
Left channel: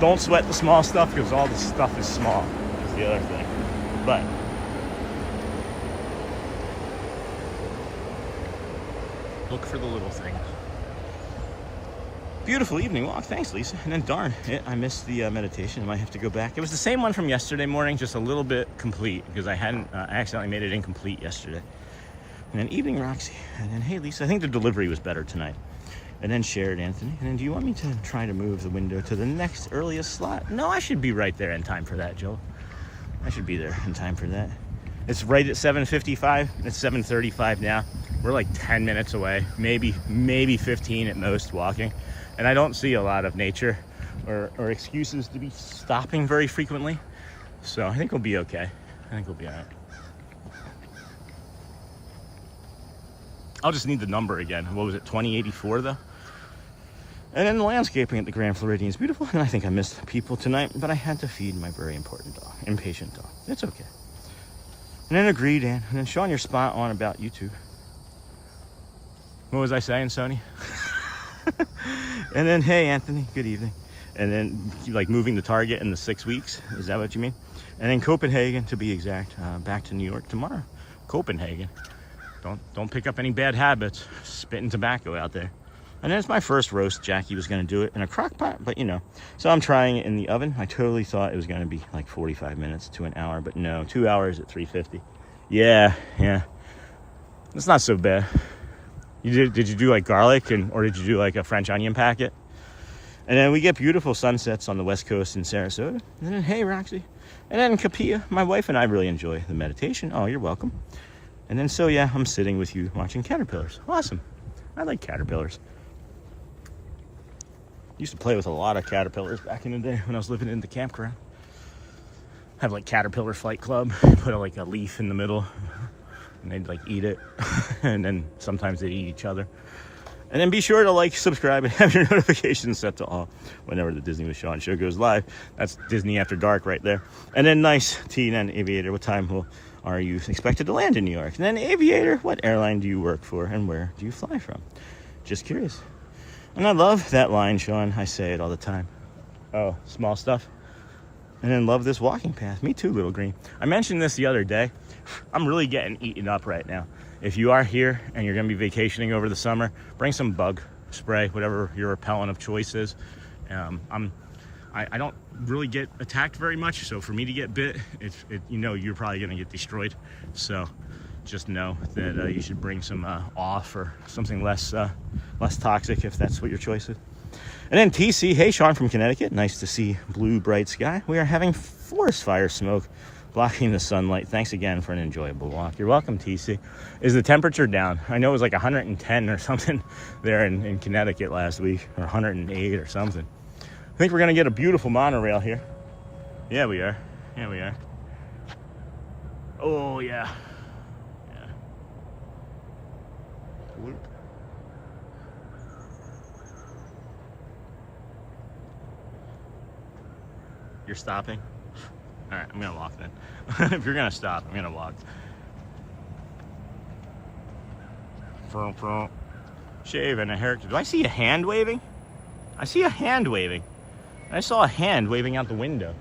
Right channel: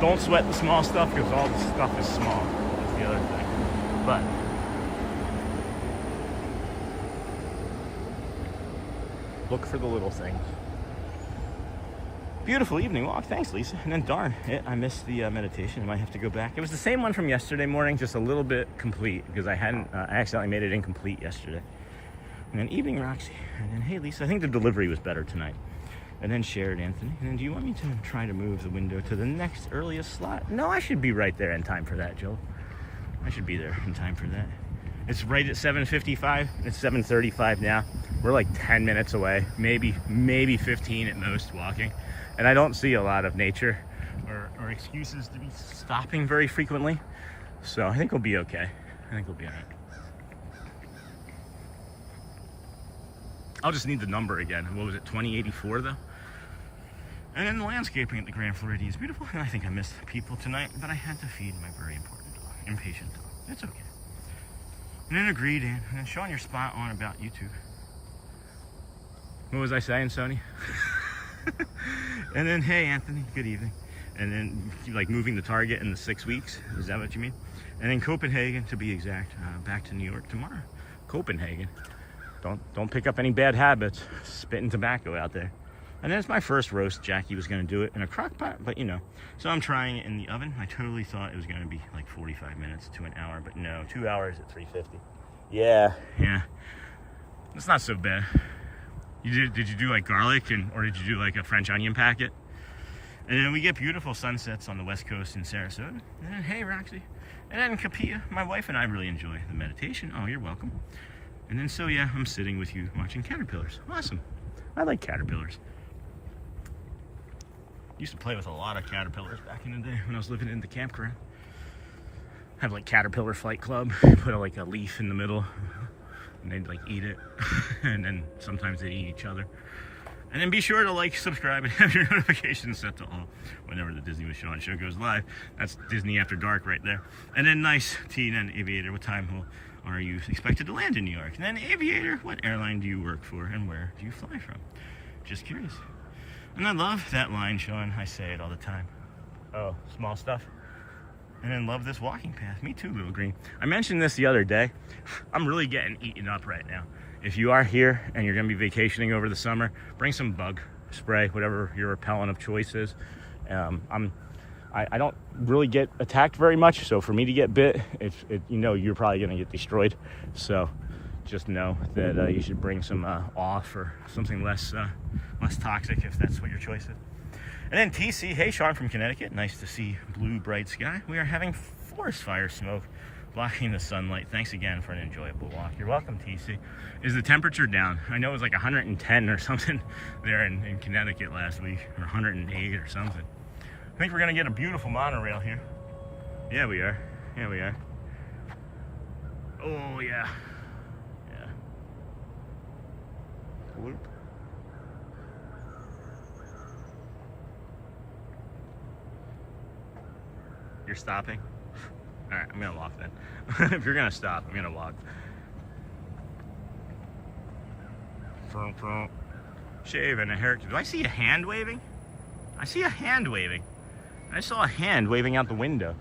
Don't sweat the small stuff because all the stuff is small. That's the other thing. But look for the little things. Beautiful evening walk. Thanks, Lisa. And then darn it, I missed the meditation. I might have to go back. It was the same one from yesterday morning, just a little bit complete because I hadn't, I accidentally made it incomplete yesterday. And then evening Roxy. And then, hey, Lisa, I think the delivery was better tonight. And then shared Anthony. And then, do you want me to try to move the window to the next earliest slot? No, I should be right there in time for that, Joel. I should be there in time for that. It's right at 7:55. It's 7:35 now. We're like 10 minutes away, maybe 15 at most walking. And I don't see a lot of nature or excuses to be stopping very frequently. So I think we'll be okay. I think we'll be all right. I'll just need the number again. What was it, 2084 though? And then the landscaping at the Grand Floridian is beautiful. And I think I missed people tonight, but I had to feed my very important dog, impatient dog. It's okay. And then agreed, and then Sean, you're spot on about YouTube. What was I saying, Sony? And then, hey, Anthony, good evening. And then, like, moving the target in the 6 weeks. Is that what you mean? And then Copenhagen, to be exact. Back to New York tomorrow. Copenhagen. Don't pick up any bad habits. Spitting tobacco out there. And then it's my first roast. Jackie was going to do it in a crock pot, but you know. So I'm trying it in the oven. I totally thought it was going to be like 45 minutes to an hour, but no. 2 hours at 350. Yeah. It's not so bad. Did you do like garlic or did you do like a French onion packet? And then we get beautiful sunsets on the West Coast in Sarasota. And then, hey, Roxy. And then Kapia, my wife and I really enjoy the meditation. Oh, you're welcome. And then, so yeah, I'm sitting with you watching caterpillars. Awesome. I like caterpillars. Used to play with a lot of caterpillars back in the day when I was living in the campground. Have like Caterpillar Flight Club. Put like a leaf in the middle. And they'd like eat it. And then sometimes they'd eat each other. And then be sure to like, subscribe, and have your notifications set to all whenever the Disney with Sean show goes live. That's Disney After Dark right there. And then nice, Tina and Aviator, what time are you expected to land in New York? And then Aviator, what airline do you work for and where do you fly from? Just curious. And I love that line, Sean. I say it all the time. Oh, small stuff. And then love this walking path. Me too, Little Green. I mentioned this the other day. I'm really getting eaten up right now. If you are here and you're going to be vacationing over the summer, bring some bug spray, whatever your repellent of choice is. I don't really get attacked very much, so for me to get bit, you know you're probably going to get destroyed. So just know that you should bring some off or something less toxic if that's what your choice is. And then TC, hey Sean from Connecticut, nice to see blue bright sky. We are having forest fire smoke blocking the sunlight. Thanks again for an enjoyable walk. You're welcome, TC. Is the temperature down? I know it was like 110 or something there in Connecticut last week, or 108 or something. I think we're gonna get a beautiful monorail here. Yeah, we are. Yeah, we are. Oh yeah. Yeah. Whoop. You're stopping? All right, I'm gonna walk then. If you're gonna stop, I'm gonna walk. Shave and a haircut. Do I see a hand waving? I see a hand waving. I saw a hand waving out the window.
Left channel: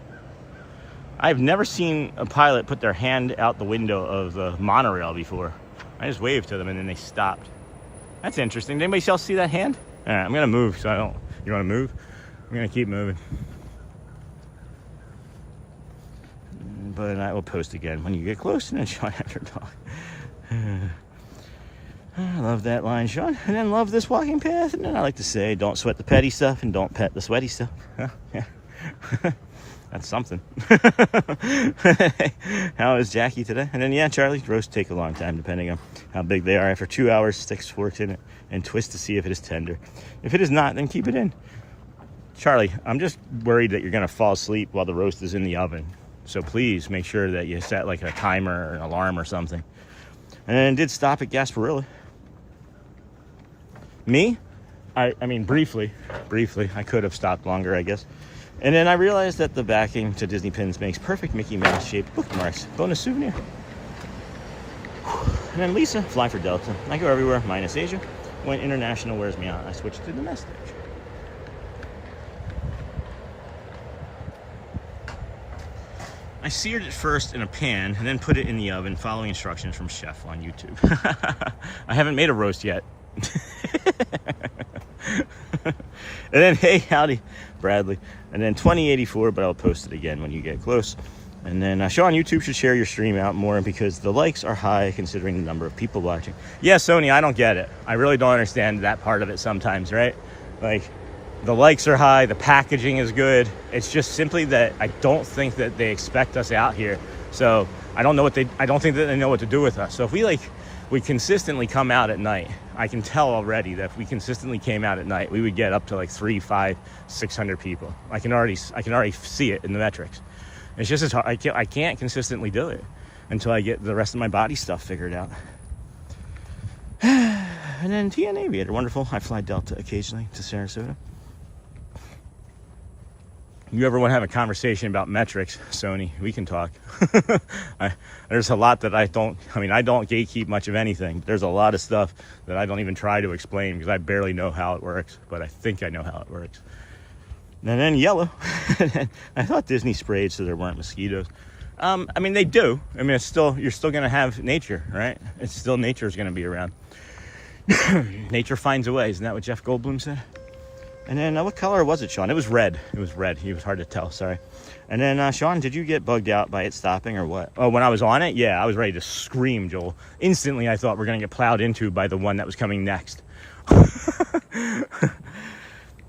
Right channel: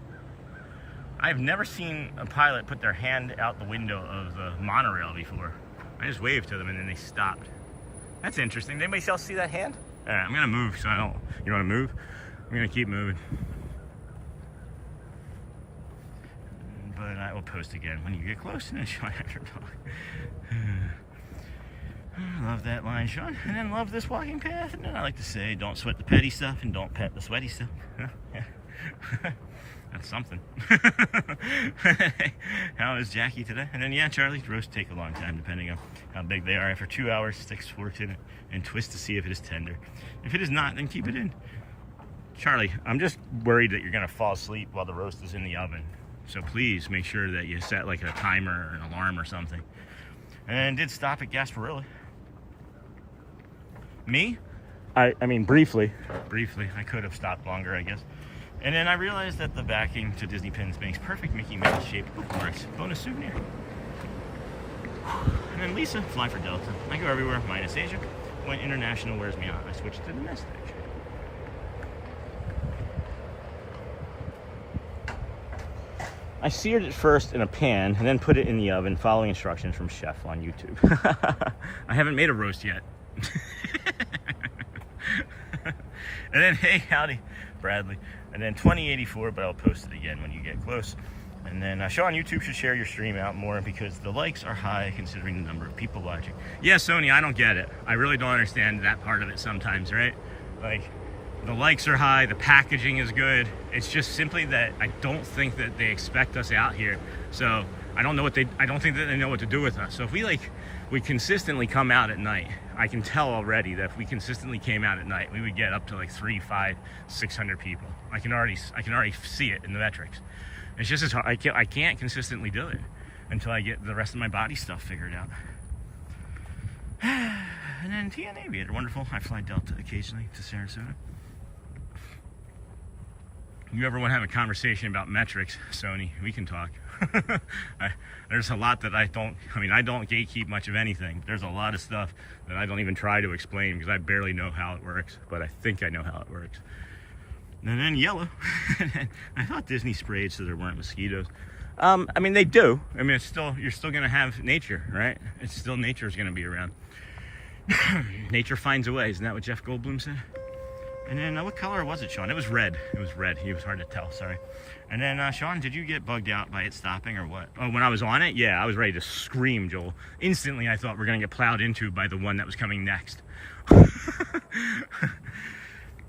I've never seen a pilot put their hand out the window of the monorail before. I just waved to them and then they stopped. That's interesting. Did anybody else see that hand? All right, I'm gonna move so I don't. You wanna move? I'm gonna keep moving. But I will post again when you get close and then Sean after talk. I love that line, Sean. And then love this walking path. And then I like to say, don't sweat the petty stuff and don't pet the sweaty stuff. Huh? Yeah. That's something. How is Jackie today? And then, yeah, Charlie, roast take a long time depending on how big they are. After 2 hours, sticks forks in it and twist to see if it is tender. If it is not, then keep it in. Charlie, I'm just worried that you're going to fall asleep while the roast is in the oven. So please make sure that you set like a timer or an alarm or something. And then did stop at Gasparilla. Me? I mean, briefly. I could have stopped longer, I guess. And then I realized that the backing to Disney pins makes perfect Mickey Mouse shaped bookmarks. Bonus souvenir. And then Lisa, fly for Delta. I go everywhere, minus Asia. when international wears me out, I switch to domestic. I seared it first in a pan and then put it in the oven following instructions from Chef on YouTube. I haven't made a roast yet. And then, hey, howdy, Bradley. And then 2084, but I'll post it again when you get close. And then Sean, YouTube should share your stream out more because the likes are high considering the number of people watching. Yeah, Sony, I don't get it. I really don't understand that part of it sometimes, right? Like, the likes are high, the packaging is good. It's just simply that I don't think that they expect us out here. So I don't think that they know what to do with us. So if we consistently come out at night, I can tell already that if we consistently came out at night, we would get up to like 300, 500, 600 people. I can already see it in the metrics. It's just as hard. I can't consistently do it until I get the rest of my body stuff figured out. And then TN Aviator, wonderful. I fly Delta occasionally to Sarasota. You ever want to have a conversation about metrics, Sony, we can talk. There's a lot that I don't gatekeep much of anything. There's a lot of stuff that I don't even try to explain because I barely know how it works, but I think I know how it works. And then yellow. I thought Disney sprayed so there weren't mosquitoes. I mean, they do. I mean, you're still going to have nature, right? Nature is going to be around. Nature finds a way. Isn't that what Jeff Goldblum said? And then what color was it, Sean? It was red. It was red. It was hard to tell. Sorry. And then, Sean, did you get bugged out by it stopping or what? Oh, when I was on it? Yeah, I was ready to scream, Joel. Instantly, I thought we're going to get plowed into by the one that was coming next.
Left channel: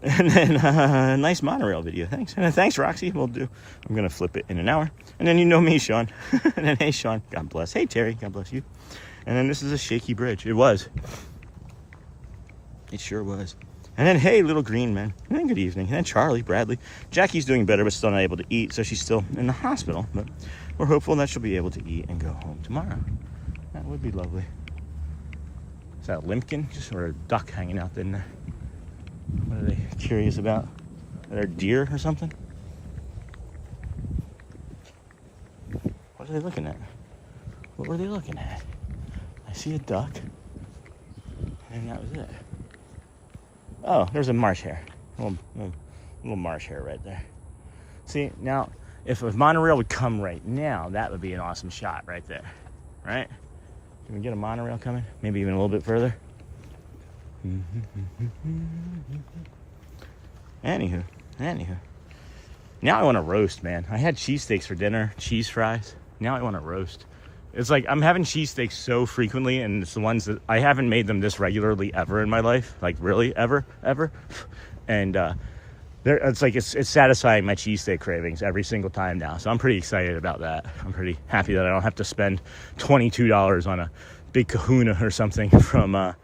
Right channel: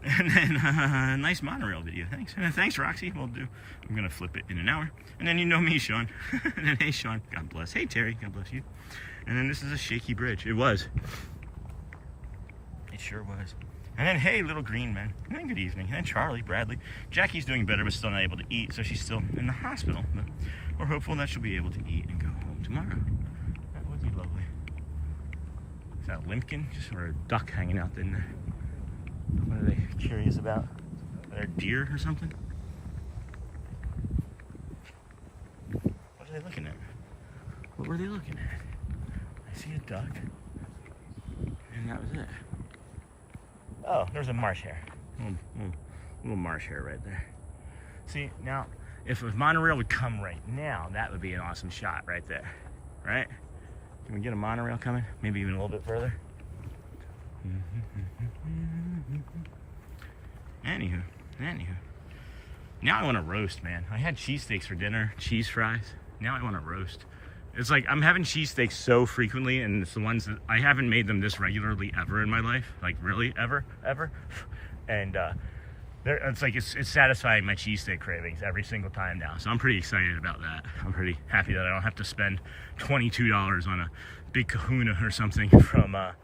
And then, nice monorail video. Thanks. And then, thanks, Roxy. We'll do. I'm going to flip it in an hour. And then you know me, Sean. And then, hey, Sean. God bless. Hey, Terry. God bless you. And then this is a shaky bridge. It was. It sure was. And then, hey, little green man. And then good evening. And then Charlie, Bradley. Jackie's doing better, but still not able to eat, so she's still in the hospital. But we're hopeful that she'll be able to eat and go home tomorrow. That would be lovely. Is that a limpkin? Or a duck hanging out in there? What are they curious about? Are they a deer or something? What are they looking at? What were they looking at? I see a duck. And that was it. Oh, there's a marsh hare. Little marsh hare right there. See, now, if a monorail would come right now, that would be an awesome shot right there. Right? Can we get a monorail coming? Maybe even a little bit further? Anywho. Now I want to roast, man. I had cheesesteaks for dinner, cheese fries. Now I want to roast. It's like I'm having cheesesteaks so frequently, and it's the ones that I haven't made them this regularly ever in my life. Like really, ever. And it's satisfying my cheesesteak cravings every single time now. So I'm pretty excited about that. I'm pretty happy that I don't have to spend $22 on a big kahuna or something from,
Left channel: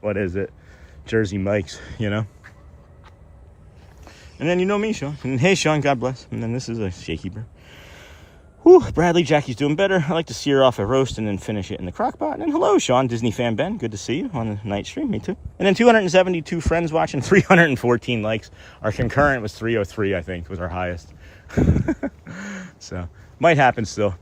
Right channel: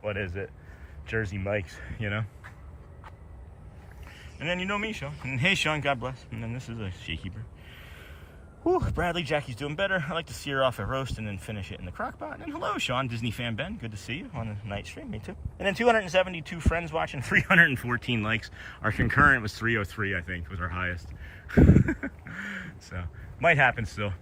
what is it? Jersey Mike's, you know? And then you know me, Sean. And hey, Sean, God bless. And then this is a shaky bird. Whew, Bradley, Jackie's doing better. I like to sear off a roast and then finish it in the crock pot. And hello, Sean, Disney fan Ben. Good to see you on the night stream. Me too. And then 272 friends watching, 314 likes. Our concurrent was 303, I think, was our highest. So, might happen still.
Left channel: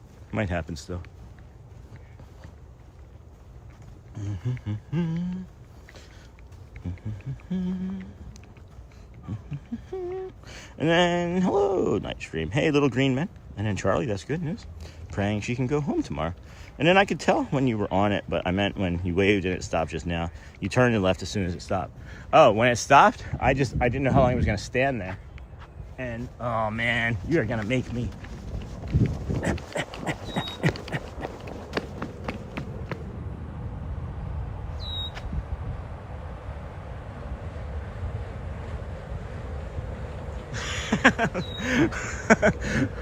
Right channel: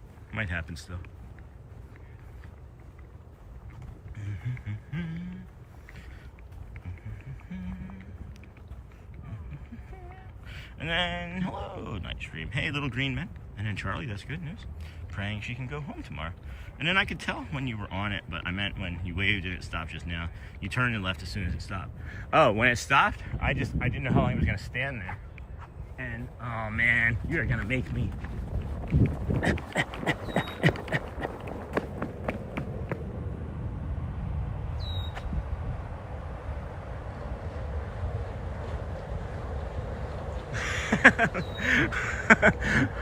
And then, hello, night stream. Hey, little green man. And then Charlie, that's good news. Praying she can go home tomorrow. And then I could tell when you were on it, but I meant when you waved and it stopped just now. You turned and left as soon as it stopped. Oh, when it stopped, I didn't know how long it was gonna stand there. And, oh man, you're gonna make me.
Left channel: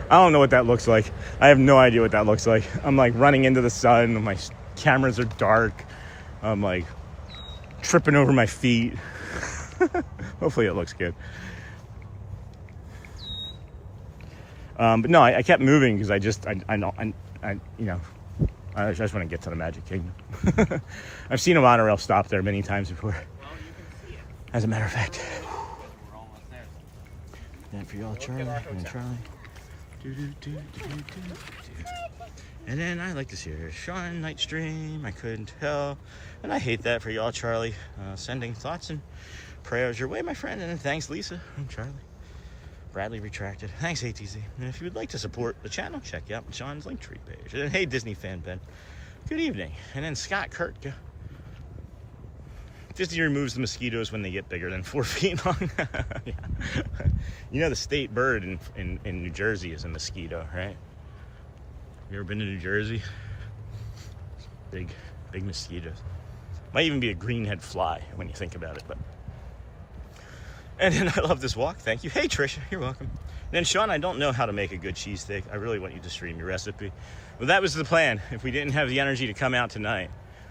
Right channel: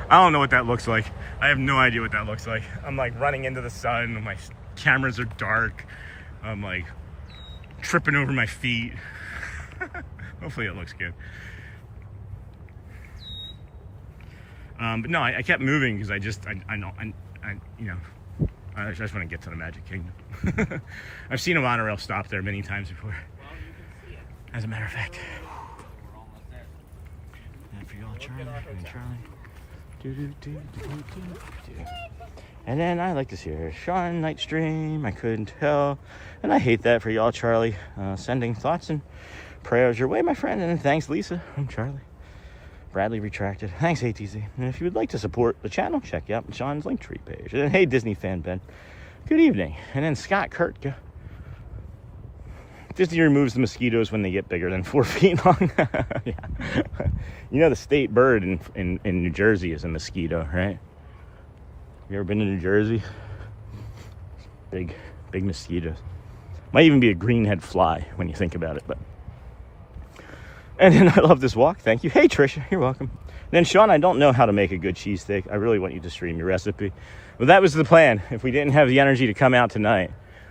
I don't know what that looks like. I have no idea what that looks like. I'm like running into the sun. My cameras are dark. I'm like tripping over my feet. Hopefully it looks good. But no, I kept moving because I just want to get to the Magic Kingdom. I've seen a monorail stop there many times before. Well, you can see it. As a matter of fact. We're almost there. And for y'all, Charlie, and then Charlie. And then I like to see her Sean night stream. I couldn't tell. And I hate that for y'all, Charlie. Sending thoughts and prayers your way, my friend. And thanks, Lisa. I'm Charlie. Bradley retracted. Thanks, ATZ. And if you would like to support the channel, check out Sean's Linktree page. And hey, Disney fan Ben, good evening. And then Scott Kurtka. Disney removes the mosquitoes when they get bigger than 4 feet long. Yeah. You know the state bird in New Jersey is a mosquito, right? You ever been to New Jersey? Big mosquitoes. Might even be a greenhead fly when you think about it. But and then I love this walk. Thank you. Hey, Trisha, you're welcome. And then Sean, I don't know how to make a good cheesesteak. I really want you to stream your recipe. But that was the plan. If we didn't have the energy to come out tonight,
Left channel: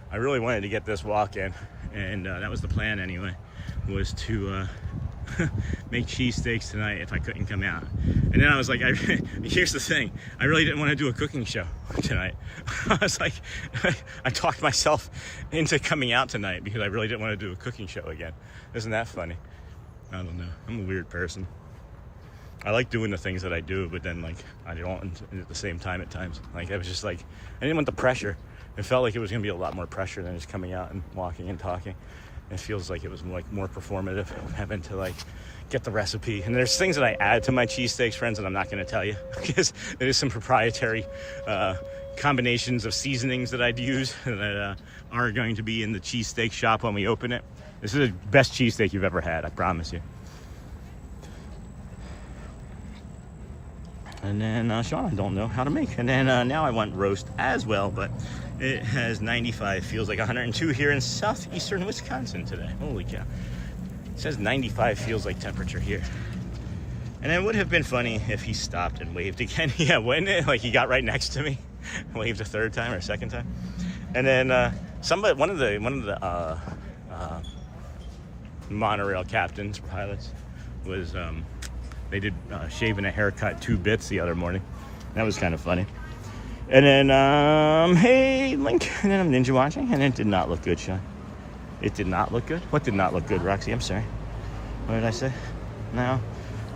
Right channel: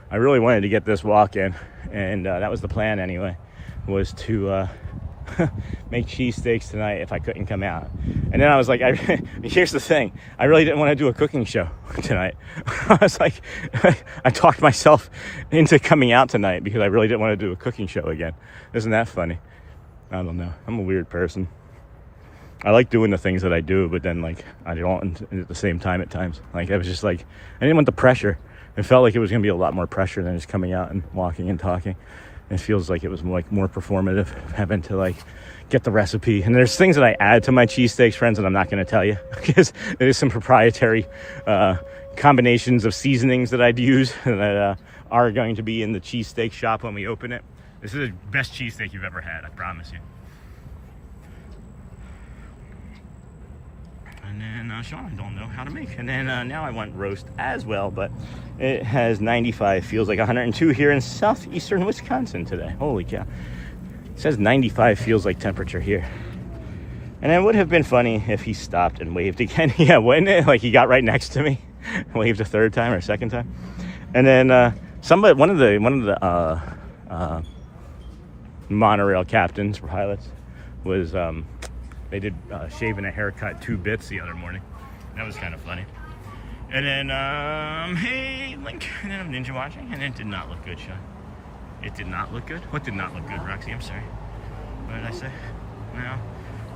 I really wanted to get this walk in. And that was the plan anyway, was to make cheesesteaks tonight if I couldn't come out. And then I was like, here's the thing. I really didn't want to do a cooking show tonight. I was like, I talked myself into coming out tonight because I really didn't want to do a cooking show again. Isn't that funny? I don't know. I'm a weird person. I like doing the things that I do, but then like I don't at the same time at times. Like I was just like, I didn't want the pressure. It felt like it was going to be a lot more pressure than just coming out and walking and talking. It feels like it was like more performative, having to like get the recipe. And there's things that I add to my cheesesteaks, friends, that I'm not going to tell you because there's some proprietary combinations of seasonings that I'd use that are going to be in the cheesesteak shop when we open it. This is the best cheesesteak you've ever had, I promise you. And then Sean, I don't know how to make. And then now I want roast as well, but it has 95, feels like 102 here in southeastern Wisconsin today. Holy cow. It says 95 feels like temperature here. And it would have been funny if he stopped and waved again. Yeah, wouldn't it? Like he got right next to me, waved a third time or second time. And then one of the monorail captains or pilots was they did shave and a haircut 2 bits the other morning. That was kind of funny. And then hey Link, and then I'm ninja watching, and it did not look good, Sean. It did not look good. What did not look good, Roxy? I'm sorry. What did I say? No,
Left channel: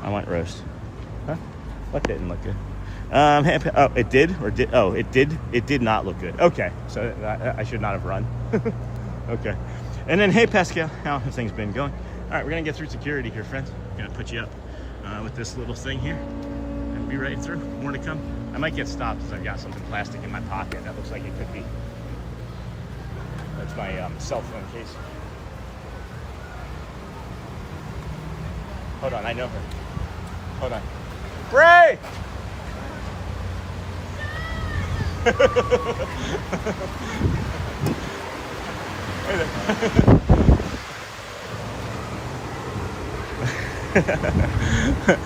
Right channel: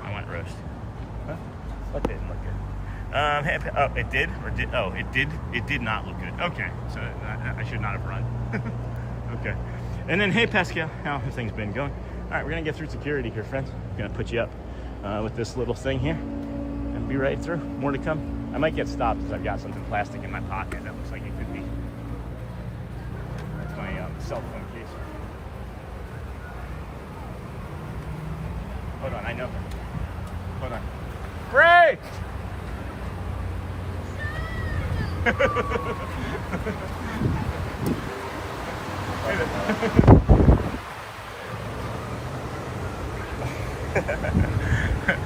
I want roast. Huh? What didn't look good? Oh, it did, or did? Oh, it did. It did not look good. Okay, so I should not have run. Okay. And then hey Pascal, how have things been going? All right, we're gonna get through security here, friend. I'm gonna put you up with this little thing here and be right through. More to come. I might get stopped because I've got something plastic in my pocket that looks like it could be. That's my cell phone case. Hold on, I know her. Hold on. Bray!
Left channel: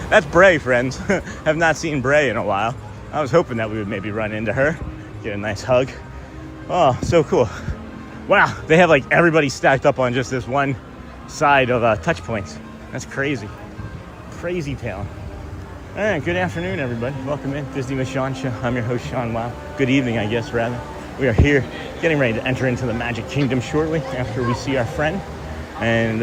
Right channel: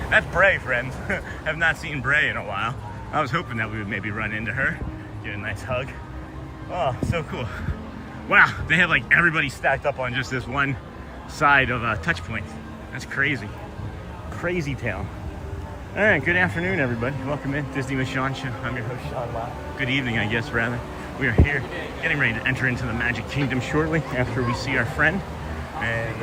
That's Bray, friends. Have not seen Bray in a while. I was hoping that we would maybe run into her, get a nice hug. Oh, so cool. Wow, they have like everybody stacked up on just this one side of touch points. That's crazy. Crazy town. All right, good afternoon, everybody. Welcome in, Disney with Sean Show. I'm your host, Sean Wow. Good evening, I guess, rather. We are here getting ready to enter into the Magic Kingdom shortly after we see our friend. And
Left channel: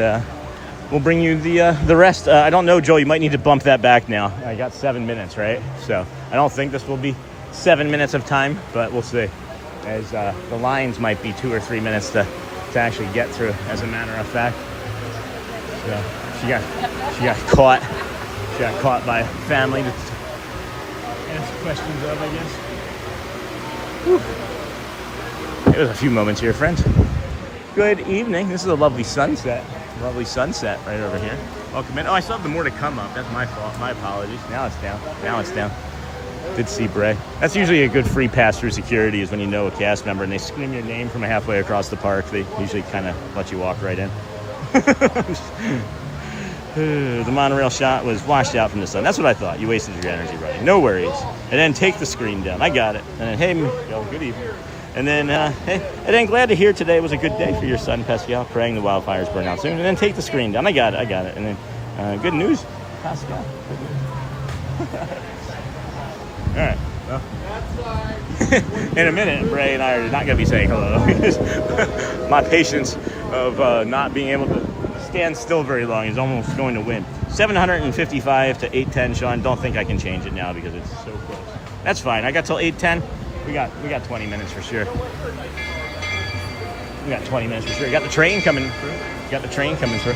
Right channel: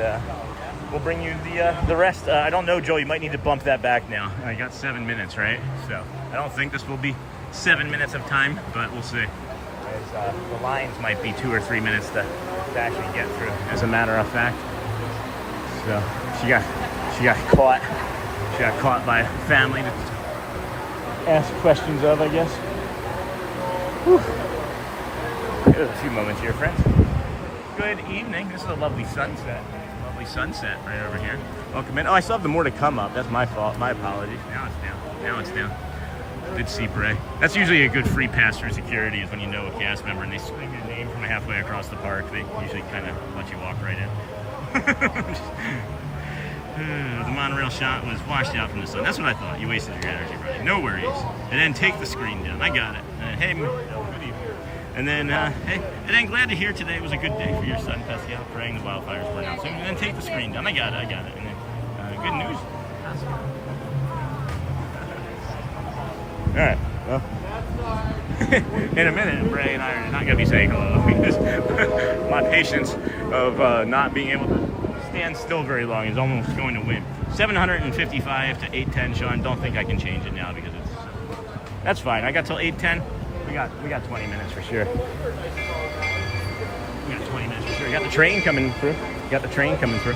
we'll bring you the rest. I don't know, Joel, you might need to bump that back now. I got 7 minutes, right? So I don't think this will be 7 minutes of time, but we'll see. As the lines might be 2 or 3 minutes to actually get through, as a matter of fact. So she got caught. She got caught by family to ask questions of, I guess. Whew. There's a few moments here, friends. Good evening. This is a lovely sunset. Lovely sunset right over here. Welcome in. Oh, I still have the more to come up. That's my fault. My apologies. Now it's down. Now it's down. Did see Bray. That's usually a good free pass through security, is when you know a cast member and they scream your name from halfway across the park. They usually kind of let you walk right in. The monorail shot was washed out from the sun. That's what I thought. You wasted your energy running. No worries. And then take the screen down. I got it. And then, hey, oh, good evening. And then, hey, and then glad to hear today was a good day for your son, Pascal, praying the wildfires burn out soon. And then take the screen down. I got it. And then, good news, Pascal. All right, well, in a minute, Bray and I are not going to be saying hello because my patience of not being able to stand still very long is almost going to win. 755 to 810, Sean. Don't think I can change it now because it's so close. That's fine. I got till 810. We got 20 minutes for sure. We got 20 minutes to through. You got the train coming through. You got the train coming through.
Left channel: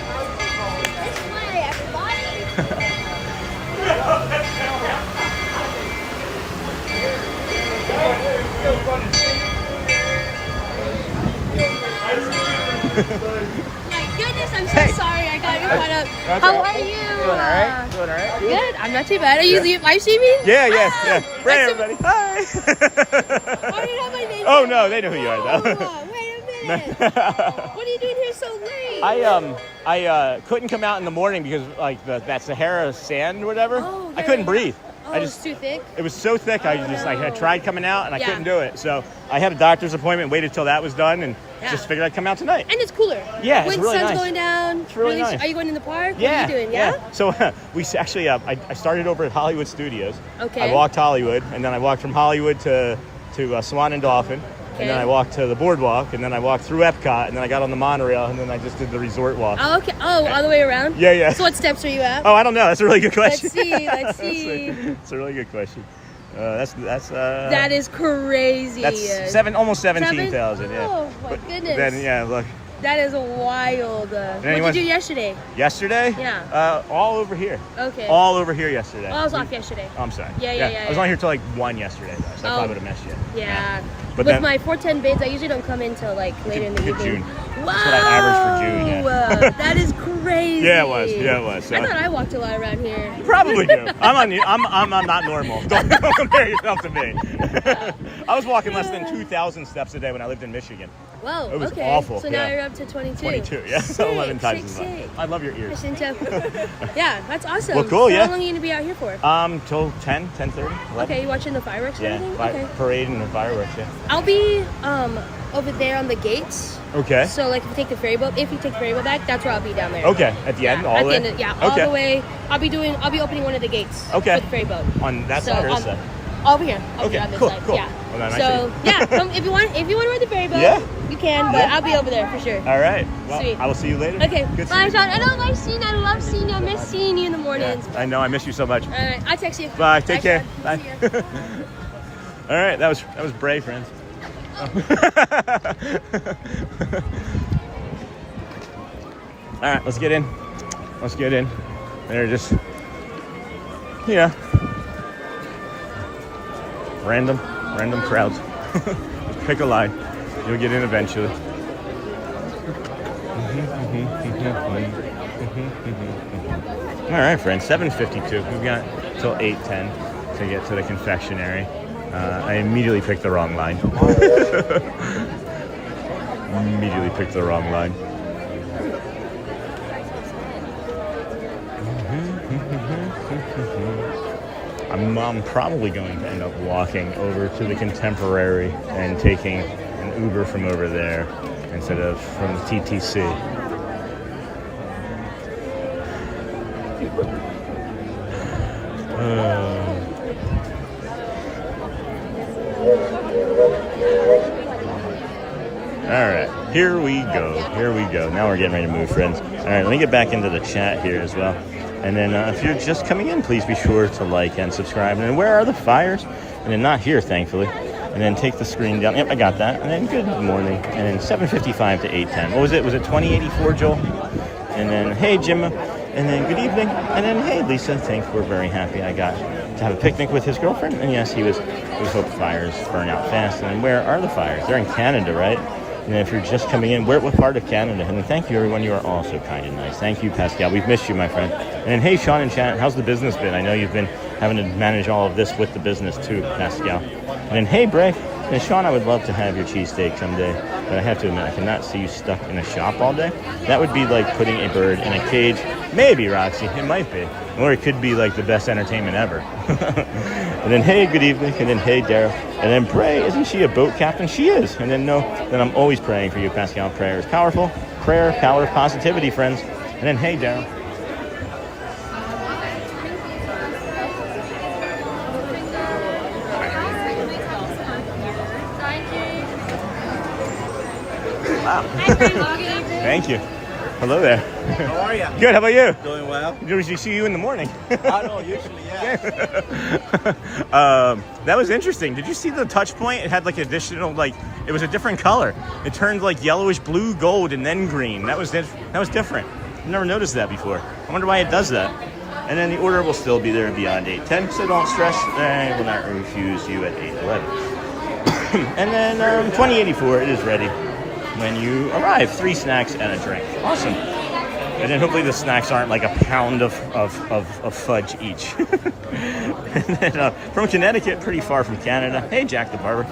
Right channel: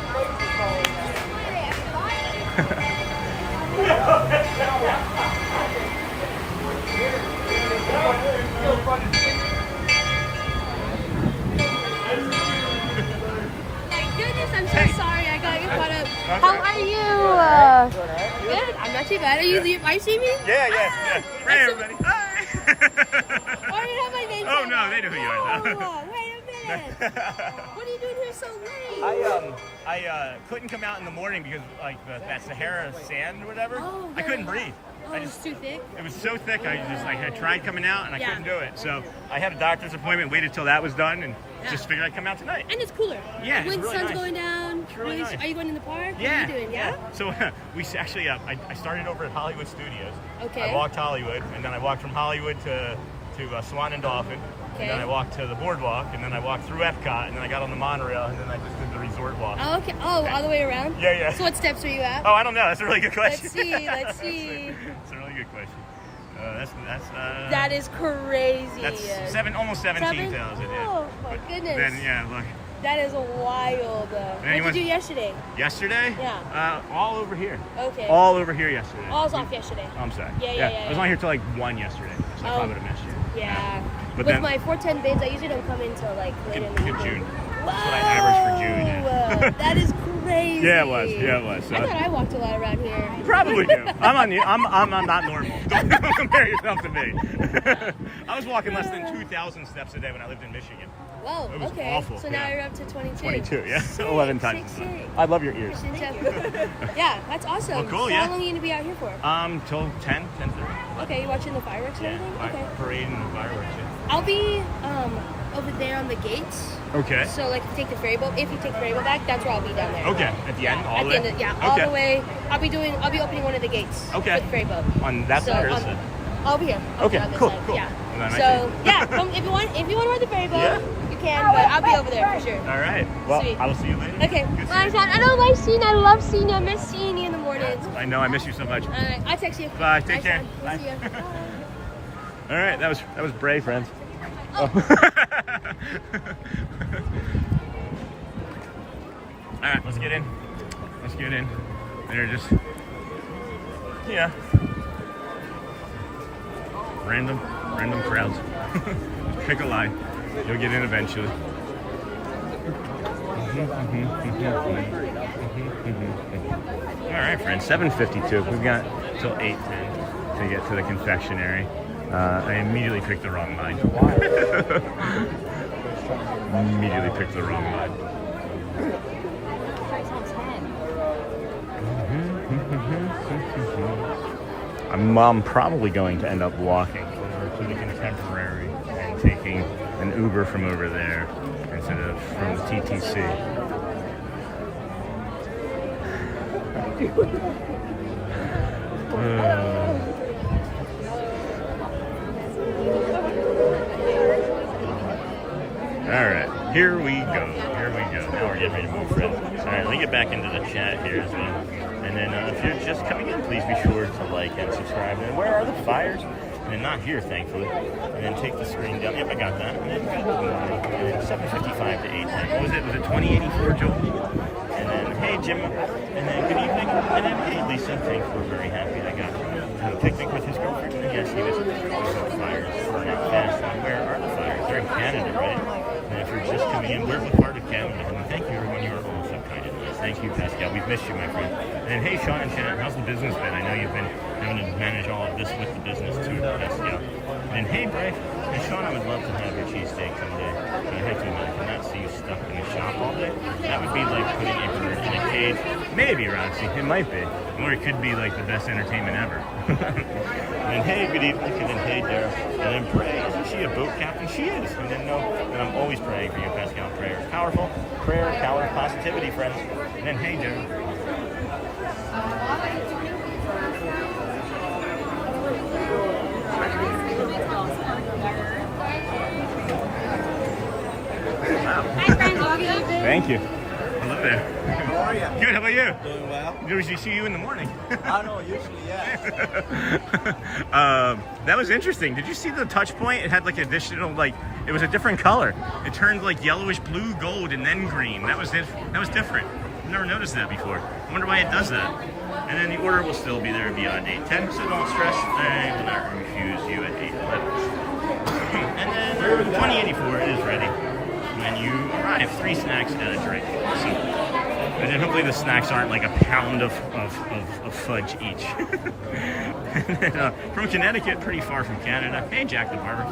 My goodness, I'm so sorry I got you caught up. How are you? Good. I'm not too bad. Are you live streaming? Yeah. Bray, everybody. Hi. Oh, I didn't have my name. Oh no, they know who you are though. Oh, wait a minute. What are you doing here so late? I couldn't come out in the morning because like that Sahara sand or whatever. Oh, I couldn't breathe. Oh, it was too thick? It was so thick, I tried coming out and I Yeah. couldn't do it. So I had a doctor's appointment, waited till that was done, and just figured I'd come out tonight. And it's cooler. Yeah, when it's really sun's nice. going down. It's really nice. Are you going in the park? Yeah. What are you doing? Yeah. So we actually, I started over at Hollywood Studios. Okay. I walked Hollywood, and then I walked from Hollywood to Swan and Dolphin. And then I walked to the BoardWalk, and then I walked through EPCOT, and then I got on the monorail, and then I just did the resort walk. Oh, okay. Oh, all the way around? Yeah. So what steps are you at? Oh, I don't know. That's a really good question. Let's see. It's a really good question. That is crazy. That's almost 17,000. Yeah. Oh my goodness. Then look. That is wild. What did you do yesterday? Yesterday? Yeah. All over here. Okay. All over here yesterday. Oh, I was off yesterday. Oh, I'm sorry. Yeah. I was on here till like 1 yesterday, though, so I probably would have missed you. Yeah. But with then, my 410 bids, I usually don't come in till like later in the good evening. June. That's what I averaged for June. Yeah. That is crazy. Yeah, it was. So, I thought I walked a lot around here. You probably do. I'm not normal. Don't compare yourself to me. I was walking less than 2,000 steps a day when I lived in Michigan. Whoa. It was okay. awful. So now you're up to 22. 22. Yeah. 11 times as much. I love your ears. Yeah, that's awesome. Well, cool. So Yeah. How long are you gonna be out here for? Till 10:30. Okay, you watching the fireworks or anything? Okay. Parade and the fireworks. Yeah. I'll be over there on the gates. Okay. So like if you take the ferry boat back, that's where I'll be down there. Okay. At the end, all the way. All Okay. the way. I'll be opening one of the gates. Okay. With the ferry boat. On that side or this side? Over here. Okay. On this Cool. side. Cool. Yeah. Well, then I So if you want to ride the ferry boat, you can. But I'll be over there for sure. All right. Well, Sweet. I will see you later. Okay. Good Bye, Sean. I love seeing you. I love seeing you. I miss seeing you in the mornings. I know. I miss you so much. All right. I'll text you. Bye. Take care. Sean. Bye. We'll see you. All right. That was Bray, friends. Oh. All right. Let's get in. They're just, random crowds. Pick a line. You'll get in eventually. All right, friends. 7:52. We've got till 8:10 to get to the confectionery. I immediately picked the wrong line. I'm probably going to end up walking over to the Contemporary and taking an Uber from over there instead of from the TTC. All right, here we go. Now we're getting ready to move, friends. All right, let me get back into the chat here as well. And then if you're just coming in, please be sure to like and subscribe. And where are the fires? And then not here, thankfully. And then take the screen down. Yep, I got that. And then good morning. And then 7:55 to 8:10. What was it? Was it 2084, Joel? And then, hey, Jim. And then good evening. And then, hey, Lisa. Thanks. We're very happy I got to have a picnic with his girlfriend. And yes, he hope the fires burn out fast. And where are the fires? They're in Canada, right? And if you're just coming in, what part of Canada? And thank you, everyone. You are all so kind and nice. Thank you, Pascal. We've missed you, my friend. And Hey, Sean in chat, how's the business been? I know you've been having to manage all of this with the business too, Pascal. And then Hey, Bray. And Sean, I would love to have your cheesesteak someday, but I have to admit, I cannot see you stuck in a shop all day. That would be like putting a bird in a cage. Maybe, Roxy, it might be. Or it could be like the best entertainment ever. And then, hey, good evening. And then, hey, Daryl. And then, Bray, isn't she a boat captain? She is. And then, no, then I'm always praying for you, Pascal. Prayer is powerful. Prayer, power, positivity, friends. And then, hey, Daryl. Wow. Thank you. Hello there. How are you? Good, how about you? Doing well. Usually see you in the morning. I know, usually, yeah. That was interesting. Did you see the touch point? It had like additional, like, it was a different color. It turned like yellowish blue, gold, and then green. That was different. I've never noticed that before. I wonder why it does that. And then the order will still be there beyond 8:10, so don't stress. And we'll not refuse you at 8:11. And then 2084 is ready when you arrive. 3 snacks and a drink. Awesome. And then hopefully the snacks aren't like a pound of fudge each. And then, from Connecticut, pretty far from Canada. Hey, Jack the Barber.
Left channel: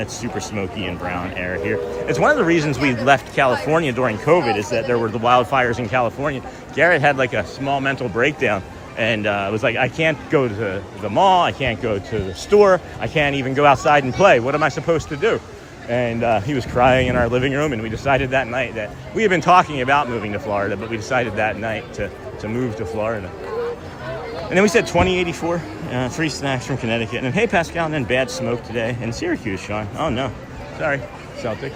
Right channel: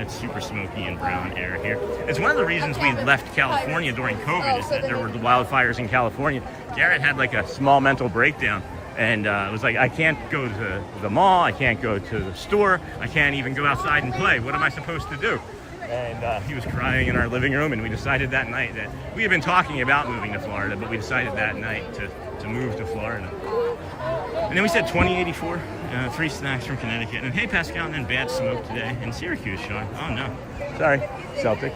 It's super smoky and brown air here. It's one of the reasons we left California during COVID is that there were the wildfires in California. Garrett had like a small mental breakdown and it was like, I can't go to the mall, I can't go to the store, I can't even go outside and play. What am I supposed to do? And he was crying in our living room, and we decided that night that we had been talking about moving to Florida, but we decided that night to move to Florida. And then we said 2084, 3 snacks from Connecticut. And hey, Pascal, and then bad smoke today in Syracuse, Sean. Oh, no. Sorry, Celtic.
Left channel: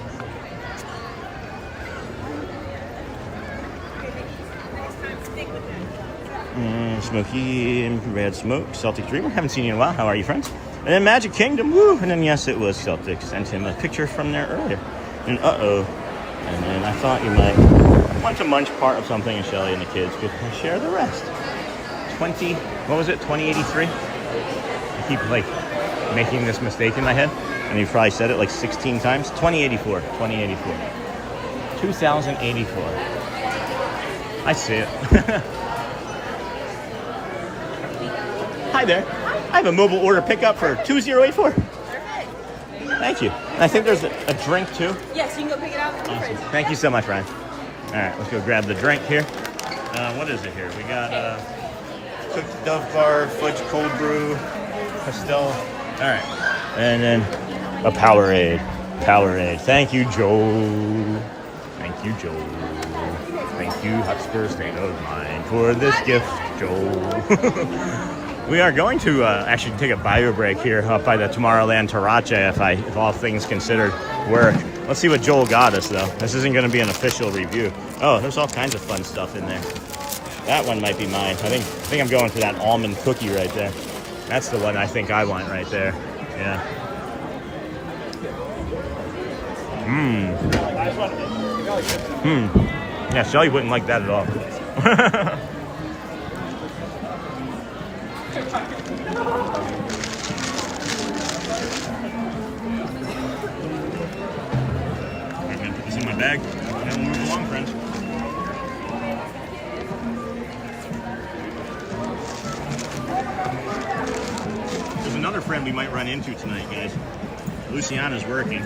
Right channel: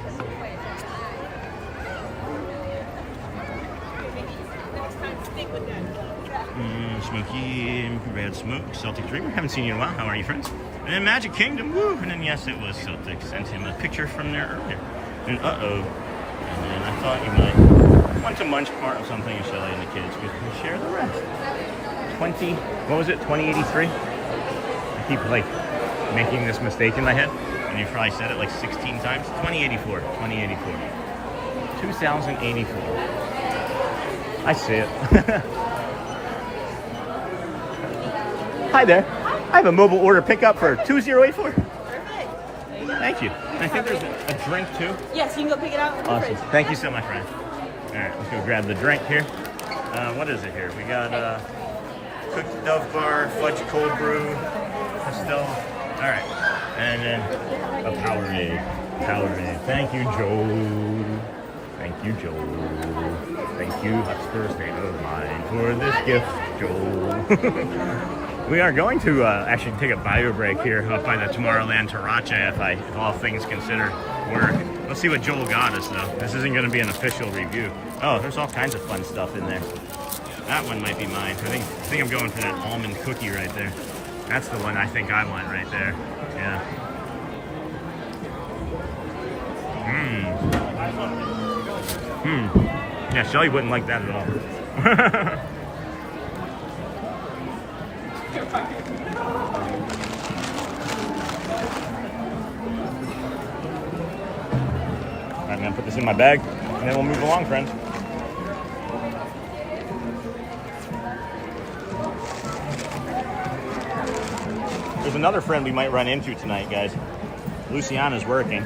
Smoky and bad smoke, Celtic Dreamer. Haven't seen you in a while. How are you, friends? And then Magic Kingdom, woo! And then, yes, it was Celtic. Sent him a picture from there earlier. And uh-oh. And then I thought you might want to munch part of something, and Shelly and the kids could share the rest. 2083? I keep, like, making this mistake in my head. And you've probably said it, like, 16 times. 2084. 2084. I see it. Hi there. I have a mobile order pickup for 2084. Thank you. And I think there's a drink too. Yes, you can go pick it up. Awesome. Thank you so much, Ryan. All right, let's go grab the drink here. What is it here? We got cooked Dove Bar, fudge cold brew, pastel. All right. And then a Powerade. Powerade. Thank you, Joe. Thank you, Joe. Thank you, Hotspur State of Mind, for this gift, Joe. We are going to actually take a bio break here up by the Tomorrowland Tarache if all things considered work. Let's see what Joel got us, though. This isn't going to be an official review. Oh, there's all kinds of fun stuff in there. That one might be mine. I think I'm going for that almond cookie right there. That's the one I think I want right there. Yeah. Yeah, Shelly wouldn't like that at all. Alright, man, put this in my bag, and then we'll move along, friends. There's another friend we might run into tonight, guys. Luciana's working.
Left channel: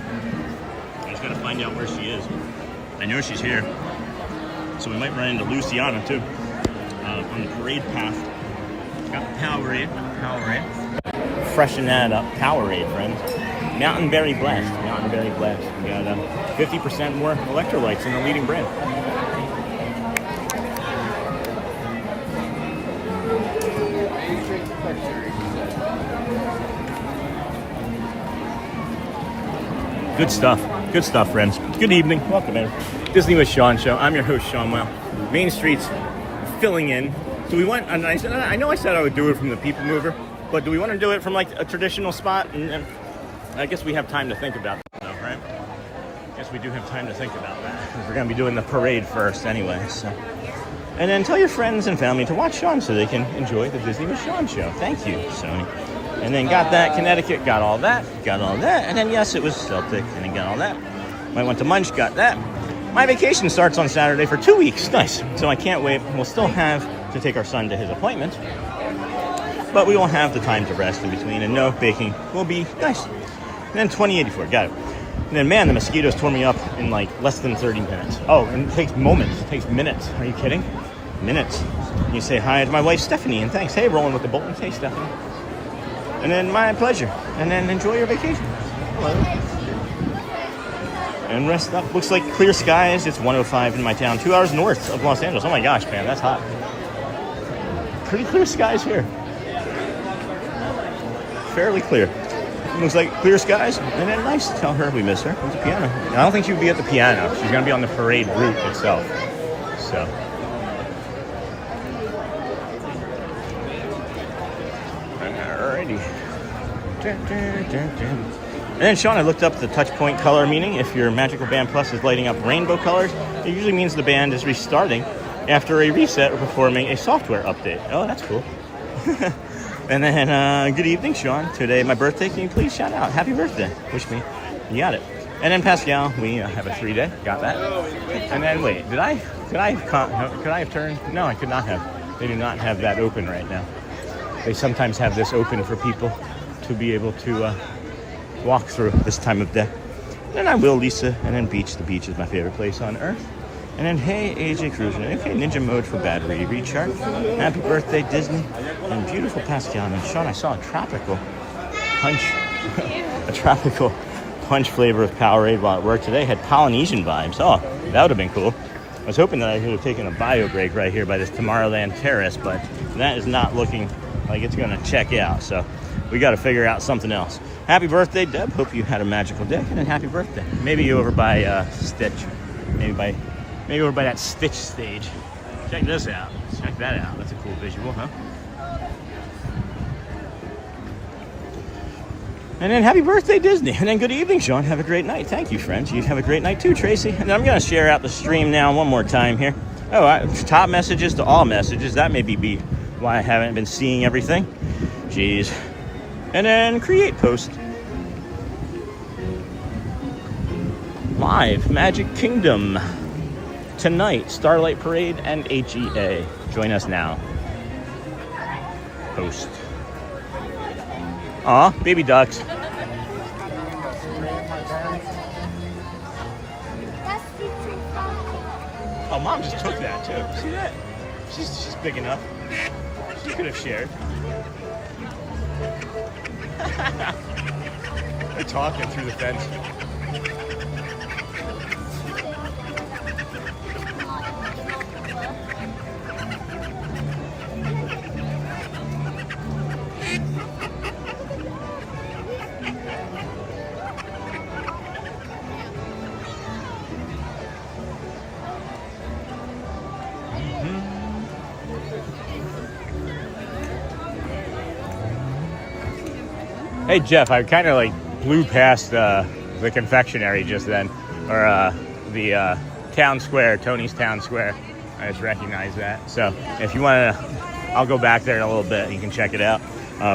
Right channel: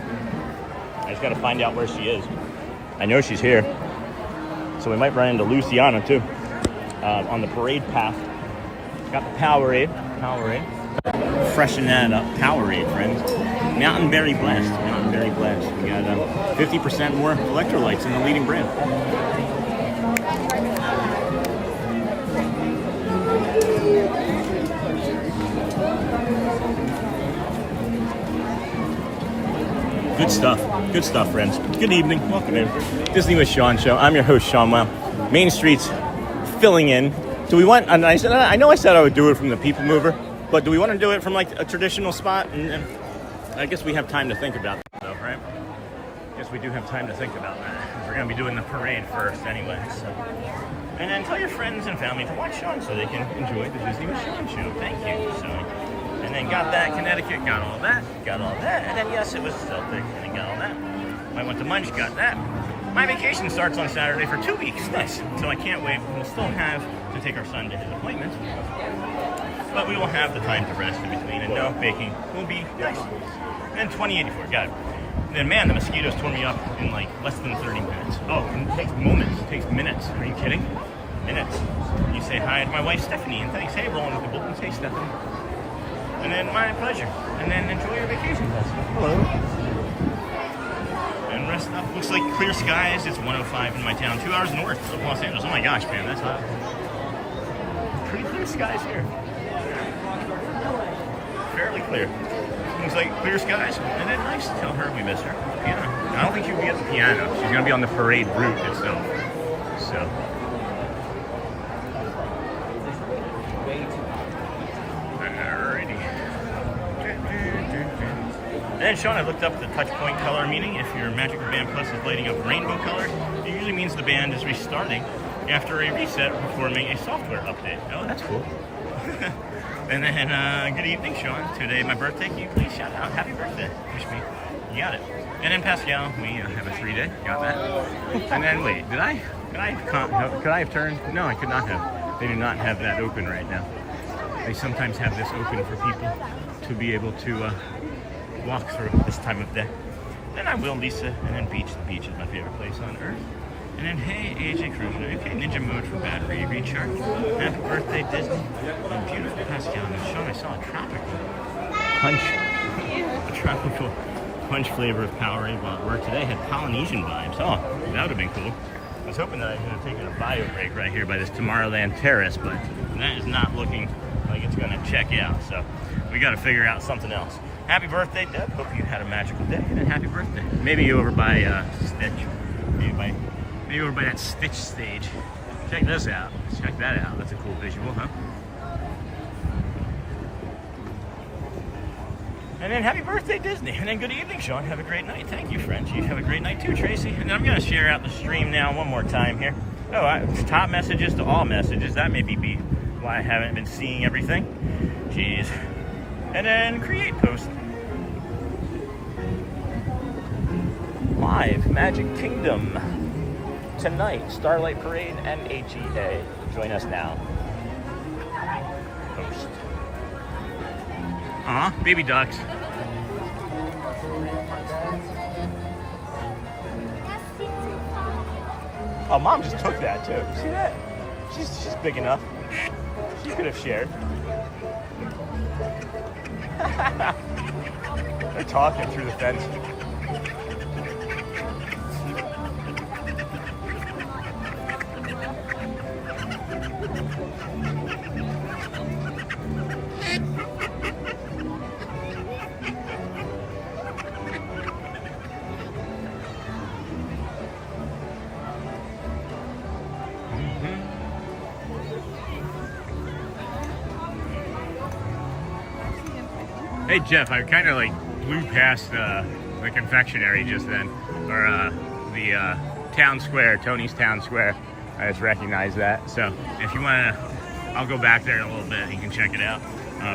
I just gotta find out where she is. I know she's here. So we might run into Luciana, too, on the parade path. Got Powerade. Freshen that up. Powerade, friends. Mountain Berry Blast. We got 50% more electrolytes in the leading brand. Good stuff, friends. Good evening. Welcome in. Disney with Sean Show. I'm your host, Sean Wow. Main Street's filling in. Do we want, I know I said I would do it from the People Mover, but do we want to do it from like a traditional spot? And I guess we have time to think about that, though, right? I guess we do have time to think about that, because we're going to be doing the parade first anyway. So. And then tell your friends and family to watch Sean so they can enjoy the Disney with Sean Show. Thank you, Sony. And then got that, Connecticut, got all that. And then, yes, it was Celtic, and then got all that. I went to Munch, got that. My vacation starts on Saturday for 2 weeks. Nice. So I can't wait. We'll still have to take our son to his appointment, but we won't have the time to rest in between, and no baking will be nice. And then 2084, got it. And then, man, the mosquitoes tore me up in like less than 30 minutes. Oh, and it takes moments. It takes minutes. Are you kidding? Minutes. And you say hi to my wife, Stephanie, and thanks. Hey, rolling with the Bolton. Hey, Stephanie. And then, my pleasure. And then enjoy your vacation. Hello. And rest up. Looks like clear skies. It's 105 in my town, 2 hours north of Los Angeles. Oh my gosh, man, that's hot. Pretty clear skies here. Fairly clear. Looks like clear skies. And then nice. Tell her we miss her. At the piano. I don't think she'll be at the piano. She's going to be on the parade route itself. So. Alrighty. And then Sean, I looked up the touch point color meaning. If your Magical Band Plus is lighting up rainbow colors, it usually means the band is restarting after a reset or performing a software update. Oh, that's cool. And then, good evening, Sean. Today, my birthday. Can you please shout out happy birthday? Wish me. You got it. And then Pascal, we have a 3-day. Got that. And then wait, could I have turned? No, I could not have. They do not have that open right now. They sometimes have this open for people to be able to walk through this time of day. And I will, Lisa. And then beach. The beach is my favorite place on earth. And then, hey, AJ Cruiser. Okay, ninja mode for battery recharge. Happy birthday, Disney. And beautiful Pascal. And Sean, I saw a tropical punch. A tropical punch flavor of Powerade while at work today. Had Polynesian vibes. Oh, that would have been cool. I was hoping that I could have taken a bio break right here by this Tomorrowland Terrace, but that is not looking like it's going to check out. So we got to figure out something else. Happy birthday, Deb. Hope you had a magical day. And happy birthday. Maybe over by Stitch. Maybe over by that Stitch stage. Check this out. Check that out. That's a cool visual, huh? And then happy birthday, Disney. And then good evening, Sean. Have a great night. Thank you, friends. You have a great night too, Tracy. And I'm going to share out the stream now one more time here. Oh, top messages to all messages. That may be why I haven't been seeing everything. Jeez. And then create post. Live Magic Kingdom. Tonight, Starlight Parade and HEA. Join us now. Post. Aw, baby ducks. Oh, Mom just took that too. See that? She's big enough. She could have shared. They're talking through the fence. Hey Jeff, I kind of like blew past the confectionery just then, or the town square, Tony's Town Square. I just recognized that. So if you want to, I'll go back there in a little bit. You can check it out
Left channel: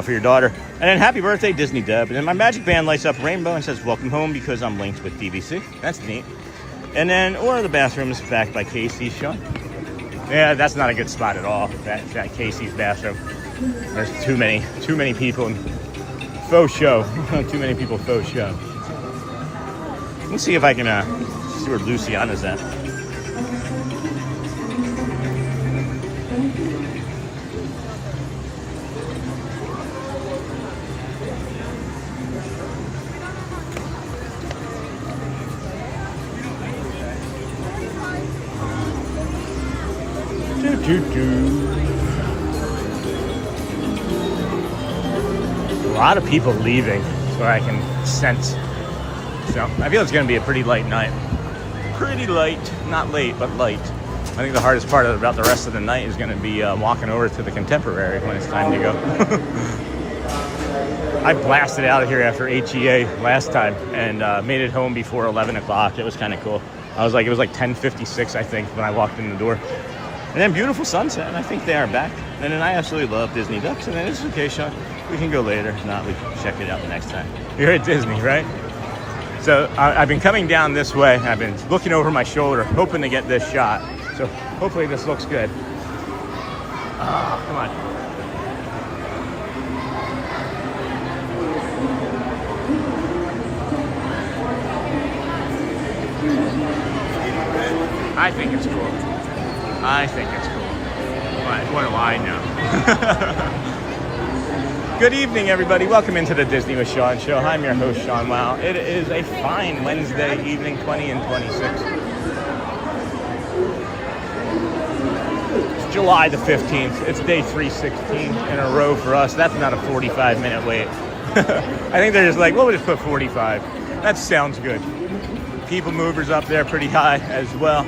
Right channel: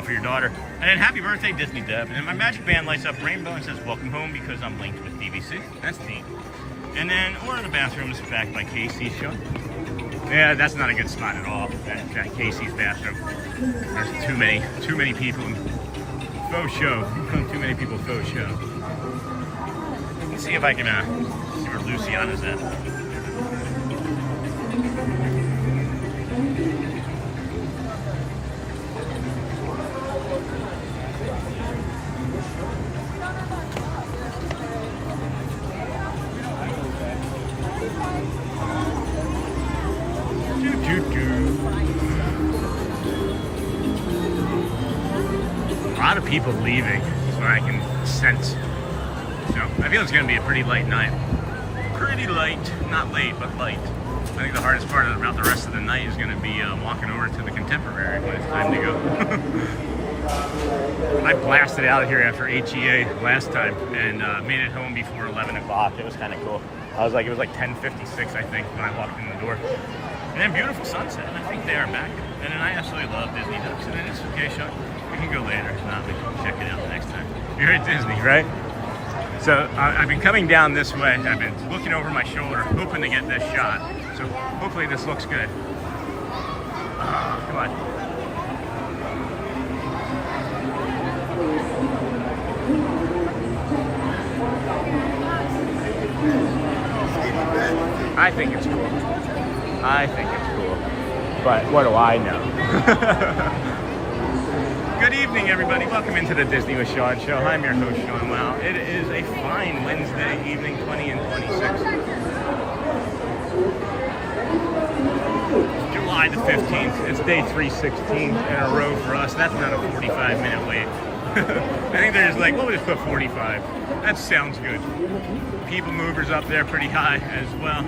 for your daughter. And then happy birthday, Disney Deb. And then my magic band lights up rainbow and says welcome home because I'm linked with DVC. That's neat. And then, or the bathroom is backed by Casey's show. Yeah, that's not a good spot at all. That Casey's bathroom. There's too many people. Faux show. Too many people faux show. Let me see if I can see where Luciana's at. A lot of people leaving where I can sense. So I feel it's going to be a pretty light night. Pretty light, not late, but light. I think the hardest part about the rest of the night is going to be walking over to the Contemporary when it's time to go. I blasted out of here after HEA last time and made it home before 11 o'clock. It was kind of cool. It was like 10:56, I think, when I walked in the door. And then beautiful sunset, and I think they are back. And then I absolutely love Disney ducks, and then it's okay, Sean. We can go later. If not, we can check it out next time. You're at Disney, right? So I've been coming down this way. I've been looking over my shoulder, hoping to get this shot. So hopefully this looks good. Come on. I think it's cool. I think it's cool. But what do I know? Good evening, everybody. Welcome into the Disney with Sean show. I'm your host, Sean Wow. It is a fine Wednesday evening, 20 and 26. It's July the 15th. It's day 316 in a row for us. That's not a 45-minute wait. I think they're just like, well, we'll just put 45. That sounds good. People movers up there pretty high as well.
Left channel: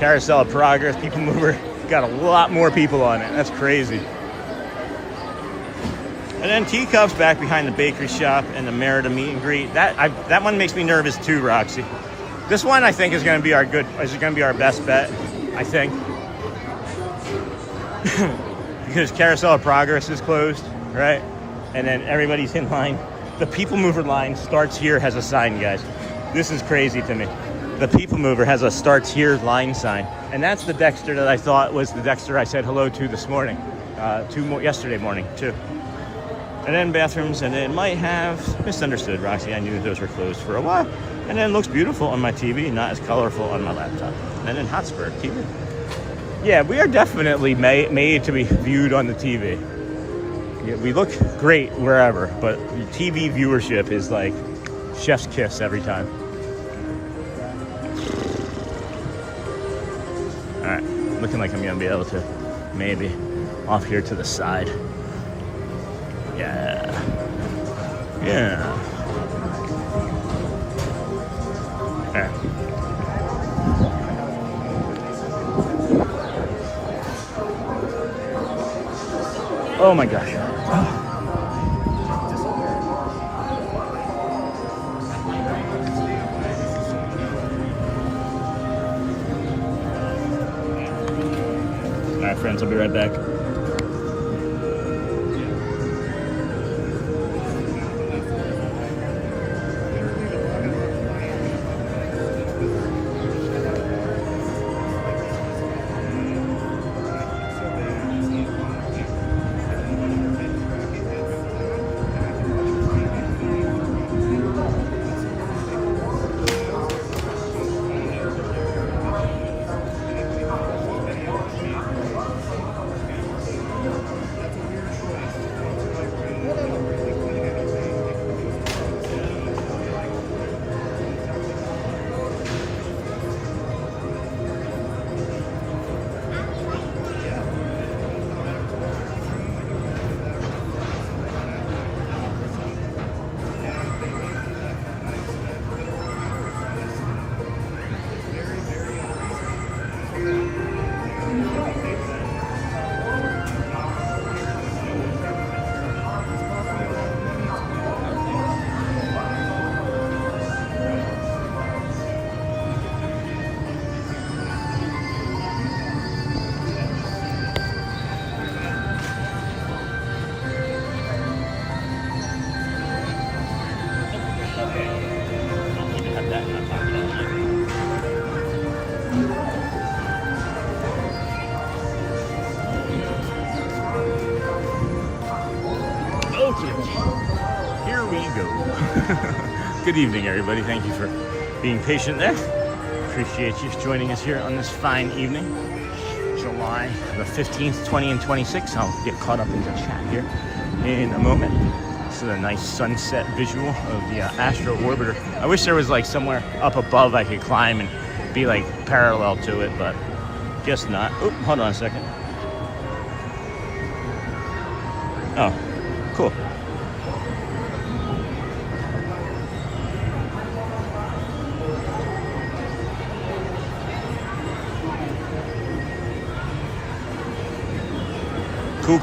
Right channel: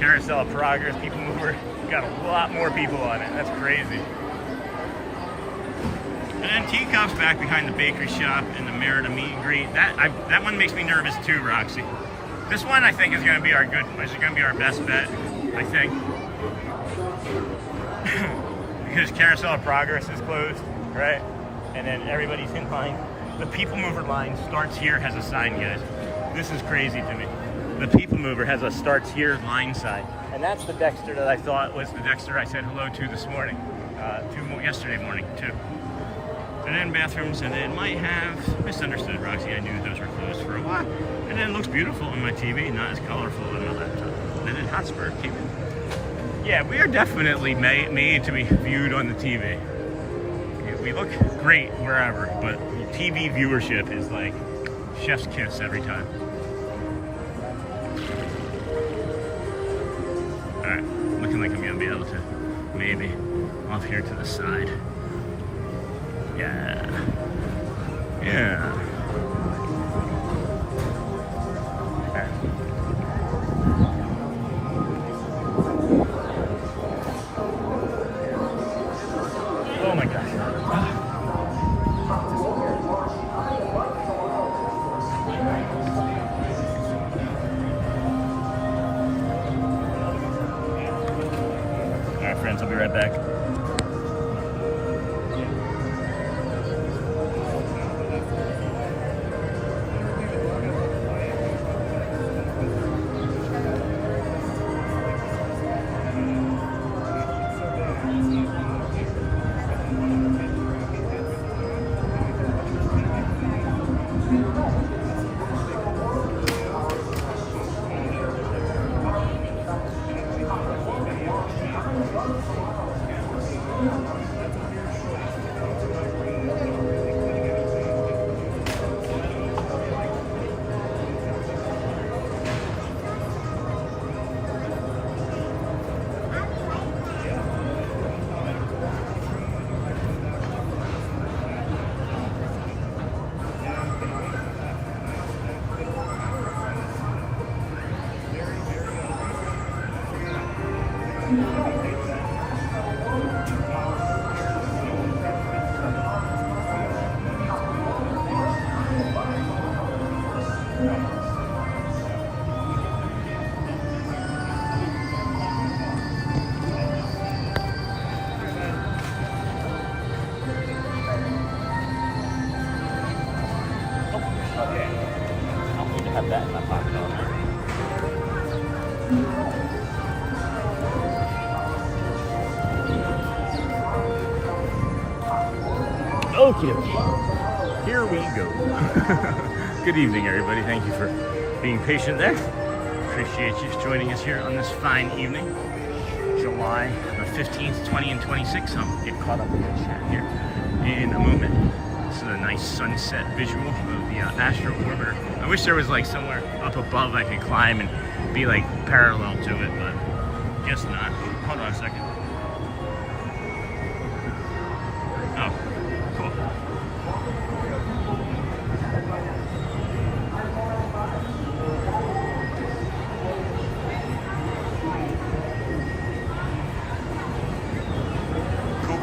Carousel of Progress, People Mover, got a lot more people on it. That's crazy. And then Teacups back behind the bakery shop and the Merida meet and greet. That one makes me nervous too, Roxy. This one I think is going to be our best bet, I think. Because Carousel of Progress is closed, right? And then everybody's in line. The People Mover line starts here, has a sign, guys. This is crazy to me. The People Mover has a starts here line sign. And that's the Dexter that I thought was the Dexter I said hello to this morning. Yesterday morning, too. And then bathrooms, and it might have misunderstood, Roxy. I knew those were closed for a while. And then it looks beautiful on my TV, not as colorful on my laptop. And then Hotspur TV. Yeah, we are definitely made to be viewed on the TV. We look great wherever, but TV viewership is like chef's kiss every time. All right, looking like I'm gonna be able to maybe off here to the side. Yeah. Oh my gosh. All right, friends, I'll be right back. Okay, here we go. Good evening, everybody. Thank you for being patient there. Appreciate you joining us here on this fine evening, July the 15th, 20 and 26. I'll get caught up in the chat here in a moment. This is a nice sunset visual of the Astro Orbiter. I wish there was like somewhere up above I could climb and be like parallel to it, but guess not. Oop, hold on a second. Oh, cool.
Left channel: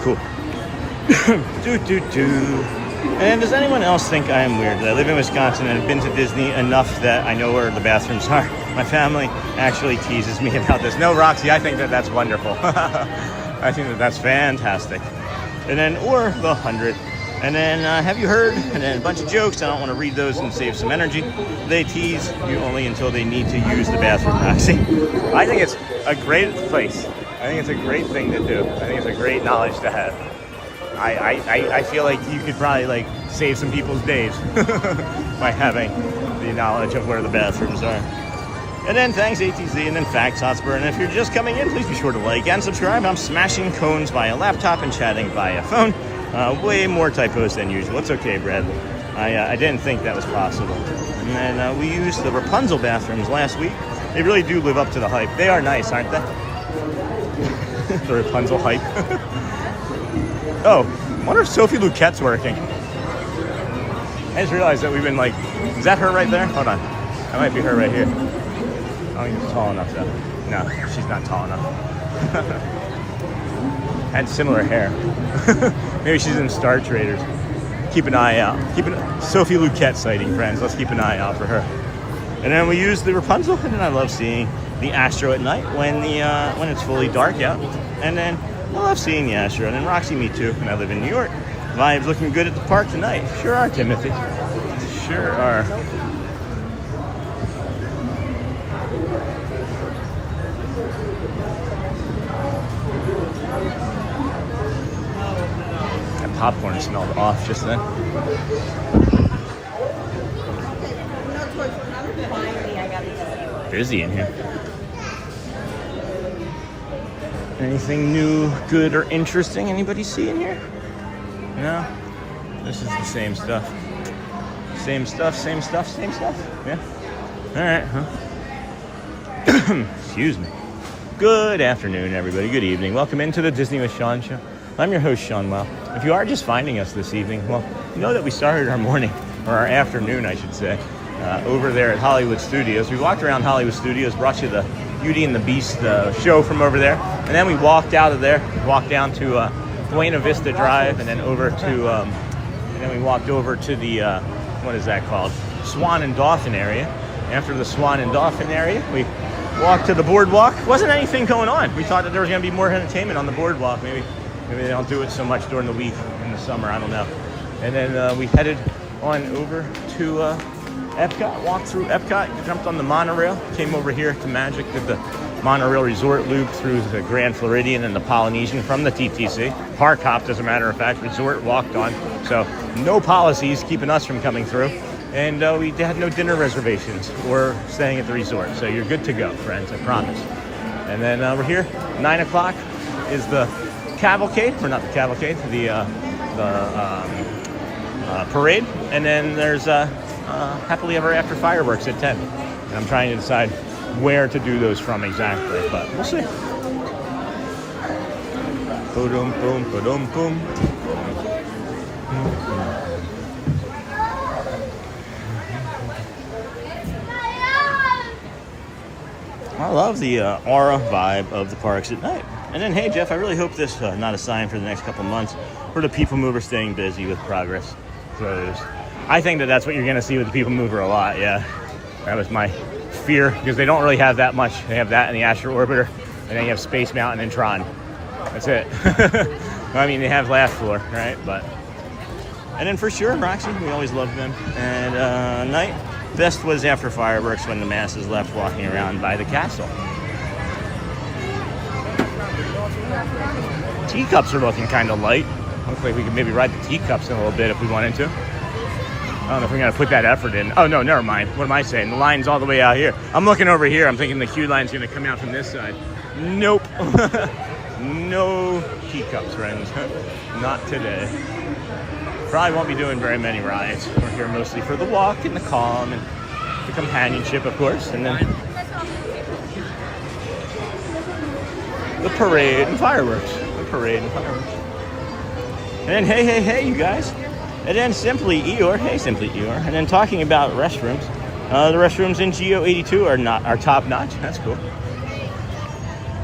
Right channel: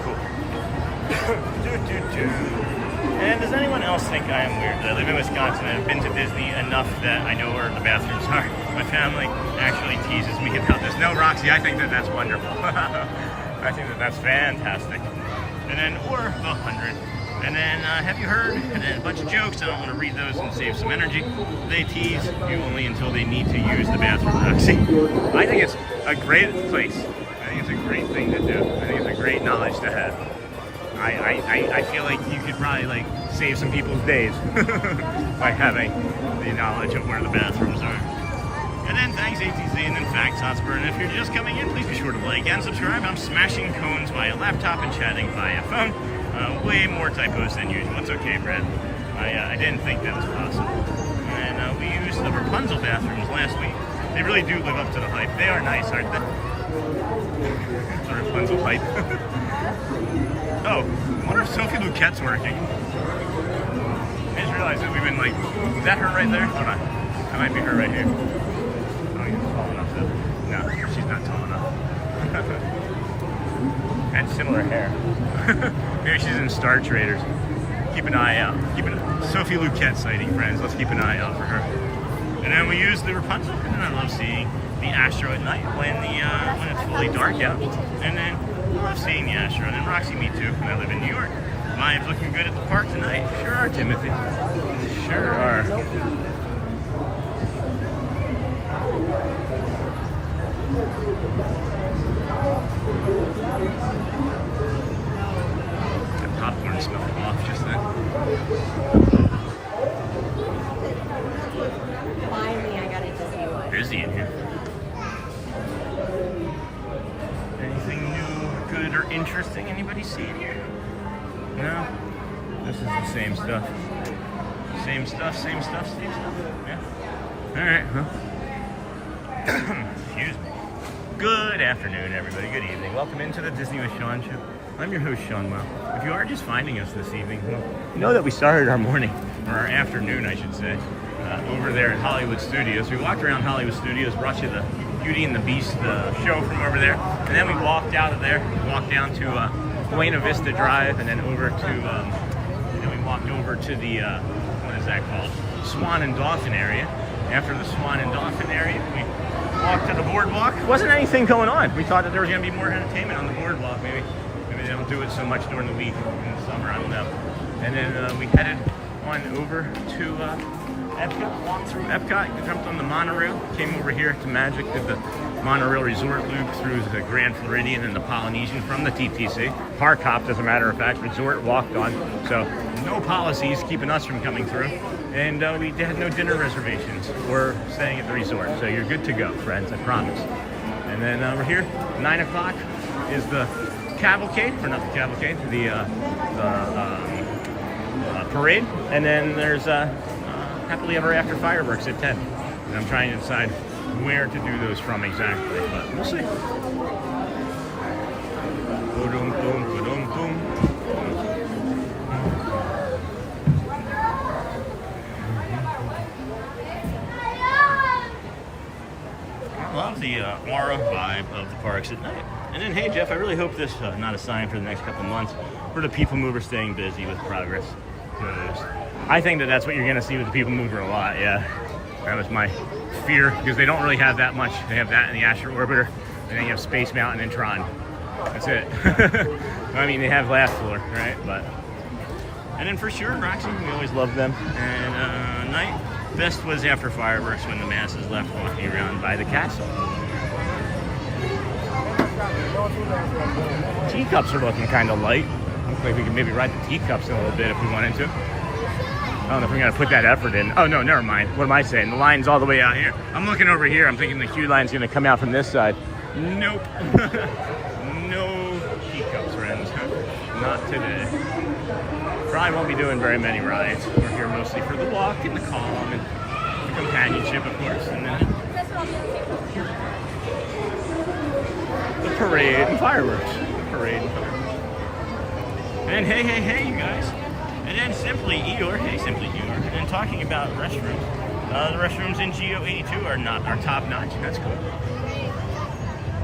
Cool. And does anyone else think I am weird? I live in Wisconsin and have been to Disney enough that I know where the bathrooms are. My family actually teases me about this. No, Roxy, I think that that's wonderful. I think that that's fantastic. And then, or the 100. And then, have you heard? And then a bunch of jokes. I don't want to read those and save some energy. They tease you only until they need to use the bathroom, Roxy. I think it's a great place. I think it's a great thing to do. I think it's a great knowledge to have. I feel like you could probably like save some people's days by having the knowledge of where the bathrooms are. And then thanks ATZ, and then Facts Hotspur. And if you're just coming in, please be sure to like and subscribe. I'm smashing cones via laptop and chatting via phone. Way more typos than usual. It's okay, Brad. I didn't think that was possible. And then we used the Rapunzel bathrooms last week. They really do live up to the hype. They are nice, aren't they? The Rapunzel hype. Oh, I wonder if Sophie Luquette's working. I just realized that we've been like, is that her right there? Hold on. That might be her right here. Oh, you're tall enough though. No, she's not tall enough. Had similar hair. Maybe she's in Star Traders. Keep an eye out. Sophie Luquette sighting, friends. Let's keep an eye out for her. And then we use the Rapunzel, and then I love seeing the Astro at night when it's fully dark out. And then I love seeing the Astro. And then Roxy, me too, and I live in New York. Vibes looking good at the park tonight. Sure are, Timothy. Sure are. That popcorn smelled off just then. Busy in here. Anything new, good, or interesting anybody see in here? No? This is the same stuff. Same stuff. Yeah. Alright, huh? Excuse me. Good afternoon, everybody. Good evening. Welcome into the Disney with Sean show. I'm your host, Sean Wow. If you are just finding us this evening, well, you know that we started our morning, or our afternoon, I should say, over there at Hollywood Studios. We walked around Hollywood Studios, brought you the Beauty and the Beast show from over there, and then we walked out of there, walked down to Buena Vista Drive, and then over to, and we walked over to the, what is that called? Swan and Dolphin area. After the Swan and Dolphin area, we walked to the BoardWalk. Wasn't anything going on. We thought that there was going to be more entertainment on the BoardWalk. Maybe they don't do it so much during the week in the summer. I don't know. And then we headed on over to EPCOT, walked through EPCOT, jumped on the monorail, came over here to Magic, did the monorail resort loop through the Grand Floridian and the Polynesian from the TTC. Park hopped, as a matter of fact, resort walked on. So no policies keeping us from coming through. And we had no dinner reservations or staying at the resort. So you're good to go, friends, I promise. And then we're here, 9 o'clock is the cavalcade, or not the cavalcade, the parade. And then there's Happily Ever After fireworks at 10. And I'm trying to decide where to do those from exactly, but we'll see. Boom, boom, boom, boom. I love the aura vibe of the parks at night. And then, hey, Jeff, I really hope this not a sign for the next couple months for the People Mover staying busy with progress. So I think that's what you're going to see with the People Mover a lot, yeah. That was my fear, because they don't really have that much. They have that in the Astro Orbiter, and then you have Space Mountain and Tron. That's it. I mean, they have last floor, right? And then for sure, Roxy, we always loved them. And night, best was after fireworks when the masses left walking around by the castle. Teacups are looking kind of light. Looks like we could maybe ride the teacups in a little bit if we wanted to. I don't know if we're going to put that effort in. Oh, no, never mind. What am I saying? The line's all the way out here. I'm looking over here. I'm thinking the queue line's going to come out from this side. Nope. No teacups, friends. Not today. Probably won't be doing very many rides. We're here mostly for the walk and the calm and the companionship, of course. And then the parade and fireworks. And then, hey, you guys. And then Simply Eeyore. And then talking about restrooms. The restrooms in Geo 82 are top notch. That's cool.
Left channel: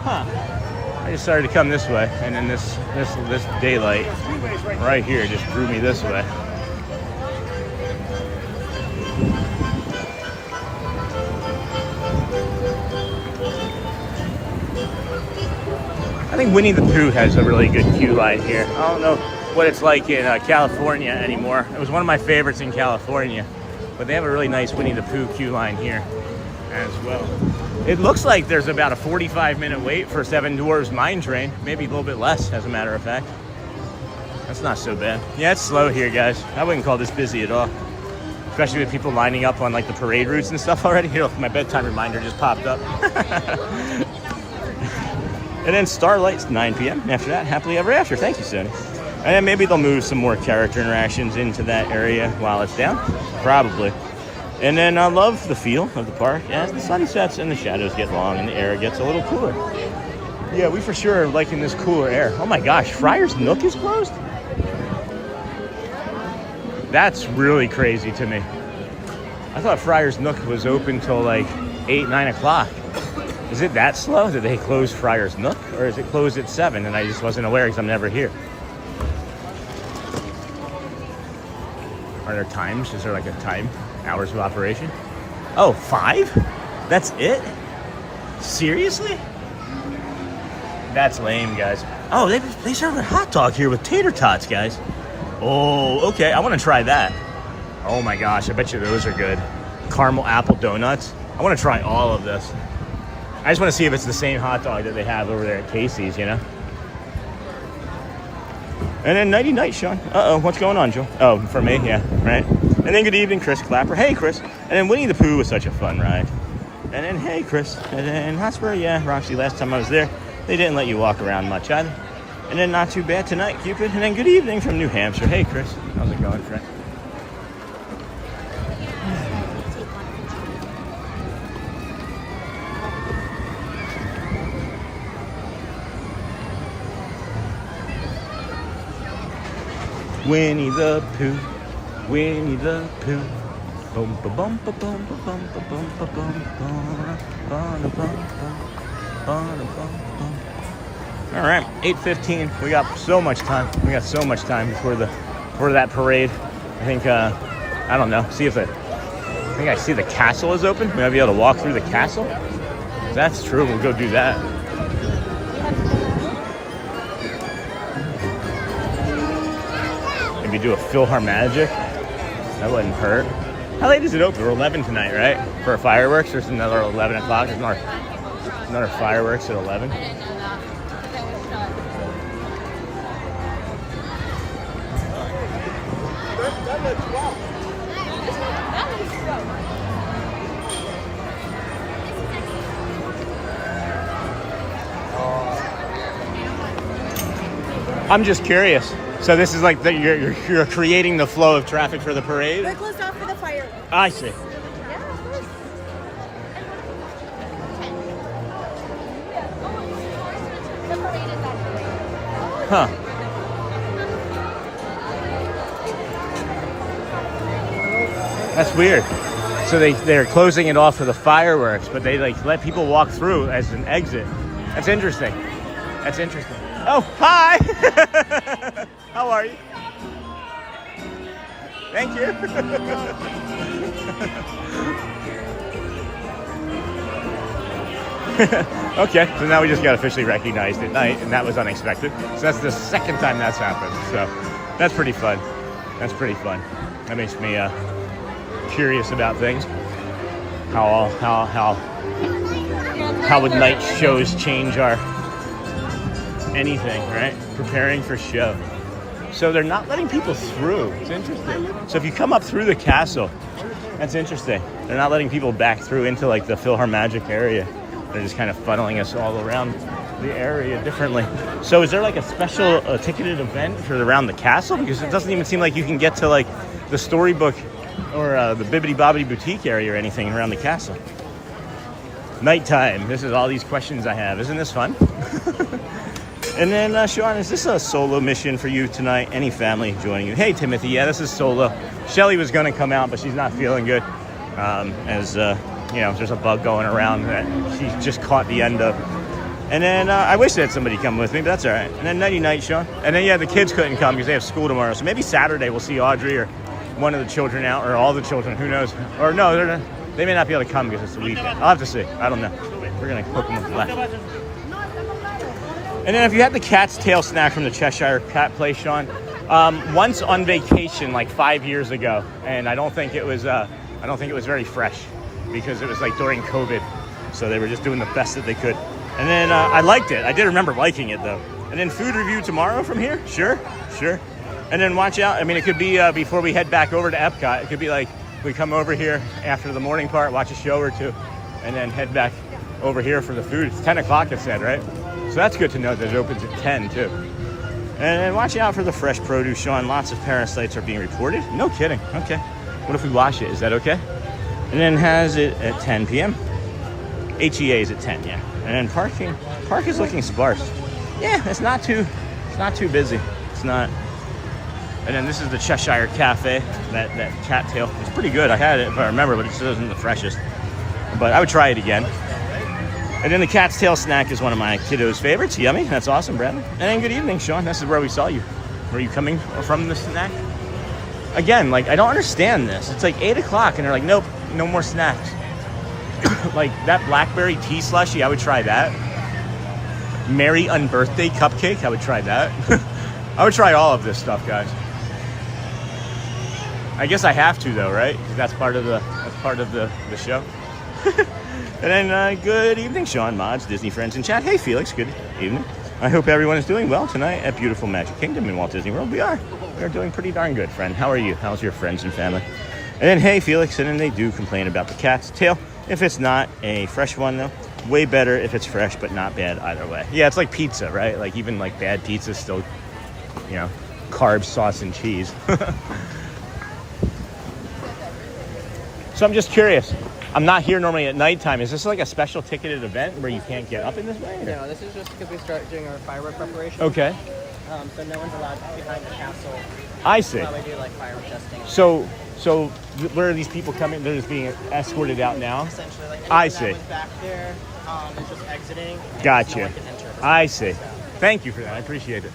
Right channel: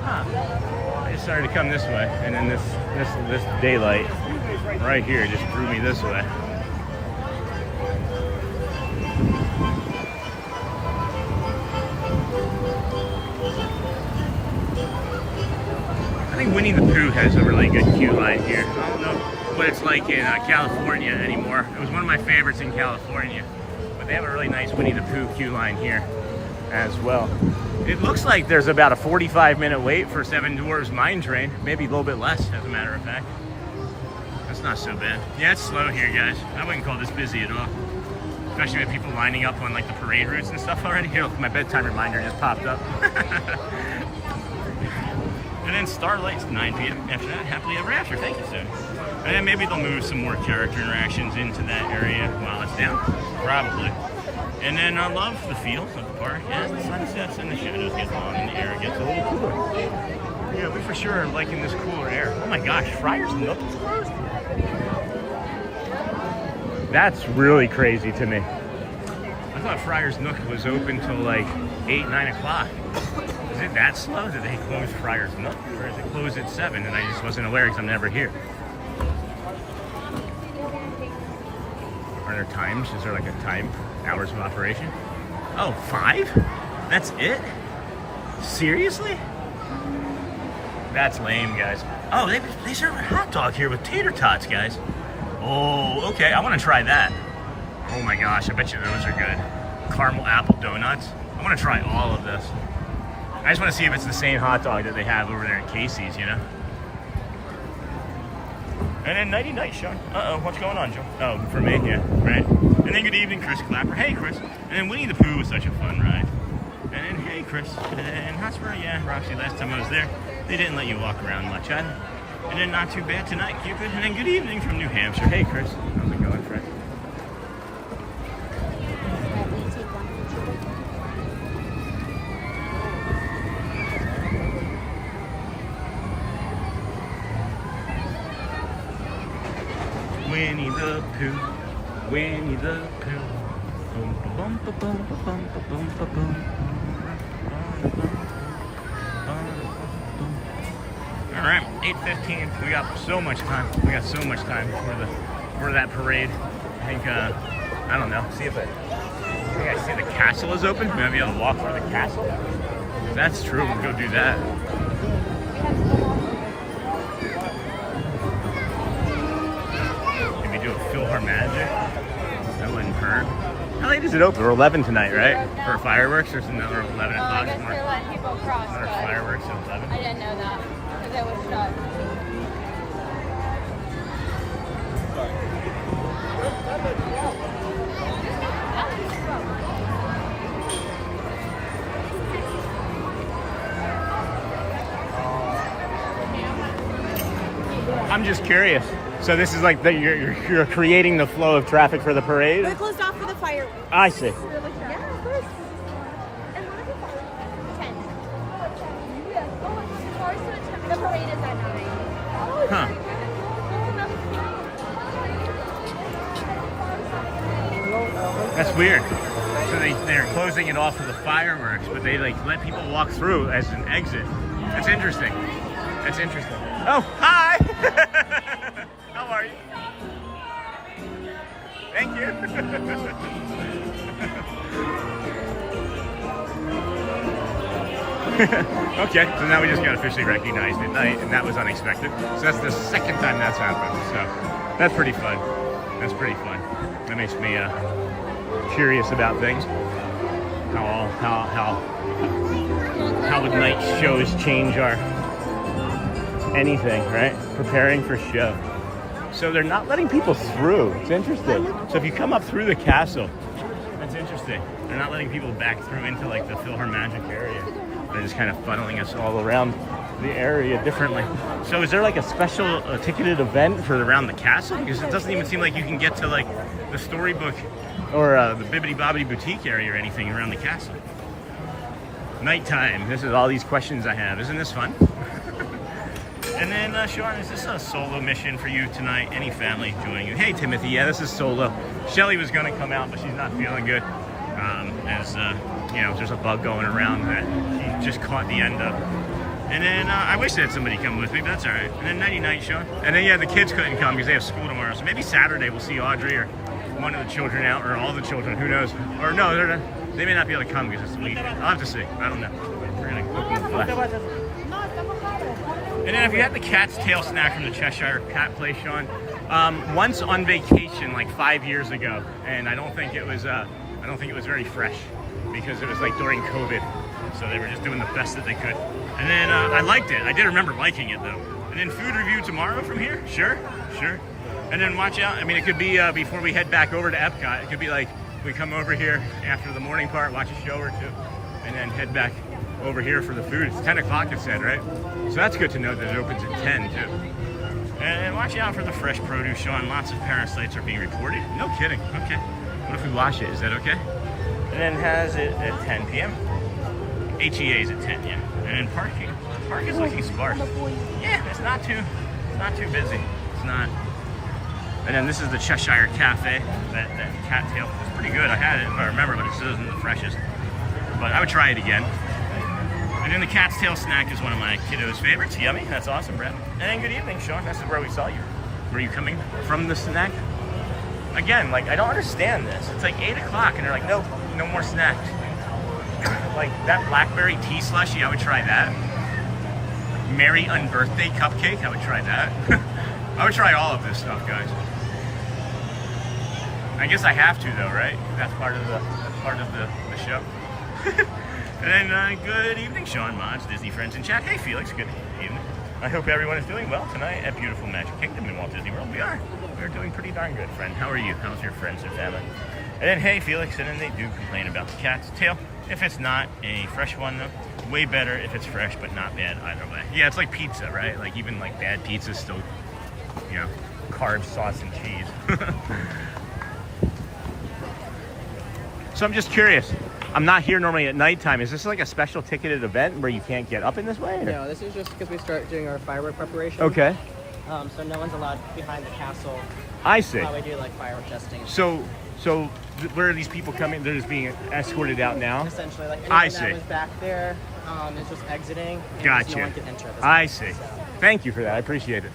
Huh. I decided to come this way, and then this daylight right here just drew me this way. I think Winnie the Pooh has a really good queue line here. I don't know what it's like in California anymore. It was one of my favorites in California, but they have a really nice Winnie the Pooh queue line here as well. It looks like there's about a 45-minute wait for Seven Dwarfs Mine Train, maybe a little bit less, as a matter of fact. That's not so bad. Yeah, it's slow here, guys. I wouldn't call this busy at all, especially with people lining up on like the parade routes and stuff already. Here, look, my bedtime reminder just popped up. And then Starlight's 9 p.m. After that, Happily Ever After. Thank you, Sid. And then maybe they'll move some more character interactions into that area while it's down. Probably. And then I love the feel of the park as the sun sets and the shadows get long and the air gets a little cooler. Yeah, we for sure are liking this cooler air. Oh my gosh, Friar's Nook is closed? That's really crazy to me. I thought Friar's Nook was open till like 8, 9 o'clock. Is it that slow? Did they close Friar's Nook? Or is it closed at 7 and I just wasn't aware because I'm never here? Are there times? Is there like a time? Hours of operation? Oh, 5? That's it? Seriously? That's lame, guys. Oh, they serve a hot dog here with tater tots, guys. Oh, okay. I want to try that. Oh my gosh, I bet you those are good. Caramel apple donuts. I want to try all of this. I just want to see if it's the same hot dog that they have over there at Casey's, you know? And then nighty night, Sean. Uh-oh, what's going on, Joe? Oh, for me? Yeah, right. And then good evening, Chris Clapper. Hey, Chris. And then Winnie the Pooh was such a fun ride. And then, hey, Chris. And then Hotspur, yeah, Roxy, last time I was there, they didn't let you walk around much either. And then not too bad tonight, Cupid. And then good evening from New Hampshire. Hey, Chris. How's it going, friend? Winnie the Pooh, Winnie the Pooh. Boom, ba bum, ba bum, ba bum, ba bum, ba bum, ba bum. All right, 8:15. We got so much time. We got so much time before that parade. I think I don't know. See if I think I see the castle is open. We might be able to walk through the castle. If that's true, we'll go do that. Do a Philharmagic. That wouldn't hurt. How late is it open? We're 11 tonight, right? For fireworks. There's another 11 o'clock. There's another fireworks at 11. I didn't know that. It was shut. I'm just curious. So this is like you're creating the flow of traffic for the parade? We're closed off for the fireworks. I see. Yeah, of course. The parade is at 9. Huh. That's weird. So they're closing it off for the fireworks, but they like let people walk through as an exit. That's interesting. That's interesting. Oh, hi! How are you? Thank you. Okay, so now we just got officially recognized at night, and that was unexpected. So that's the second time that's happened. So that's pretty fun. That's pretty fun. That makes me curious about things. How would night shows change our anything, right? Preparing for show. So they're not letting people through. It's interesting. So if you come up through the castle, that's interesting. They're not letting people back through into like the Philharmagic area. They're just kind of funneling us all around the area differently. So is there like a special ticketed event for around the castle? Because it doesn't even seem like you can get to like the storybook or the Bibbidi Bobbidi Boutique area or anything around the castle. Nighttime. This is all these questions I have. Isn't this fun? And then, Sean, is this a solo mission for you tonight? Any family joining you? Hey, Timothy. Yeah, this is solo. Shelly was going to come out, but she's not feeling good. You know, there's a bug going around that she just caught the end of. And then I wish that somebody come with me, but that's all right. And then nighty night, Sean. And then, yeah, the kids couldn't come because they have school tomorrow. So maybe Saturday we'll see Audrey or one of the children out, or all the children. Who knows? Or no, they may not be able to come because it's the weekend. I'll have to see. I don't know. We're going to cook them with left. And then if you had the cat's tail snack from the Cheshire Cat place, Sean, once on vacation like 5 years ago, and I don't think it was very fresh because it was like during COVID, so they were just doing the best that they could. And then I liked it. I did remember liking it though. And then food review tomorrow from here, sure. And then watch out. I mean, it could be before we head back over to EPCOT. It could be like we come over here after the morning part, watch a show or two, and then head back over here for the food. It's 10 o'clock, I said, right? So that's good to know that it opens at 10 too. And watch out for the fresh produce, Sean. Lots of parasites are being reported. No kidding. Okay. What if we wash it? Is that okay? And then has it at 10 p.m. HEA is at 10, yeah. And then park is looking sparse. Yeah, it's not too busy. It's not. And then this is the Cheshire Cafe, that cattail. It's pretty good. I had it if I remember, but it still isn't the freshest. but I would try it again. And then the cat's tail snack is one of my kiddos' favorites. Yummy. That's awesome, Brad. And then good evening, Sean. This is where we saw you. Were you coming from the snack? Again, like, I don't understand this. It's like 8 o'clock and they're like, nope, no more snacks. Like that blackberry tea slushie, I would try that. Merry Unbirthday cupcake, I would try that. I would try all of this stuff, guys. I guess I have to though, right? That's part of the show. And then good evening, Sean, mods, Disney friends in chat. Hey Felix, good evening. I hope everyone is doing well tonight at beautiful Magic Kingdom in Walt Disney World. We are doing pretty darn good, friend. How are you? How's your friends and family? And then hey Felix, and then they do complain about the cat's tail. If it's not a fresh one though, way better if it's fresh, but not bad either way. Yeah, it's like pizza, right? Like even like bad pizza is still, you know, carbs, sauce, and cheese. So I'm just curious. I'm not here normally at nighttime. Is this like a special ticketed event where you can't get up in this way? Or? No, this is just because we start doing our firework preparation. Okay. So no one's allowed behind the castle. I see. We do like firework testing. So where are these people coming? They're just being escorted out now? Essentially, like I see. that was back there is just exiting. Gotcha. No one can enter. I see. Thank you for that. I appreciate it.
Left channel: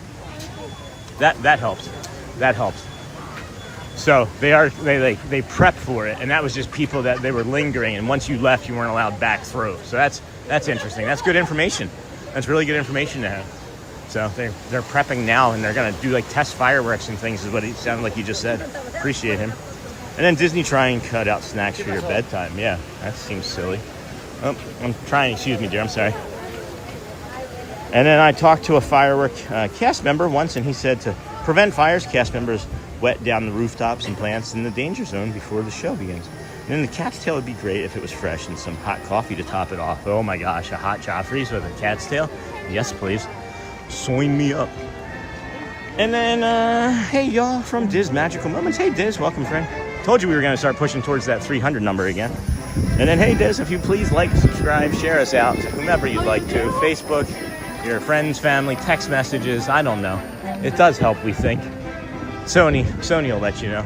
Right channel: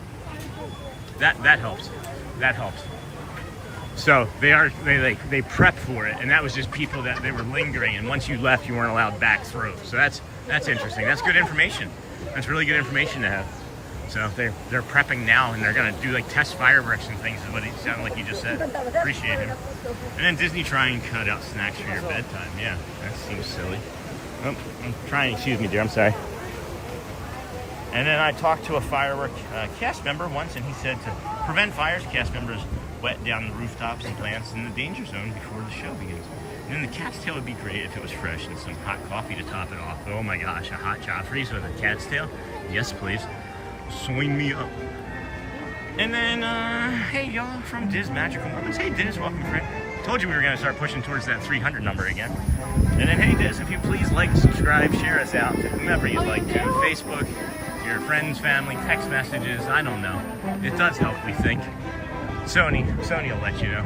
That helps. That helps. So they prep for it, and that was just people that they were lingering, and once you left, you weren't allowed back through. So that's interesting. That's good information. That's really good information to have. So they're prepping now, and they're gonna do like test fireworks and things. Is what it sounded like he just said. Appreciate him. And then Disney try and cut out snacks for your bedtime. Yeah, that seems silly. Oh, I'm trying. Excuse me, dear. I'm sorry. And then I talked to a firework cast member once, and he said to prevent fires, cast members wet down the rooftops and plants in the danger zone before the show begins. And then the cat's tail would be great if it was fresh and some hot coffee to top it off. Oh my gosh, a hot Joffrey's with a cat's tail? Yes, please. Sign me up. And then, hey y'all from Diz Magical Moments. Hey Diz, welcome friend. Told you we were gonna start pushing towards that 300 number again. And then, hey Diz, if you please like, subscribe, share us out to whomever you'd like to. Facebook, your friends, family, text messages, I don't know. It does help, we think. Sony will let you know.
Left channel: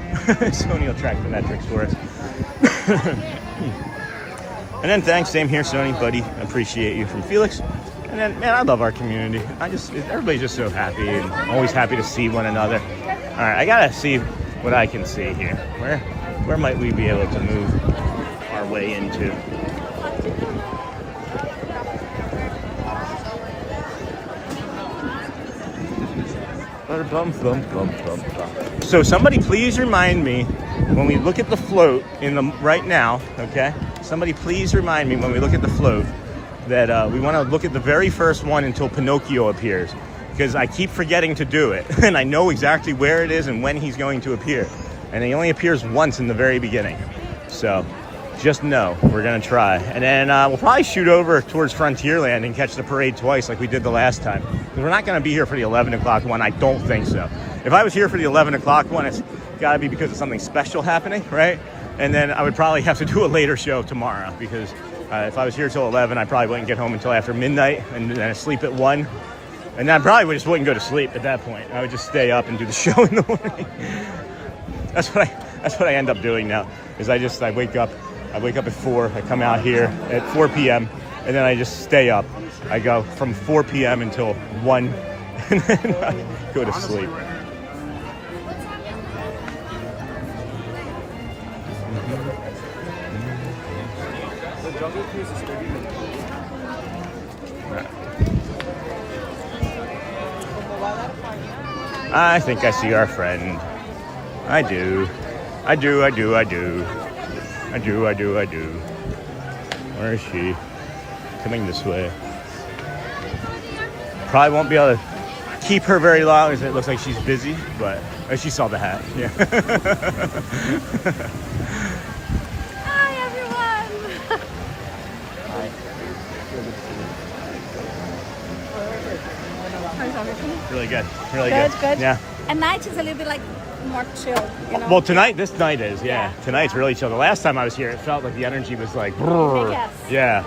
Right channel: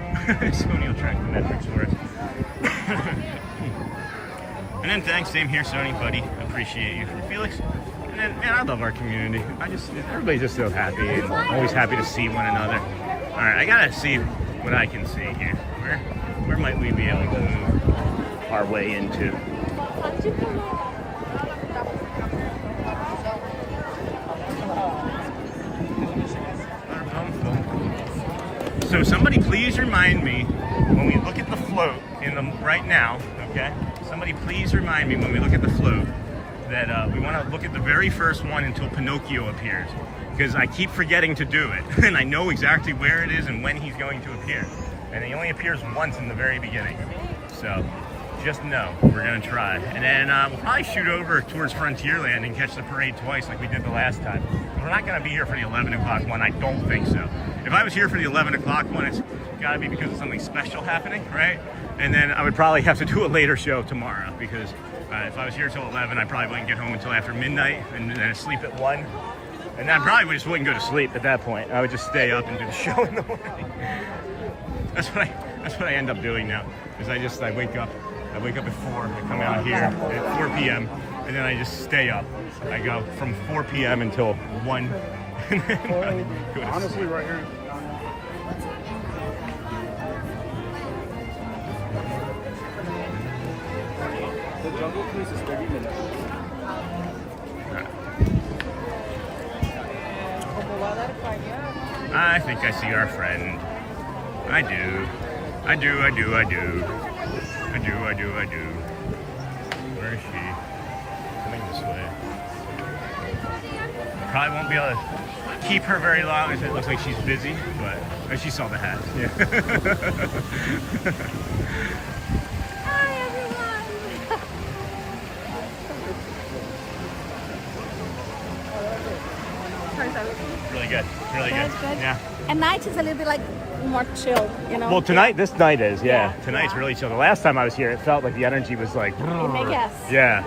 Sony will track the metrics for us. And then thanks, same here, Sony, buddy. Appreciate you from Felix. And then, man, I love our community. Everybody's just so happy and always happy to see one another. All right, I gotta see what I can see here. Where might we be able to move our way into? So somebody please remind me when we look at the float right now, okay? Somebody please remind me when we look at the float that we want to look at the very first one until Pinocchio appears, because I keep forgetting to do it, and I know exactly where it is and when he's going to appear, and he only appears once in the very beginning. So just know we're gonna try, and then we'll probably shoot over towards Frontierland and catch the parade twice like we did the last time. We're not gonna be here for the 11 o'clock one. I don't think so. If I was here for the 11 o'clock one, it's gotta be because of something special happening, right? And then I would probably have to do a later show tomorrow, because if I was here till 11, I probably wouldn't get home until after midnight, and then sleep at 1. And I probably just wouldn't go to sleep at that point. I would just stay up and do the show in the morning. That's what I end up doing now, is I wake up at 4, I come out here at 4 p.m., and then I just stay up. I go from 4 p.m. until 1, and then I go to sleep. The Jungle Cruise is 30 minutes. I think I see our friend. I do. Where is she? Coming this way. Probably won't be able to keep her very long, as it looks like she's busy, but she saw the hat. Yeah. Hi, everyone. Really good. Really good. Good. Yeah. At night is a little bit like more chill, you know? Well, this night is, yeah. Tonight's really chill. The last time I was here, it felt like the energy was like, Yes. Yeah.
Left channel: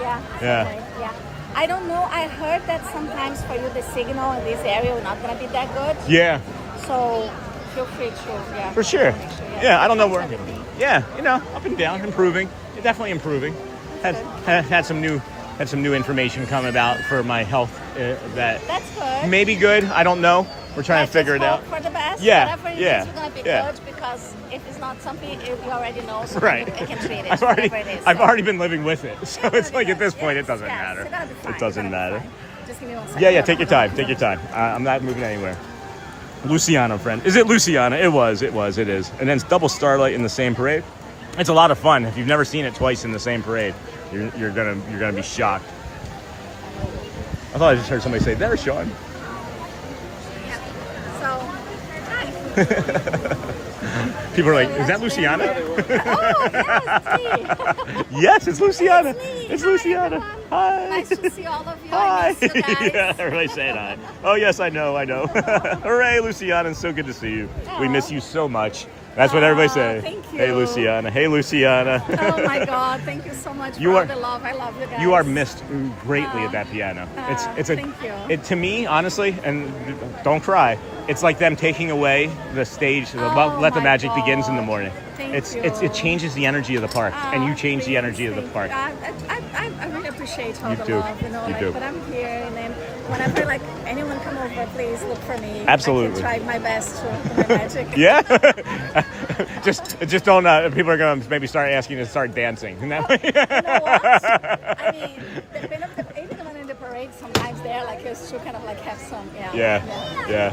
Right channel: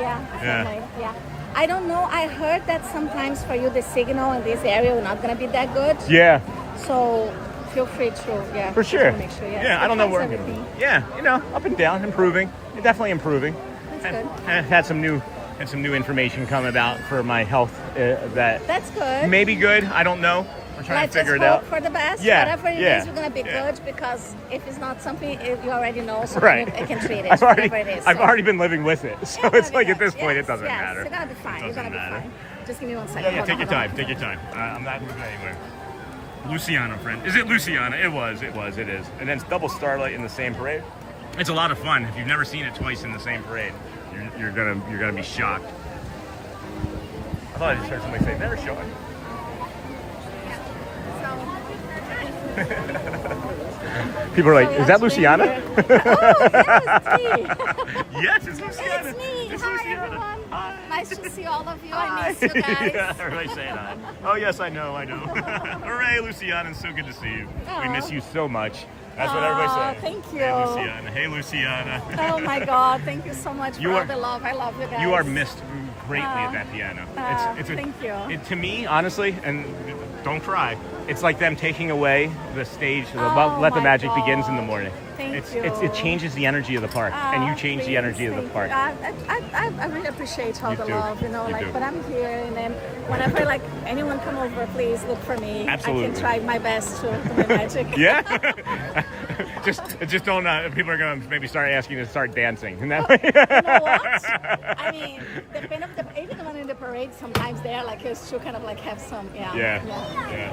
I don't know. I heard that sometimes for you, the signal in this area is not going to be that good. Yeah. So feel free to, For sure. Make sure, Yeah, I don't know where I'm going to be. Yeah, up and down, improving. Definitely improving. had some new information come about for my health That's good. may be good. I don't know. We're trying to figure it out. For the best. Yeah, Whatever it yeah, is, you're gonna be yeah. good because if it's not something you already know, so Right. you can treat it. I've already whatever it is. I've already been living with it, so it's like at this point it doesn't Yes, matter. you're gonna be fine, It doesn't you're gonna be matter. fine. Just give me 1 second. Yeah, Hold take on, your hold on, time. Take your hold time. I'm not moving anywhere. Luciana, friend. Is it Luciana? It was. It is. And then it's double Starlight in the same parade. It's a lot of fun. If you've never seen it twice in the same parade, you're gonna be shocked. I thought I just heard somebody say, "There's Sean." People are like, "Is that Luciana?" Yes, it's Luciana. It's Luciana. Hi. Nice to see all of you. Hi. I miss you guys. Yeah, everybody saying hi. Oh yes, I know. Hooray, Luciana! It's so good to see you. We miss you so much. That's what everybody says. Thank you. Hey, Luciana. Hey, Luciana. Oh my God! Thank you so much for all the love. I love you guys. You are missed greatly at that piano. Thank you. To me, honestly, and don't cry. It's like them taking away the stage. Oh Let the my magic God. begins in the morning. Thank you. It changes the energy of the park, and you change the energy of the park. I really appreciate all You the do. love, you know, You like do. when I'm here and then whenever like anyone come over, please look for me. Absolutely. I can try my best to do my magic. Yeah. just don't. People are gonna maybe start asking you to start dancing. In that way. You know what? I mean, even the one in the parade, sometimes they're like used to kind of like have some. Yeah.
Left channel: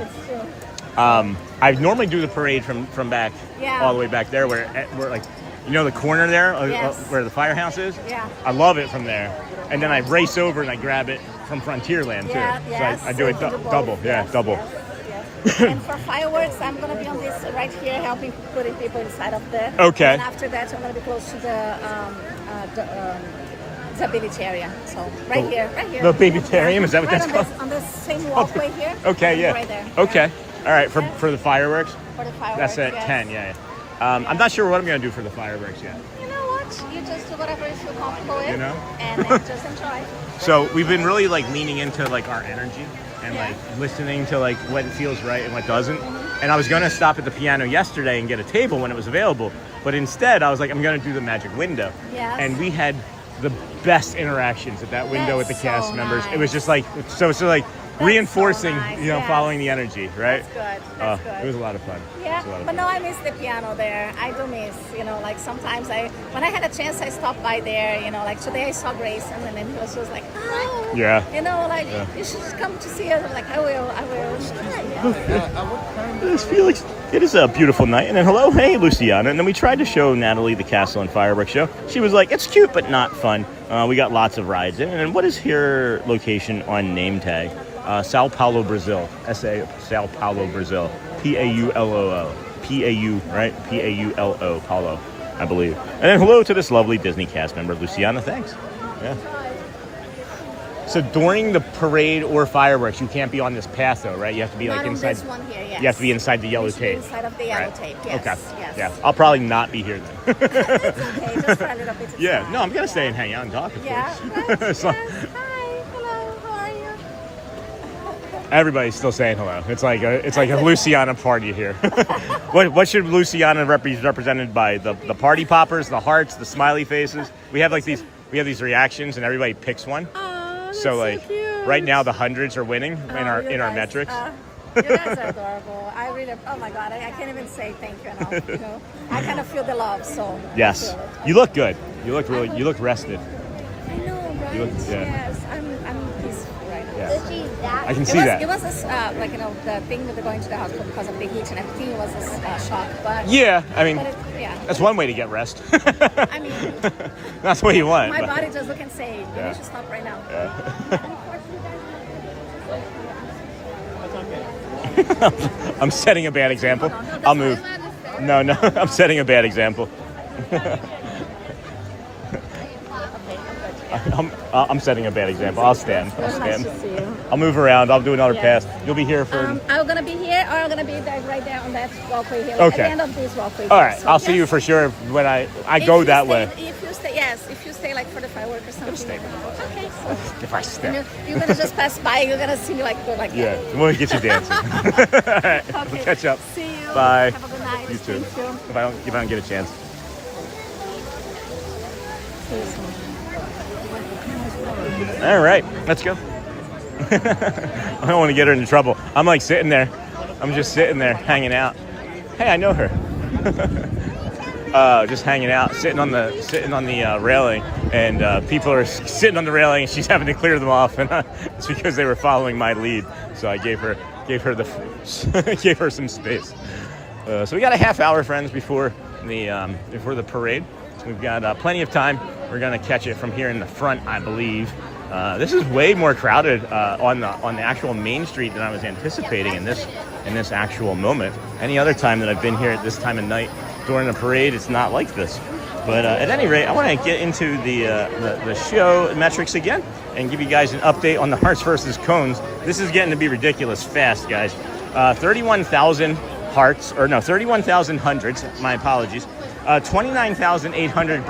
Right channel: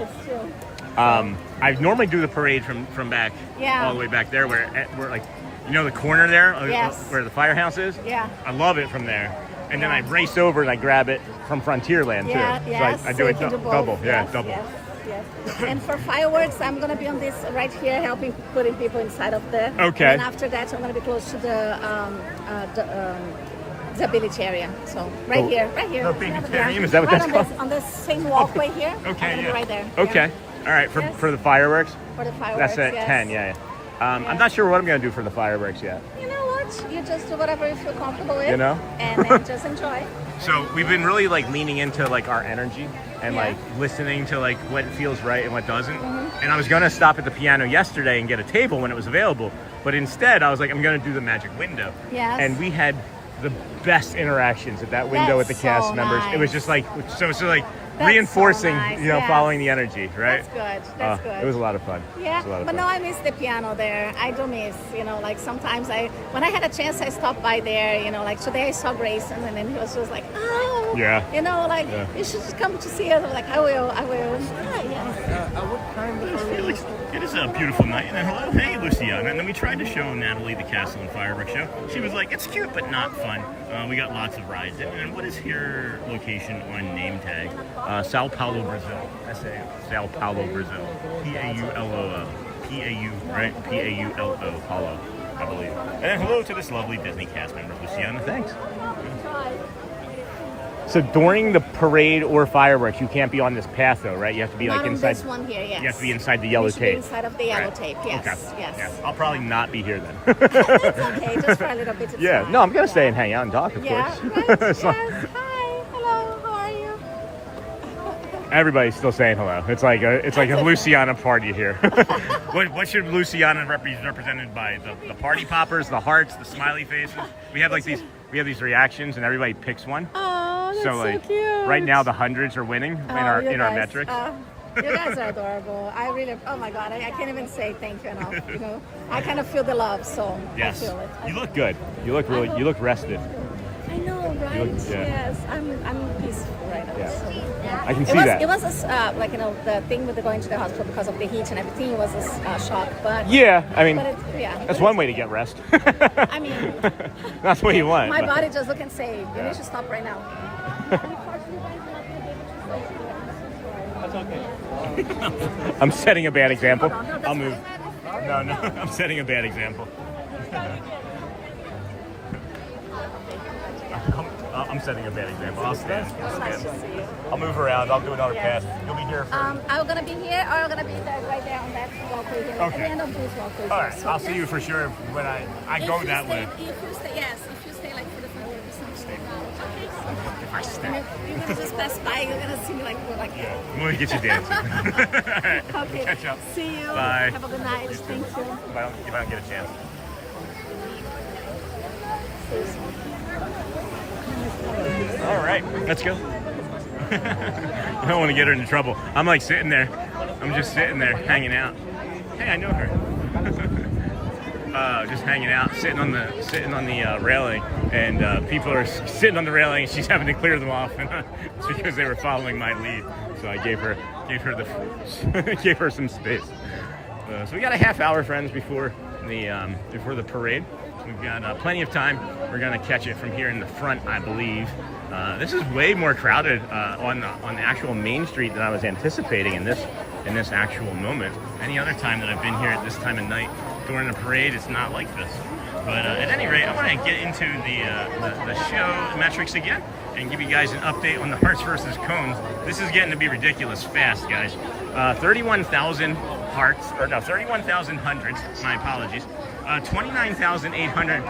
It's true. I normally do the parade from back all the way back there where like the corner there where the firehouse is. Yeah. I love it from there, and then I race over and I grab it from Frontierland too. So I do it double. Yeah, double. Yes. And for fireworks, I'm going to be on this right here, helping putting people inside of there. Okay. And after that, I'm going to be close to the disability area. So right here. The babytarium, is that what that's called? On the same walkway here. Okay, yeah. Right there. Okay. All right, for the fireworks? For the fireworks, That's at yes. 10, yeah. I'm not sure what I'm going to do for the fireworks yet. You know what? You just do whatever you feel comfortable with. You know? And then just enjoy. So we've been really like leaning into like our energy and like listening to like what feels right and what doesn't. And I was going to stop at the piano yesterday and get a table when it was available. But instead I was like, I'm going to do the magic window. Yes. And we had the best interactions at that window with the cast members. It was just like, so like reinforcing, following the energy, right? That's good. That's good. It was a lot of fun. Yeah, It was a lot of but fun. no, I miss the piano there. I do miss, like sometimes when I had a chance, I stopped by there, like today I saw Grayson and then he was just like, oh, Yeah. You should just come to see us. I'm like, I will. It is a beautiful night. And then hello, hey, Luciana. And then we tried to show Natalie the castle and fireworks show. She was like, it's cute, but not fun. We got lots of rides in. And what is your location on name tag? Sao Paulo, Brazil. Sao Paulo, Brazil. P-A-U-L-O-O. P-A-U, right? P-A-U-L-O, Paulo, I believe. And then hello to this lovely Disney cast member, Luciana. Thanks. Yeah. So during the parade or fireworks, you can't be on this path, though, right? You have to be like inside. This one here, yes. You have to be inside the yellow You should be tape. inside of the yellow tape. Yes. Okay. Yes. Yeah. I'll probably not be here then. It's okay, just for a little bit of Yeah. time. No, I'm gonna stay and hang out and talk, of Yeah. course. So- Everybody's still saying hello. It's like a Luciana party here. What should Luciana be represented by? The party poppers, the hearts, the smiley faces. We have these reactions and everybody picks one. So like right now the hundreds are winning in our metrics. You guys are adorable. I really, oh my God, I can't even say thank you enough. I kind of feel the love, so. Yes. I feel it. You look good. You look rested. I know, right? You look, yeah. Yes, I'm peaceful. Right? Yeah. So, I can see that. It was the thing with going to the hospital because of the heat and everything was a shock. But Yeah, I mean, yeah. that's one way to get rest. I mean, that's what you want. my but- body just look and say, you Yeah. need to stop right now. I'm setting a bad example. Hold on, no, that's I'll move. fine. No, I'm setting a bad example. I'm setting a bad example. I'll stand. I'll move around. I'll do another pass. You'll be here for. I'm gonna be here, or I'm gonna be there, right there on that walkway here. Okay. At the end of this walkway. All here. right, So I'll see you for sure when I go that way. If you stay like for the fireworks or something. Okay. If I step. You're gonna just pass by. You're gonna see me like go like Yeah, that. we'll get you dancing. All right, Okay. we'll catch up. See you. Bye. Have a good night. You too. Thank you. If I don't get a chance. All right, let's go. I don't want to get her into trouble. I'm like sitting there. I'm just sitting there hanging out. Hey, I know her. Just hanging out, sitting on the railing, and people are sitting on the railing, and she's having to clear them off, and it's because they were following my lead. So I gave her some space. So we got a half hour, friends, before the parade. We've got plenty of time. We're gonna catch it from here in the front, I believe. This is way more crowded on the actual main street than I was anticipating in this actual moment. Any other time that I've been here at this time of night during the parade, it's not like this. But at any rate, I want to get into the show metrics again and give you guys an update on the hearts versus cones. This is getting to be ridiculous fast, guys. 31,000 hearts, or no, 31,000 hundreds, my apologies. 29,800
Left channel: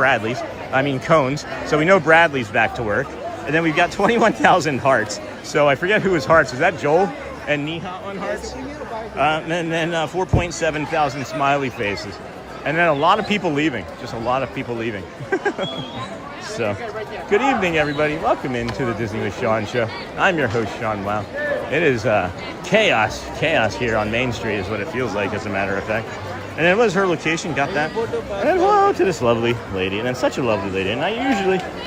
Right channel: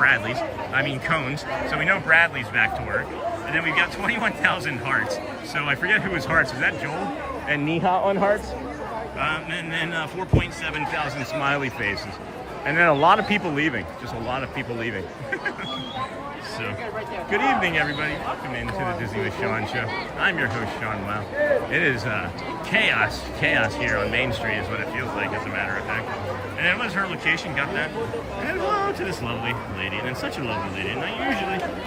cones. So we know Bradley's back to work. And then we've got 21,000 hearts. So I forget who was hearts. Is that Joel and Niha on hearts? And then 4.7 thousand smiley faces. And then a lot of people leaving. Just a lot of people leaving. So, good evening, everybody. Welcome into the Disney with Sean show. I'm your host, Sean Wow. It is chaos here on Main Street is what it feels like, as a matter of fact. And then was her location, got that. And then hello to this lovely lady, and then such a lovely lady. And I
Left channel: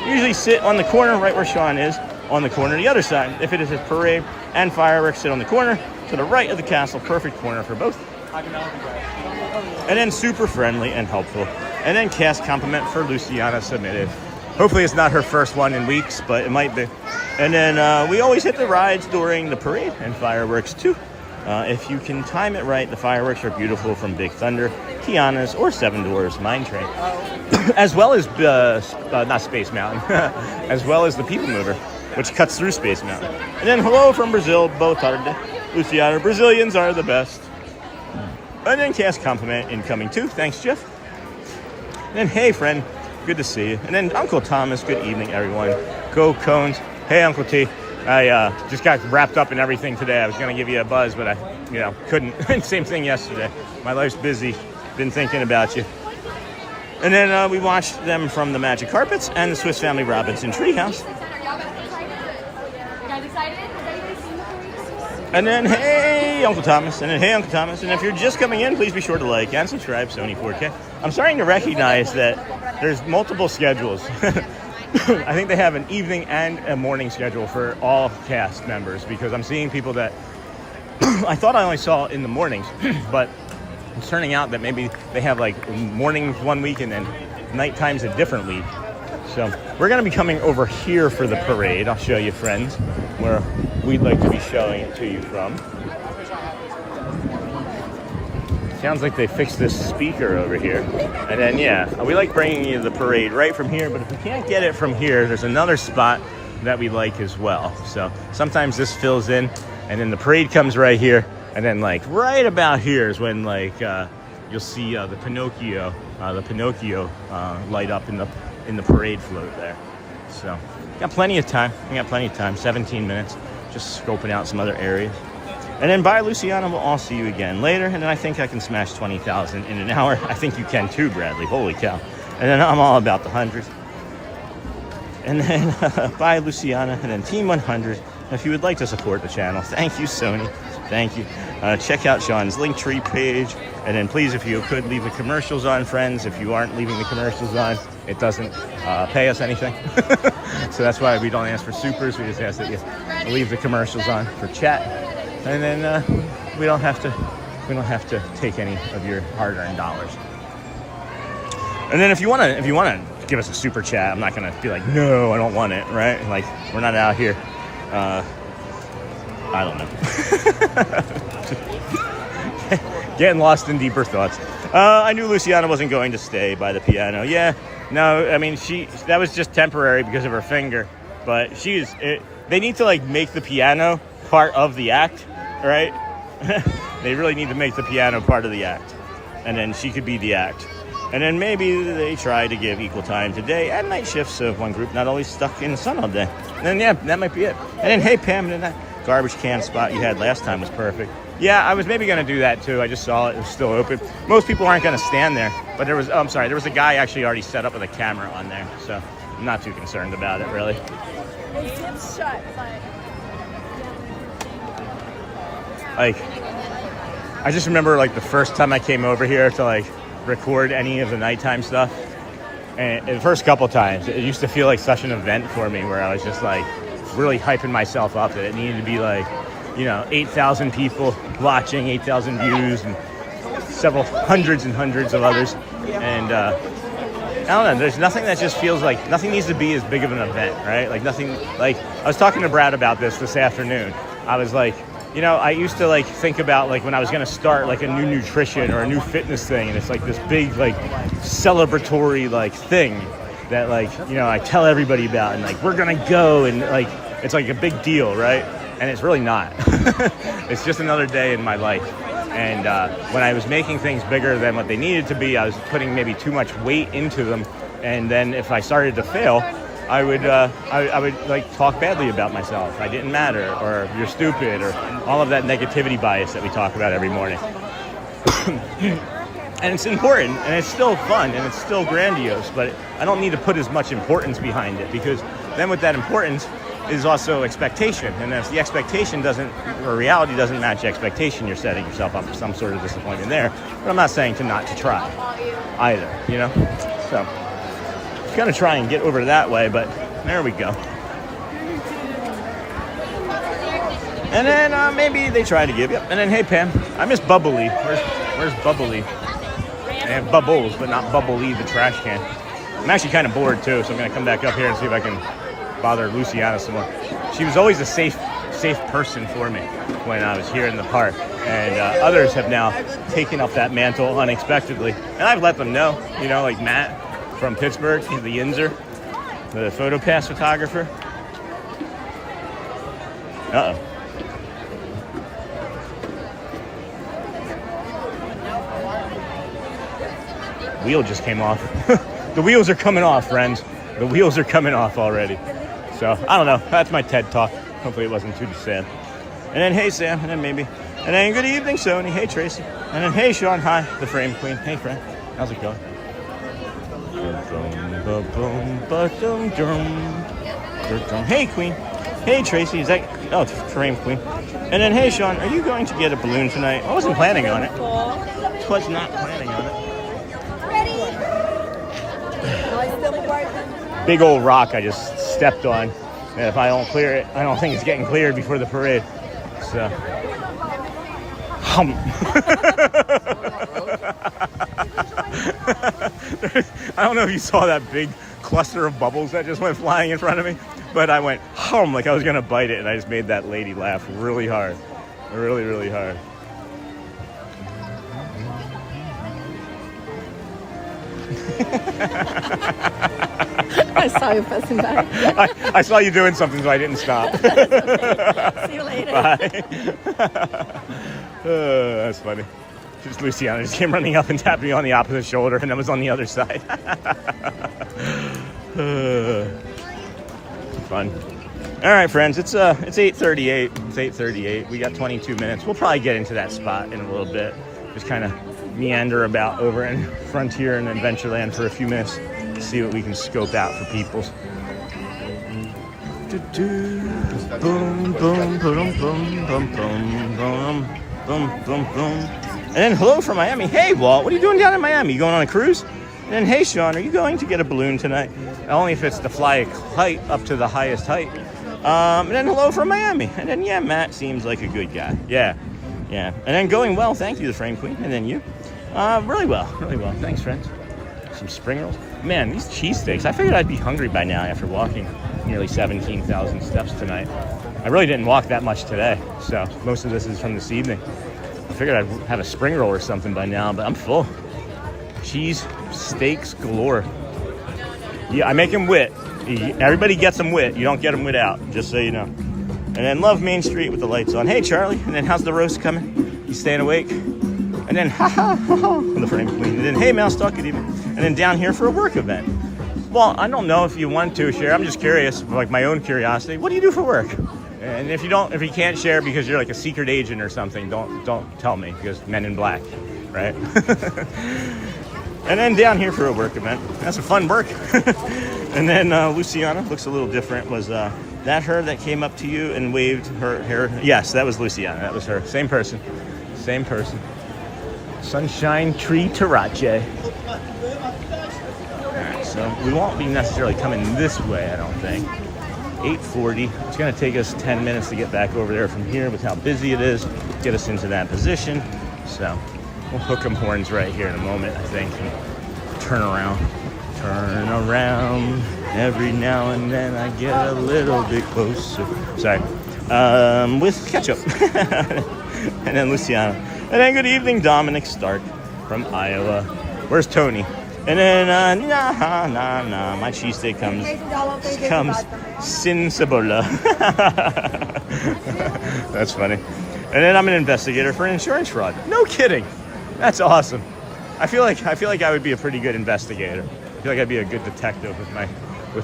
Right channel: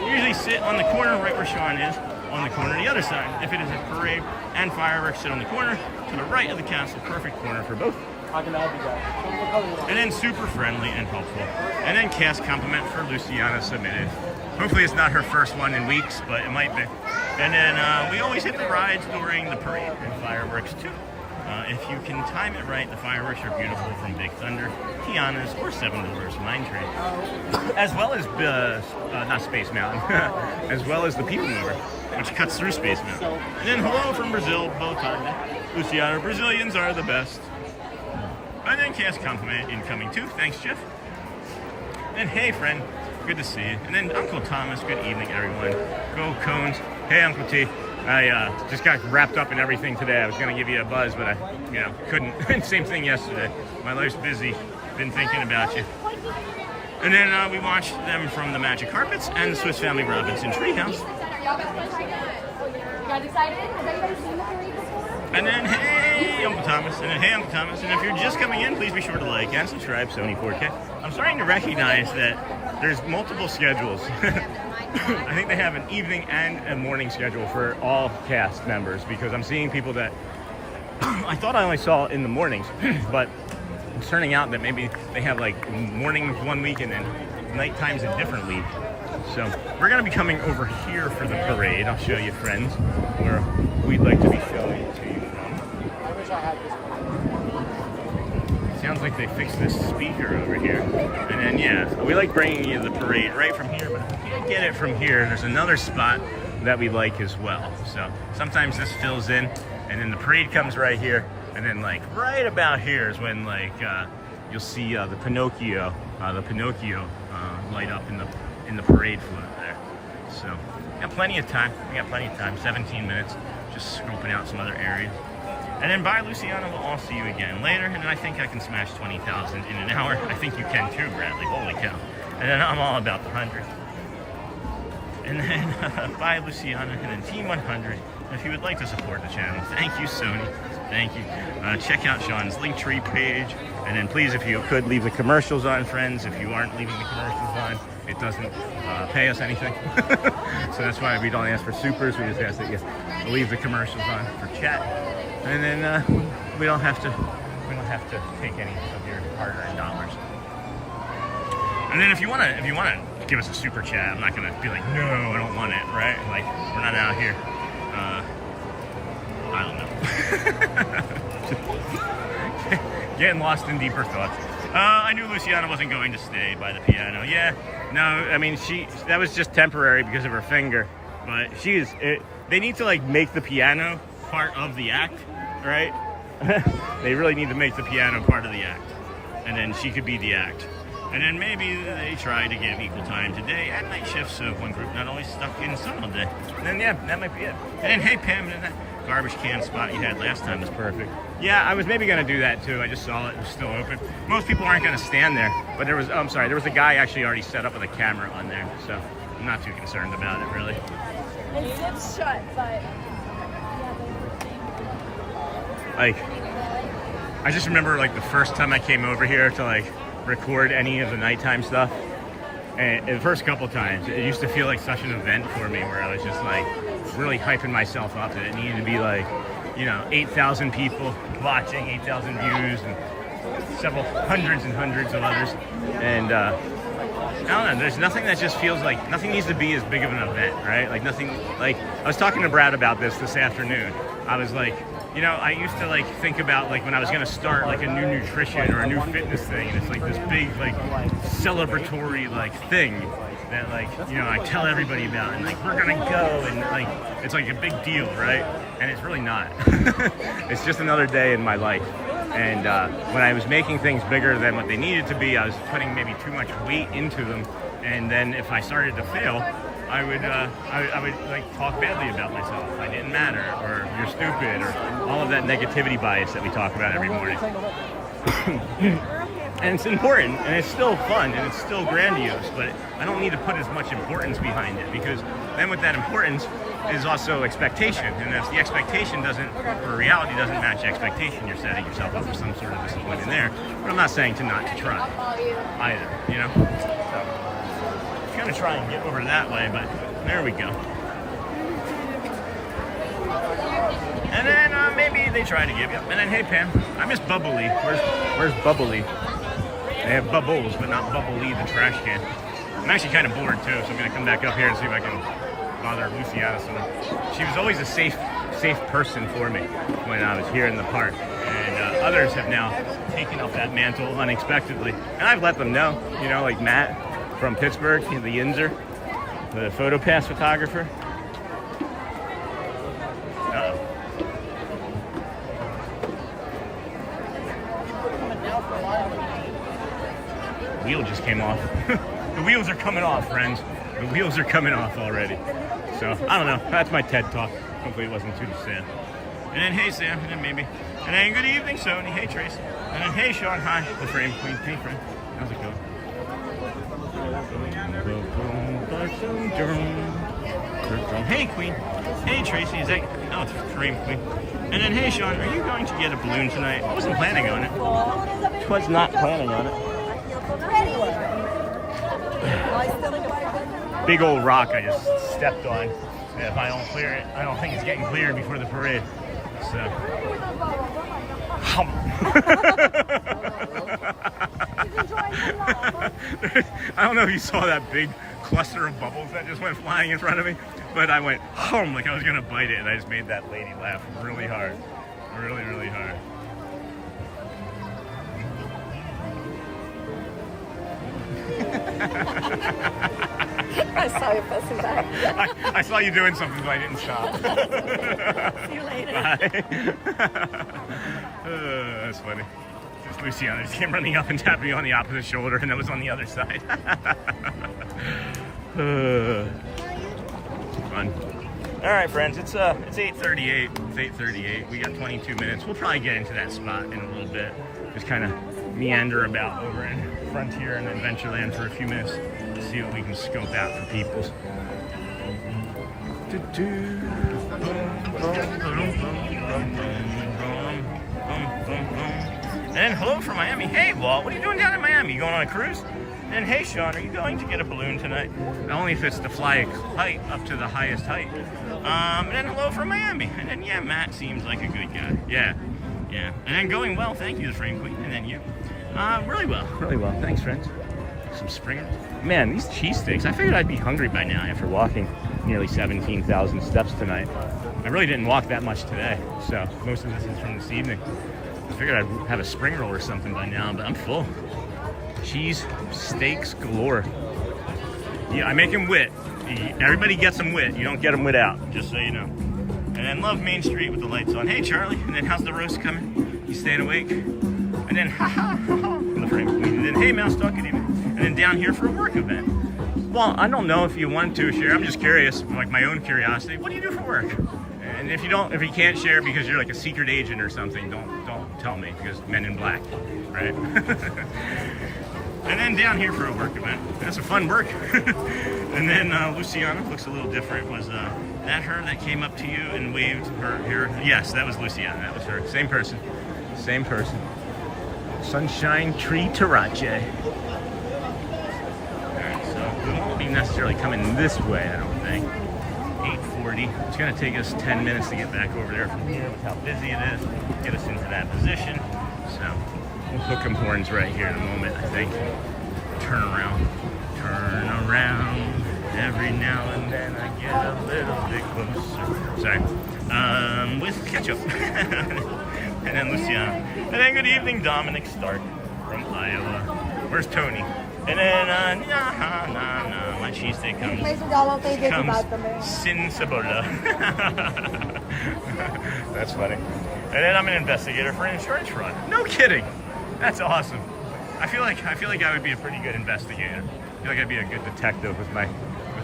usually sit on the corner right where Sean is, on the corner the other side. If it is a parade and fireworks, sit on the corner to the right of the castle, perfect corner for both. And then super friendly and helpful. And then cast compliment for Luciana submitted. Hopefully it's not her first one in weeks, but it might be. And then we always hit the rides during the parade and fireworks too. If you can time it right, the fireworks are beautiful from Big Thunder, Tiana's, or Seven Dwarfs Mine Train. As well as, not Space Mountain, as well as the People Mover, which cuts through Space Mountain. And then hello from Brazil, boa tarde. Luciana, Brazilians are the best. And then cast compliment incoming too. Thanks, Jeff. And then, hey, friend, good to see you. And then Uncle Thomas, good evening, everyone. Go Cones. Hey, Uncle T. I just got wrapped up in everything today. I was going to give you a buzz, but I couldn't. Same thing yesterday. My life's busy. Been thinking about you. And then we watched them from the Magic Carpets and the Swiss Family Robinson Treehouse. Are y'all excited? You guys excited? Has anybody seen the parade? And then, hey, Uncle Thomas. And then, hey, Uncle Thomas. And if you're just coming in, please be sure to like and subscribe, Sony 4K. I'm starting to recognize that there's multiple schedules. I think they have an evening and a morning schedule for all cast members, because I'm seeing people that I thought I only saw in the mornings, but it's turning out that maybe they have like mornings one week and then night times a different week. So we're going to be coming over here for the parade. I'll show you, friends, where we'd like to be showing to you from. Sounds like they fixed this speaker over here. And then, yeah, we like bringing you the parade right from here, but if we can't get it from here, there's another spot that we like as well. So sometimes this fills in, and then the parade comes right here, and then like right about here is when like you'll see the Pinocchio light up in the parade float there. So got plenty of time. 17 minutes, just scoping out some other areas. And then bye, Luciana. We'll all see you again later. And then I think I can smash 20,000 in an hour. I think you can too, Bradley. Holy cow. And then I'm all about the hundreds. And then bye, Luciana. And then Team 100. If you would like to support the channel, thank you, Sony. Thank you. Check out Sean's Linktree page. And then please, if you could, leave the commercials on, friends. If you aren't leaving the commercials on, it doesn't pay us anything. So that's why we don't ask for supers. We just ask that you leave the commercials on for chat. And then we don't have to take any of your hard-earned dollars. And then if you wanna give us a super chat, I'm not gonna be like, no, I don't want it, right? Like, we're not out here. I don't know. Getting lost in deeper thoughts. I knew Luciana wasn't going to stay by the piano. Yeah, no, I mean that was just temporary because of her finger. But they need to like make the piano part of the act. Right? They really need to make the piano part of the act. And then she could be the act. And then maybe they try to give equal time to day and night shifts of one group, not always stuck in the sun all day. And then, yeah, that might be it. And then, hey, Pam, that garbage can spot you had last time was perfect. Yeah, I was maybe going to do that too. I just saw it was still open. Most people aren't going to stand there. But there was a guy actually already set up with a camera on there. So I'm not too concerned about it, really. It's shut, but Like, I just remember like the first time I came over here to like record any of the nighttime stuff, and the first couple times it used to feel like such an event for me, where I was just like really hyping myself up that it needed to be like, you know, 8,000 people watching, 8,000 views, and several hundreds and hundreds of others. And I don't know, there's nothing that just feels like, nothing needs to be as big of an event, right? Like nothing, like I was talking to Brad about this afternoon. I was like, you know, I used to like think about like when I was gonna start like a new nutrition or a new fitness thing, and it's like this big like celebratory like thing that like, you know, I tell everybody about, and like we're gonna go, and like it's like a big deal, right? And it's really not. It's just another day in my life. And when I was making things bigger than what they needed to be, I was putting maybe too much weight into them, and then if I started to fail, I would like talk badly about myself. I didn't matter, or you're stupid, or all of that negativity bias that we talk about every morning. And it's important, and it's still fun, and it's still grandiose, but I don't need to put as much importance behind it, because then with that importance is also expectation, and if the expectation doesn't, or reality doesn't match the expectation, you're setting yourself up for some sort of disappointment there. But I'm not saying to not to try either, you know? So gonna try and get over that way, but there we go. And then maybe they try to give you. And then, hey Pam, I miss Bubbly. Where's Bubbly? They have Bubbles, but not Bubbly, the trash can. I'm actually kind of bored too, so I'm gonna come back up here and see if I can bother Luciana some more. She was always a safe person for me when I was here in the park, and others have now taken up that mantle unexpectedly, and I've let them know, you know, like Matt from Pittsburgh, he's the Yinzer, the PhotoPass photographer. Uh-oh. Wheel just came off. The wheels are coming off, friends. The wheels are coming off already. So, I don't know. That's my TED Talk. Hopefully it wasn't too sad. And then, hey, Sam. And then maybe. And then, good evening, Sony. Hey, Tracy. And then, hey, Sean. Hi, the Frame Queen. Hey, friend. How's it going? Hey, Queen. Hey, Tracy. Is that... Oh, it's Frame Queen. And then, hey, Sean. Are you going to get a balloon tonight? I wasn't planning on it. Was not planning on it. Big old rock I just stepped on. And if I don't clear it, I don't think it's getting cleared before the parade. So. I don't know if you saw that big cluster of bubbles that just went flying in front of me, but I went hum like I was gonna bite it, and I just made that lady laugh really hard. Really, really hard. I saw you pressing that. I saw you doing something, so I didn't stop. See you later. Bye. That's funny. Just Luciana just came running up and tapped me on the opposite shoulder, and I was on the other side. Fun. All right, friends. It's 8:38. It's 8:38. We got 22 minutes. We'll probably get into that spot in a little bit. Just kind of meander about over in Frontier and Adventureland for a few minutes, see what we can scope out for people. And then hello from Miami. Hey Walt, what are you doing down in Miami? You going on a cruise? And then hey Sean, are you going to get a balloon tonight? Only if it's to fly a kite up to the highest height. And then hello from Miami. And then yeah, Matt seems like a good guy. Yeah. And then going well, thank you, the Frame Queen. And then you. Really well. Thanks, friend. Some spring rolls. Man, these cheesesteaks, I figured I'd be hungry by now after walking nearly 17,000 steps tonight. I really didn't walk that much today, so most of this is from this evening. I figured I'd have a spring roll or something by now, but I'm full. Cheese steaks galore. Yeah, I make them wit. Everybody gets them wit. You don't get them without, just so you know. And then love Main Street with the lights on. Hey, Charlie. And then how's the roast coming? You staying awake? And then the Frame Queen. And then hey, Mouse, talk good evening. And then down here for a work event. Well, I don't know if you want to share. I'm just curious, like my own curiosity. What do you do for work? And if you can't share because you're like a secret agent or something, don't tell me, because Men in Black, right? And then down here for a work event. That's a fun work. And then Luciana looks a little different. Was that her that came up to you and waved her hair? Yes, that was Luciana. That was her. Same person. Same person. Sunshine Tree Tarache. Alright, so we won't be necessarily coming this way, I don't think. 8:40. It's going to take us 10 minutes to get back over there from here with how busy it is. Get us into that position. So we'll hook 'em horns right here in a moment, I think. Turn around. Turn around. Every now and then I get a little bit closer. Sorry. With ketchup. And then Luciana. And then good evening, Dominic Stark from Iowa. Where's Tony? And then, my cheesesteak comes sin cebola. That's funny. And then I'm an investigator for an insurance fraud. No kidding. That's awesome. I feel like I would be a pretty good investigator. I feel like I'd be a good detective with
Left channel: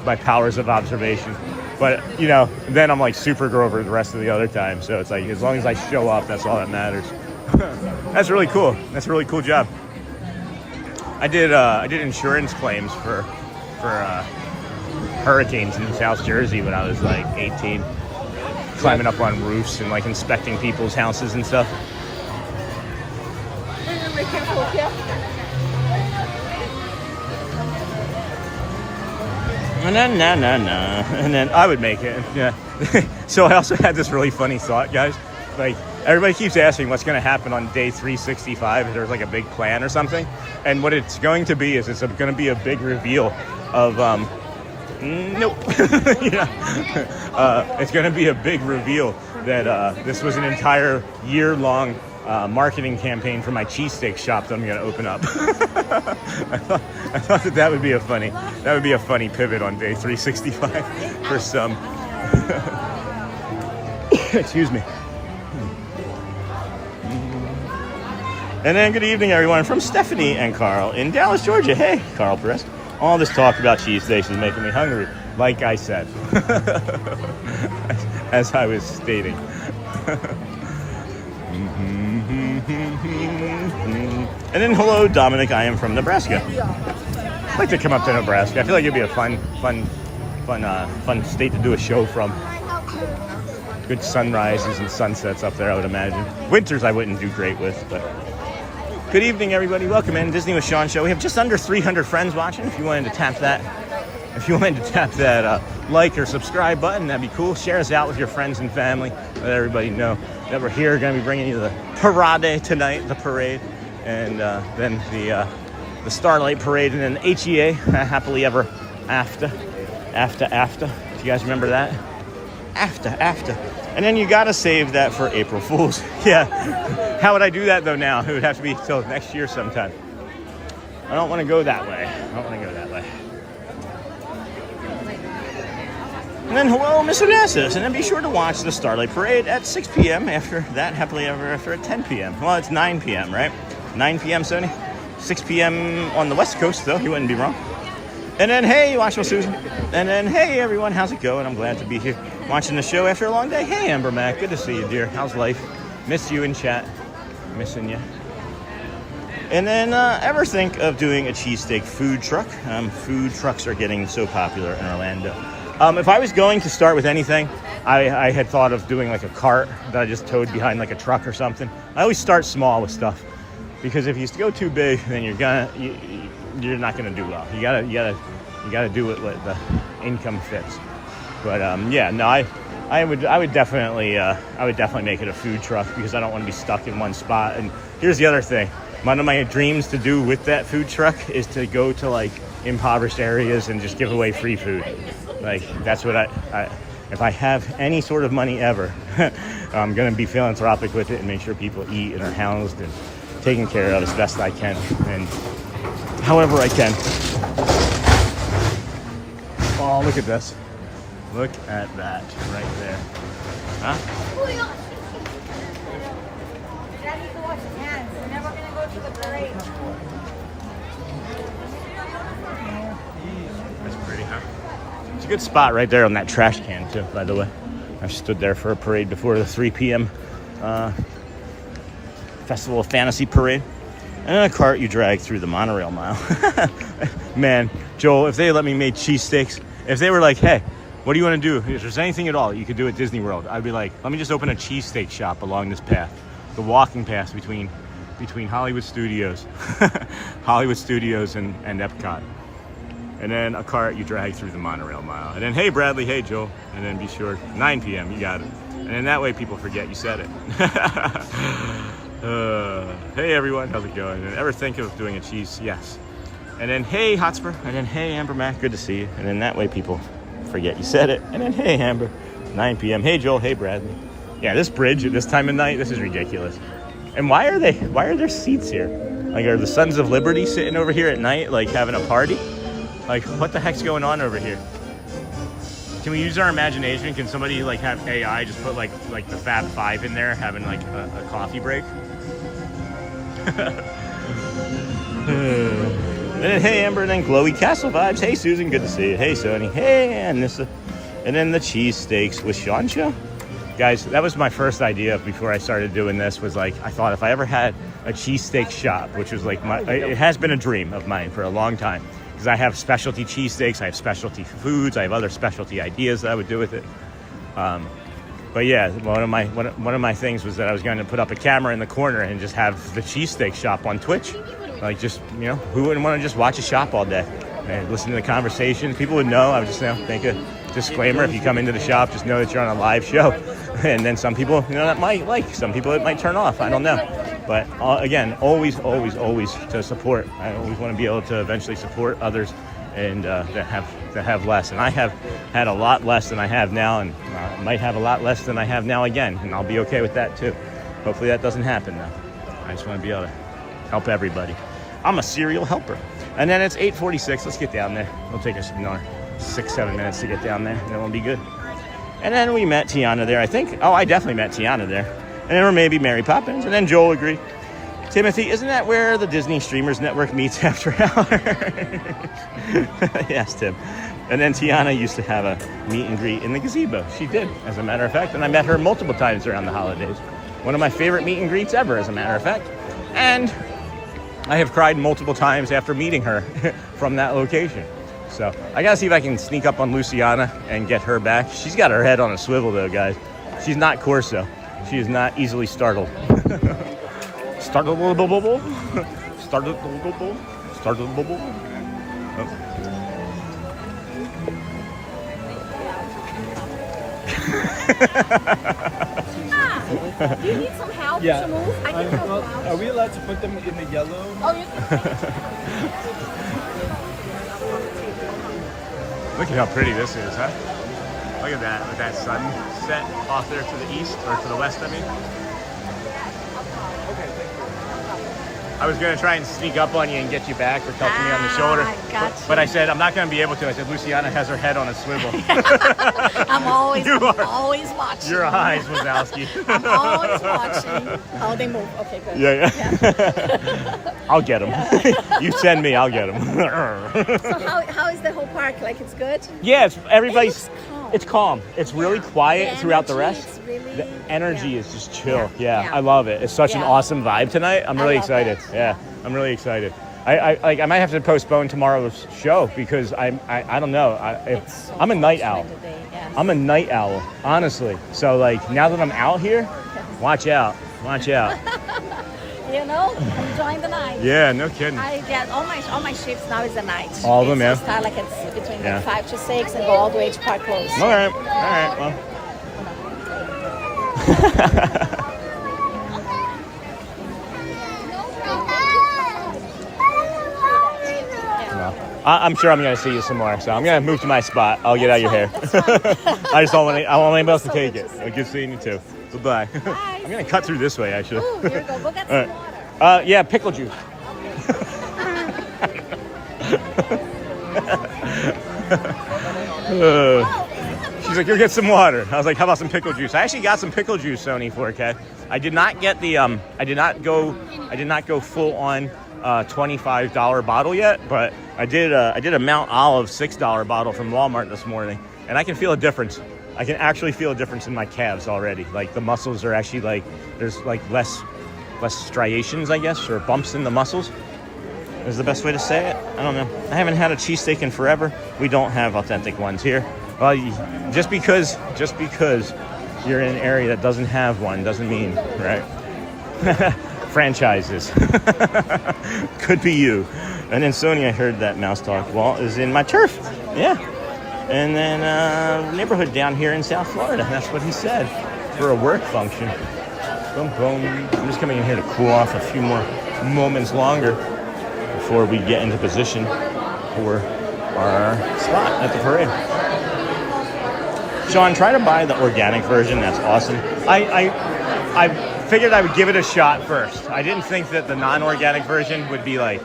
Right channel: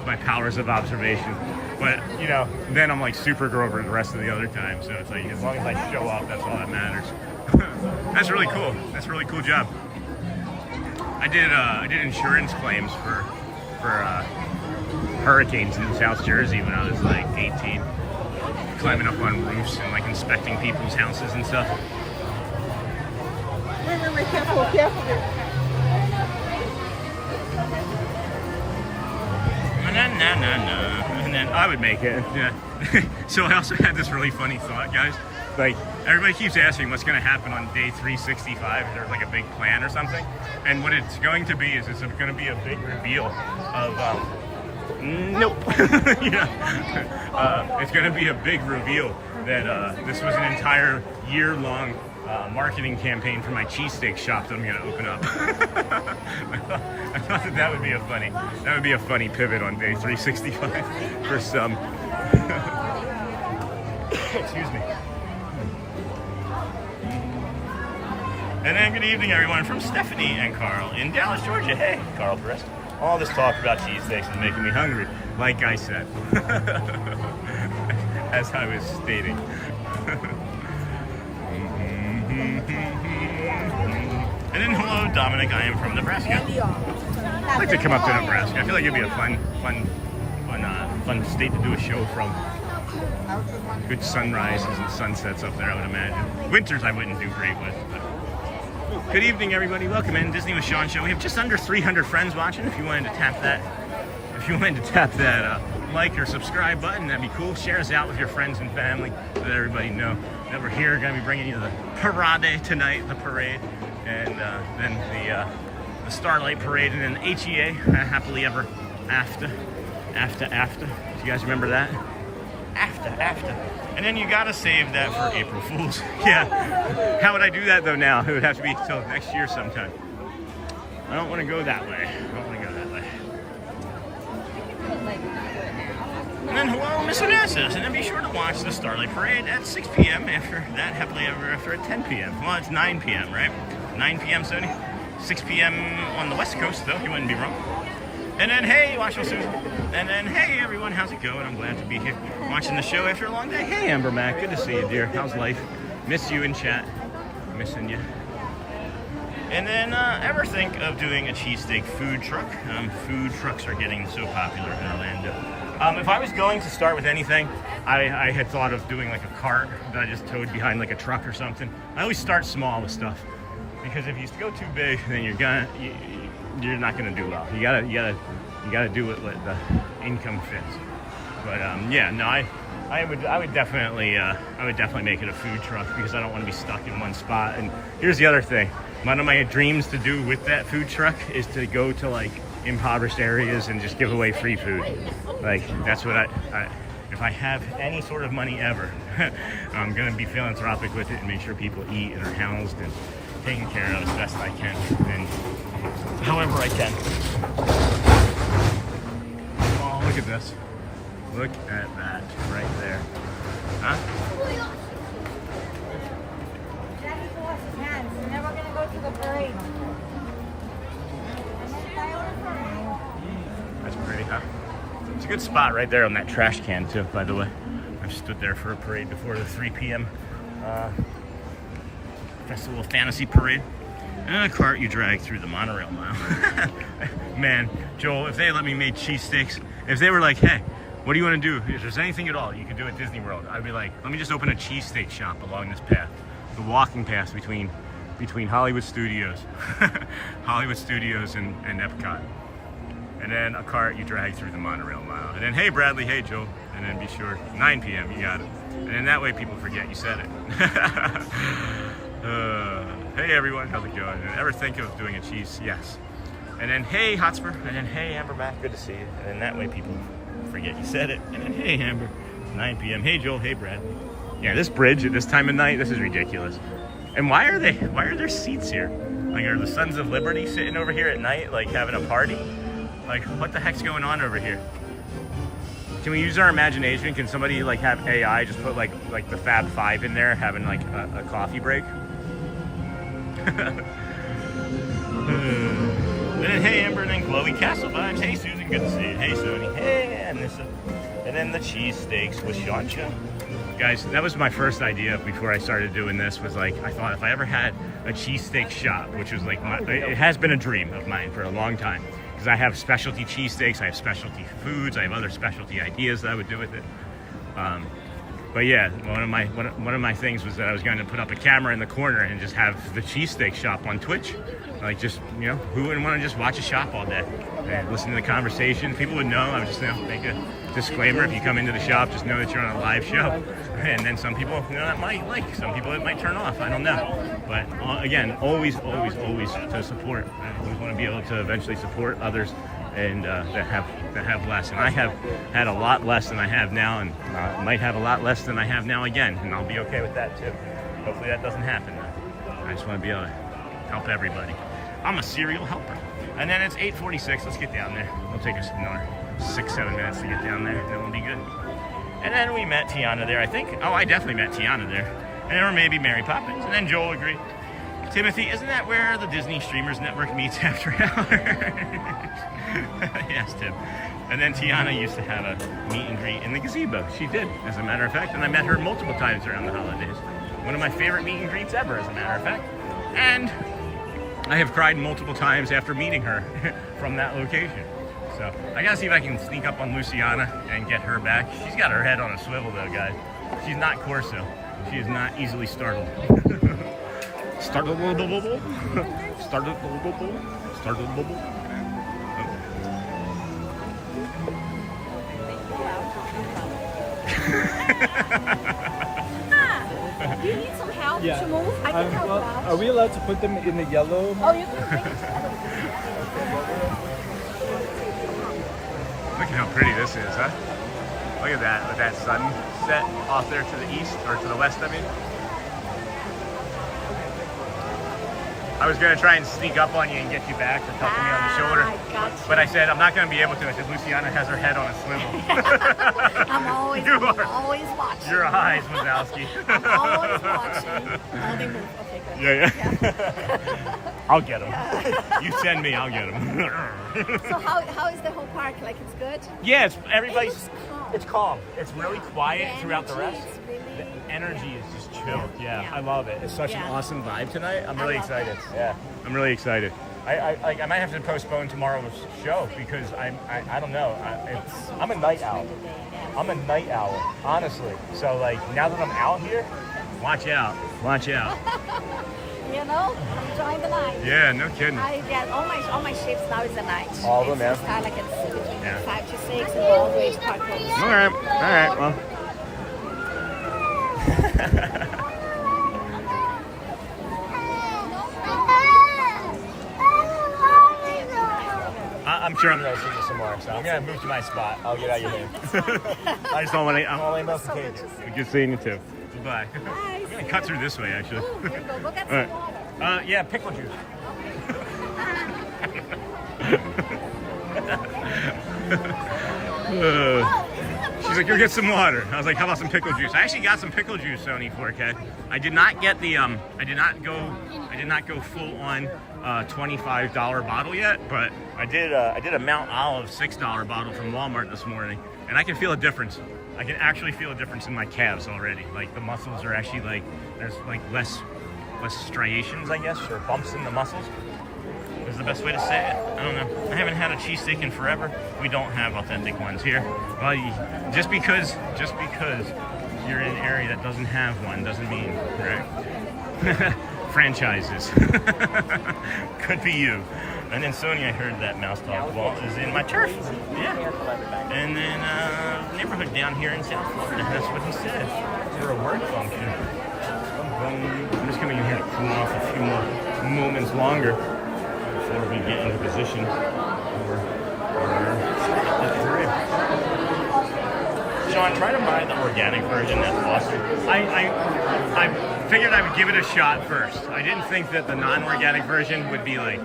my powers of observation. But, you know, then I'm like Supergrover the rest of the other time. So it's like, as long as I show up, that's all that matters. That's really cool. That's a really cool job. I did insurance claims for hurricanes in South Jersey when I was like 18, climbing up on roofs and like inspecting people's houses and stuff. And then I would make it. Yeah. So I also had this really funny thought, guys. Like, everybody keeps asking what's going to happen on day 365, if there's like a big plan or something. And what it's going to be is it's going to be a big reveal of, nope. It's going to be a big reveal that this was an entire year-long marketing campaign for my cheesesteak shop that I'm going to open up. I thought that would be a funny pivot on day 365 for some. Excuse me. And then good evening, everyone, from Stephanie and Carl in Dallas, Georgia. Hey, Carl Brisk. All this talk about cheesesteaks is making me hungry, like I said, as I was stating. And then hello, Dominic. I am from Nebraska. I'd like to come up to Nebraska. I feel like it'd be a fun state to do a show from. Good sunrises and sunsets up there, I would imagine. Winters I wouldn't do great with, but. Good evening, everybody. Welcome in Disney with Sean show. We have just under 300 friends watching. If you wanted to tap that, like or subscribe button, that'd be cool. Share us out with your friends and family. Let everybody know that we're here. Going to be bringing you the parade tonight, the parade, and then the Starlight parade, and then HEA, happily ever after. Do you guys remember that? After. And then you gotta save that for April Fools. Yeah. How would I do that though now? It would have to be till next year sometime. I don't want to go that way. And then hello, Miss Onassis. And then be sure to watch the Starlight Parade at 6 p.m. After that, happily ever after at 10 p.m. Well, it's 9 p.m., right? 9 p.m., Sony? 6 p.m. on the West Coast, though. You wouldn't be wrong. And then, hey, watching with Susan. And then, hey, everyone, how's it going? I'm glad to be here watching the show after a long day. Hey, Amber Mac, good to see you, dear. How's life? Miss you in chat. Missing you. And then, ever think of doing a cheesesteak food truck? Food trucks are getting so popular in Orlando. If I was going to start with anything, I had thought of doing like a cart that I just towed behind like a truck or something. I always start small with stuff, because if you go too big, then you're not gonna do well. You gotta do it with the income fits. But yeah, no, I would definitely make it a food truck, because I don't want to be stuck in one spot. And here's the other thing: one of my dreams to do with that food truck is to go to like impoverished areas and just give away free food. Like, that's what if I have any sort of money ever, I'm gonna be philanthropic with it and make sure people eat and are housed and taken care of as best I can, and however I can. Oh, look at this. Look at that right there. Huh? Dad needs to wash his hands. We're never going to go to the parade. That's pretty, huh? It's a good spot right there on that trash can, too, by the way. I've stood there for a parade before, the 3 p.m. Festival of Fantasy parade. and then a cart you drag through the monorail mile. Man, Joel, if they let me make cheesesteaks, if they were like, hey, what do you want to do? If there's anything at all you could do at Disney World, I'd be like, let me just open a cheesesteak shop along this path, the walking path between Hollywood Studios, Hollywood Studios and Epcot. And then a cart you drag through the monorail mile. And then, hey, Bradley, hey, Joel. And then be sure, 9 p.m., you got it. And then that way people forget you said it. Hey, everyone, how's it going? And ever think of doing a cheese? Yes. And then, hey, Hotspur. And then, hey, Amber Mac, good to see you. And then that way people forget you said it. And then, hey, Amber, 9 p.m. Hey, Joel, hey, Bradley. Yeah, this bridge at this time of night, this is ridiculous. And why are there seats here? Like, are the Sons of Liberty sitting over here at night, like having a party? Like, what the heck's going on over here? Can we use our imagination? Can somebody like have AI just put like the Fab Five in there having like a coffee break? And then, hey, Amber, and then Glowy Castle vibes. Hey, Susan, good to see you. Hey, Sony. Hey, Anissa. And then the cheesesteaks with Sean. Guys, that was my first idea before I started doing this, was like, I thought if I ever had a cheesesteak shop, which was like it has been a dream of mine for a long time. Because I have specialty cheesesteaks, I have specialty foods, I have other specialty ideas that I would do with it. But yeah, one of my things was that I was going to put up a camera in the corner and just have the cheesesteak shop on Twitch. Like, just, you know, who wouldn't want to just watch a shop all day and listen to the conversations? People would know. I would just, you know, make a disclaimer: if you come into the shop, just know that you're on a live show. And then some people, you know, that might like, some people it might turn off. I don't know. But again, always to support. I always want to be able to eventually support others and that have less. And I have had a lot less than I have now, and might have a lot less than I have now again, and I'll be okay with that too. Hopefully that doesn't happen though. I just want to be able to help everybody. I'm a serial helper. And then it's 8:46. Let's get down there. It'll take us another 6-7 minutes to get down there, and then we'll be good. And then we met Tiana there, I think. Oh, I definitely met Tiana there. And then we're maybe Mary Poppins, and then Joel agreed. Timothy, isn't that where the Disney Streamers Network meets after hours? Yes, Tim. And then Tiana used to have a meet and greet in the gazebo. She did, as a matter of fact, and I met her multiple times around the holidays. One of my favorite meet and greets ever, as a matter of fact. And I have cried multiple times after meeting her from that location. So I gotta see if I can sneak up on Luciana and get her back. She's got her head on a swivel though, guys. She's not Corso. She is not easily startled. Startled bubble. Startled bubble. Startled bubble. Do you need some help to move? I can help you out. Are we allowed to put them in the yellow? Oh, you can. Look at how pretty this is, huh? Look at that, with that sunset off there to the east, or to the west, I mean. I was going to try and sneak up on you and get you back or touch me on the shoulder. But I said, I'm not going to be able to. I said, Luciana has her head on a swivel. I'm always watching. Your eyes, Wazowski. I'm always watching. Oh, they move. Okay, good. Yeah. I'll get them. You send me, I'll get them. So how is the whole park? Like, it's good? Yeah, it's calm. It's really quiet throughout the rest. The energy is just chill. Yeah, I love it. It's such an awesome vibe tonight. I'm really excited. Yeah, I'm really excited. I might have to postpone tomorrow's show because I don't know. I'm a night owl. I'm a night owl, honestly. So like now that I'm out here, watch out. You know, enjoying the night. Yeah, no kidding. I get all my shifts now is at night. All of them, yeah. It's start like it's between like 5 to 6 and go all the way to park close. All right. Well. I'm sure I'm going to see you some more, so I'm going to move to my spot. I'll get out of your hair. I just don't want anybody else to take it. Good seeing you too. Bye. I'm going to cut through this way, actually. Oh, here we go. Well, that's all right. Yeah, pickle juice. She's like, go get some water. I was like, how about some pickle juice? I actually got some pickle juice, Sony 4K. I did not get the I did not go full on $25 bottle yet, but I did a Mount Olive $6 bottle from Walmart this morning, and I can feel a difference. I can actually feel a difference in my calves already. Like the muscles are actually like, there's like less less striations, I guess, or bumps in the muscles is the best way to say it. I don't know. I haven't had a cheesesteak in forever. We don't have authentic ones here. Well, just because you're in an area that doesn't have one doesn't mean, right? Franchises. Could be you. And then Sonia heard that mouse talk. Well, is in my turf. Yeah. And then neighborhood down here in South Florida. That's what he said for a work function. I'm just coming in here to cool off a few more moments longer before we get into position for our spot at the parade. Sean, try to buy the organic version. That's awesome. I figured I would give it a shot first. I didn't think that the non-organic version would be like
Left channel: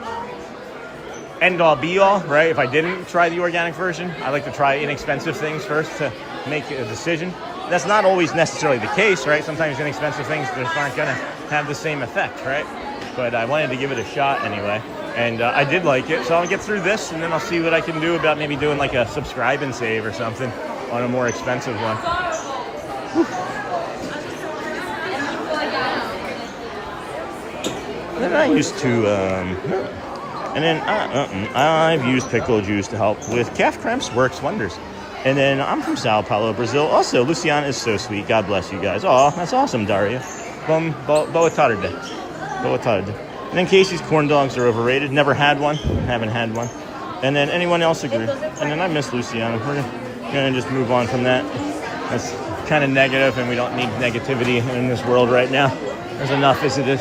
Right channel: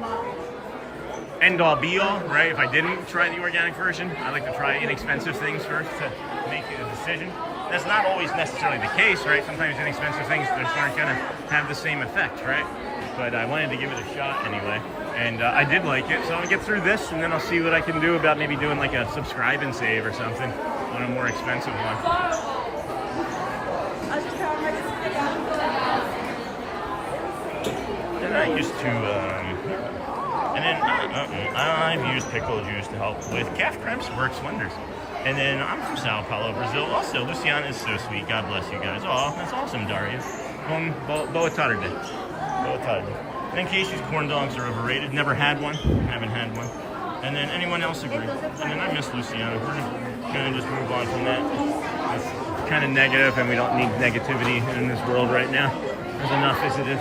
end all be all, right? If I didn't try the organic version, I like to try inexpensive things first to make a decision. That's not always necessarily the case, right? Sometimes inexpensive things just aren't gonna have the same effect, right? But I wanted to give it a shot anyway. And I did like it, so I'll get through this and then I'll see what I can do about maybe doing like a subscribe and save or something on a more expensive one. And I used to, I've used pickle juice to help with calf cramps, works wonders. And then I'm from Sao Paulo, Brazil. Also, Luciana is so sweet. God bless you guys. Oh, that's awesome, Daria. Boa tarde. Boa tarde. And then Casey's corn dogs are overrated. Never had one. Haven't had one. And then anyone else agree? And then I miss Luciana. We're gonna just move on from that. That's kind of negative, and we don't need negativity in this world right now. There's enough as it is.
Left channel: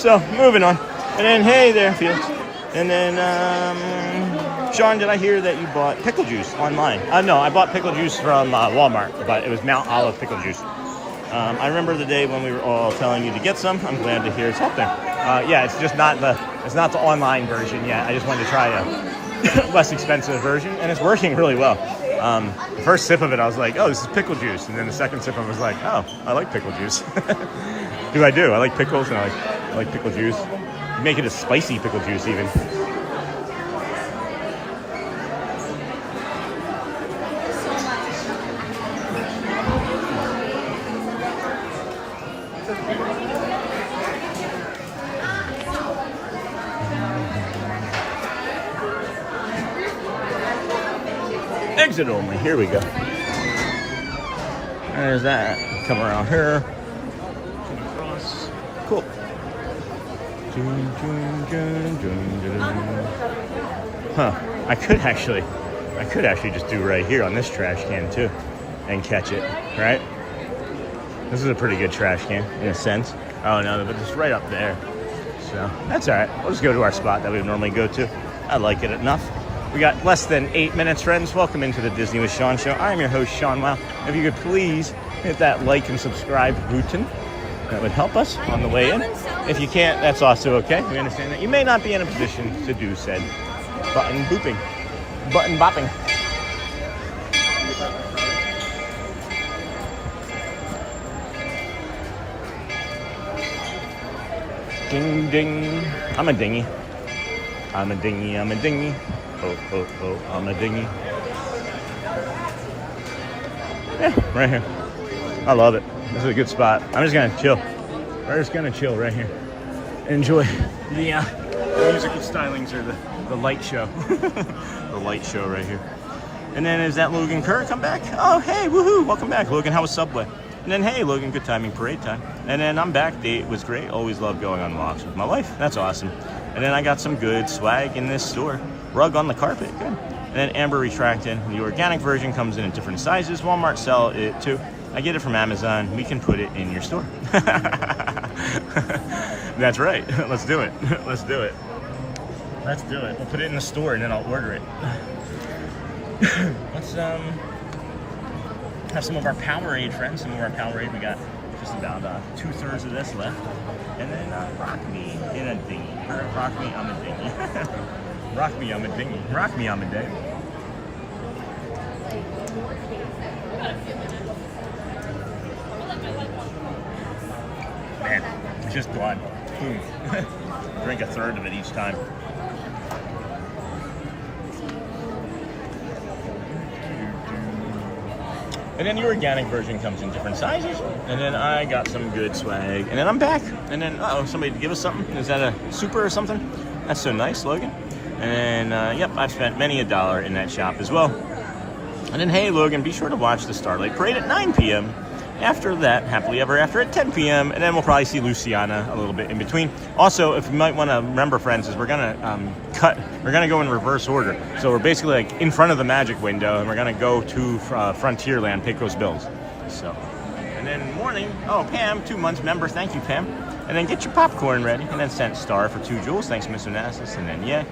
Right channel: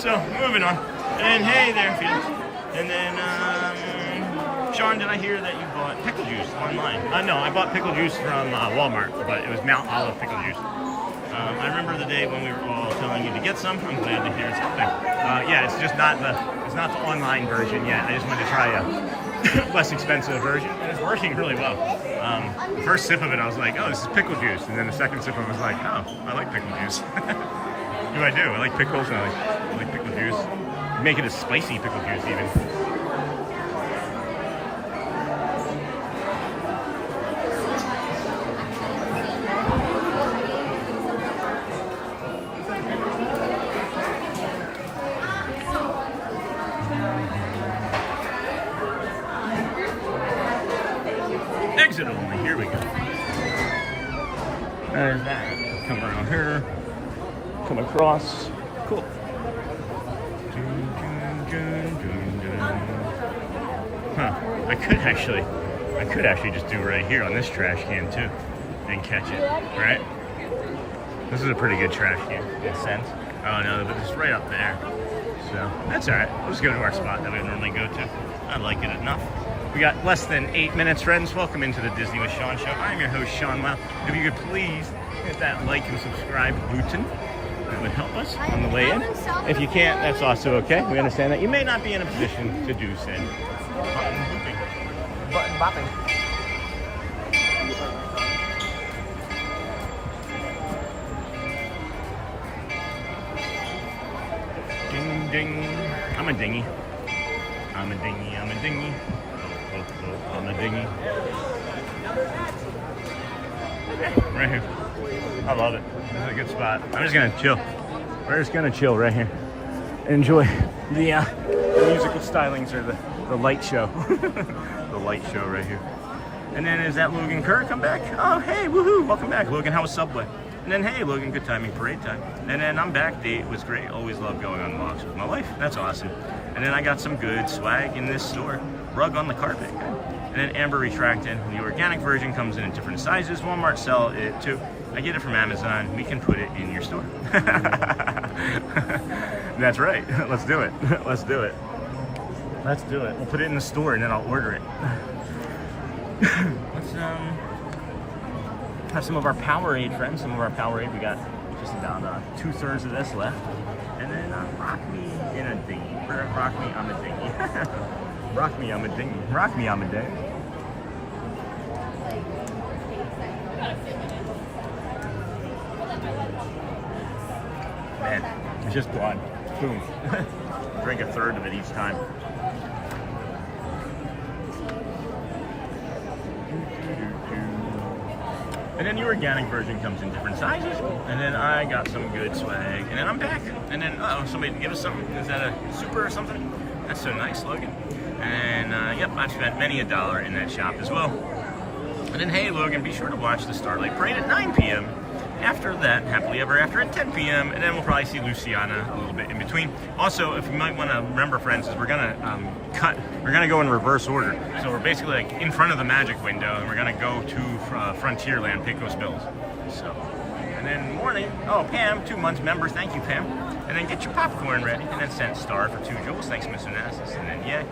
So, moving on. And then, hey there, Felix. And then, Sean, did I hear that you bought pickle juice online? No, I bought pickle juice from Walmart, but it was Mount Olive pickle juice. I remember the day when we were all telling you to get some. I'm glad to hear it's out there. Yeah, it's just not the online version yet. I just wanted to try a less expensive version, and it's working really well. The first sip of it, I was like, oh, this is pickle juice. And then the second sip, I was like, oh, I like pickle juice. Because I do. I like pickles, and I like pickle juice. You make it a spicy pickle juice, even. Exit only. Here we go. There's that. Come around here. Come across. Cool. Huh. I could actually just do right here on this trash can too and catch it, right? This is a pretty good trash can in a sense. Oh no, but it's right up there. So that's all right. We'll just go to our spot that we normally go to. I like it enough. We got less than 8 minutes, friends. Welcome into the Disney with Sean show. I'm your host, Sean Wow. If you could please hit that like and subscribe button. That would help us on the way in. If you can't, that's also okay. We understand that you may not be in a position to do said button booping. Button bopping. Ding ding. I'm a dinghy. I'm a dinghy. I'm a dinghy. Oh, oh, oh, I'm a dinghy. Yeah, right here. I love it. This is a good spot. I'm just gonna chill. We're just gonna chill right here. Enjoy the musical stylings or the light show. The light show right here. And then is that Logan Kerr come back? Oh, hey, woohoo, welcome back. Logan, how was Subway? And then, hey, Logan, good timing, parade time. And then I'm back, date was great. Always love going on walks with my wife. That's awesome. And then I got some good swag in this store. Rug on the carpet, good. And then Amber retracted. The organic version comes in different sizes. Walmart sell it too. I get it from Amazon. We can put it in your store. That's right. Let's do it. Let's do it. Let's do it. We'll put it in the store and then I'll order it. Let's have some of our Powerade friends. Some of our Powerade. We got just about 2/3 of this left. And then rock me in a dinghy. Rock me, I'm a dinghy. Rock me, I'm a dinghy. Rock me, I'm a dinghy. Man, it's just gone. Boom. Drink 1/3 of it each time. And then the organic version comes in different sizes. And then I got some good swag. And then I'm back. And then, somebody give us something. Is that a super or something? That's so nice, Logan. And, yep, I've spent many $1 in that shop as well. And then, hey, Logan, be sure to watch the Starlight Parade at 9 p.m. After that, Happily Ever After at 10 p.m. And then we'll probably see Luciana a little bit in between. Also, if you might want to remember, friends, is we're going to go in reverse order. So we're basically like in front of the magic window, and we're going to go to Frontierland, Pecos Bills. So, and then morning, Pam, 2 months member, thank you, Pam. And then get your popcorn ready, and then sent star for 2 jewels, thanks, Miss Onassis, and then yeah.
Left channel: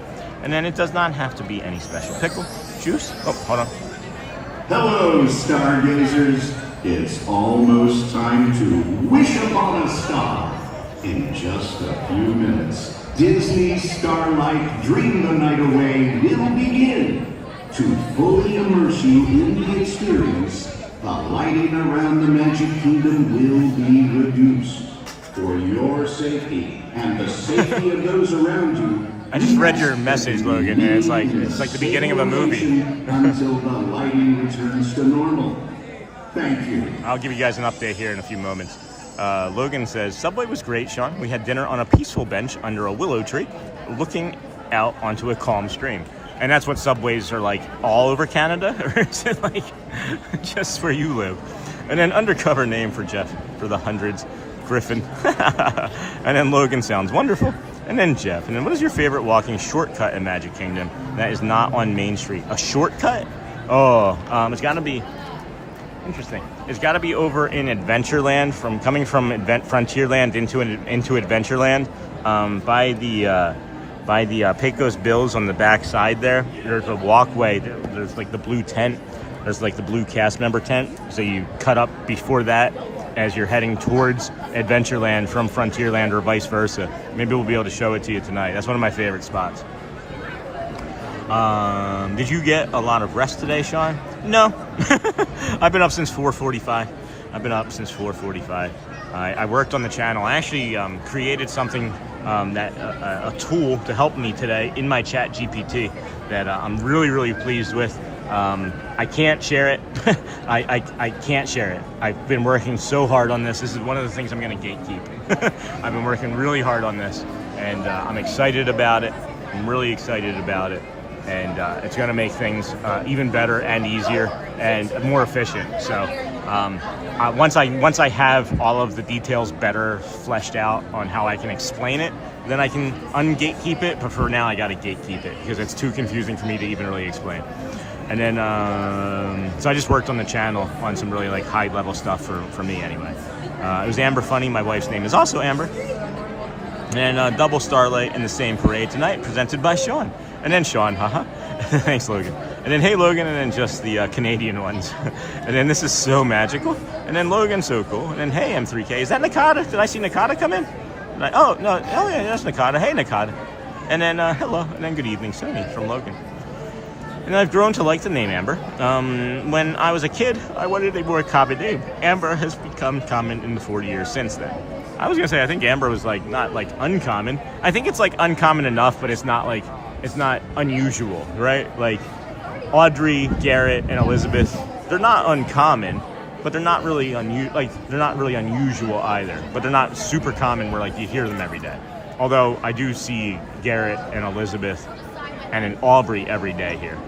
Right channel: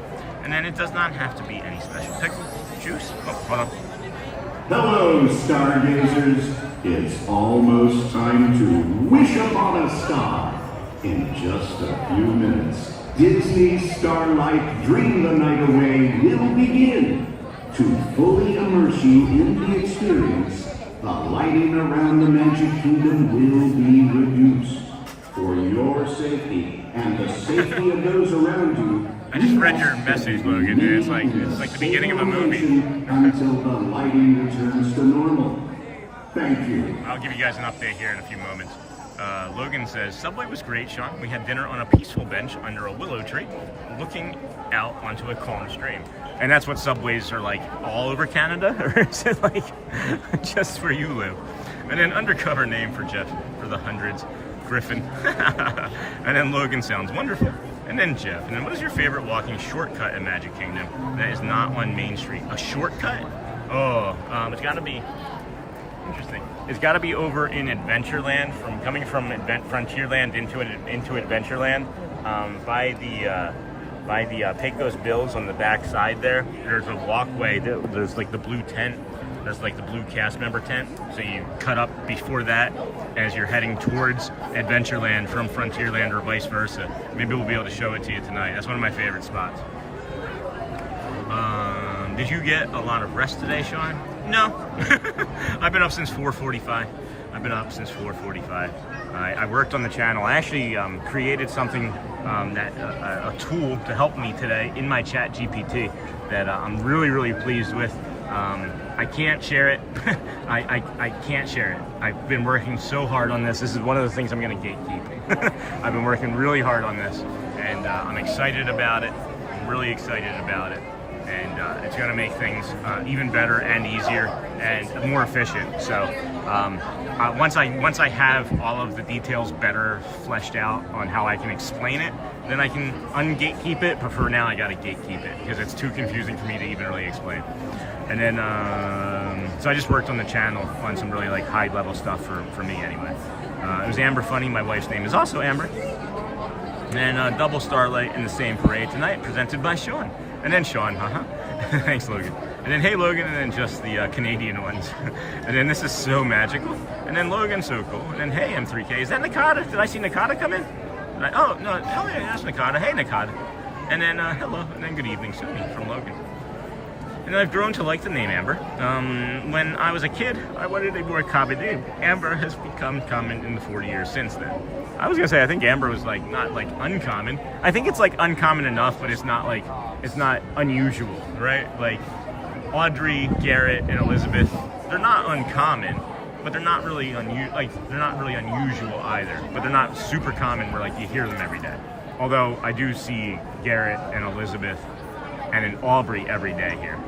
And then it does not have to be any special pickle, juice. Oh, hold on. Hello, stargazers. It's almost time to wish upon a star. In just a few minutes, Disney Starlight Dream the Night Away will begin. To fully immerse you in the experience, the lighting around the Magic Kingdom will be reduced. For your safety and the safety of those around you, I just read your message, Logan, and it's like the beginning of a movie. Until the lighting returns to normal. Thank you. I'll give you guys an update here in a few moments. Logan says, Subway was great, Sean. We had dinner on a peaceful bench under a willow tree, looking out onto a calm stream. And that's what Subways are like all over Canada? Or is it like just where you live? And then undercover name for Jeff for the hundreds, Griffin. And then Logan sounds wonderful. And then Jeff. And then what is your favorite walking shortcut in Magic Kingdom that is not on Main Street? A shortcut? It's got to be interesting. It's got to be over in Adventureland, coming from Frontierland into Adventureland, by the Pecos Bills on the back side there. There's a walkway. There's like the blue tent. There's like the blue cast member tent. So you cut up before that as you're heading towards Adventureland from Frontierland or vice versa. Maybe we'll be able to show it to you tonight. That's one of my favorite spots. Did you get a lot of rest today, Sean? No. I've been up since 4:45. I worked on the channel. I actually created something, a tool to help me today in my chat GPT that I'm really, really pleased with. I can't share it. I can't share it. I've been working so hard on this. This is one of the things I'm going to gatekeep. I've been working really hard on this, and I'm excited about it. I'm really excited about it. And it's going to make things even better and easier and more efficient. So once I have all of the details better fleshed out on how I can explain it, then I can ungatekeep it. But for now, I got to gatekeep it because it's too confusing for me to even really explain. And then, so I just worked on the channel on some really like high level stuff for me anyway. It was Amber Funny. My wife's name is also Amber. And double Starlight in the same parade tonight, presented by Sean. And then Sean, haha. Thanks, Logan. And then hey, Logan, and then just the Canadian ones. And then this is so magical. And then Logan, so cool. And then hey, M3K. Is that Nakata? Did I see Nakata come in? Oh, no. Oh, yeah, that's Nakata. Hey, Nakata. And then hello. And then good evening, Sony from Logan. And I've grown to like the name Amber. When I was a kid, I wanted a more common name. Amber has become common in the 40 years since then. I was going to say, I think Amber was like not like uncommon. I think it's like uncommon enough, but it's not like, it's not unusual, right? Like Audrey, Garrett, and Elizabeth, they're not uncommon, but they're not really unusual either. But they're not super common where like you hear them every day. Although I do see Garrett and Elizabeth and an Aubrey every day here.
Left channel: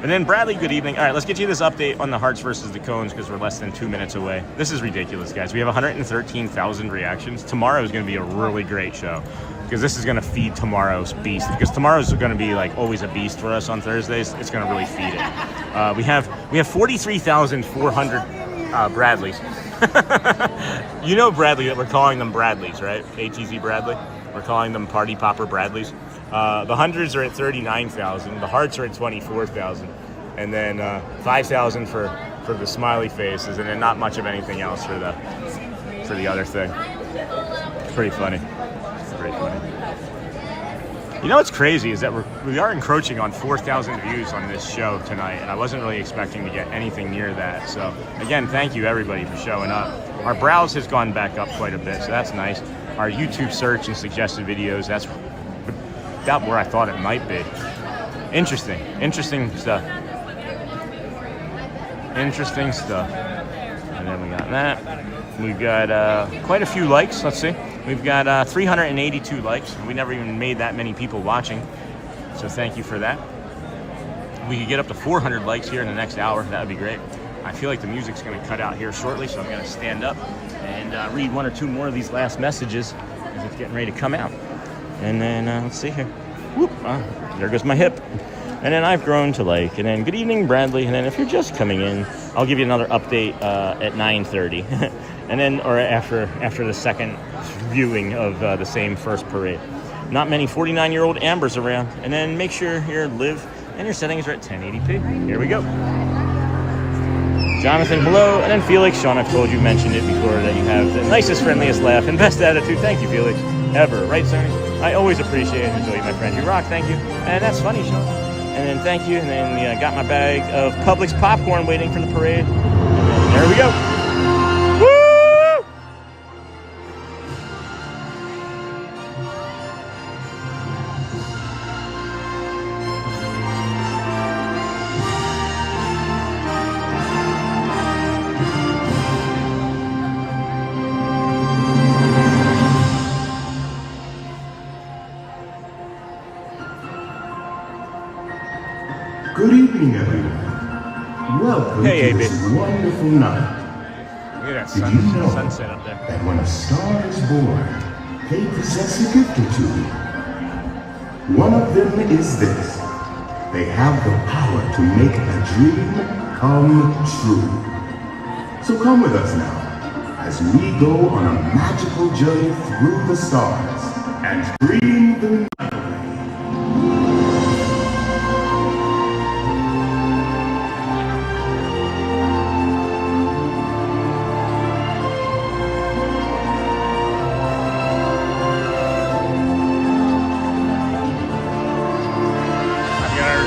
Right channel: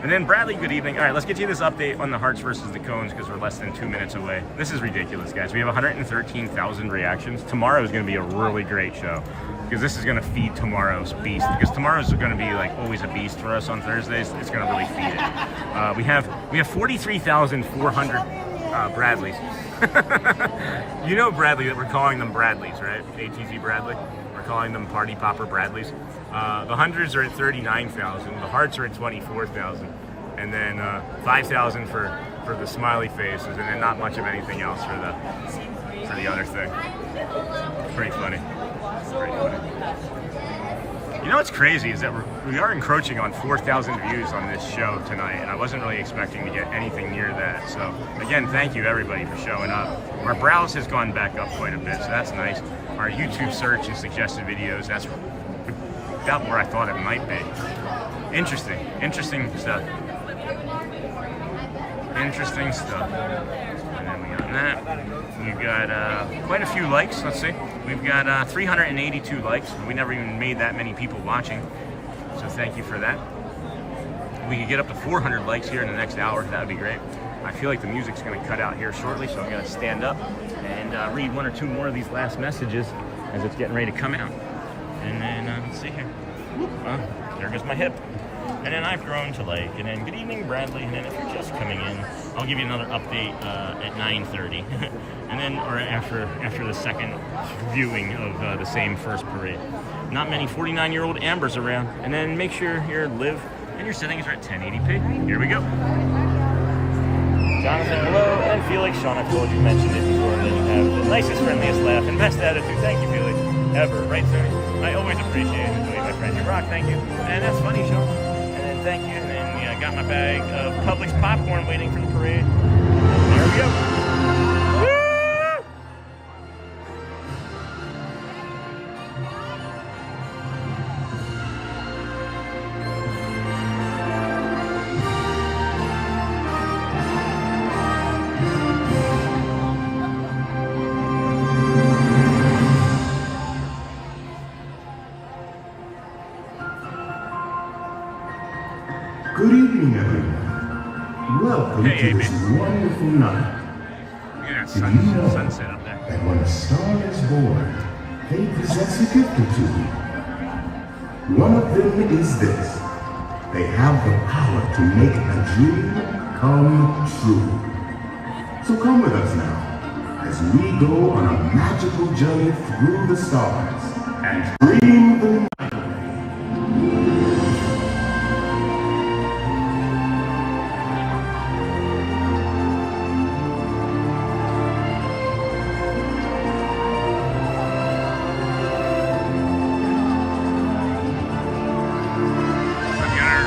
And then Bradley, good evening. All right, let's get you this update on the hearts versus the cones because we're less than 2 minutes away. This is ridiculous, guys. We have 113,000 reactions. Tomorrow is going to be a really great show because this is going to feed tomorrow's beast. Because tomorrow's going to be like always a beast for us on Thursdays. It's going to really feed it. We have 43,400 Bradleys. You know Bradley, that we're calling them Bradleys, right? ATZ Bradley. We're calling them Party Popper Bradleys. The hundreds are at 39,000. The hearts are at 24,000, and then 5,000 for the smiley faces, and then not much of anything else for the other thing. It's pretty funny. It's pretty funny. You know what's crazy is that we are encroaching on 4,000 views on this show tonight, and I wasn't really expecting to get anything near that. So again, thank you everybody for showing up. Our browse has gone back up quite a bit, so that's nice. Our YouTube search and suggested videos, that's about where I thought it might be. Interesting stuff. Interesting stuff. And then we got that. We've got quite a few likes. Let's see. We've got 382 likes. We never even made that many people watching. So thank you for that. We could get up to 400 likes here in the next hour. That would be great. I feel like the music's going to cut out here shortly, so I'm going to stand up and read one or two more of these last messages as it's getting ready to come out. And then, let's see here. Whoop, there goes my hip. And then I've grown to like, and then good evening, Bradley. And then if you're just coming in, I'll give you another update at 9:30. And then, or after the second viewing of the same first parade. Not many 49-year-old Ambers around. And then make sure your live and your settings are at 1080p. Here we go. Jonathan, hello, and then Felix. Sean, I've told you, mentioned it before, that you have the nicest, friendliest laugh and best attitude. Thank you, Felix. Ever, right, sir? I always appreciate it. This way, my friend. You rock, thank you. And that's funny, Sean. And then thank you. And then yeah, I got my bag of Publix popcorn waiting for the parade. There we go. Good evening, everyone. Welcome to this wonderful night. Look at that Did you know sunset up there. that when a star is born, they possess a gift or two? One of them is this. They have the power to make a dream come true. So come with us now, as we go on a magical journey through the stars and dream the night.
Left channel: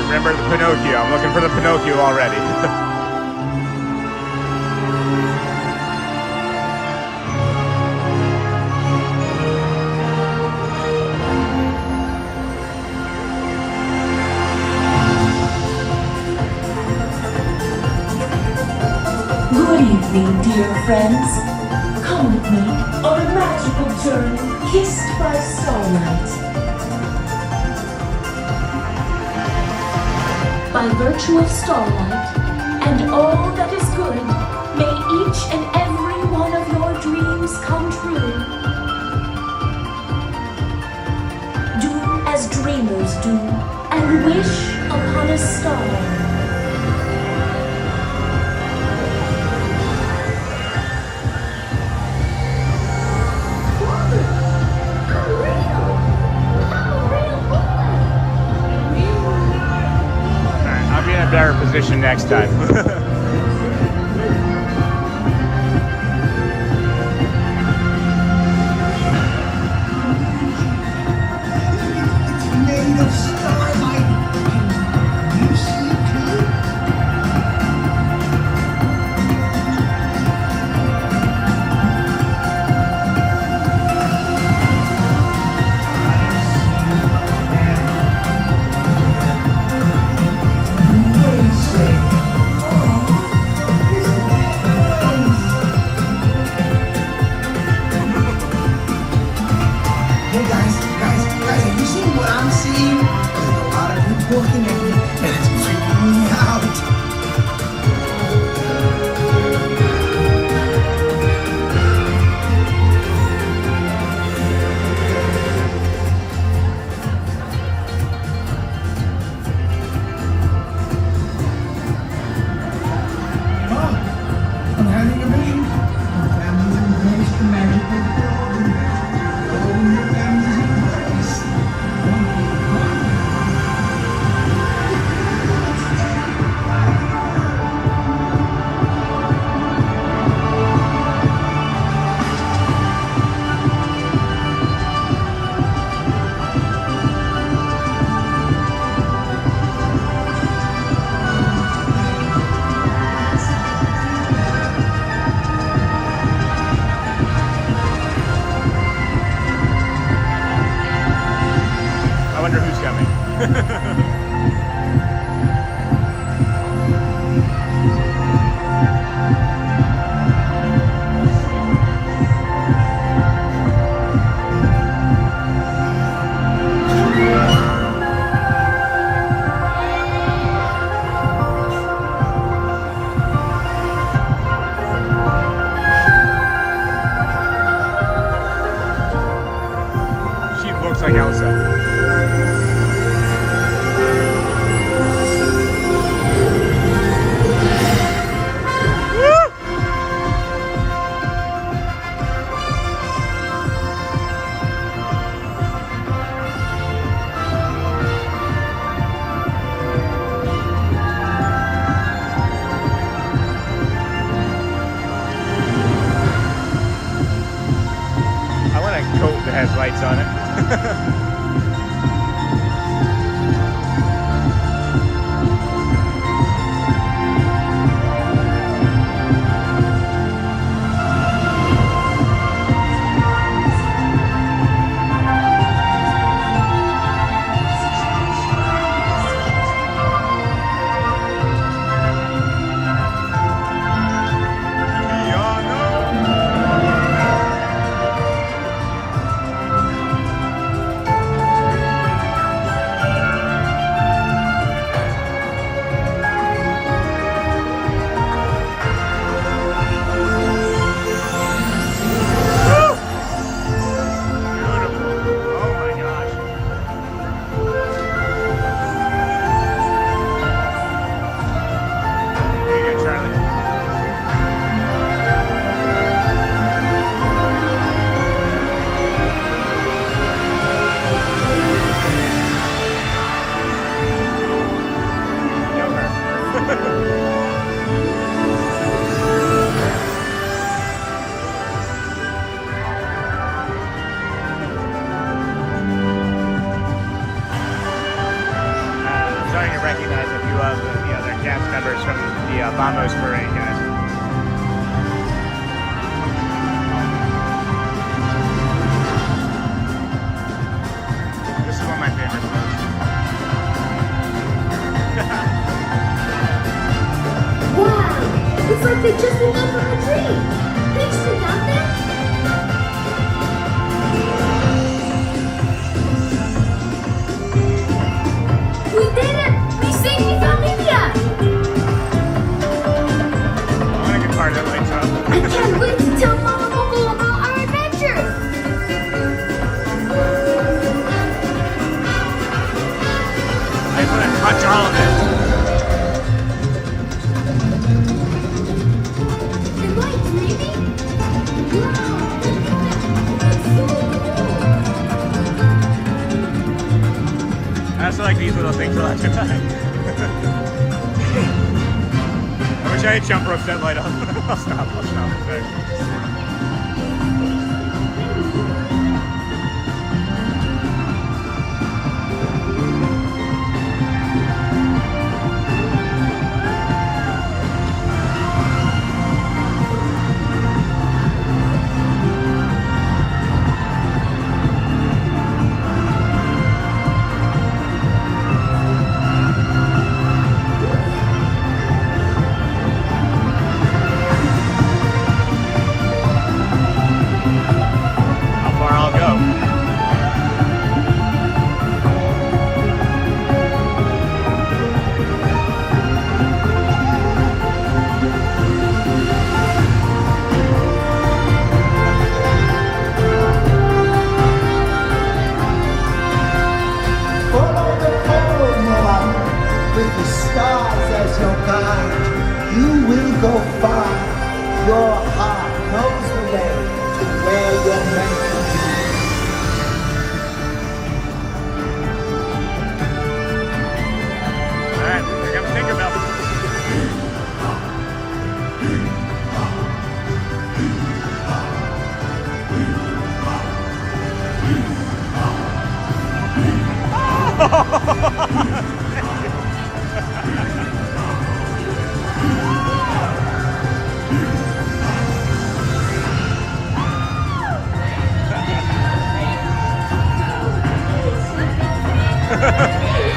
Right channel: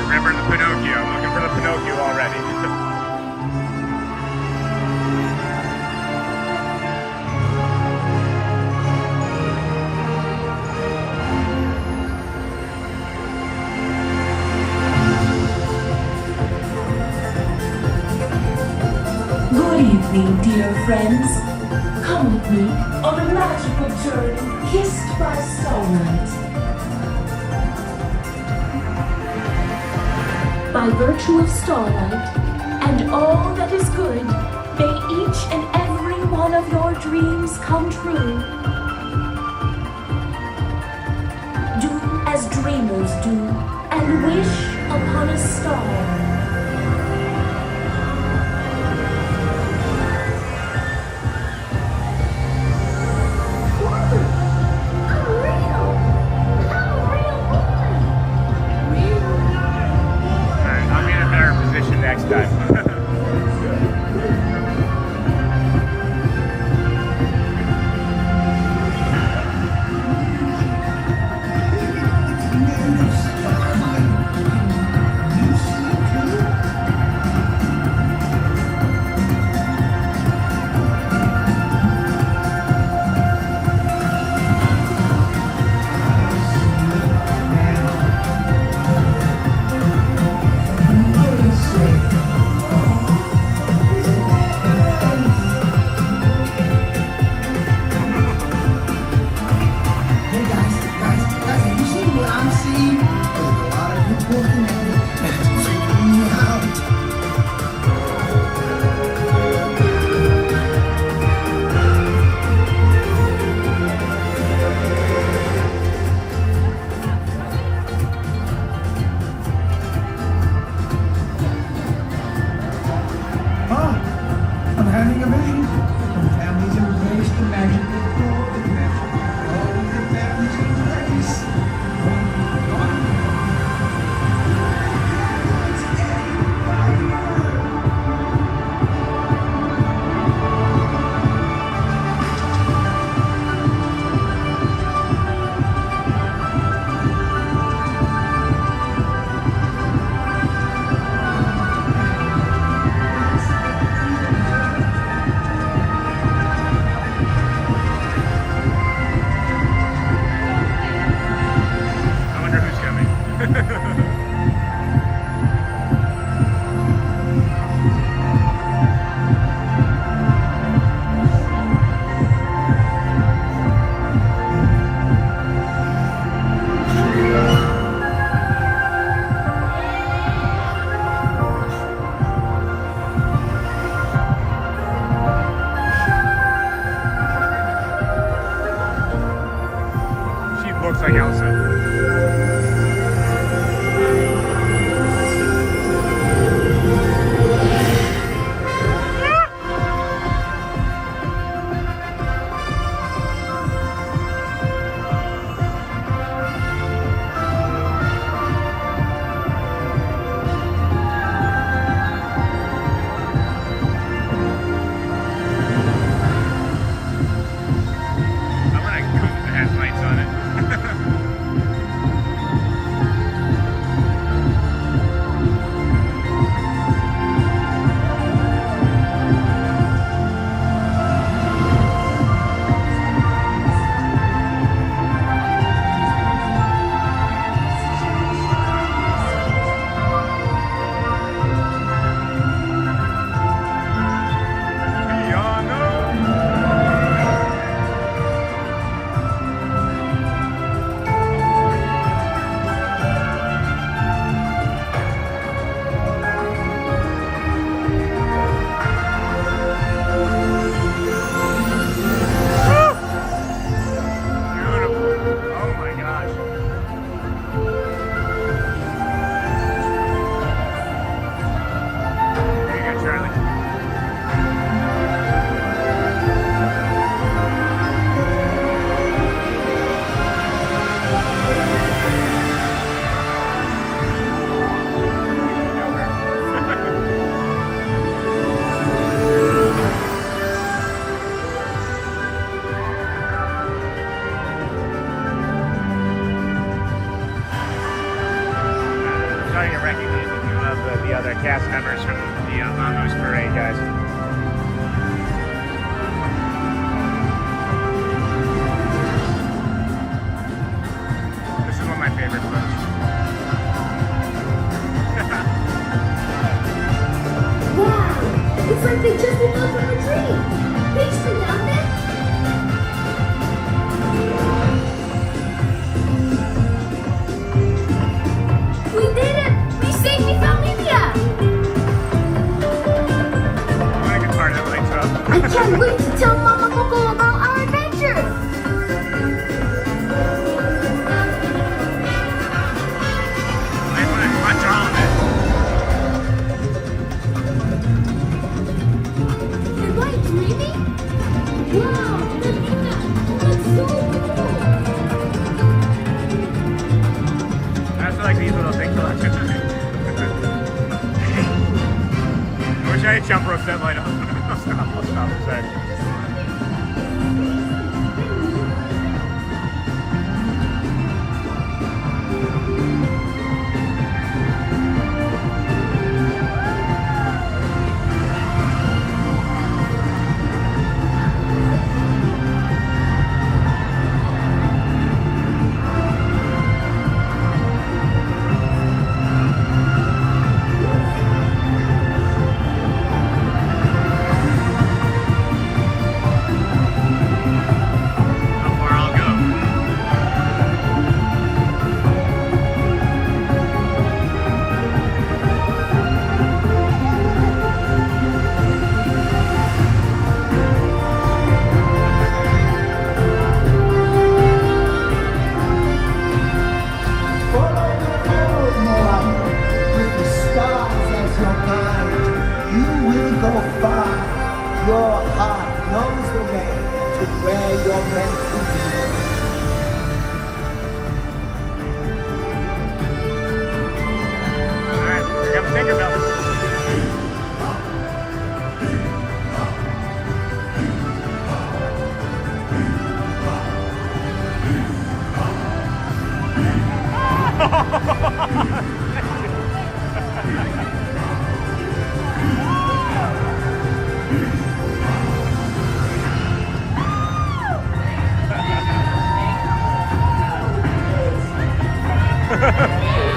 Remember the Pinocchio. I'm looking for the Pinocchio already. Good evening, dear friends. Come with me on a magical journey kissed by starlight. By virtue of starlight and all that is good, may each and every one of your dreams come true. Do as dreamers do and wish upon a star. Next time. like Elsa. Lights on it. starting to recognize a few of the other cast members from the Vamos Parade, guys. This is one of my favorite floats. Wow! It's like they just woke up from a dream! Thanks to Dolphin! We did it! We safely found India! I want to get part of that lights up. I can't wait to tell Mama Coco about our adventure! I want to touch all of it. The lights, maybe? Wow! I also like these little things a lot tonight. I wish I had jump ropes that light up. I'll stop a sec.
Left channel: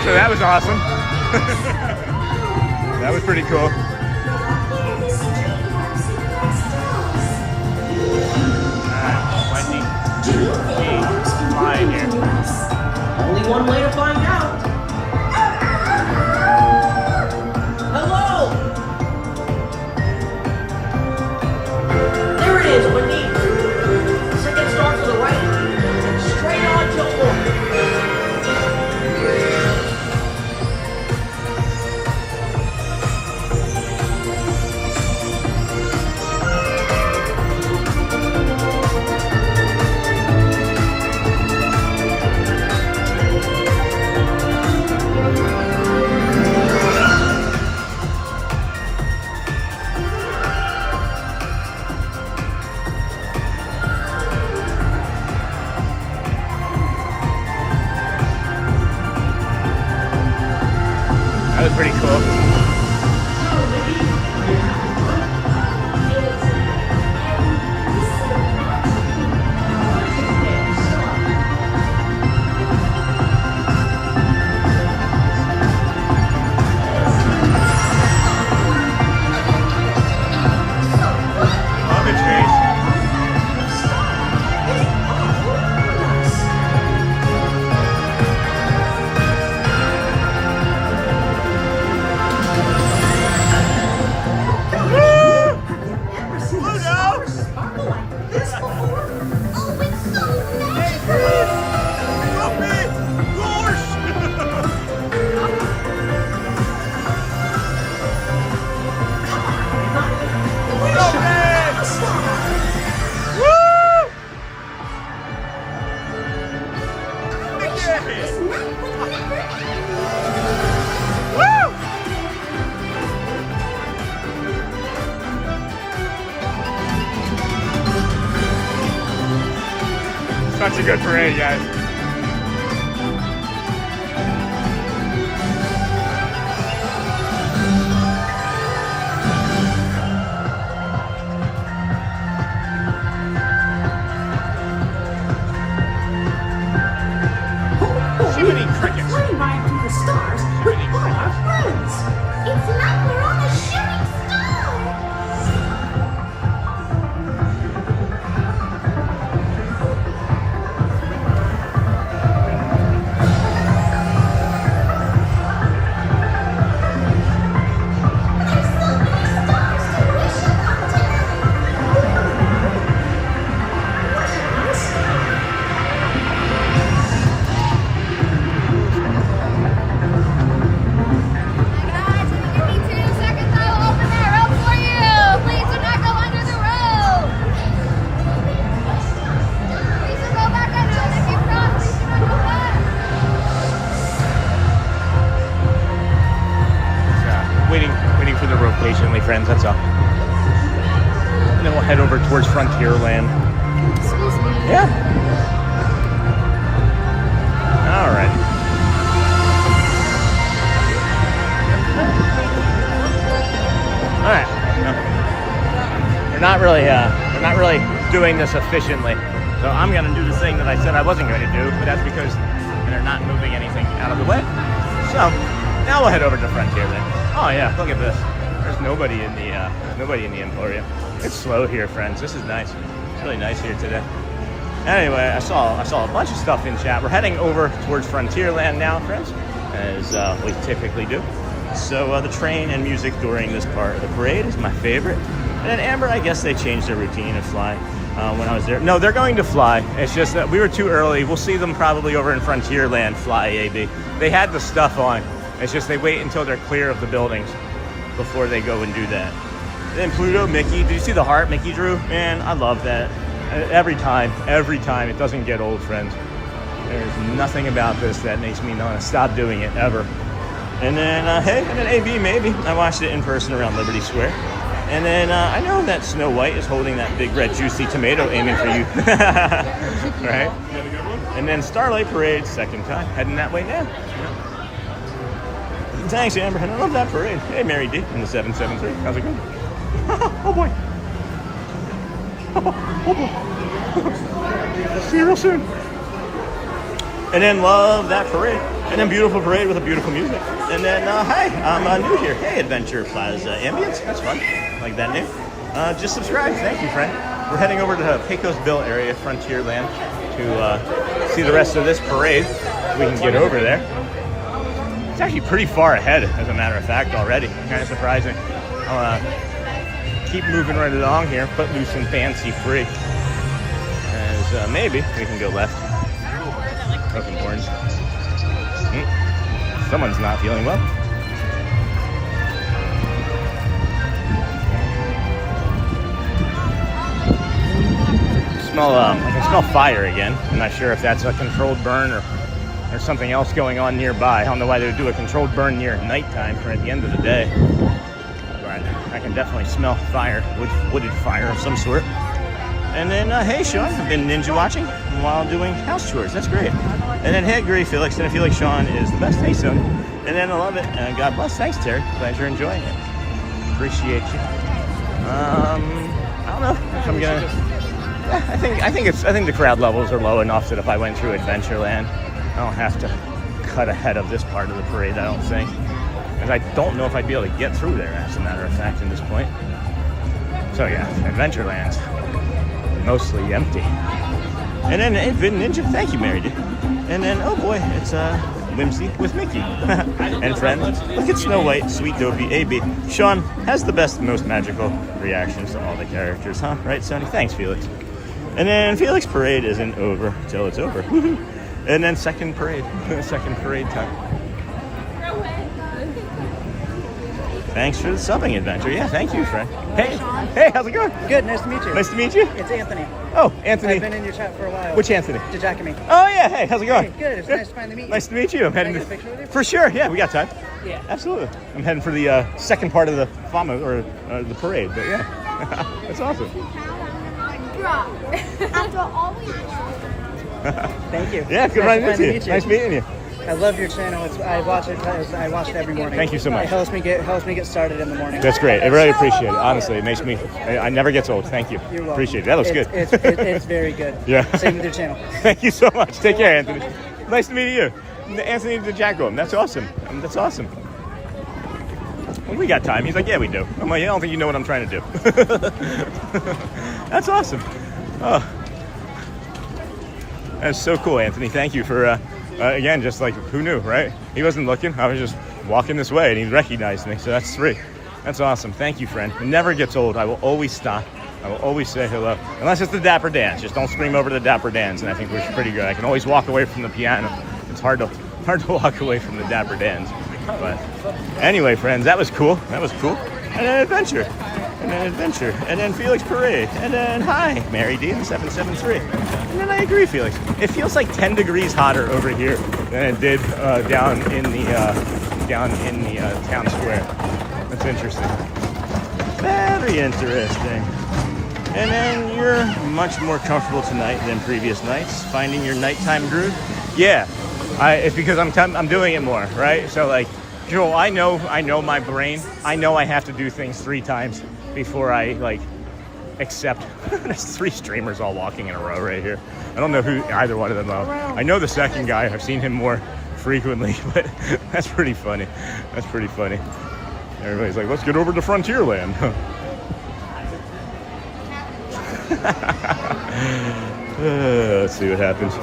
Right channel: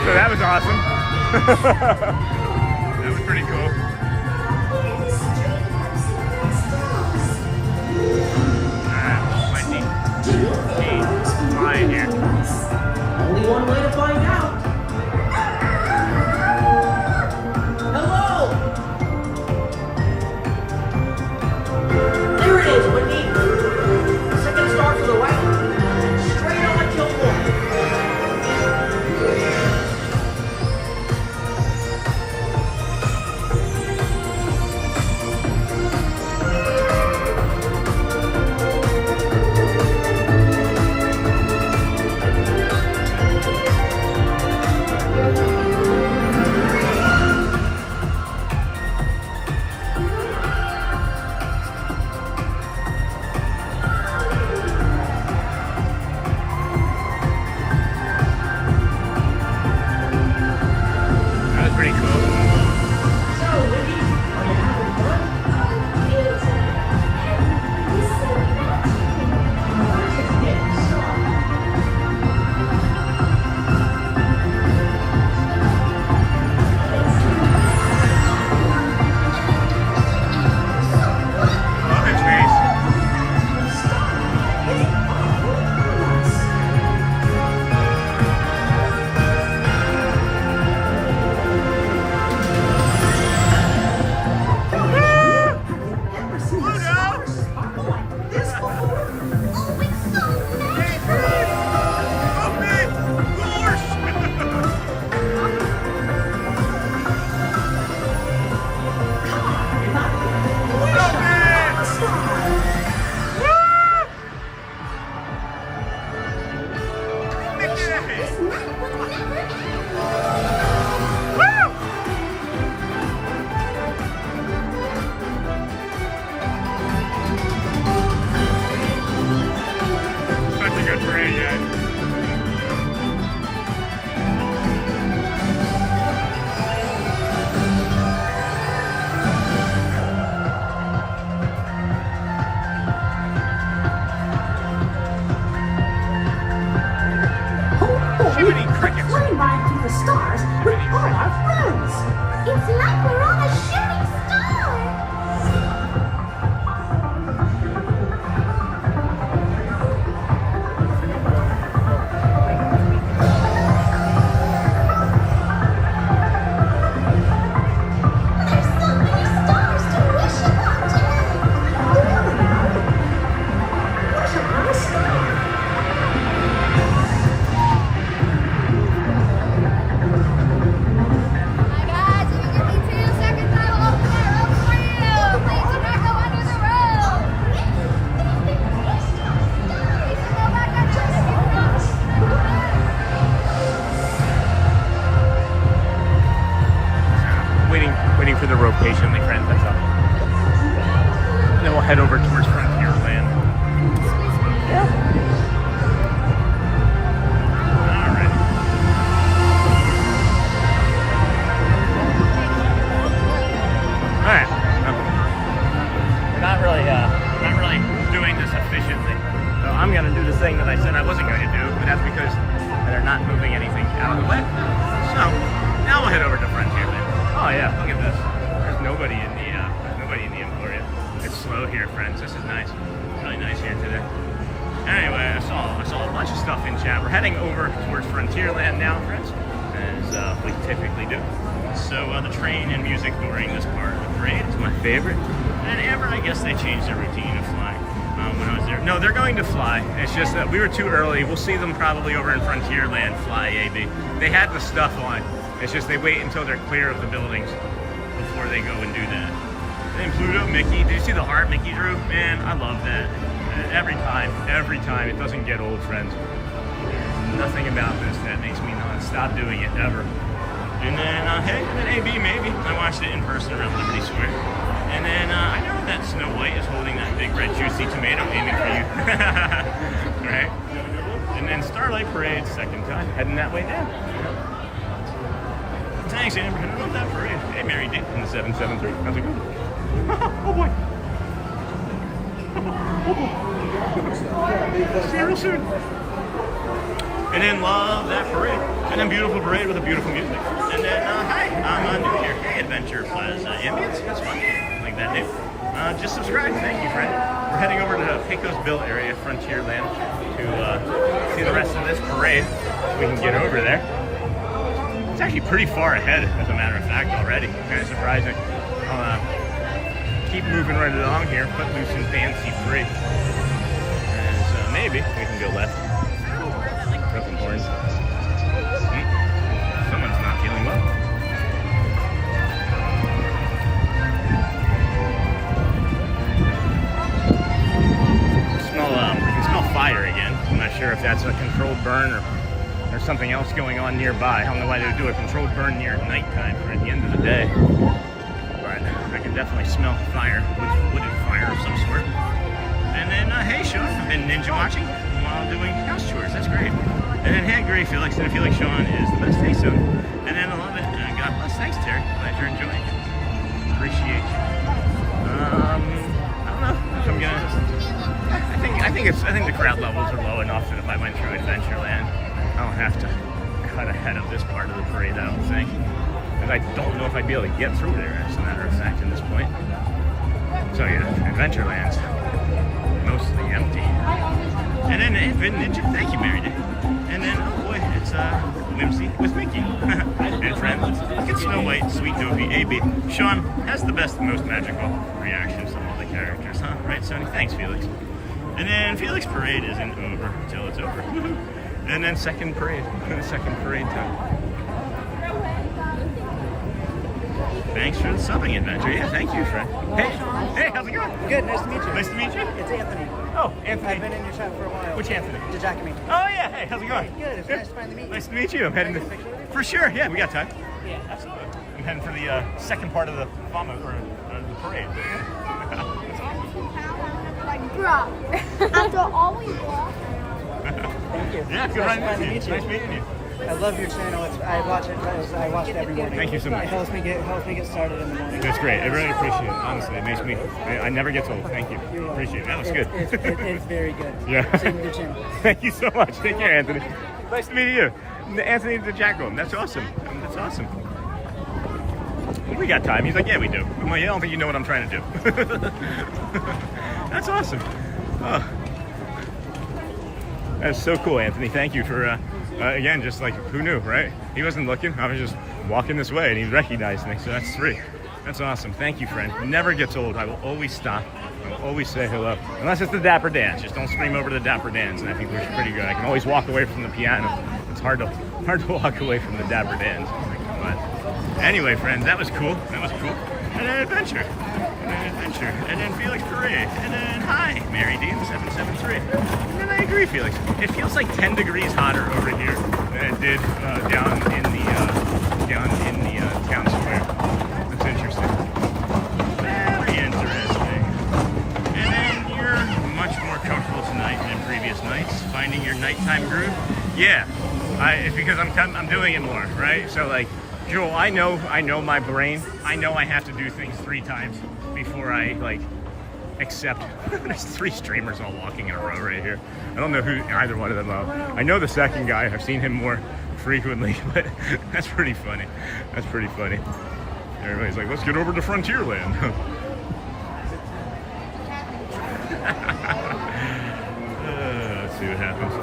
So that was awesome. That was pretty cool. Flying here. Only one way to find out. Hello! There it is, Whitney. Second star to the right. Straight on till 4. ever sparkle like this before? Oh, it's so magical! Such a good parade, guys. Flying right through the stars with all our friends. It's like we're on a shooting star! There's so many stars to wish upon today! Wish upon a star. Waiting for the rope patiently, friends, that's all. And then we'll head over towards Frontierland. Yeah. Alright. Alright. I'm not really doing this efficiently. So I'm gonna do the thing that I said I wasn't going to do, but that's because they're not moving anything out of the way. So now we'll head over to Frontierland. Oh yeah, look at this. There's nobody in the Emporium. It's slow here, friends. This is nice. It's really nice here today. Anyway, I saw a bunch of stuff in chat. We're heading over towards Frontierland now, friends, as we typically do. So the train and music during this part of the parade is my favorite. And then Amber, I guess they changed their routine of flying when I was there. No, they're going to fly. It's just that we were too early. We'll see them probably over in Frontierland fly AB. They had the stuff on. It's just they wait until they're clear of the buildings before they go and do that. And then Pluto, Mickey. Did you see the heart Mickey drew? Man, I love that. Every time, it doesn't get old, friends. There's nothing about this that makes me want to stop doing it, ever. And then, and then AB, maybe. I watched it in person around Liberty Square. And then I know that Snow White is holding that big red juicy tomato aiming for you. Right? And then Starlight Parade, second time, heading that way now. Yep. Thanks, Amber. I love that parade. Hey, Mary D in the 773. How's it going? Oh boy. Oh boy. See you real soon. And then love that parade. And then beautiful parade with a beautiful music. And then, hi, I'm new here. Hey, Adventure Plaza Ambience. That's fun. Like that name. Just subscribe. Thank you, friend. We're heading over to Pecos Bill area, Frontierland, to see the rest of this parade. We can get over there. It's actually pretty far ahead, as a matter of fact, already. Kind of surprising. I'll keep moving right along here, footloose and fancy free. As maybe we can go left. Broken horns. Someone's not feeling well. I can smell fire again. I'm not sure if that's a controlled burn or there's something else going on nearby. I don't know why they would do a controlled burn near nighttime or at the end of the day. But I can definitely smell fire, wooded fire of some sort. And then, hey Sean, I've been ninja watching while doing house chores. That's great. And then, hey Gray Felix, and I feel like Sean is the best. Hey son. And then I love it. And God bless. Thanks, Terry. Glad you're enjoying it. Appreciate you. I don't know if I'm gonna. Yeah, I think the crowd levels are low enough that if I went through Adventureland, I don't have to cut ahead of this part of the parade, I don't think. Because I don't know if I'd be able to get through there, as a matter of fact, at this point. So yeah, Adventureland's mostly empty. And then, hey, Vin Ninja, thank you, Mary D. And then, oh boy, it's Whimsy with Mickey and friends. Look at Snow White, Sweet Dopey, AB. Sean has the best, most magical reactions of all the characters, huh? Right, Sonny? Thanks, Felix. And then Felix Parade isn't over till it's over. And then second parade time. Thanks for the subbing adventure. Yeah, thank you, friend. Hey, Sean. Hey, how's it going? Good, nice to meet you. Nice to meet you. It's Anthony. Oh, Anthony. I've been in your chat for a while. Which Anthony? Giacomi. Oh yeah, hey, how's it going? Hey, good, it's nice to finally meet you. Nice to meet you. I'm heading Can I get a picture with you? for sure. Yeah, we got time. Yeah. Absolutely. I'm heading for the second part of the FAMA, or the parade, but yeah. That's awesome. After all we Thank you. Yeah, good Nice running to into you. Nice meeting you. I love your channel. I watch it every morning. Thank you so much. It helps me get started in the morning. That's great. I really appreciate it. Honestly, it makes me. I never gets old. Thank you. You're welcome. Appreciate it. That looks good. It's very good. Yeah. Same with your channel. Thank you so much. Take care, Anthony. Nice to meet you. Anthony DeJacomo. That's awesome. That's awesome. Well, we got time. He's like, yeah, we do. I'm like, I don't think you know what I'm trying to do. That's awesome. Oh. That's so cool, Anthony. Thank you for, again, just like, who knew, right? He wasn't looking. I was just walking this way, and he recognized me, so that's 3. That's awesome. Thank you, friend. It never gets old. I will always stop. I will always say hello. Unless it's the Dapper Dans. Just don't scream over the Dapper Dans, and I think we're pretty good. I can always walk away from the piano. It's hard to walk away from the Dapper Dans. But anyway, friends, that was cool. That was cool. And an adventure. And then Felix Parade. And then, hi, Mary D 773. And then I agree, Felix. It feels like 10 degrees hotter over here than it did down in the town square. That's interesting. Very interesting. And then you're much more comfortable tonight than previous nights, finding your nighttime groove. Yeah, it's because I'm doing it more, right? So like, Joel, I know my brain. I know I have to do things 3 times before I like accept. There's 3 streamers all walking in a row right here. I don't know who either one of them are. I know the second guy. I've seen him more frequently, but that's pretty funny. That's pretty funny. Everybody's like, let's get over to Frontierland. Let's see what happens.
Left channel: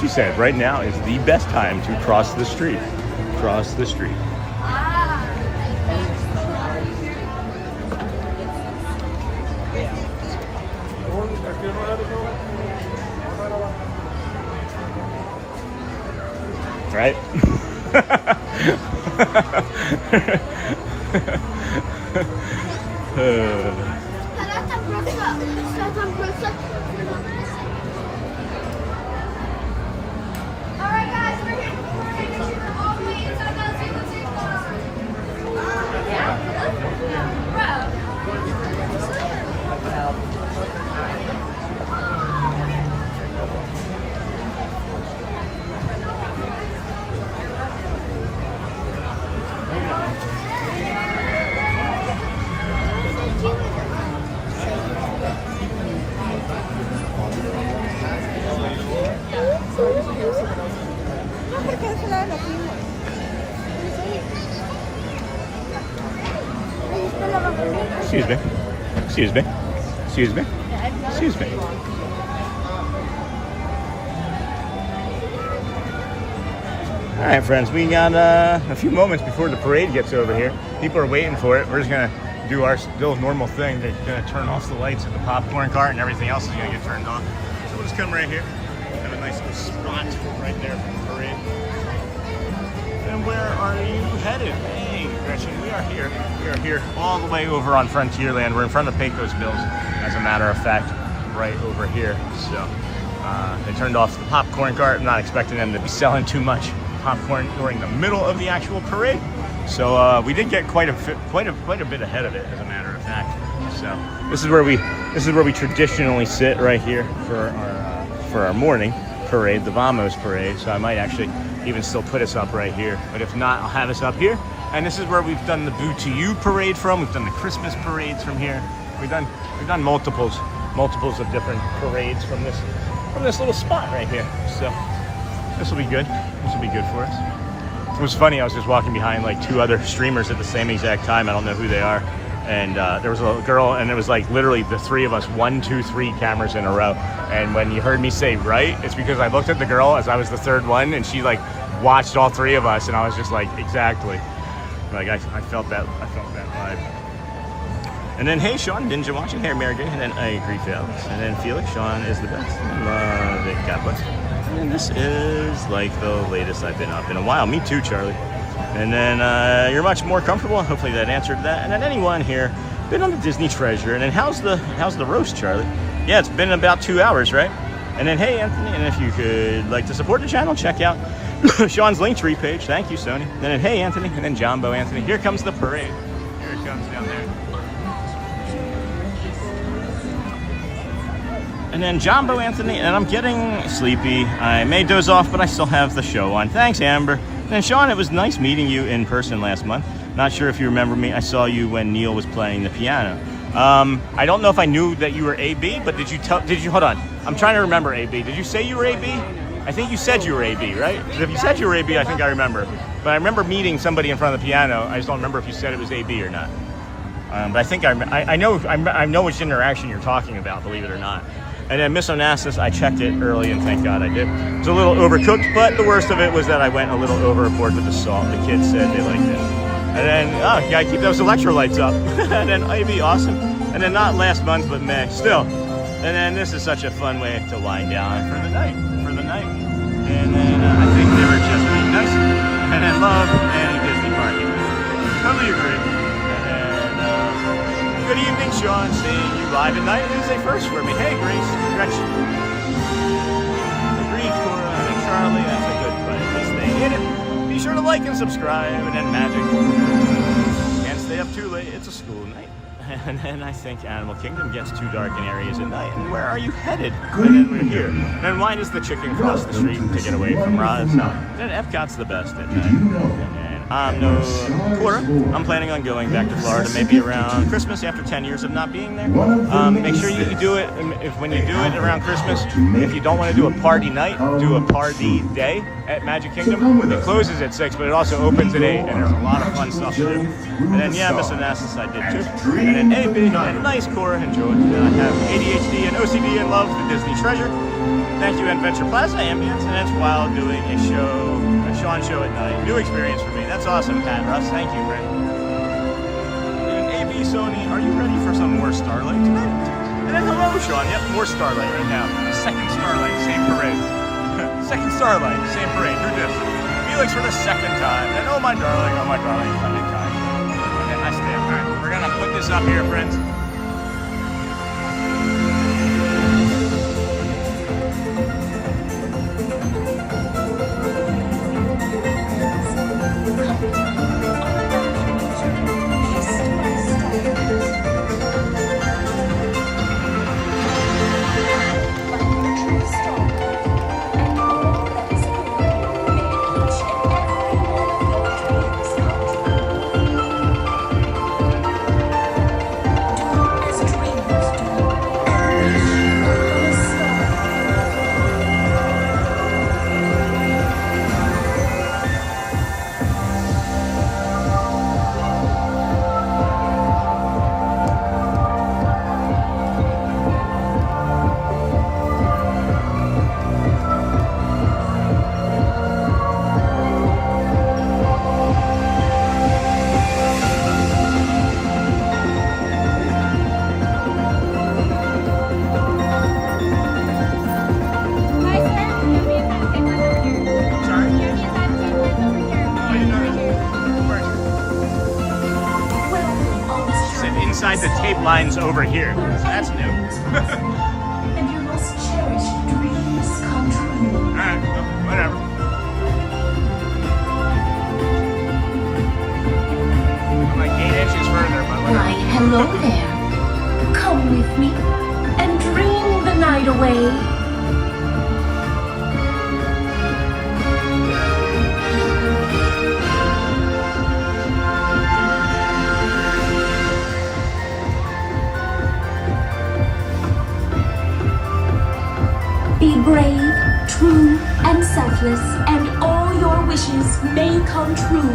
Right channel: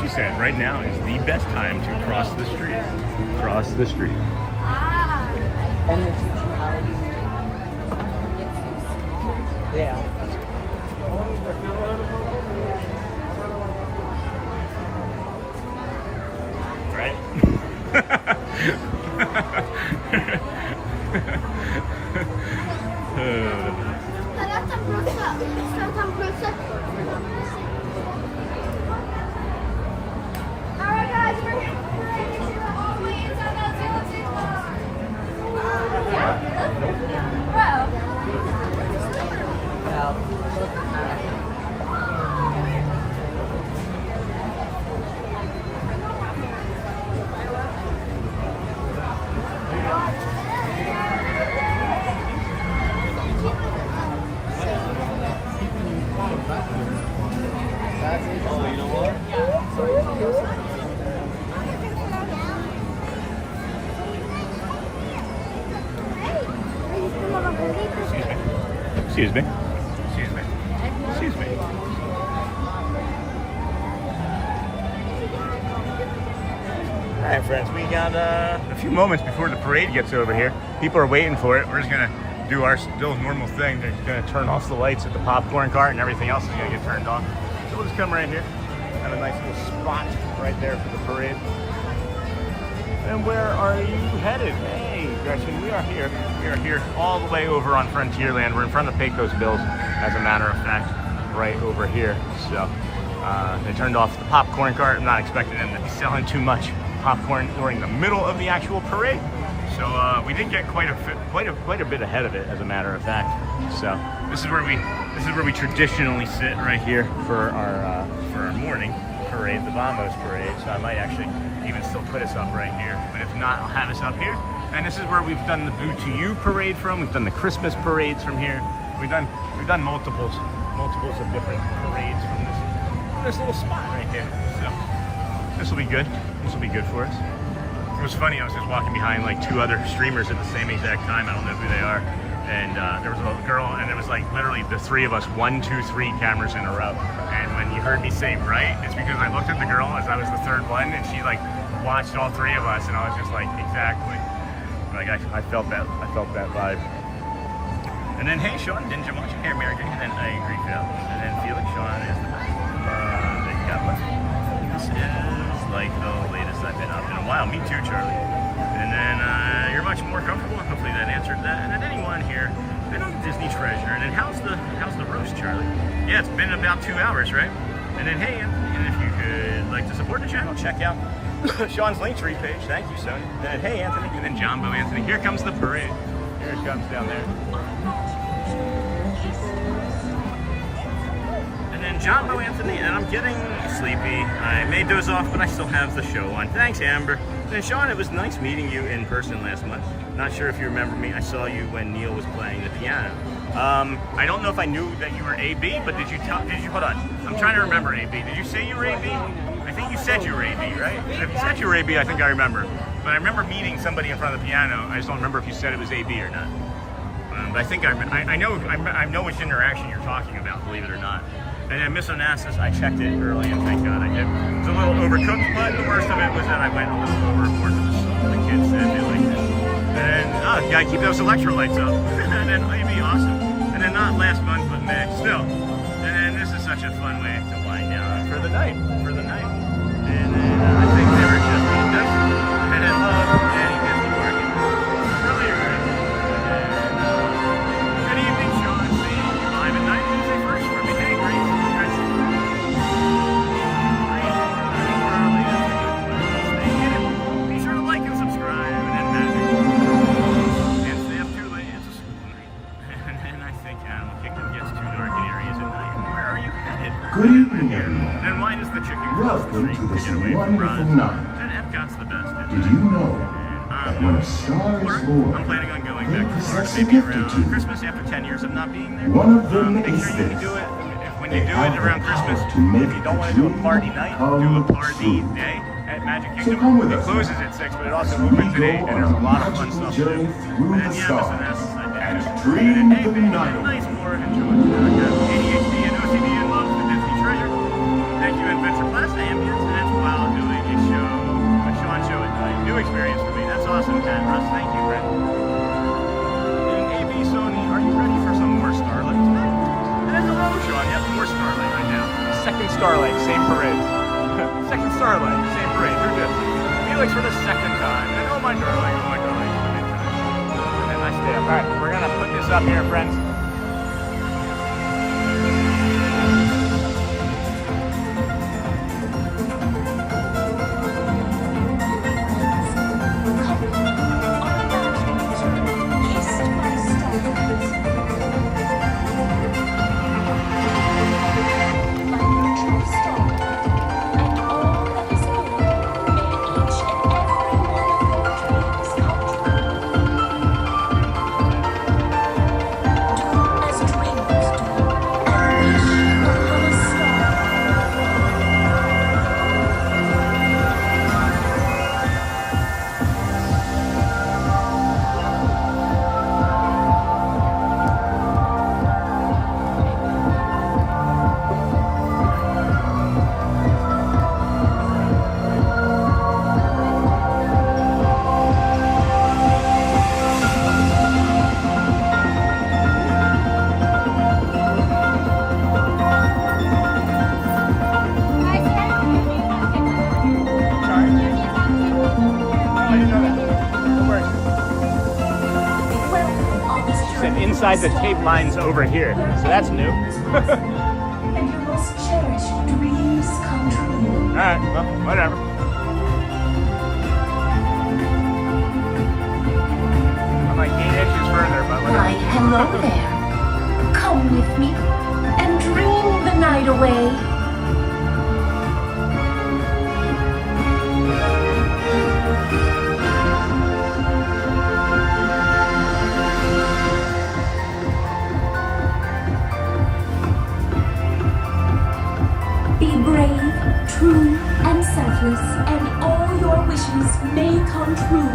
She said, right now is the best time to cross the street. Cross the street. Right? Excuse me. Excuse me. Excuse me. All right, friends, we got a few moments before the parade gets over here. People are waiting for it. We're just gonna do our still normal thing. They're gonna turn off the lights at the popcorn cart, and everything else is gonna get turned on. So we'll just come right here. Have a nice little spot right there for the parade. And where are you headed? Hey, Gretchen, we are here. We are here all the way over on Frontierland. We're in front of Pecos Bills, as a matter of fact, right over here. So they turned off the popcorn cart. I'm not expecting them to be selling too much popcorn during the middle of the actual parade. So we did get quite a bit ahead of it, as a matter of fact. So this is where we traditionally sit right here for our morning parade, the Vamos parade. So I might actually even still put us up right here, but if not, I'll have us up here. And this is where we've done the Boo to You parade from. We've done the Christmas parades from here. We've done multiples of different parades from this little spot right here. So this will be good. This will be good for us. It was funny, I was just walking behind like 2 other streamers at the same exact time. I don't know who they are. And there was a girl, and it was like literally the 3 of us, 1, 2, 3 cameras in a row. And when you heard me say right, it's because I looked at the girl as I was the 3rd one, and she like watched all 3 of us, and I was just like, exactly. Like I felt that vibe. And then, hey, Sean, didn't you watch it? Hey, Mary Jane. And then I agree, Felix. And then Felix, Sean is the best. Love it. God bless. And this is like the latest I've been up in a while. Me too, Charlie. And then you're much more comfortable. Hopefully that answered that. And then anyone here been on the Disney Treasure. And then how's the roast, Charlie? Yeah, it's been about 2 hours, right? And then, hey, Anthony, and if you could like to support the channel, check out Sean's Linktree page. Thank you, Sony. And then, hey, Anthony, and then Jumbo Anthony. Here comes the parade. Here it comes down there. And then Jumbo Anthony, and I'm getting sleepy. I may doze off, but I still have the show on. Thanks, Amber. And Sean, it was nice meeting you in person last month. Not sure if you remember me. I saw you when Neil was playing the piano. I don't know if I knew that you were AB, but did you, hold on. I'm trying to remember AB. Did you say you were AB? I think you said you were AB, right? If you said you were AB, I think I remember. But I remember meeting somebody in front of the piano. I just don't remember if you said it was AB or not. But I think I know which interaction you're talking about, believe it or not. And then Miss Onassis, I checked it early, and thank God I did. It was a little overcooked, but the worst of it was that I went a little overboard with the salt. The kids said they liked it. And then, you gotta keep those electrolytes up. And then Ivy, awesome. And then not last month, but May, still. And then this is such a fun way to wind down for the night. And then I think they were just this, and then Love and Disney Market. Totally agree. And then, good evening, Sean. See you live at night. Say first for me. Hey, Grace. Correction. Green for Charlie. That's a good place. Stay in it. Be sure to like and subscribe. And then Magic. Can't stay up too late. It's a school night. And then I think Animal Kingdom gets too dark in areas at night. And where are you headed? Good evening. Here. And why does the chicken cross the street to get away from Roz? And Epcot's the best at Did you know? I'm planning on going back to Florida maybe around Christmas after 10 years of not being there. Make sure you do it, when you do it around Christmas, if you don't want to do a party night, do a party day at Magic Kingdom. It closes at 6, but it also opens at 8, and there's a lot of fun stuff to do. And then, yeah, Miss Onassis I did too. And then, hey, big and nice, Cora, enjoy. I have ADHD and OCD and love the Disney Treasure. Thank you, Adventure Plaza Ambience, and that's while doing a Sean show at night. New experience for me. That's awesome, Pat Russ. Thank you, Brent. And AB Sony, are you ready for some more Starlight tonight? And then hello, Sean. Yep, more Starlight right now. Second Starlight, same parade. Second Starlight, same parade. Who dis? Felix for the 2nd time. And oh my darling, I'm in time. And then I stay up back. We're gonna put this up here, friends. Inside the tape lines over here. So that's new. And your most cherished dreams come true. Alright, well, whatever. I'm like 8 inches further, but whatever. Why, hello there. Come with me and dream the night away. Be brave, true, and selfless, and all your your wishes may come true.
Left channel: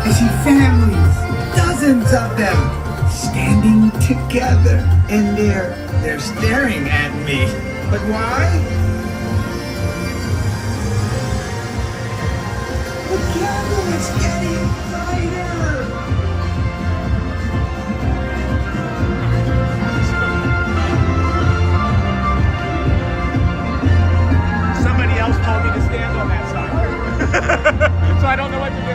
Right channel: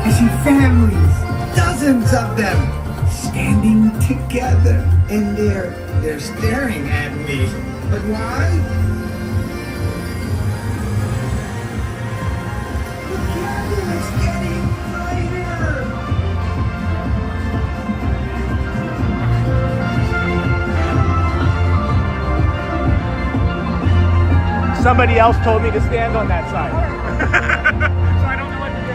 I see families, dozens of them, standing together, and they're staring at me. But why? The candle is getting brighter. Somebody else told me to stand on that side. So I don't know what to do.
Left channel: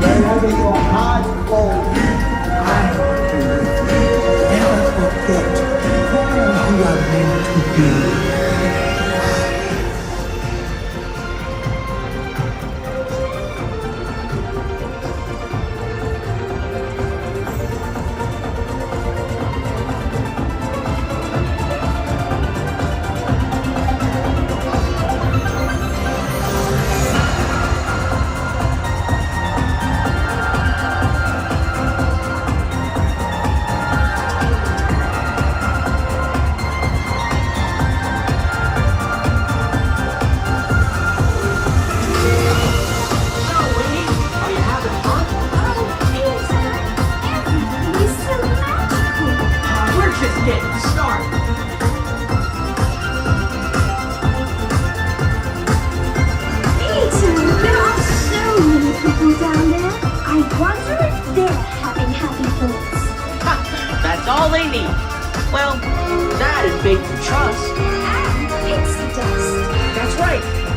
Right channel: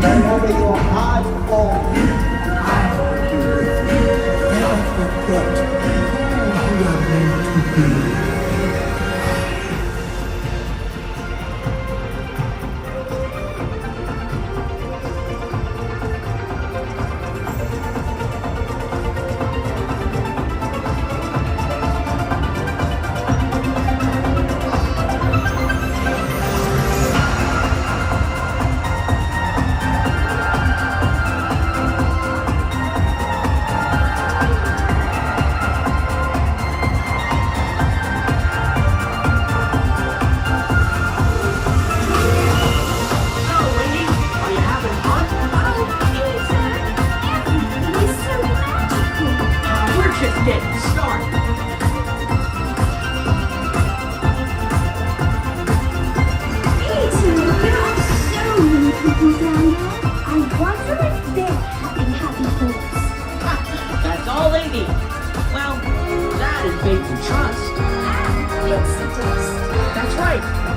Wherever your heart goes, I will be with you. Never forget who you are meant to be.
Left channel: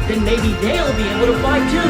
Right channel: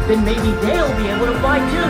Then maybe they'll be able to fly too.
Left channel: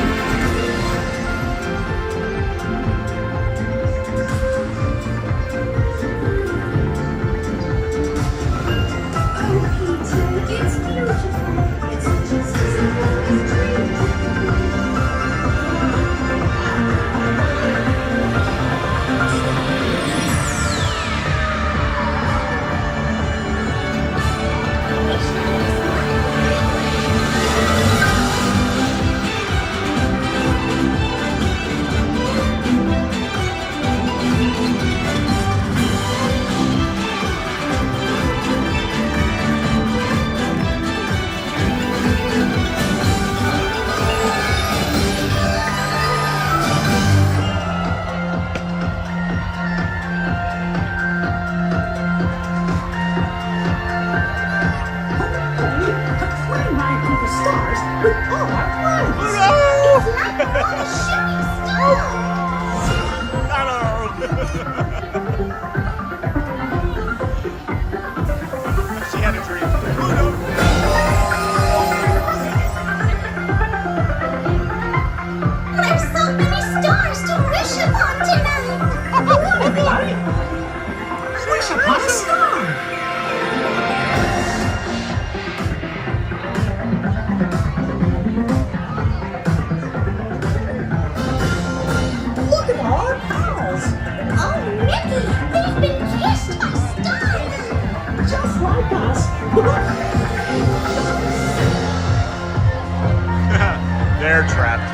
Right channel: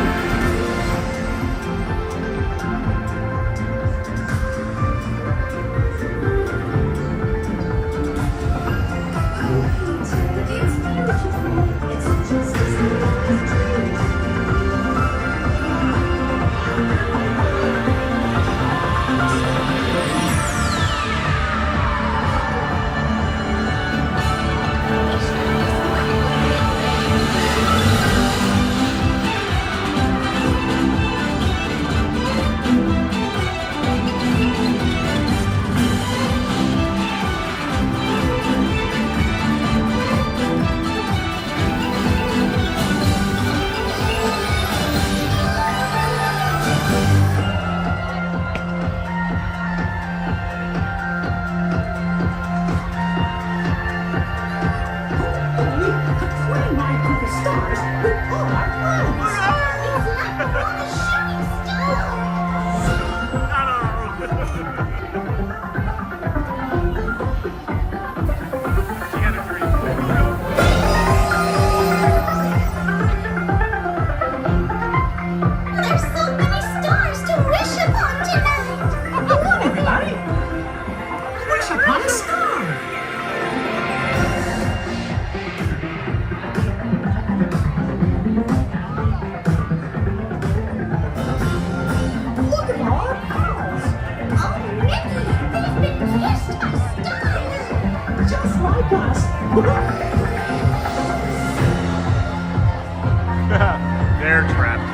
They're trapped.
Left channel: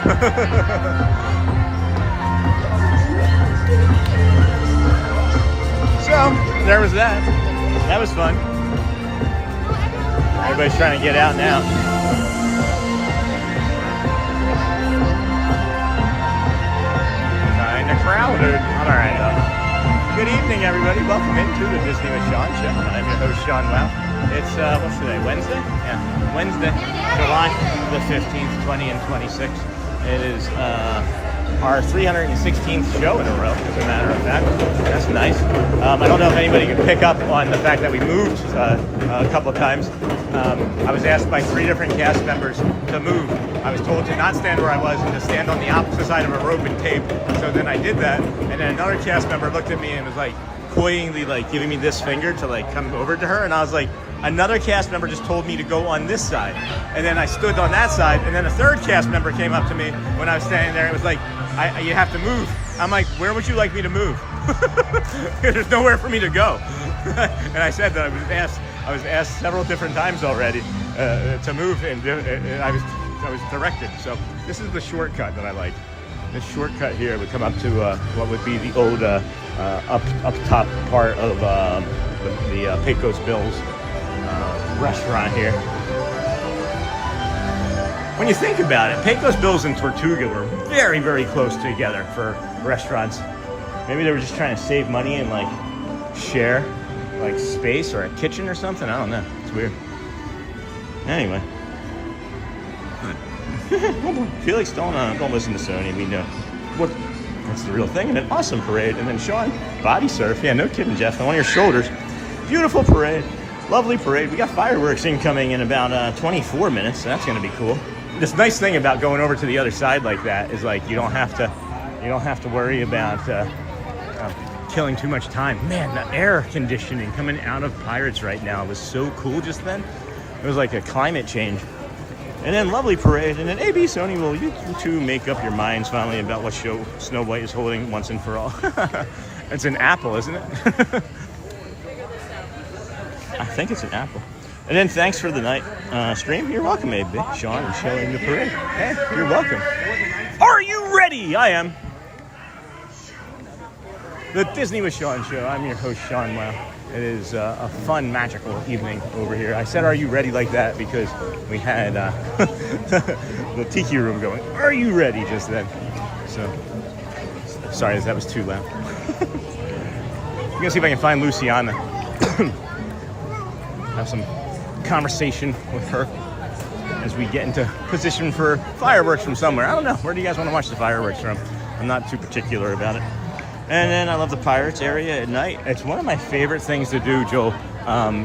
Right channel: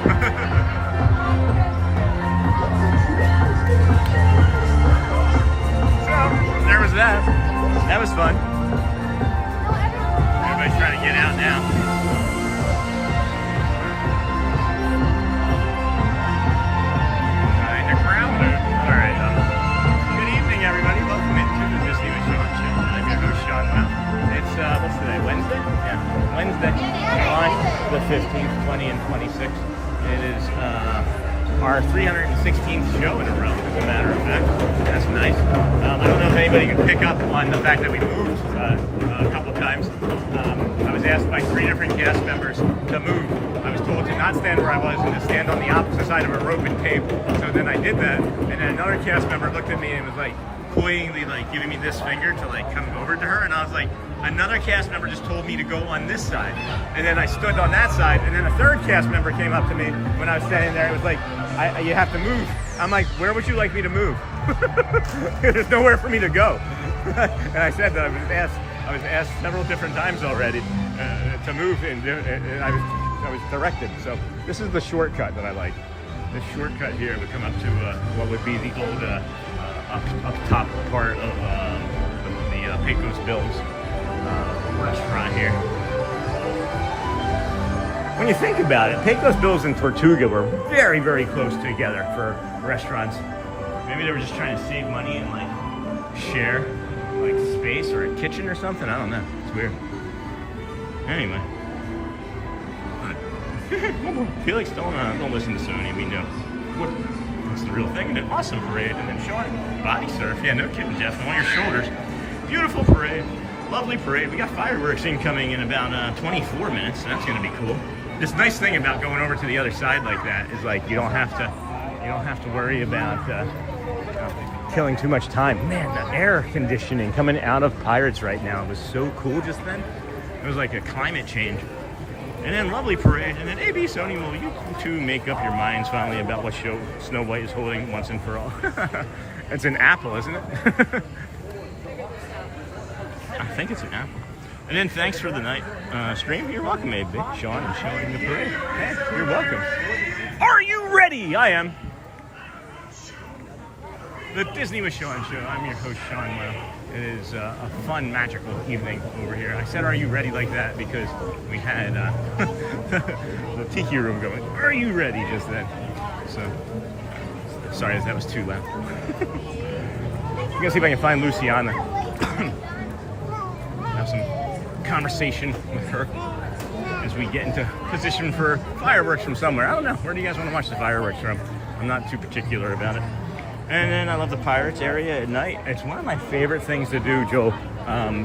So, there was that. That was fun. Everybody's trying to get out now. Kind of crowded. Alright. Good evening, everybody. Welcome into the Disney with Sean Show. I'm your host, Sean Wow. It's, what's today? Wednesday? Yeah, Wednesday, July the 15th, 20 and 26. It is our 316th show in a row, as a matter of fact. That's nice. I don't know if anybody can pick up on the fact that we moved a couple of times. I was asked by 3 different cast members to move. I was told to not stand where I was and to stand on the opposite side of a rope and tape. So then I did that, and then another cast member looked at me and was like, coyingly like giving me this finger to like come over to her, and I was like, another cast member just told me to go on this side, and then I stood on that side, and then a third cast member came up to me when I was standing there. It was like, you have to move. I'm like, where would you like me to move? There's nowhere for me to go. And I said that I was asked several different times already to move, and I was I was directed. So this is the shortcut that I like. This shortcut here would come up to what would be the old up top part of the Pecos Bills restaurant here. When you think about it, Pecos Bills and Tortuga were very, very close together for restaurants. Maybe they were just trying to save money and like share like space or a kitchen or something. I don't know. It's weird. Anyway. Oh boy. Felix, don't listen to Sony. We know what that's the real thing. And an awesome parade. And then Sean, body surf. Yeah, no kidding, Jeff. On your shoulders. Beautiful parade. Lovely parade. We got fireworks incoming in about 24 minutes. So that's going to be cool. This nice thing about going over to the other side like that is like you don't have to worry about killing too much time. Man, the air conditioning coming out of Pirates right now was so cool just then. It was like a climate change. And then lovely parade. And then AB Sony, will you two make up your minds finally about what show Snow White is holding once and for all? It's an apple, isn't it? I think it's an apple. And then thanks for the night stream. You're welcome, AB. Sean is showing the parade. Hey, you're welcome. Are you ready? I am. The Disney with Sean show. I'm your host, Sean. Wow. It is a fun, magical evening over here. I said, are you ready like that? Because we had the tiki room going, are you ready just then? So, sorry that was too loud. I'm gonna see if I can find Luciana. Have some conversation with her as we get into position for fireworks from somewhere. I don't know. Where do you guys want to watch the fireworks from? I'm not too particular about it. And then I love the Pirates area at night. It's one of my favorite things to do, Joel,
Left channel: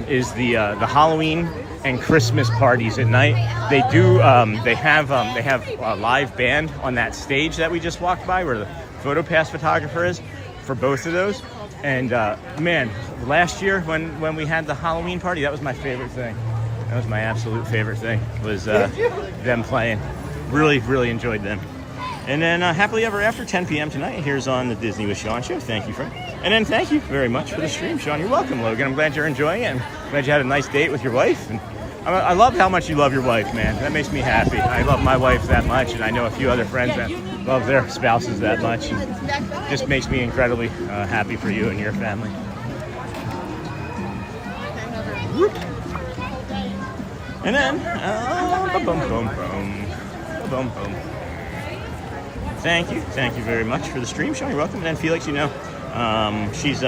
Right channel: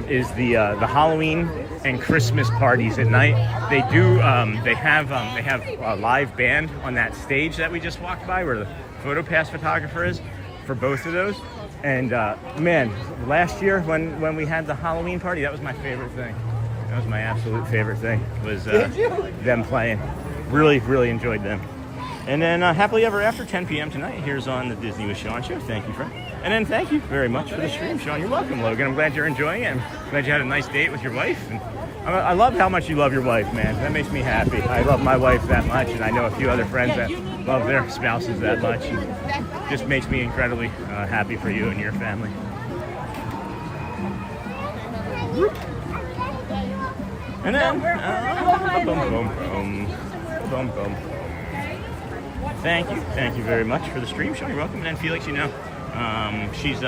is the Halloween and Christmas parties at night. They do. They have a live band on that stage that we just walked by, where the PhotoPass photographer is, for both of those. And man, last year when we had the Halloween party, that was my favorite thing. That was my absolute favorite thing. Was them playing. Really, really enjoyed them. And then happily ever after 10 p.m. tonight, here's on the Disney with Sean show. Thank you, friend. And then thank you very much for the stream, Sean. You're welcome, Logan. I'm glad you're enjoying it. I'm glad you had a nice date with your wife. And I love how much you love your wife, man. That makes me happy. I love my wife that much, and I know a few other friends that love their spouses that much. And just makes me incredibly happy for you and your family. And then, Thank you very much for the stream, Sean. You're welcome. And then Felix, you know, she's she's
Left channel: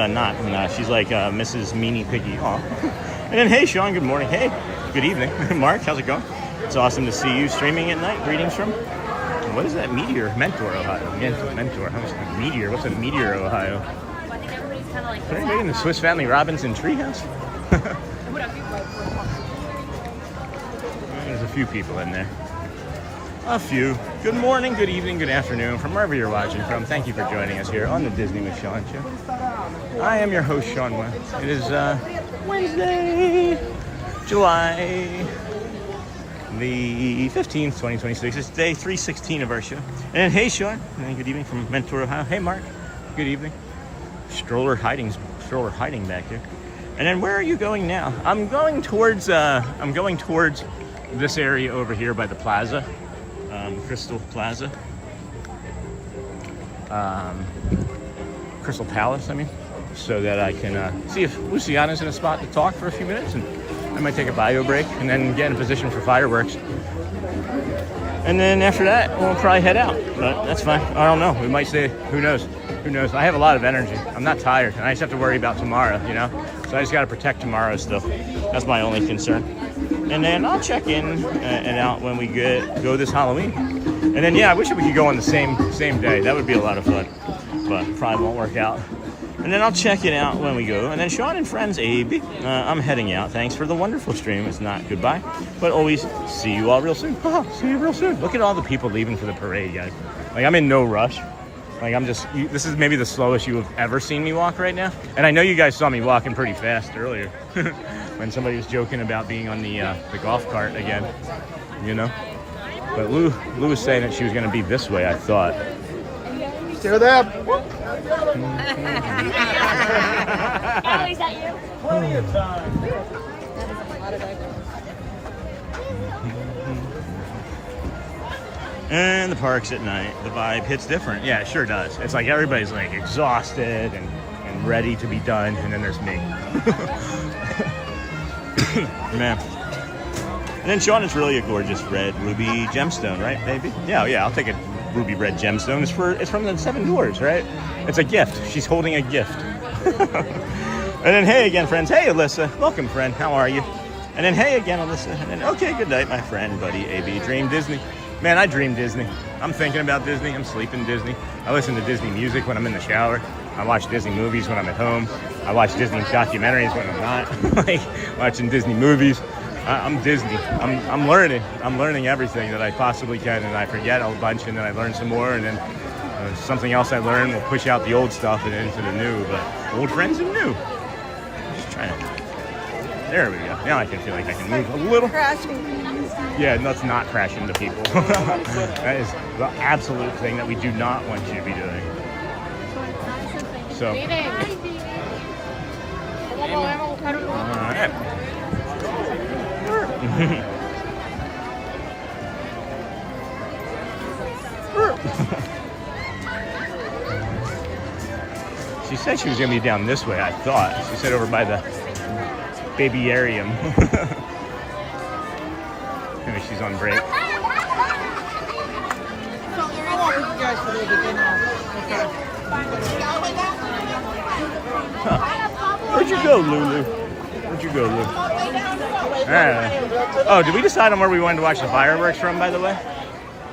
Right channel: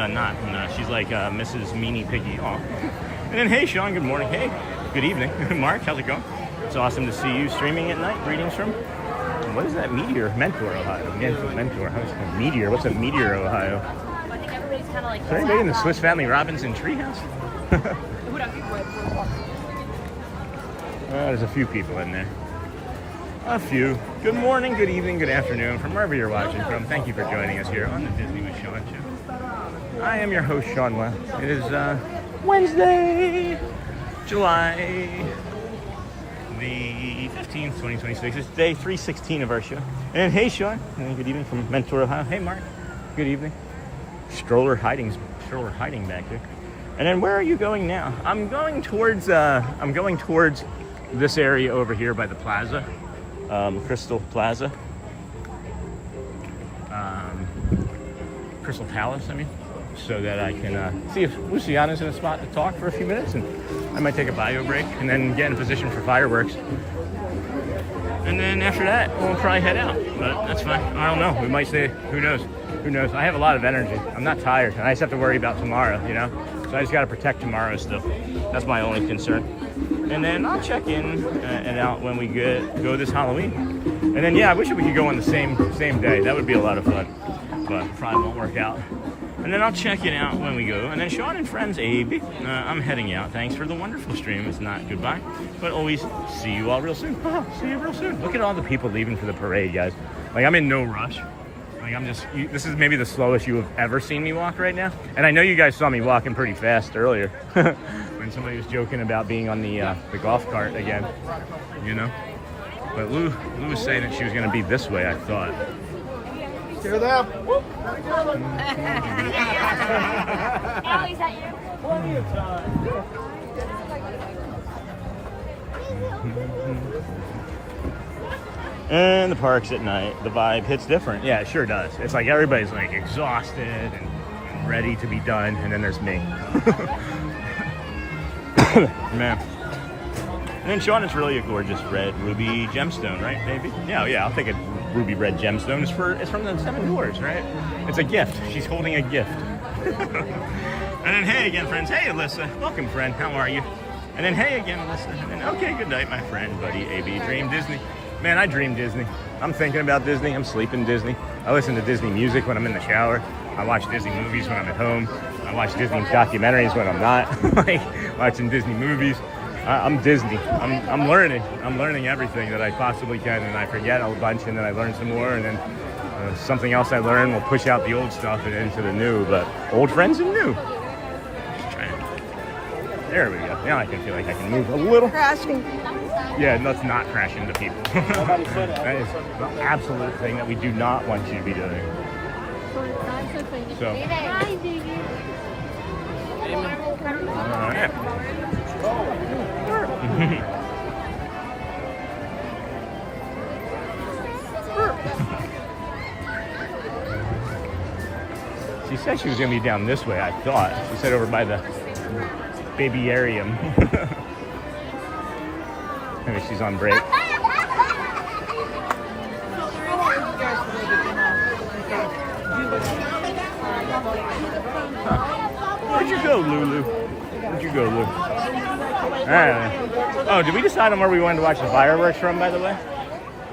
like Mrs. Meanie Piggy. Aw. And then, hey, Sean, good morning. Hey, good evening. Mark, how's it going? It's awesome to see you streaming at night. Greetings from, what is that? Mentor, Ohio. Mentor. How's it? Meteor. What's a Meteor, Ohio? Well, I think everybody's kind of like... Is there anybody in the Swiss Family Robinson treehouse? There's a few people in there. A few. Good morning, good evening, good afternoon, from wherever you're watching from. Thank you for joining us here on the Disney with Sean show. I am your host, Sean Well. It is Wednesday, July the 15th, 2026. It's day 316 of our show. And hey, Sean. And good evening from Mentor, Ohio. Hey, Mark. Good evening. Stroller hiding back here. And then where are you going now? I'm going towards this area over here by the plaza. Crystal Plaza, Crystal Palace, I mean, so that I can see if Luciana's in a spot to talk for a few minutes, and I might take a bio break and then get in position for fireworks. And then after that, we'll probably head out, but that's fine. I don't know. We might say, who knows? Who knows? I have a lot of energy. I'm not tired, and I just have to worry about tomorrow, you know? So I just got to protect tomorrow still. That's my only concern. And then I'll check in and out when we go this Halloween. And then, yeah, I wish we could go on the same day. That would be a lot of fun, but probably won't work out. And then I'll check it out when we go. And then Sean and friends, Abe, I'm heading out. Thanks for the wonderful stream. It's not goodbye, but always see you all real soon. See you real soon. Look at all the people leaving for the parade, guys. Like, I'm in no rush. Like, this is maybe the slowest you have ever seen me walk right now. And I know you guys saw me walking pretty fast earlier when somebody was joking about being on the golf cart again, you know? But Lou was saying that she was going to be this way, I thought. Stay with them. Oh, is that you? And the parks at night, the vibe hits different. Yeah, it sure does. It's like everybody's like exhausted and ready to be done, and then there's me. Man. And then Sean is really a gorgeous red ruby gemstone, right, baby? Yeah, I'll take a ruby red gemstone. It's from the 7 Dwarves, right? It's a gift. She's holding a gift. And then hey again, friends. Hey, Alyssa. Welcome, friend. How are you? And then hey again, Alyssa. And then okay, good night, my friend, buddy, AB. Dream Disney. Man, I dream Disney. I'm thinking about Disney. I'm sleeping Disney. I listen to Disney music when I'm in the shower. I watch Disney movies when I'm at home. I watch Disney documentaries when I'm not like watching Disney movies. I'm Disney. I'm learning. I'm learning everything that I possibly can, and I forget a bunch, and then I learn some more, and then something else I learn will push out the old stuff and into the new. But old friends and new. Just trying to. There we go. Now I can feel like I can move a little. Crashing. Yeah, let's not crash into people. That is the absolute thing that we do not want you to be doing. So. All right. She said she was going to be down this way, I thought. She said over by the babyarium. Maybe she's on break. Huh. Where'd you go, Lulu? Where'd you go, Lulu? Oh, did we decide on where we wanted to watch the fireworks from, by the way?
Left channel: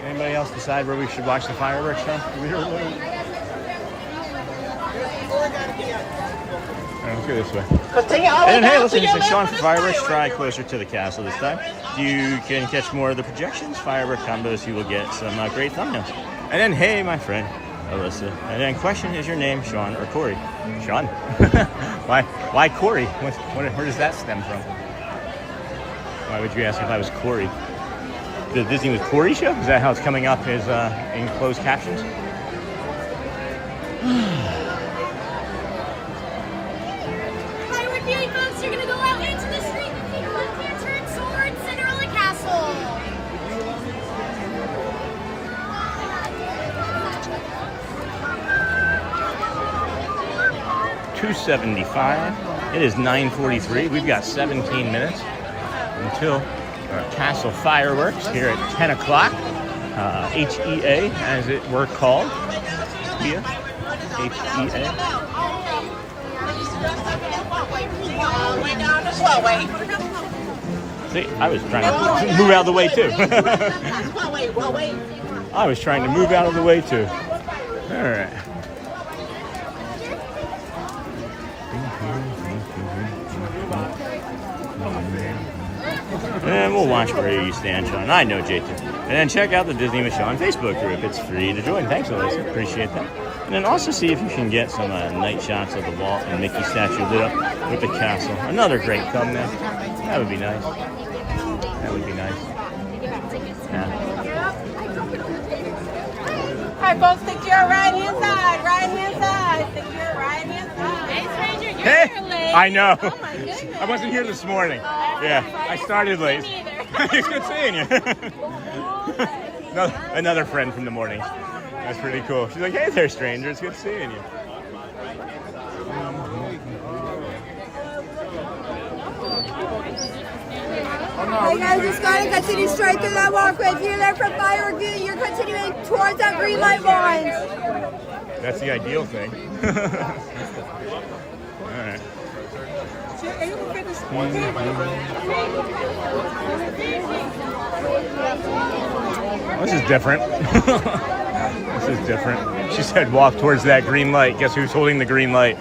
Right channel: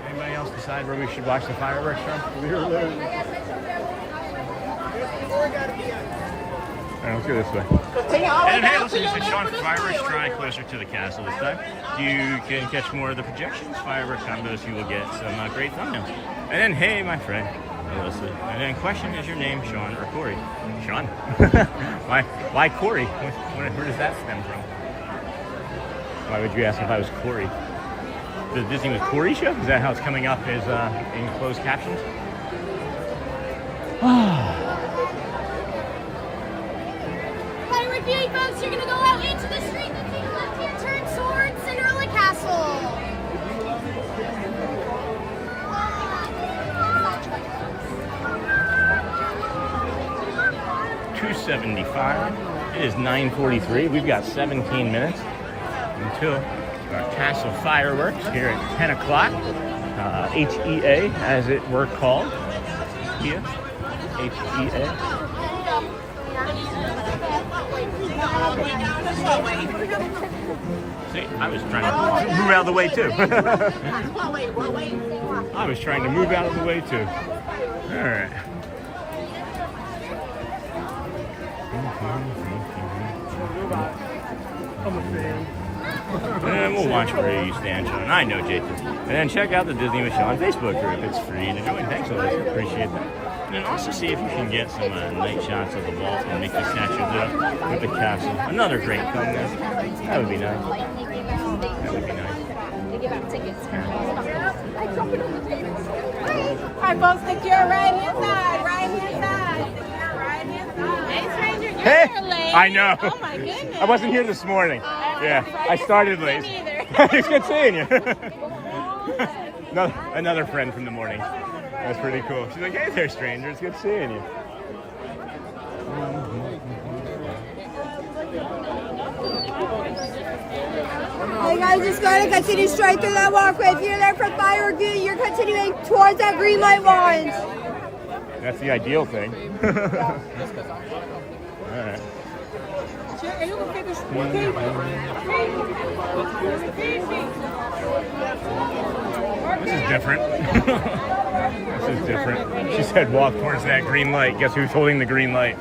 Anybody else decide where we should watch the fireworks from? Alright, let's go this way. And hey, listen, it's Sean for fireworks. Try closer to the castle this time. You can catch more of the projections, firework combos. You will get some great thumbnails. And then, hey, my friend, Alyssa. And then, question, is your name Sean or Corey? Sean. Why Corey? Where does that stem from? Why would you ask if I was Corey? The Disney with Corey show? Is that how it's coming up as in closed captions? Firework viewing folks, you're gonna go out into the street and take a left-hand turn towards Cinderella Castle. 275. It is 9:43. We've got 17 minutes until our castle fireworks here at 10 o'clock. HEA, as it were called. Here, HEA. See, I was trying to move out of the way too. I was trying to move out of the way too. All right. And we'll watch where you stand, Sean. I know, J2. And then check out the Disney with Sean Facebook group. It's free to join. Thanks, Alyssa. Appreciate that. And then also see if you can get some night shots of the Walt and Mickey statue lit up with the castle. Another great thumbnail. That would be nice. That would be nice. Yeah. Alright, folks, stick to your right-hand side. Right-hand side. Stick to your right-hand side. Hey, stranger, you're Hey, late. I know. Oh, my goodness. I wasn't here this morning. Yeah, I started late. It's good seeing you. Another friend from the morning. That's pretty cool. She's like, hey there, stranger. It's good seeing you. Hey guys, just going to continue straight through that walkway. If you're there for firework view, you're continuing towards that green light line. That's the ideal thing. All right. This is different. This is different. She said walk towards that green light. Guess who's holding the green light?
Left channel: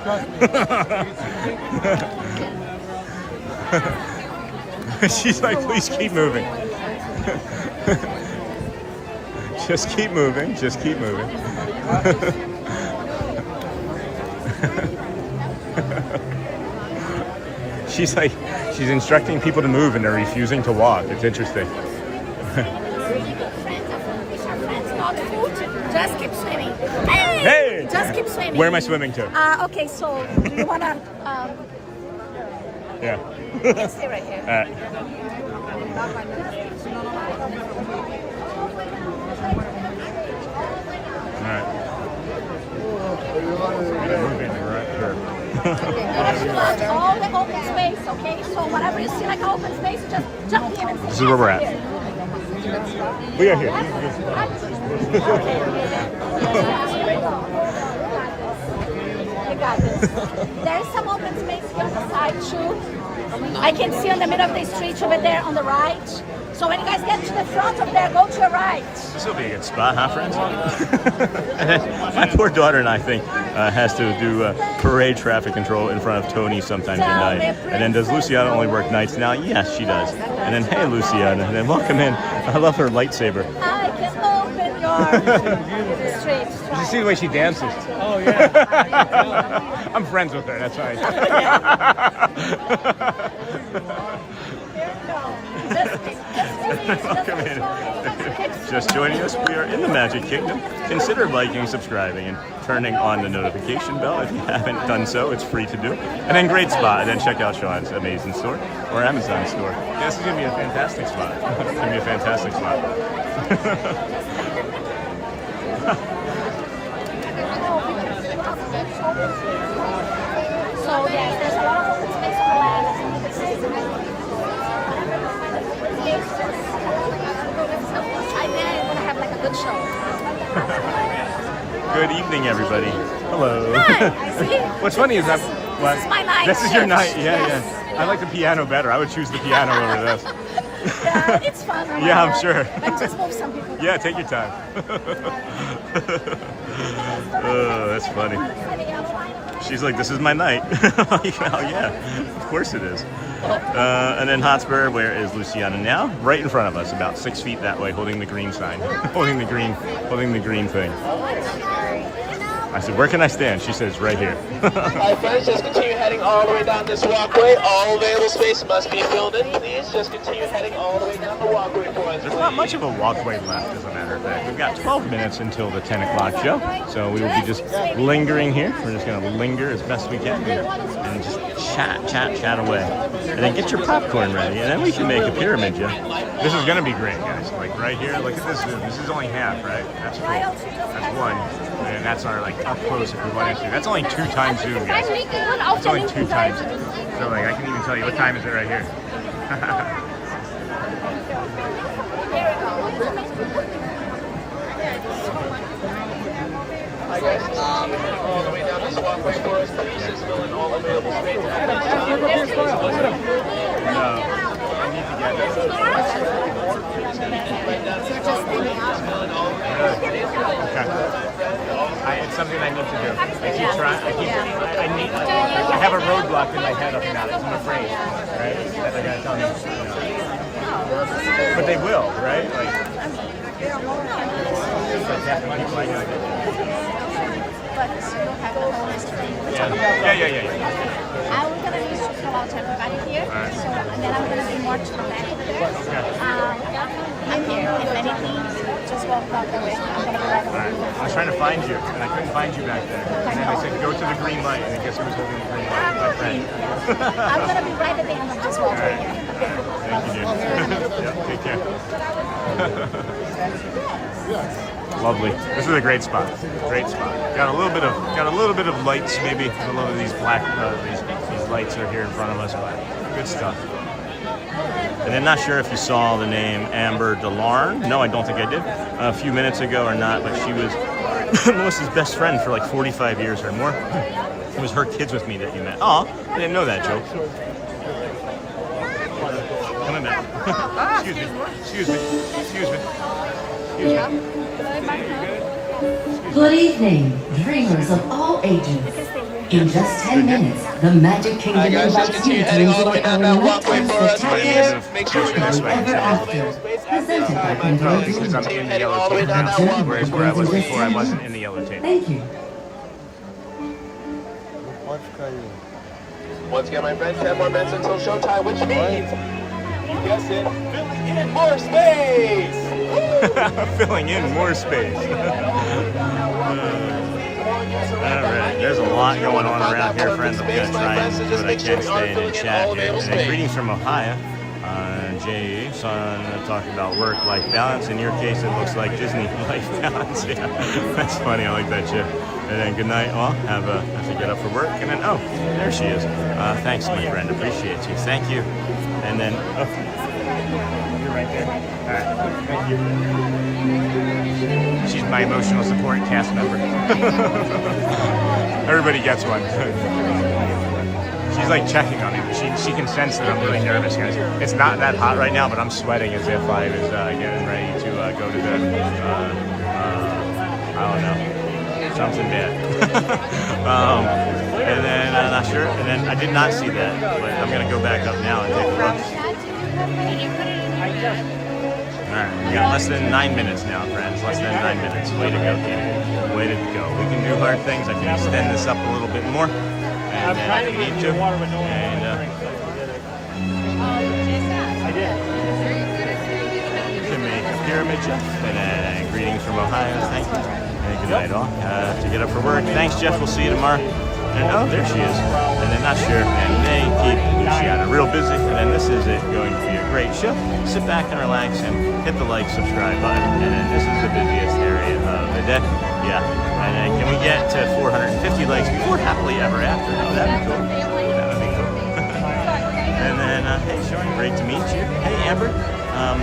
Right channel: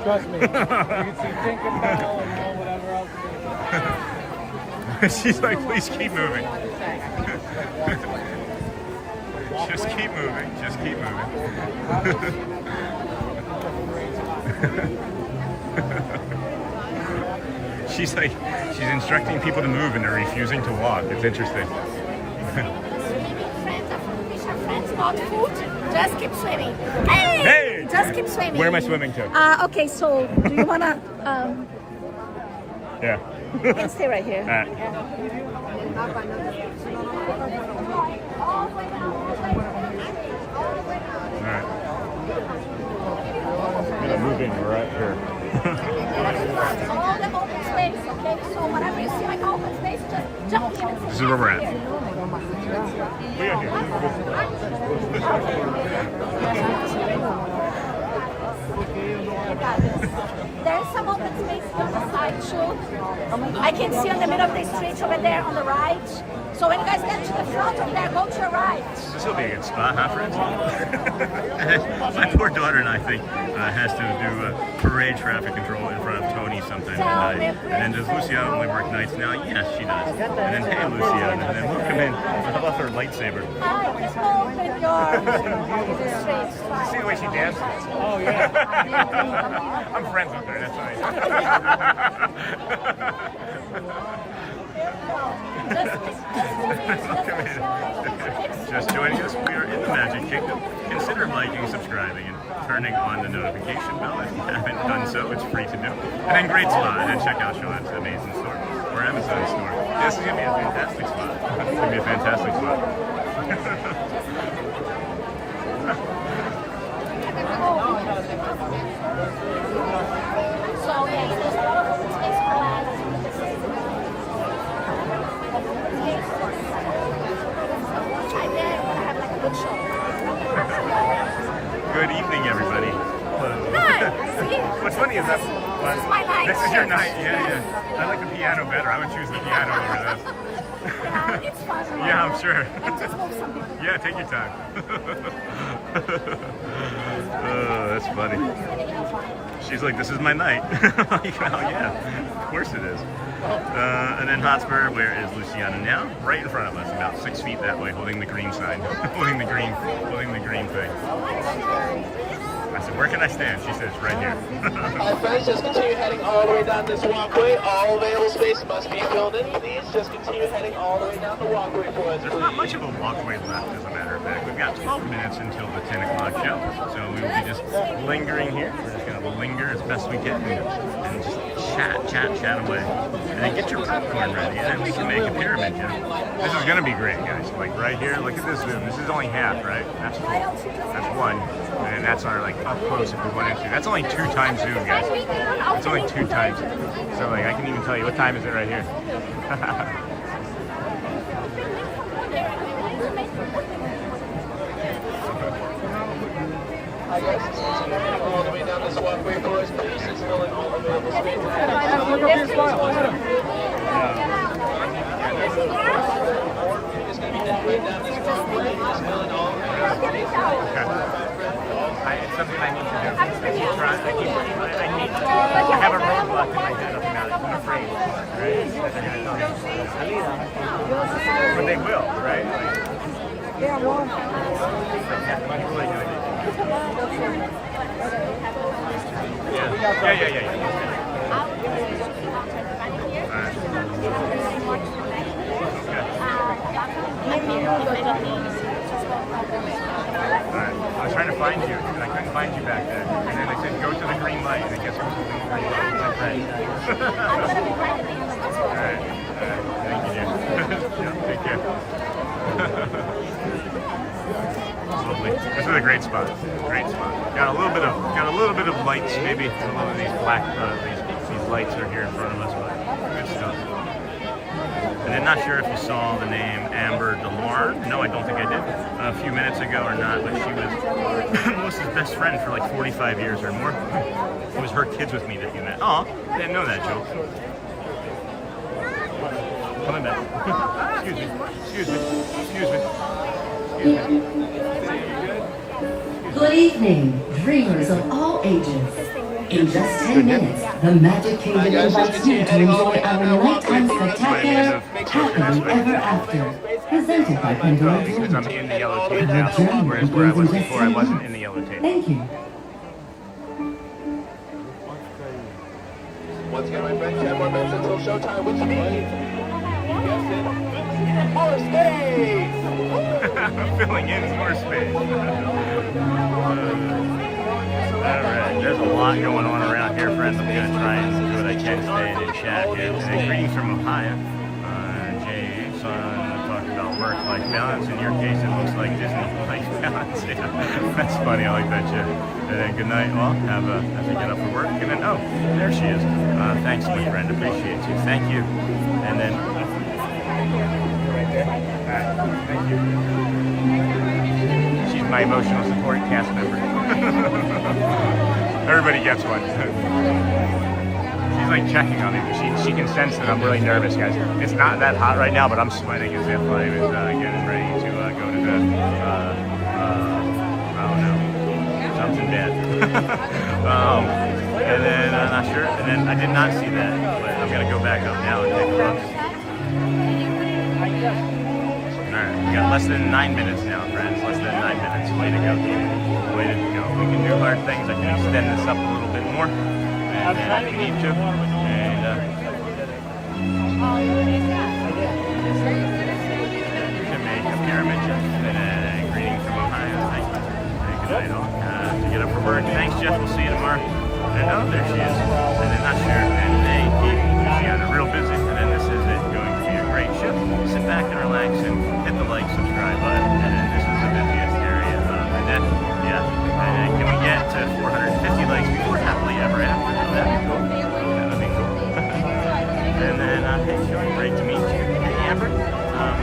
She's like, please keep moving. Just keep moving. Just keep moving. She's like, she's instructing people to move and they're refusing to walk. It's interesting. Not food. Just keep swimming. Hey! Hey! Just keep swimming. Where am I swimming to? Okay, so do you wanna Yeah. you can stay right here. All right. This is where we're at. We are here. There's some open space on the side too. I can see on the middle of the street over there on the right. So when you guys get to the front of there, go to your right. This will be a good spot, huh, friends? My poor daughter and I think has to do parade traffic control in front of Tony sometimes at night. And then does Luciana only work nights now? Yes, she does. And then, hey, Luciana. And then welcome in. I love her lightsaber. You see the way she dances? Oh, yeah. I'm friends with her, that's right. Welcome in. Just joining us, we are in the Magic Kingdom. Consider liking, subscribing, and turning on the notification bell. If you haven't done so, it's free to do. And then great spot. And then check out Sean's amazing store or Amazon store. Yeah, this is going to be a fantastic spot. It's going to be a fantastic spot. Good evening, everybody. Hello. Hi. What's funny is that This is my night. This is your night. Yeah. I like the piano better. I would choose the piano over this. Yeah, it's fun. Yeah, I'm sure. I'm just move some people. Yeah, take your time. Oh, that's funny. She's like, this is my night. Oh, yeah, of course it is. And then Hotspur, where is Luciana now? Right in front of us, about 6 feet that way, holding the green sign, holding the green thing. I said, where can I stand? She says, right here. Hi friends, just continue heading all the way down this walkway. All available space must be filled in. Please just continue heading all the way down the walkway. There's not much of a walkway left, as a matter of fact. We've got 12 minutes until the 10 o'clock show, so we will be just lingering here. We're just going to linger as best we can and just chat away. And then get your popcorn ready, and then we can make a pyramid jump. This is going to be great, guys. Like right here, look at this zoom. This is only half, right? That's cool. That's one. And that's our like up close if we want to. That's only 2 times zoom, guys. It's only 2 times. So like I can even tell you what time is it right here. Adam, look up your smile. Adam. Okay. It's something I need to do. I keep trying. I have a roadblock in my head about it. I'm afraid, right? That they're gonna tell me. But they will, right? Like, yeah. All right. Okay. Alright, I was trying to find you, and I couldn't find you back there. And then they said, go to the green light, and I guess who was holding the green light? My friend. Alright. Thank you, dear. Yeah, take care. Lovely. This is a great spot. Great spot. Got a little bit of lights, maybe. A little of these black, these lights are here in front of us, but good stuff. And then not sure if you saw the name Amber DeLarn. No, I don't think I did. A few minutes ago or not, but she was Melissa's best friend for like 45 years or more. It was her kids with me that you met. Oh, I didn't know that, Joe. Coming back. Excuse me. Good evening, dreamers of all ages. In just 10 minutes, the Magic Kingdom invites you to enjoy a nighttime spectacular Happily Ever After, presented by Pandora Dreams. Because I'm in the yellow tape now, whereas where I was before, I wasn't in the yellow tape. Thank you. Once again, my friends, 10 more minutes until showtime, which means, you guessed it, more space! Filling in more space. Alright, there's a lot going on around here, friends. I'm going to try and do what I can, stay and chat here. And greetings from Ohio. Jay, son, talking about work-life balance. In your case, it looks like Disney life balance. Yeah, that's funny. I like that shit. And then good night, all. Have to get up for work. And then, oh, there she is. Thanks, my friend. Appreciate you. Thank you. And then... Alright, thank you. She's my emotional support cast member. Everybody gets one. She's like checking on me, but she can sense that I'm really nervous, guys. It's not that hot right now, but I'm sweating as if I was getting ready to go to the, I don't know, something bad. And then, I'm not sure, and then I did not see that, but I'm gonna go back up now and take a look. Alright, we got less than 9 minutes now, friends. Less than 9 minutes. Way to go, Gator. Way to go. We can do hard things. I can extend this up a little bit more, and if we need to. And you can make a pyramid Jeff. And greetings from Ohio. Thank you. And good night all. To get up for work. Thanks, Jeff. We'll see you tomorrow. And oh, there she is. And then not sure. And they keep Luciana real busy. And then this is it. Going to be a great show. Sit back and relax and hit the like, subscribe button. And then this is the busiest area of the day. Yeah. And then can we get to 450 likes before Happily Ever After? Oh, that'd be cool. That would be cool. And then, hey, Sean, great to meet you. Hey, Amber.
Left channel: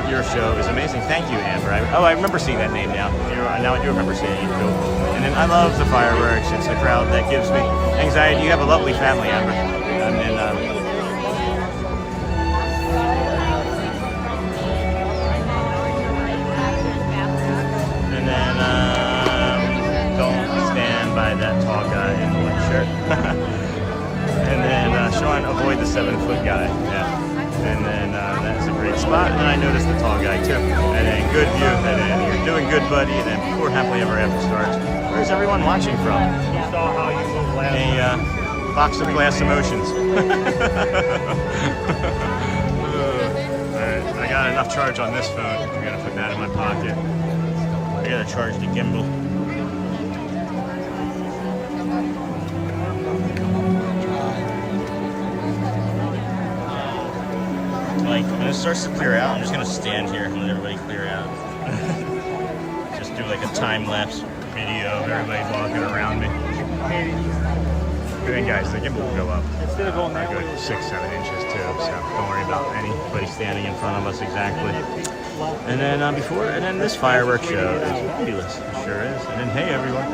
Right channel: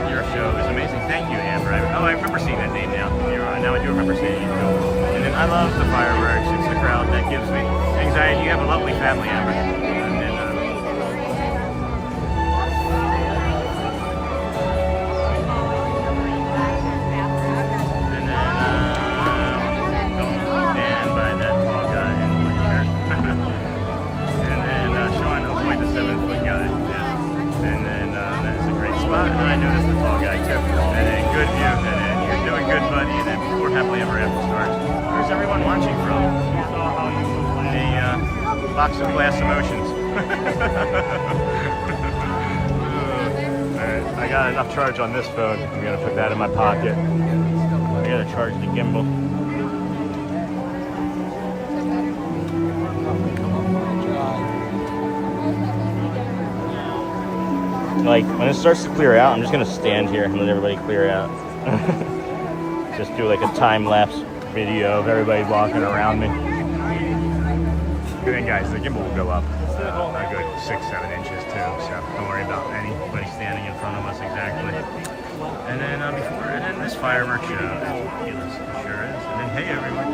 Your show is amazing. Thank you, Amber. I remember seeing that name now. Now I do remember seeing it. Cool. And then I love the fireworks. It's the crowd that gives me anxiety. You have a lovely family, Amber. And then, don't stand by that tall guy in the white shirt. And then, Sean, avoid the 7-foot guy. Yeah. And then that's a great spot. And then I noticed the tall guy too. And then good view. And then you're doing good, buddy. And then before Happily Ever After starts, where's everyone watching from? A box of glass emotions. Alright, I got enough charge on this phone. I'm gonna put that in my pocket. I gotta charge the gimbal. Like, when it starts to clear out, I'm just gonna stand here and let everybody clear out. Just do like a time-lapse video of everybody walking around me. Good thing, guys, the gimbal will go up a good 6-7 inches too, so don't worry about anybody standing in front of us exactly. And then and then this fireworks show is fabulous, it sure is. And then hey everyone.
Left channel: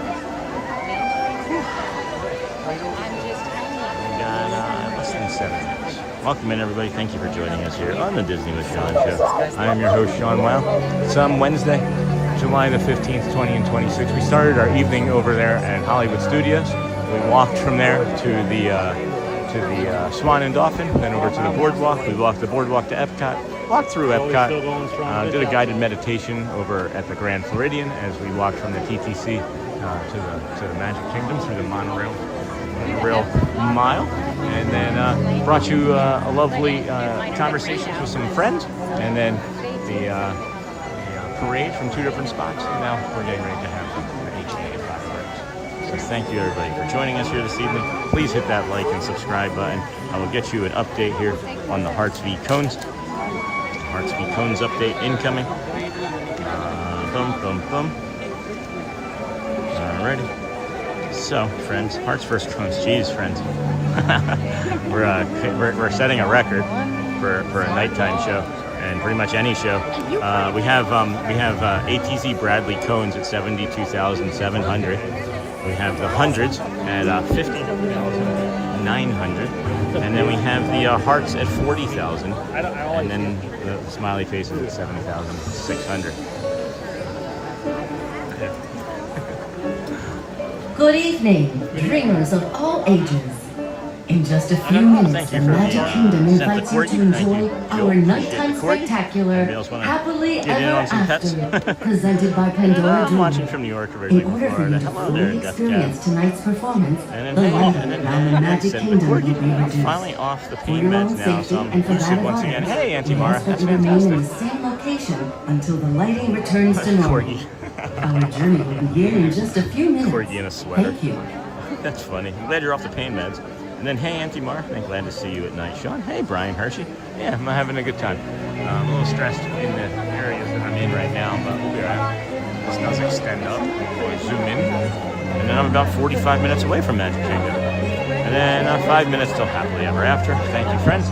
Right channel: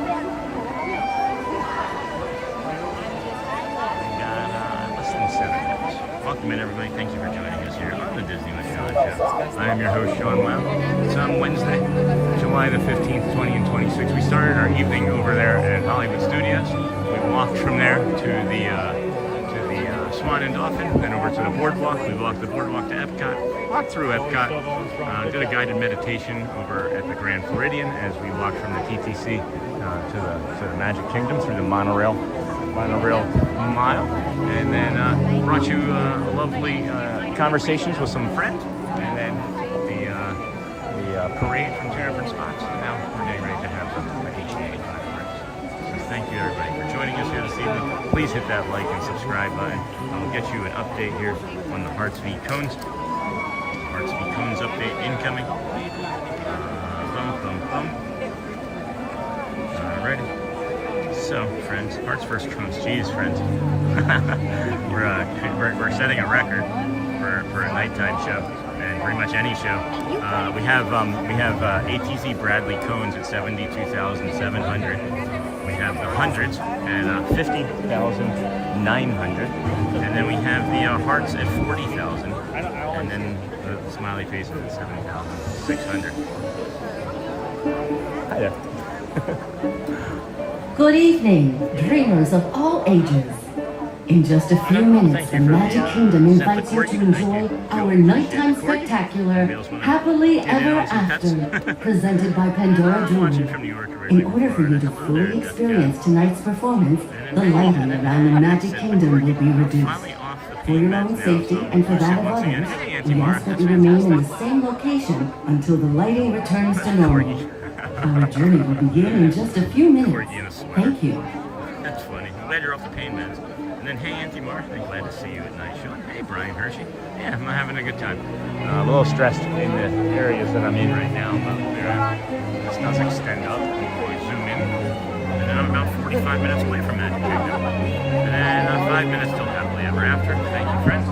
We got less than 7 minutes. Welcome in, everybody. Thank you for joining us here on the Disney Starlight Show. I am your host, Sean Wow. It's Wednesday, July the 15th, 20 and 26. We started our evening over there at Hollywood Studios. We walked from there to the Swan and Dolphin, then over to the BoardWalk. We walked the BoardWalk to EPCOT, walked through EPCOT, did a guided meditation over at the Grand Floridian as we walked from the TTC to the Magic Kingdom through the Monorail Mile, and then brought you a lovely conversations with some friends, and then the parade from 2 different spots. And now we're getting ready to have the HDA fireworks. So thank you everybody for joining us here this evening. Please hit that like and subscribe button. I will get you an update here on the Hearts v Cones. Hearts v Cones update incoming. Alrighty. So, friends, Hearts vs. Cones. Jeez, friends. we're setting a record for a nighttime show, and pretty much any show. We have ATC Bradley cones at 72,700. We have the hundreds at 50,900, and then we have the hearts at 40,000, and then the smiley faces at 7,600. Hiya. Good evening, dreamers of all ages. In just a few minutes, the Magic Kingdom invites you to enjoy our nighttime spectacular Happily Ever After, presented by Pandora Jewelry. In order for you to fully experience tonight's performance, the lighting around the Magic Kingdom will be reduced. For your own safety and for that of others, we ask that you remain in the same location until the lighting returns to normal. Our journey will begin in just a few minutes. Thank you. That's funny. I'm glad you're off the pain meds. And then, hey, Auntie Marsh, I'm glad to see you at night. Sean, hey, Brian Hershey. Yeah, I'm having a good time. I'm a little stressed in the areas that I'm in right now, but we'll be all right. This does extend up. We'll zoom in. And then I'm about 45 minutes away from Magic Kingdom. And then 5 minutes till Happily Ever After. Thank you, friends.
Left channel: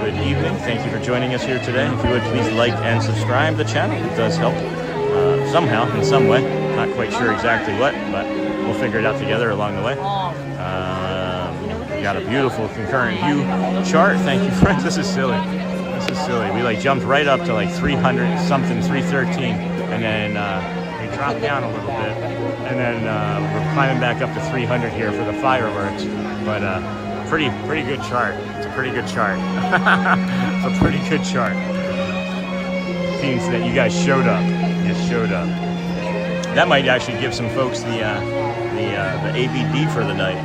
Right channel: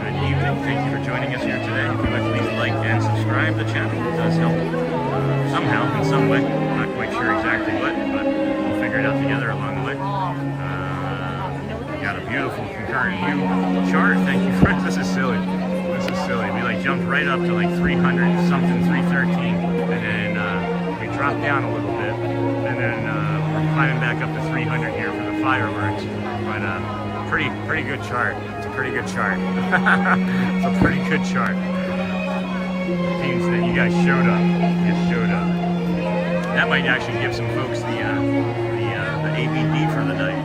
Good evening. Thank you for joining us here today. If you would please like and subscribe to the channel. It does help somehow, in some way. Not quite sure exactly what, but we'll figure it out together along the way. We got a beautiful concurrent view chart. Thank you, friends. This is silly. This is silly. We like jumped right up to like 300 something, 313, and then we dropped down a little bit, and then we're climbing back up to 300 here for the fireworks. But pretty good chart. It's a pretty good chart. A pretty good chart. Means that you guys showed up. You showed up. That might actually give some folks the ABD for the night.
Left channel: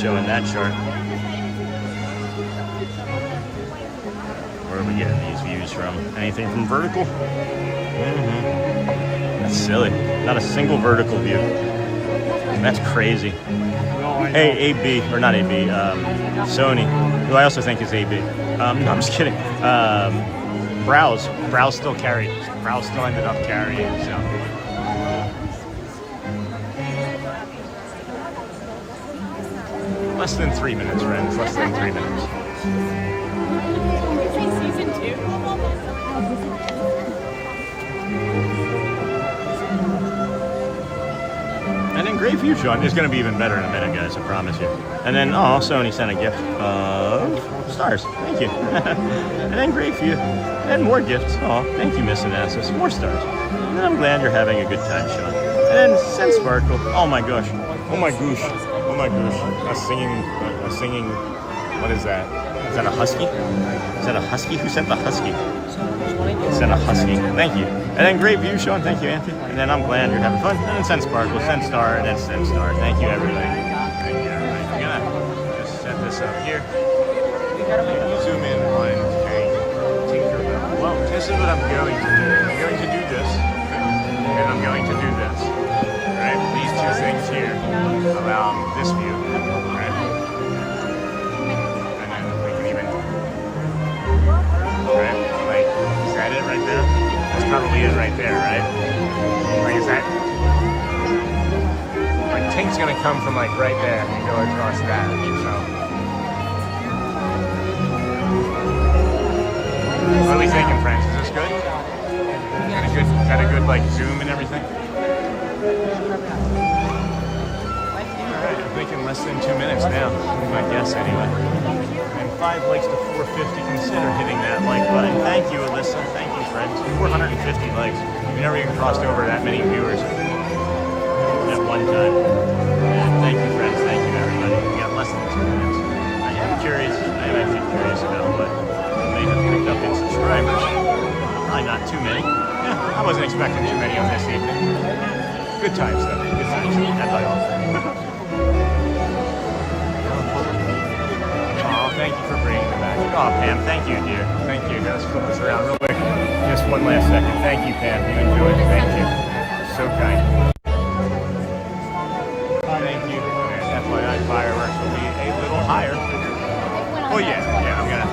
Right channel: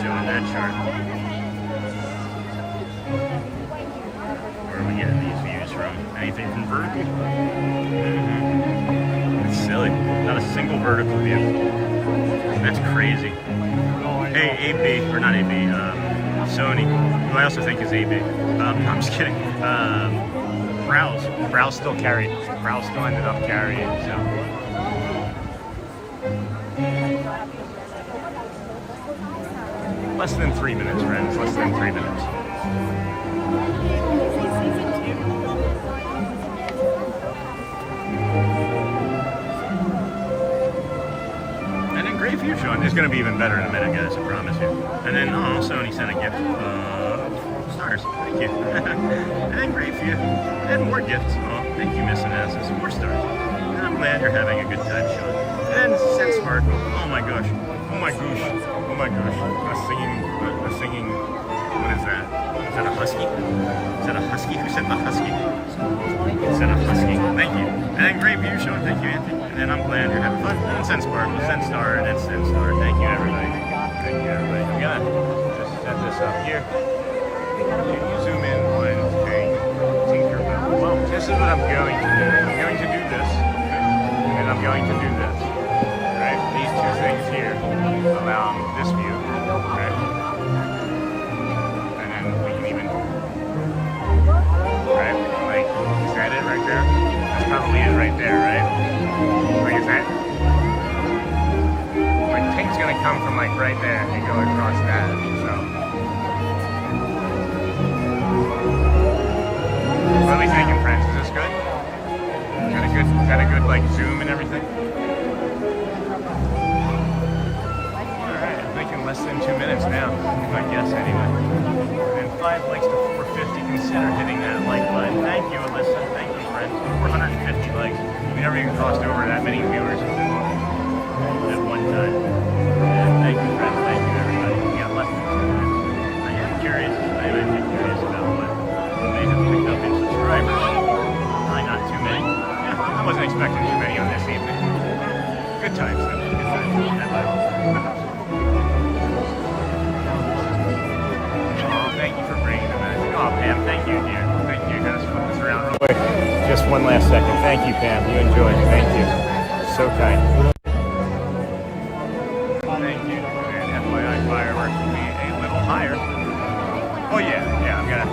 Showing that chart. Where are we getting these views from? Anything from vertical? That's silly. Not a single vertical view. That's crazy. Hey, AB, or not AB, Sony, who I also think is AB. No, I'm just kidding. Browse still carried. Browse still ended up carrying, so. Less than 3 minutes, friends. Less than 3 minutes. Season 2. And then great view, Sean. It's going to be even better in a minute, guys. I promise you. And then, oh, Sony sent a gift of stars. Thank you. And then great view. And more gifts. Oh, thank you, Miss Anastas. More stars. And I'm glad you're having a good time, Sean. And then send sparkle. Oh my gosh. Oh my gosh. Oh my gosh. A singing, what is that? Is that a husky? Is that a husky? Who sent the husky? Sent a husky. Thank you. And then great view, Sean. Thank you, Anthony. And then I'm glad you're having fun. And then send sparkle, send star, and then send star. Thank you, everybody. Thank you, everybody. I'm gonna just set this up here. Can you zoom in on Tinkerbell? Well, this is what I'm going to do. I'm going to do this, and I'm going to do this. Right? These two things here allow this view, right? And then we can even, right? Like, is that it right there? That's probably it right there, right? Like, is that? Like, Tink's gonna come from like right there and go across that, so. What are we thinking, friends? Is this good? Got a good like zoom and everything? Alright, I'm thinking less than 2 minutes now, if I guess anyway. And 5 likes to 450, consider hitting that like button. Thank you, Alyssa. Thank you, friends. 450 likes. We never even crossed over that many viewers at one time. And thank you, friends. Thank you, everybody. We got less than 2 minutes. I am curious. I'm actually curious about what they have picked up in subscribers. Probably not too many. Yeah, I wasn't expecting too many on this evening. Good times, though. Good times. Had by all. Oh, thank you for bringing the magic. Oh, Pam, thank you, dear. Thank you. Let's flip this around real quick. Just one last second. Thank you, Pam. You enjoyed it. Thank you. So kind. Thank you. And FYI, fireworks will be a little higher. Oh, yeah. Yeah, I'm gonna.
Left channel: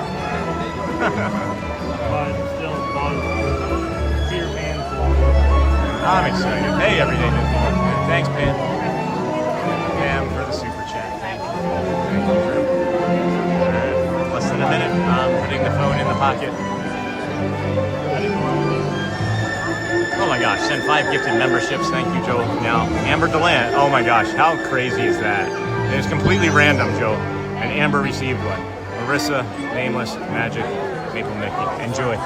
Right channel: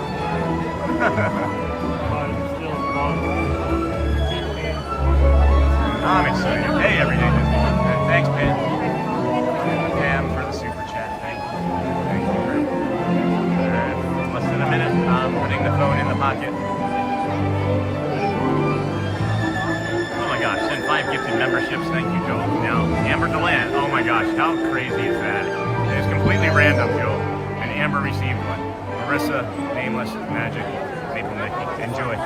I'm excited. Hey, everyday Disney. Thanks, Pam. Pam for the super chat. Thank you. Thank you, friend. Less than a minute. I'm putting the phone in the pocket. Oh my gosh, send 5 gifted memberships. Thank you, Joel. Now, Amber Delant. Oh my gosh, how crazy is that? It's completely random, Joel. And Amber received one. Marissa, Nameless, Magic, Maple Mickey. Enjoy.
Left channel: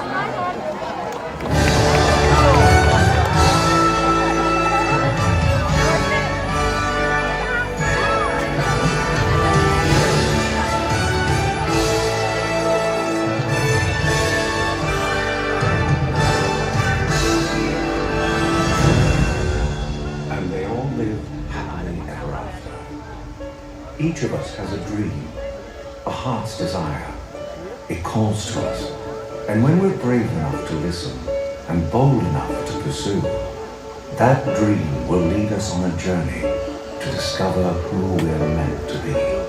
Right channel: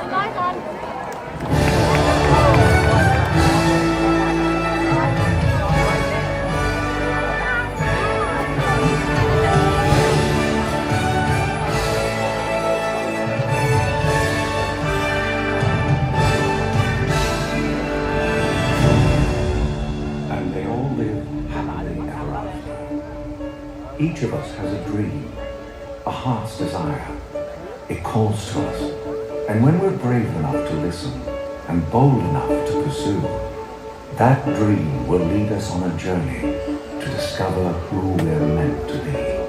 Each of us has a dream, a heart's desire. It calls to us. And when we're brave enough to listen and bold enough to pursue, that dream will lead us on a journey to discover who we're meant to be.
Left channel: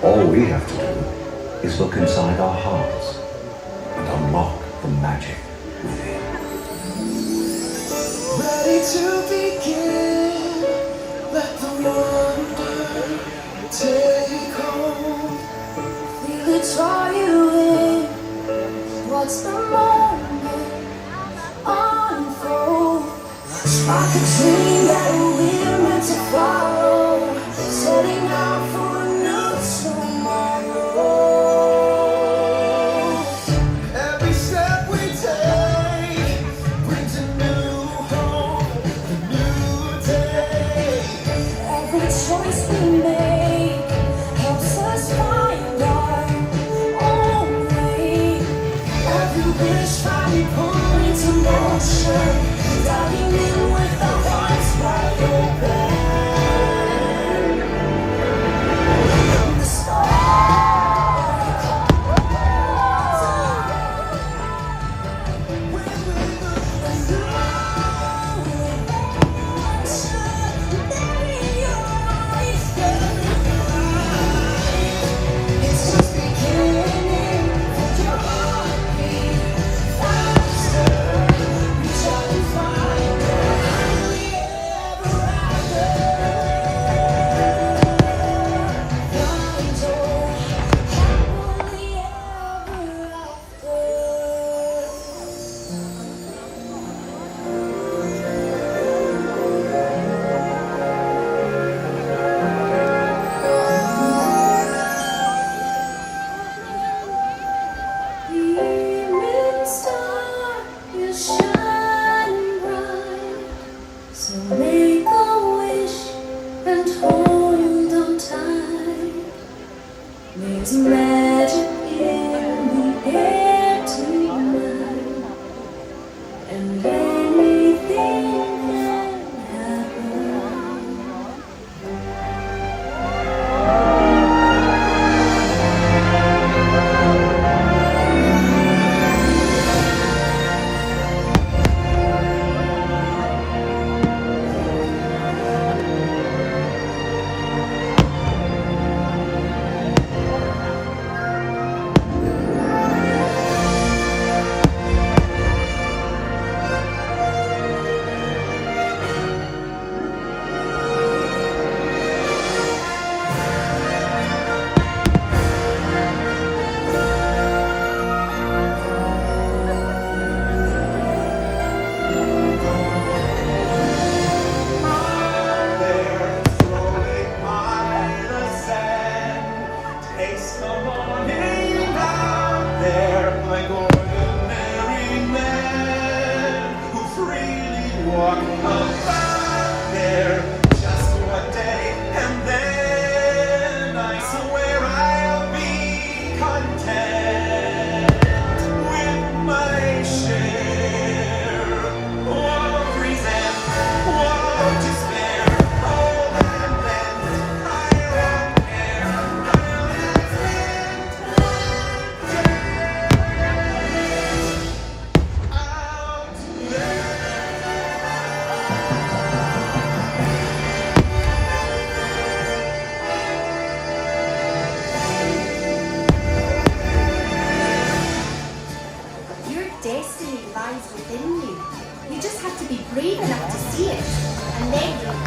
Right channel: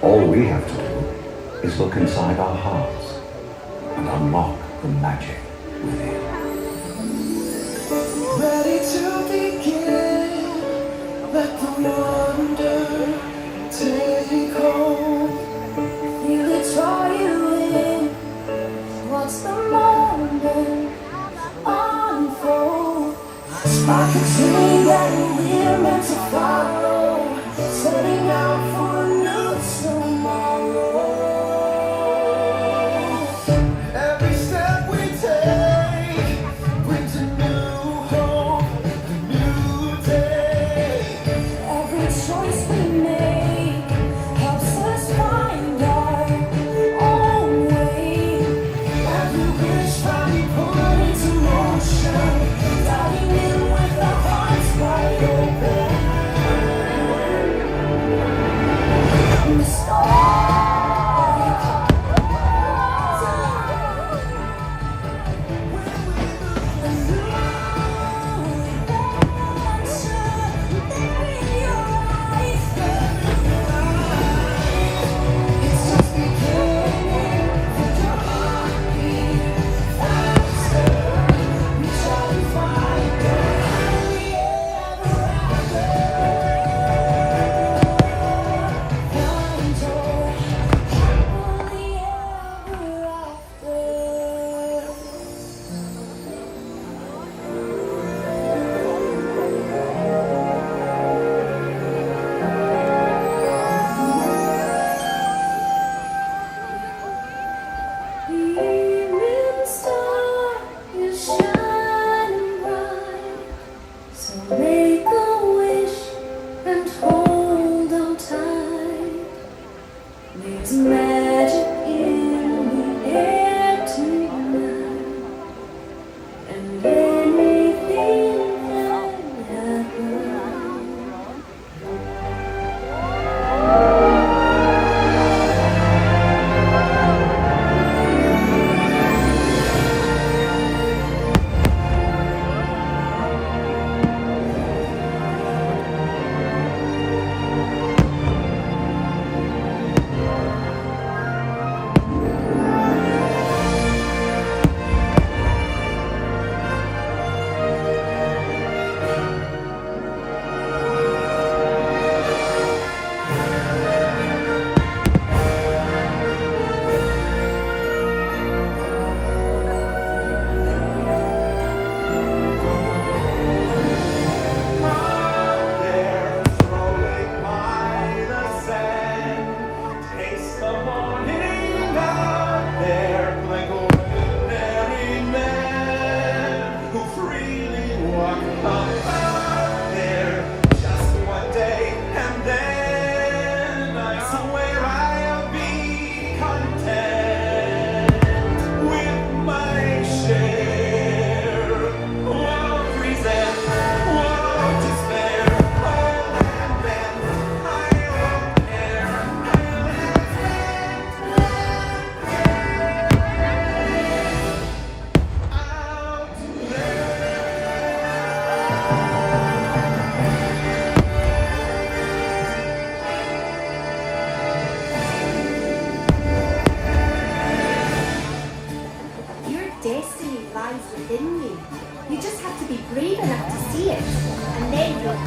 All we have to do is look inside our hearts and unlock the magic within. Ready to begin, let the wonder take hold. Feel it's for you.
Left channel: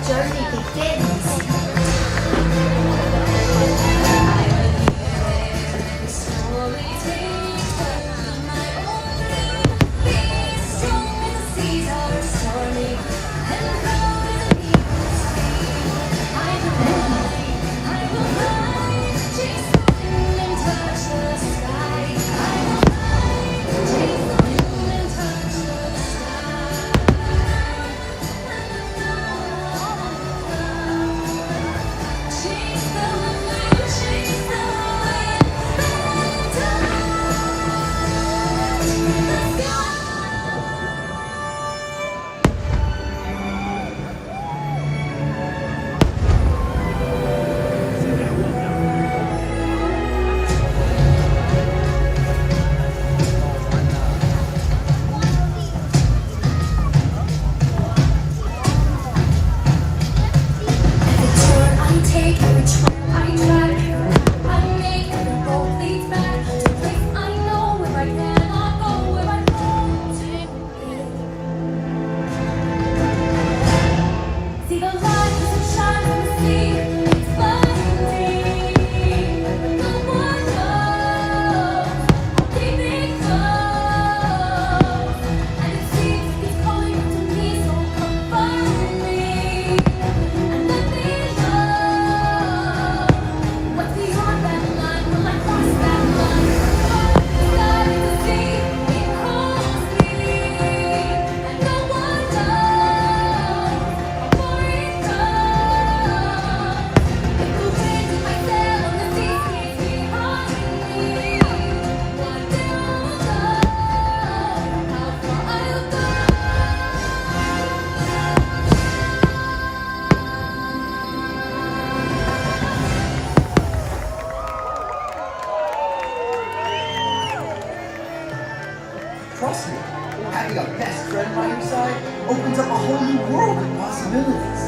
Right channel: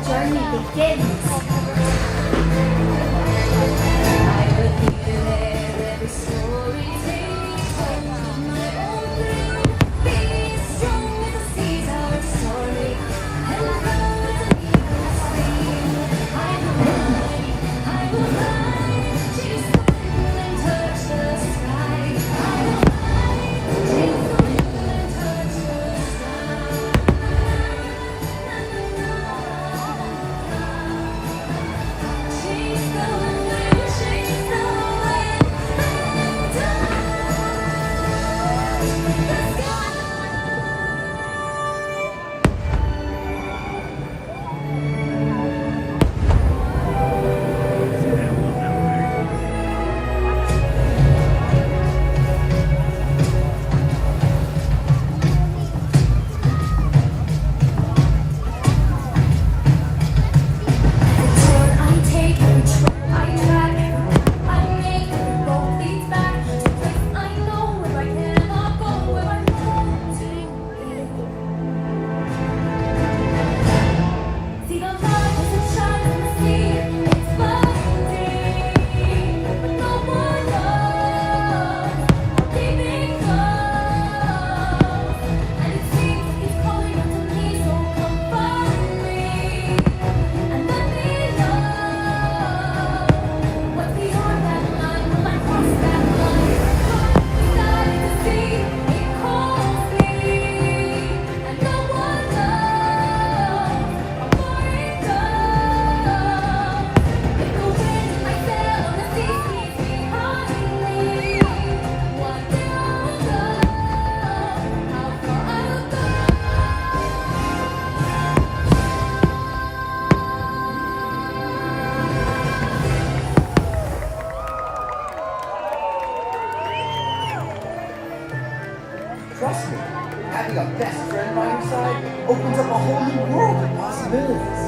journey begins. Trust me, having a best friend by your side opens up a whole new world of possibilities.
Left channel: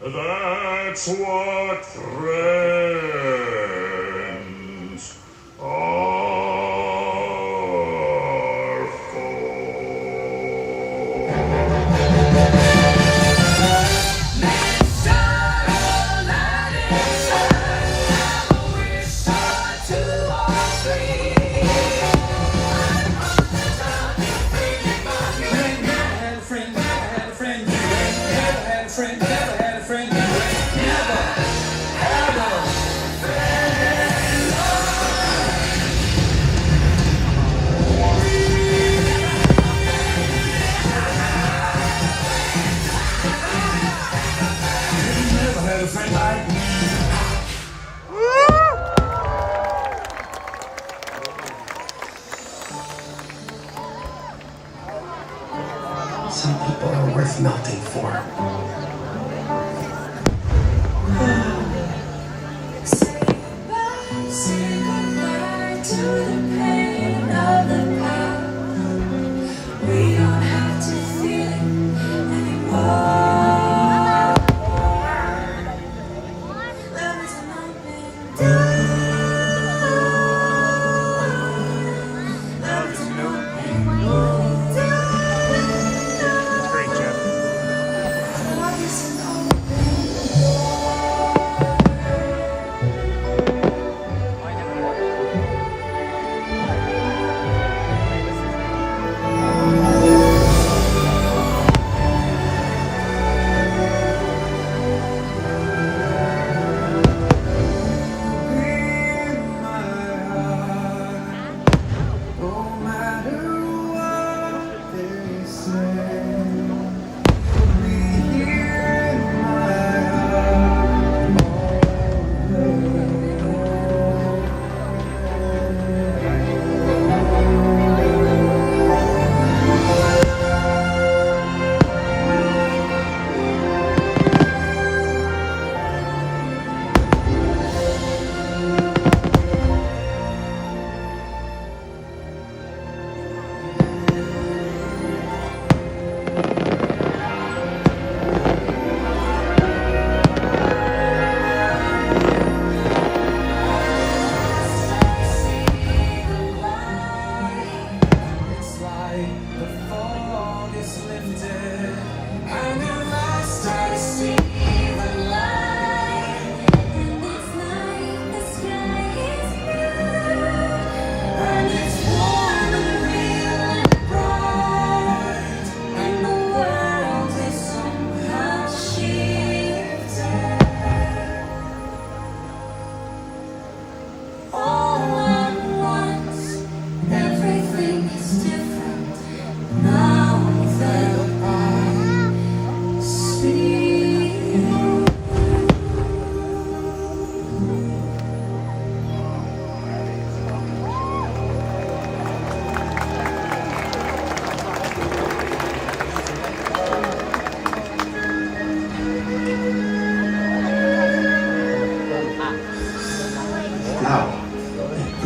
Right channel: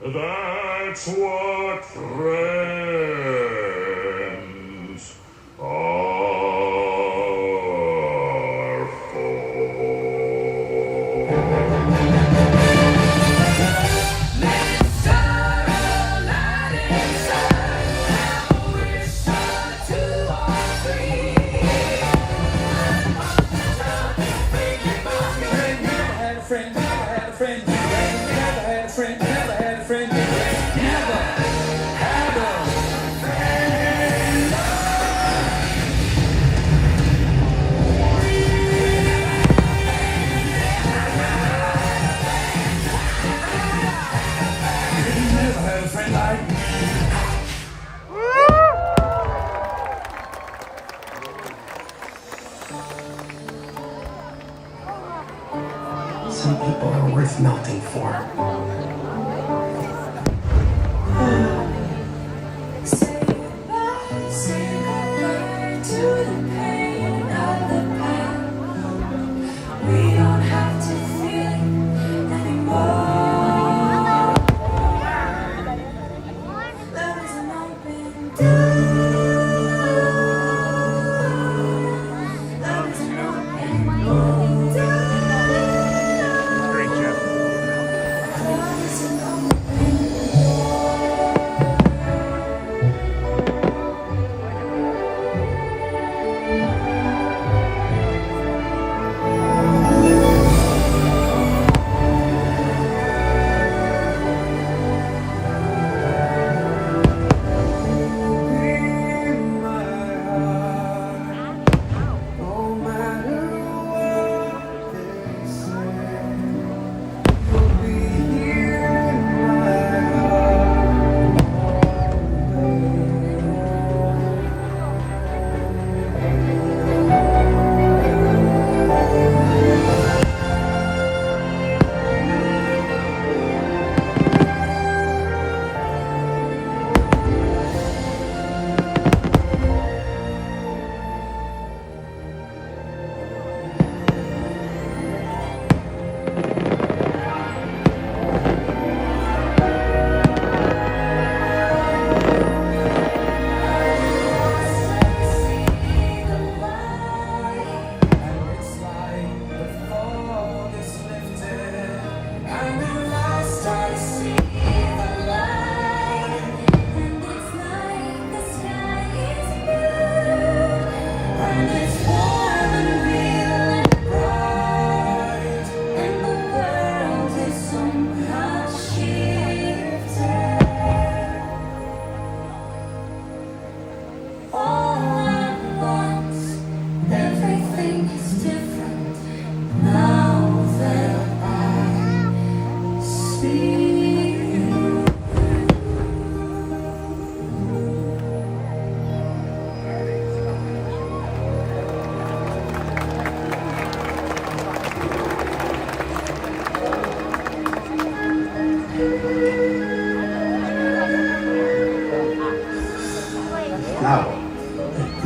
That's what friends are for. Some people are worth melting for.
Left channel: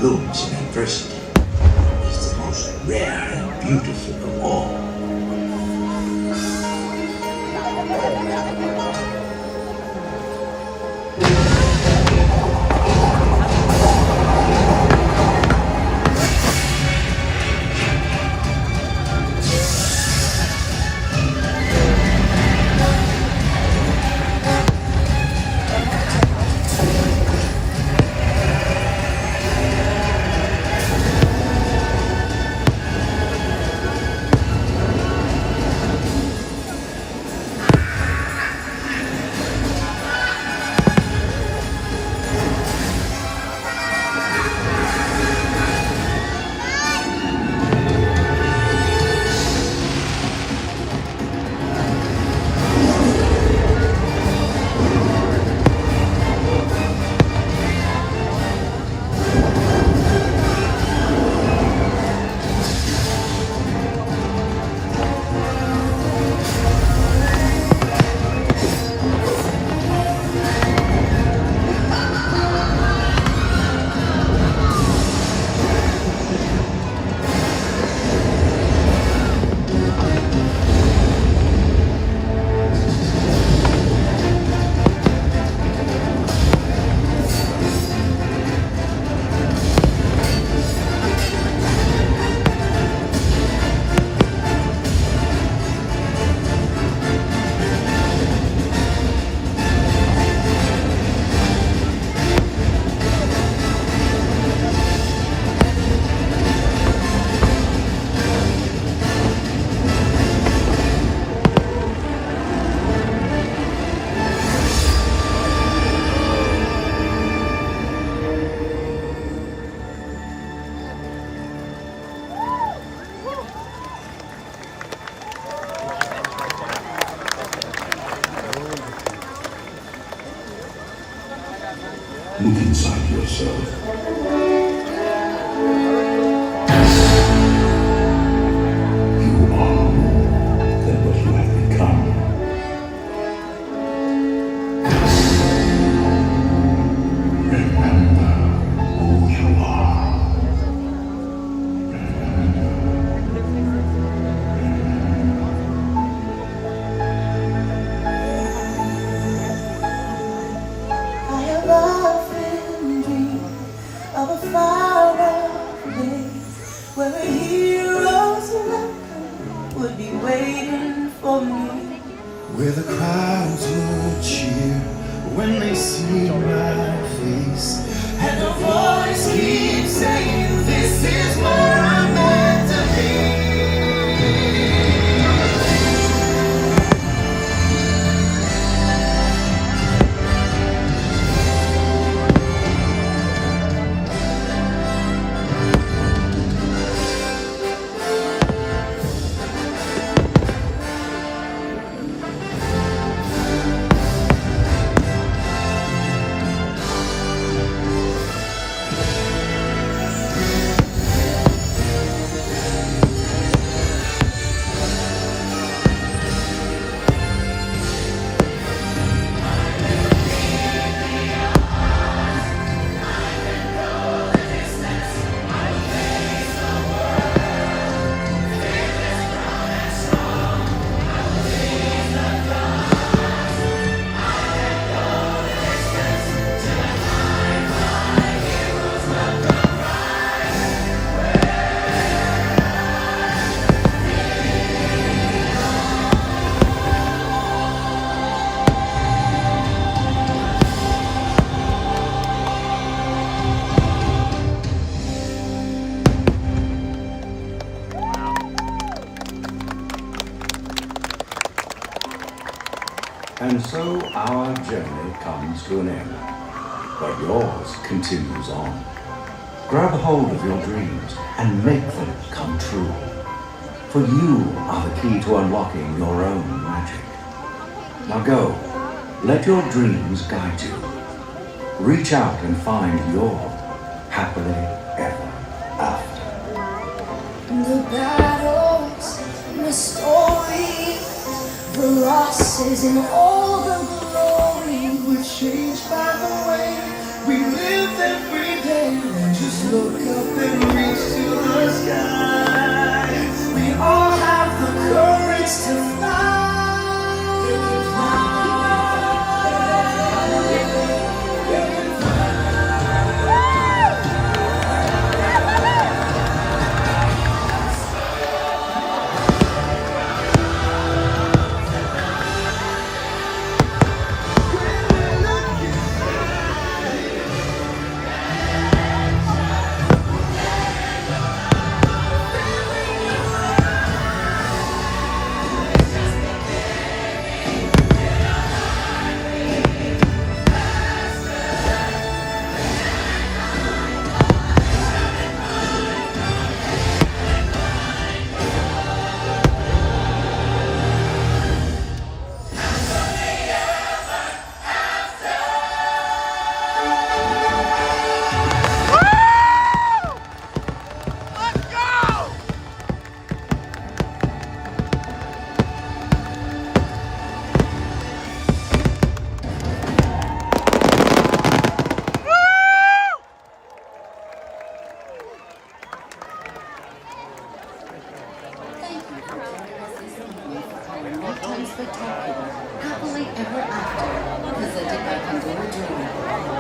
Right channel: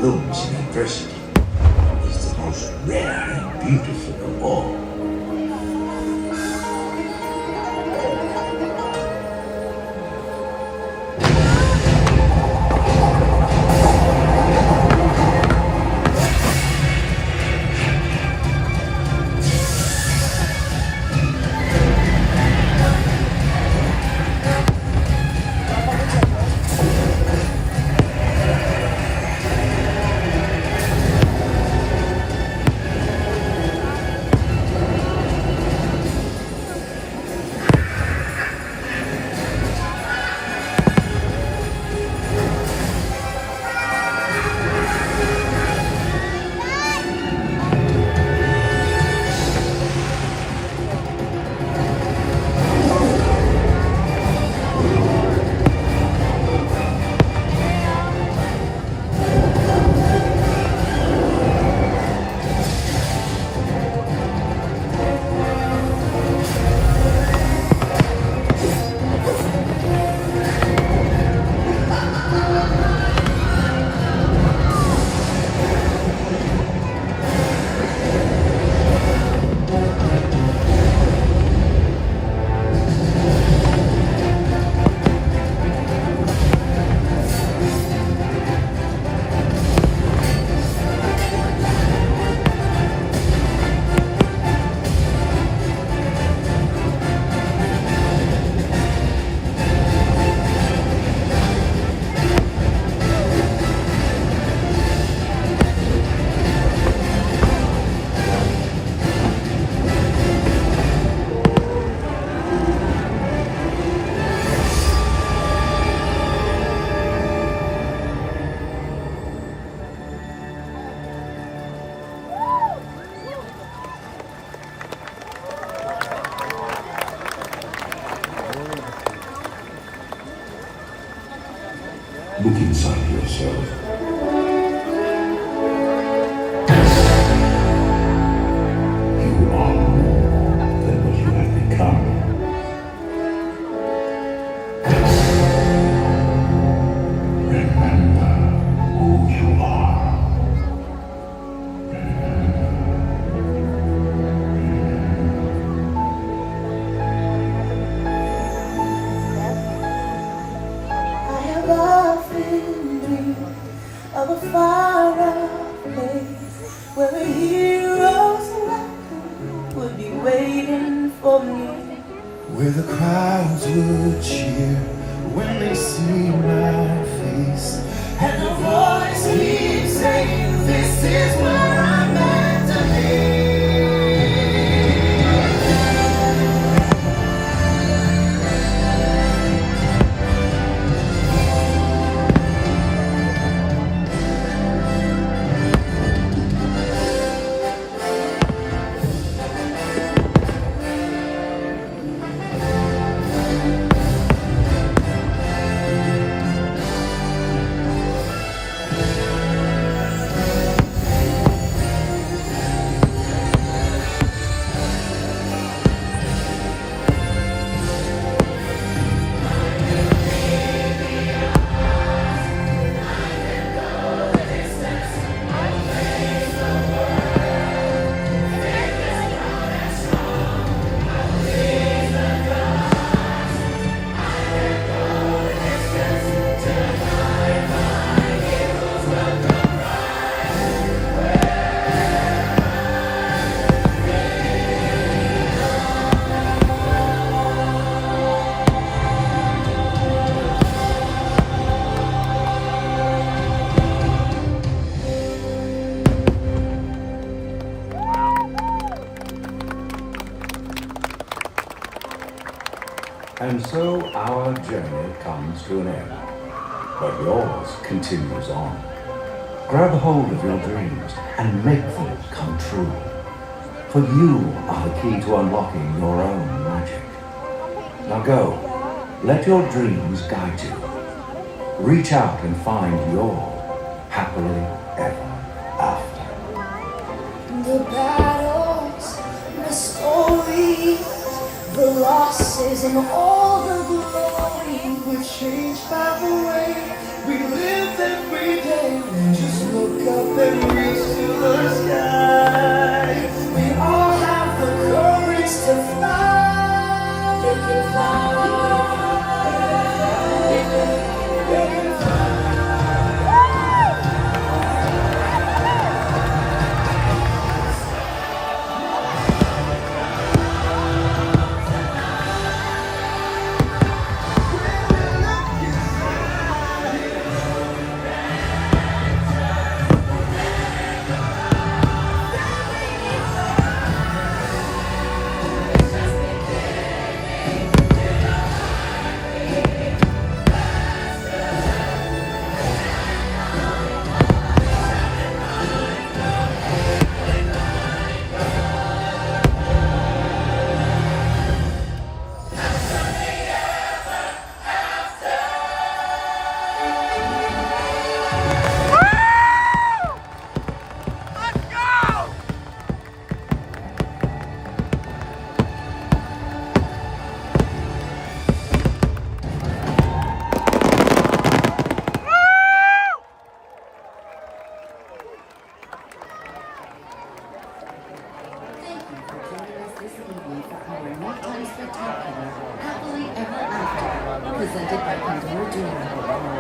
blooms in adversity is the most rare and beautiful of all. Look inside yourself. You are more than what you have become. Remember who you are. I have often dreamed of a far-off place where the heroes would be waiting for me, Where the crowds would cheer when they see my face, and a voice keeps saying, "This is where I'm meant to be." And so our journey comes to an end, but yours continues on. Grab hold of your dreams and make them come true. For you are the key to unlocking your own magic. Now go, let your dreams guide you. Reach out and find your happily ever after. The battles, the stories, the losses, and all the glory, we're changed by the way we live every day. Just look up and reach to the sky. We all have the courage to fly. They can fly. They can fly.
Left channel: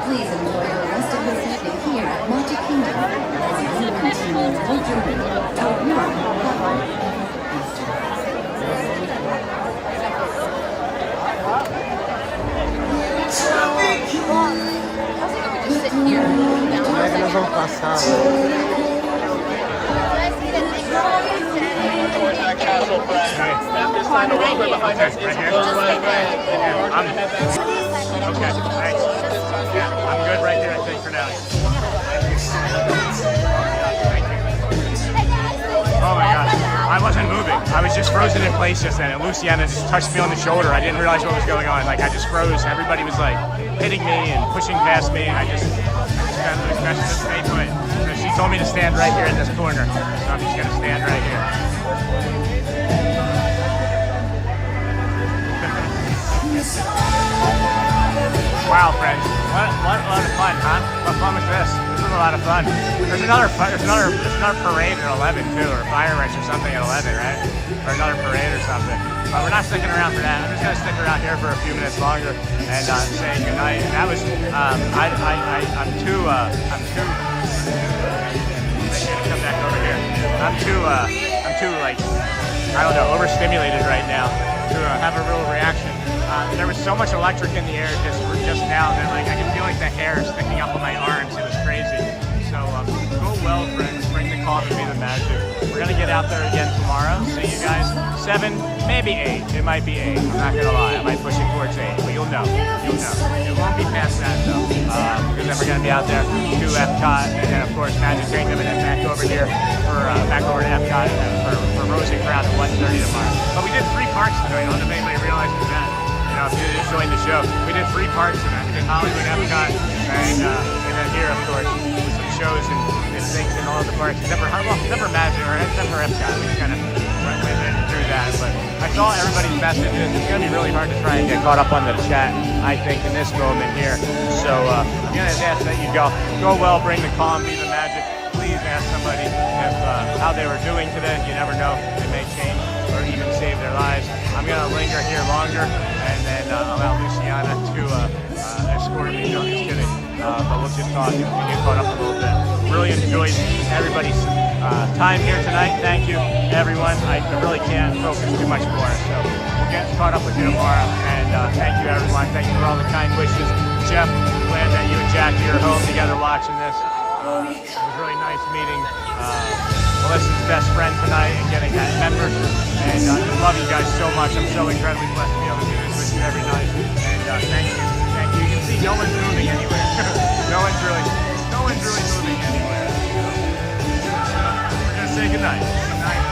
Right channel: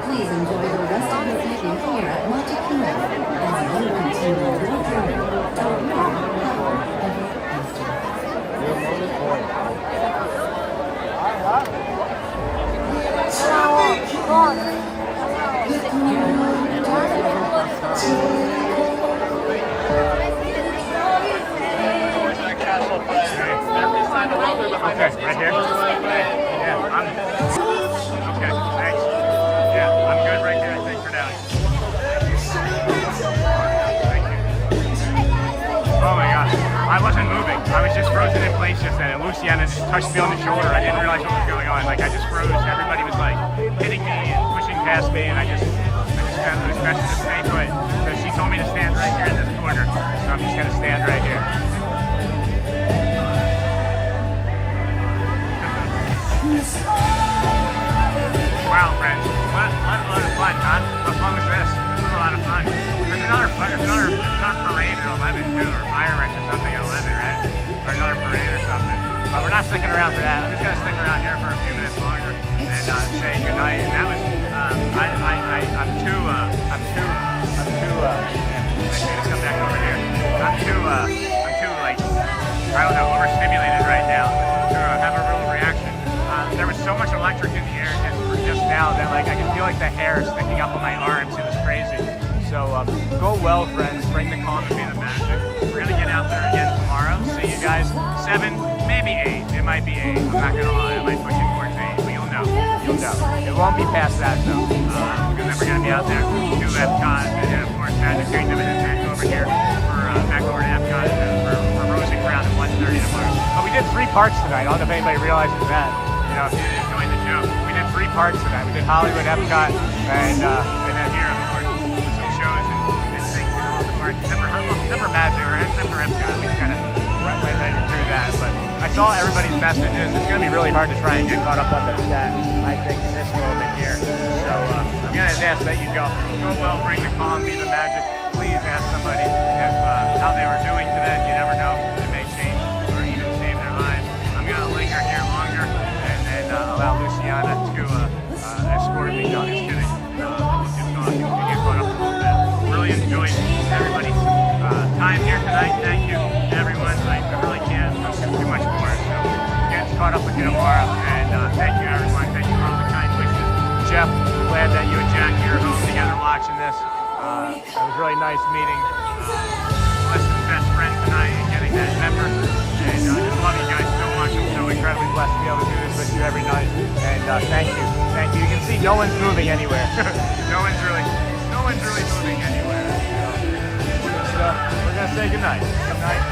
Please enjoy the rest of this evening here at Magic Kingdom as you continue your journey toward more Okay, right here? Yeah, I'm... Okay, thanks. Yeah, I'm good right here, I think, for now. Oh my god, I wasn't moving. I was just frozen in place just then, and Luciana just touched me on the shoulder. I didn't realize what was going on. Like, I just froze. Everybody was like hitting me and pushing past me, and I just kind of was best to stay put. So she told me to stand right here in this corner. So I'm just gonna stand right here. Wow, friends, what a lot of fun, huh? What fun was this? This was a lot of fun. There's another parade at 11 too, or fireworks or something at 11, right? Or another parade or something. But we're not sticking around for that. I'm just gonna stick around here for a few minutes longer and say goodnight. And that was, I'm too like, I don't know, overstimulated right now to have a real reaction. There was so much electric in the air just now that like I can feel like the hair sticking up on my arms. It was crazy. So go well, friends. Bring the calm and be the magic. We're gonna get out there again tomorrow. See you guys 7, maybe 8. It might be 8. I'm not gonna lie. I might push it towards 8, but you'll know. You'll know. It won't be past that though, because then we're gonna be out there to EPCOT, and then of course Magic Kingdom, and then back over here for back over to EPCOT for Rosing Crown at 1:30 tomorrow. But we did 3 parts tonight. I don't know if anybody realizes that. You know, if you enjoyed the show, we did 3 parts tonight. We did Hollywood, EPCOT, and then here, of course, with some shows and things in all of the parks, except for Magic or except for EPCOT. We just kind of went through that. But I saw everybody's messages. It's going to be really hard to try and get caught up on the chat, I think, in this moment here. So I'm going to ask that you go well, bring the calm, be the magic. Please ask somebody if how they were doing today. You never know; they may change or even save their lives. I'm going to linger here longer and then allow Luciana to escort me. No, just kidding. We'll just talk and get caught up a little bit. Really enjoyed everybody's time here tonight. Thank you, everyone. I really can't focus too much more. So we'll get caught up with you tomorrow. And thank you, everyone. Thank you for all the kind wishes. Jeff, glad that you and Jackie are home together watching this. It was really nice meeting Melissa's best friend tonight and getting that member. And I just love you guys so much. I'm so incredibly blessed to be able to do this with you every night. And thank you. Thank you. You can see no one's moving anywhere. no one's really moving anywhere. So we're gonna say goodnight. Good night.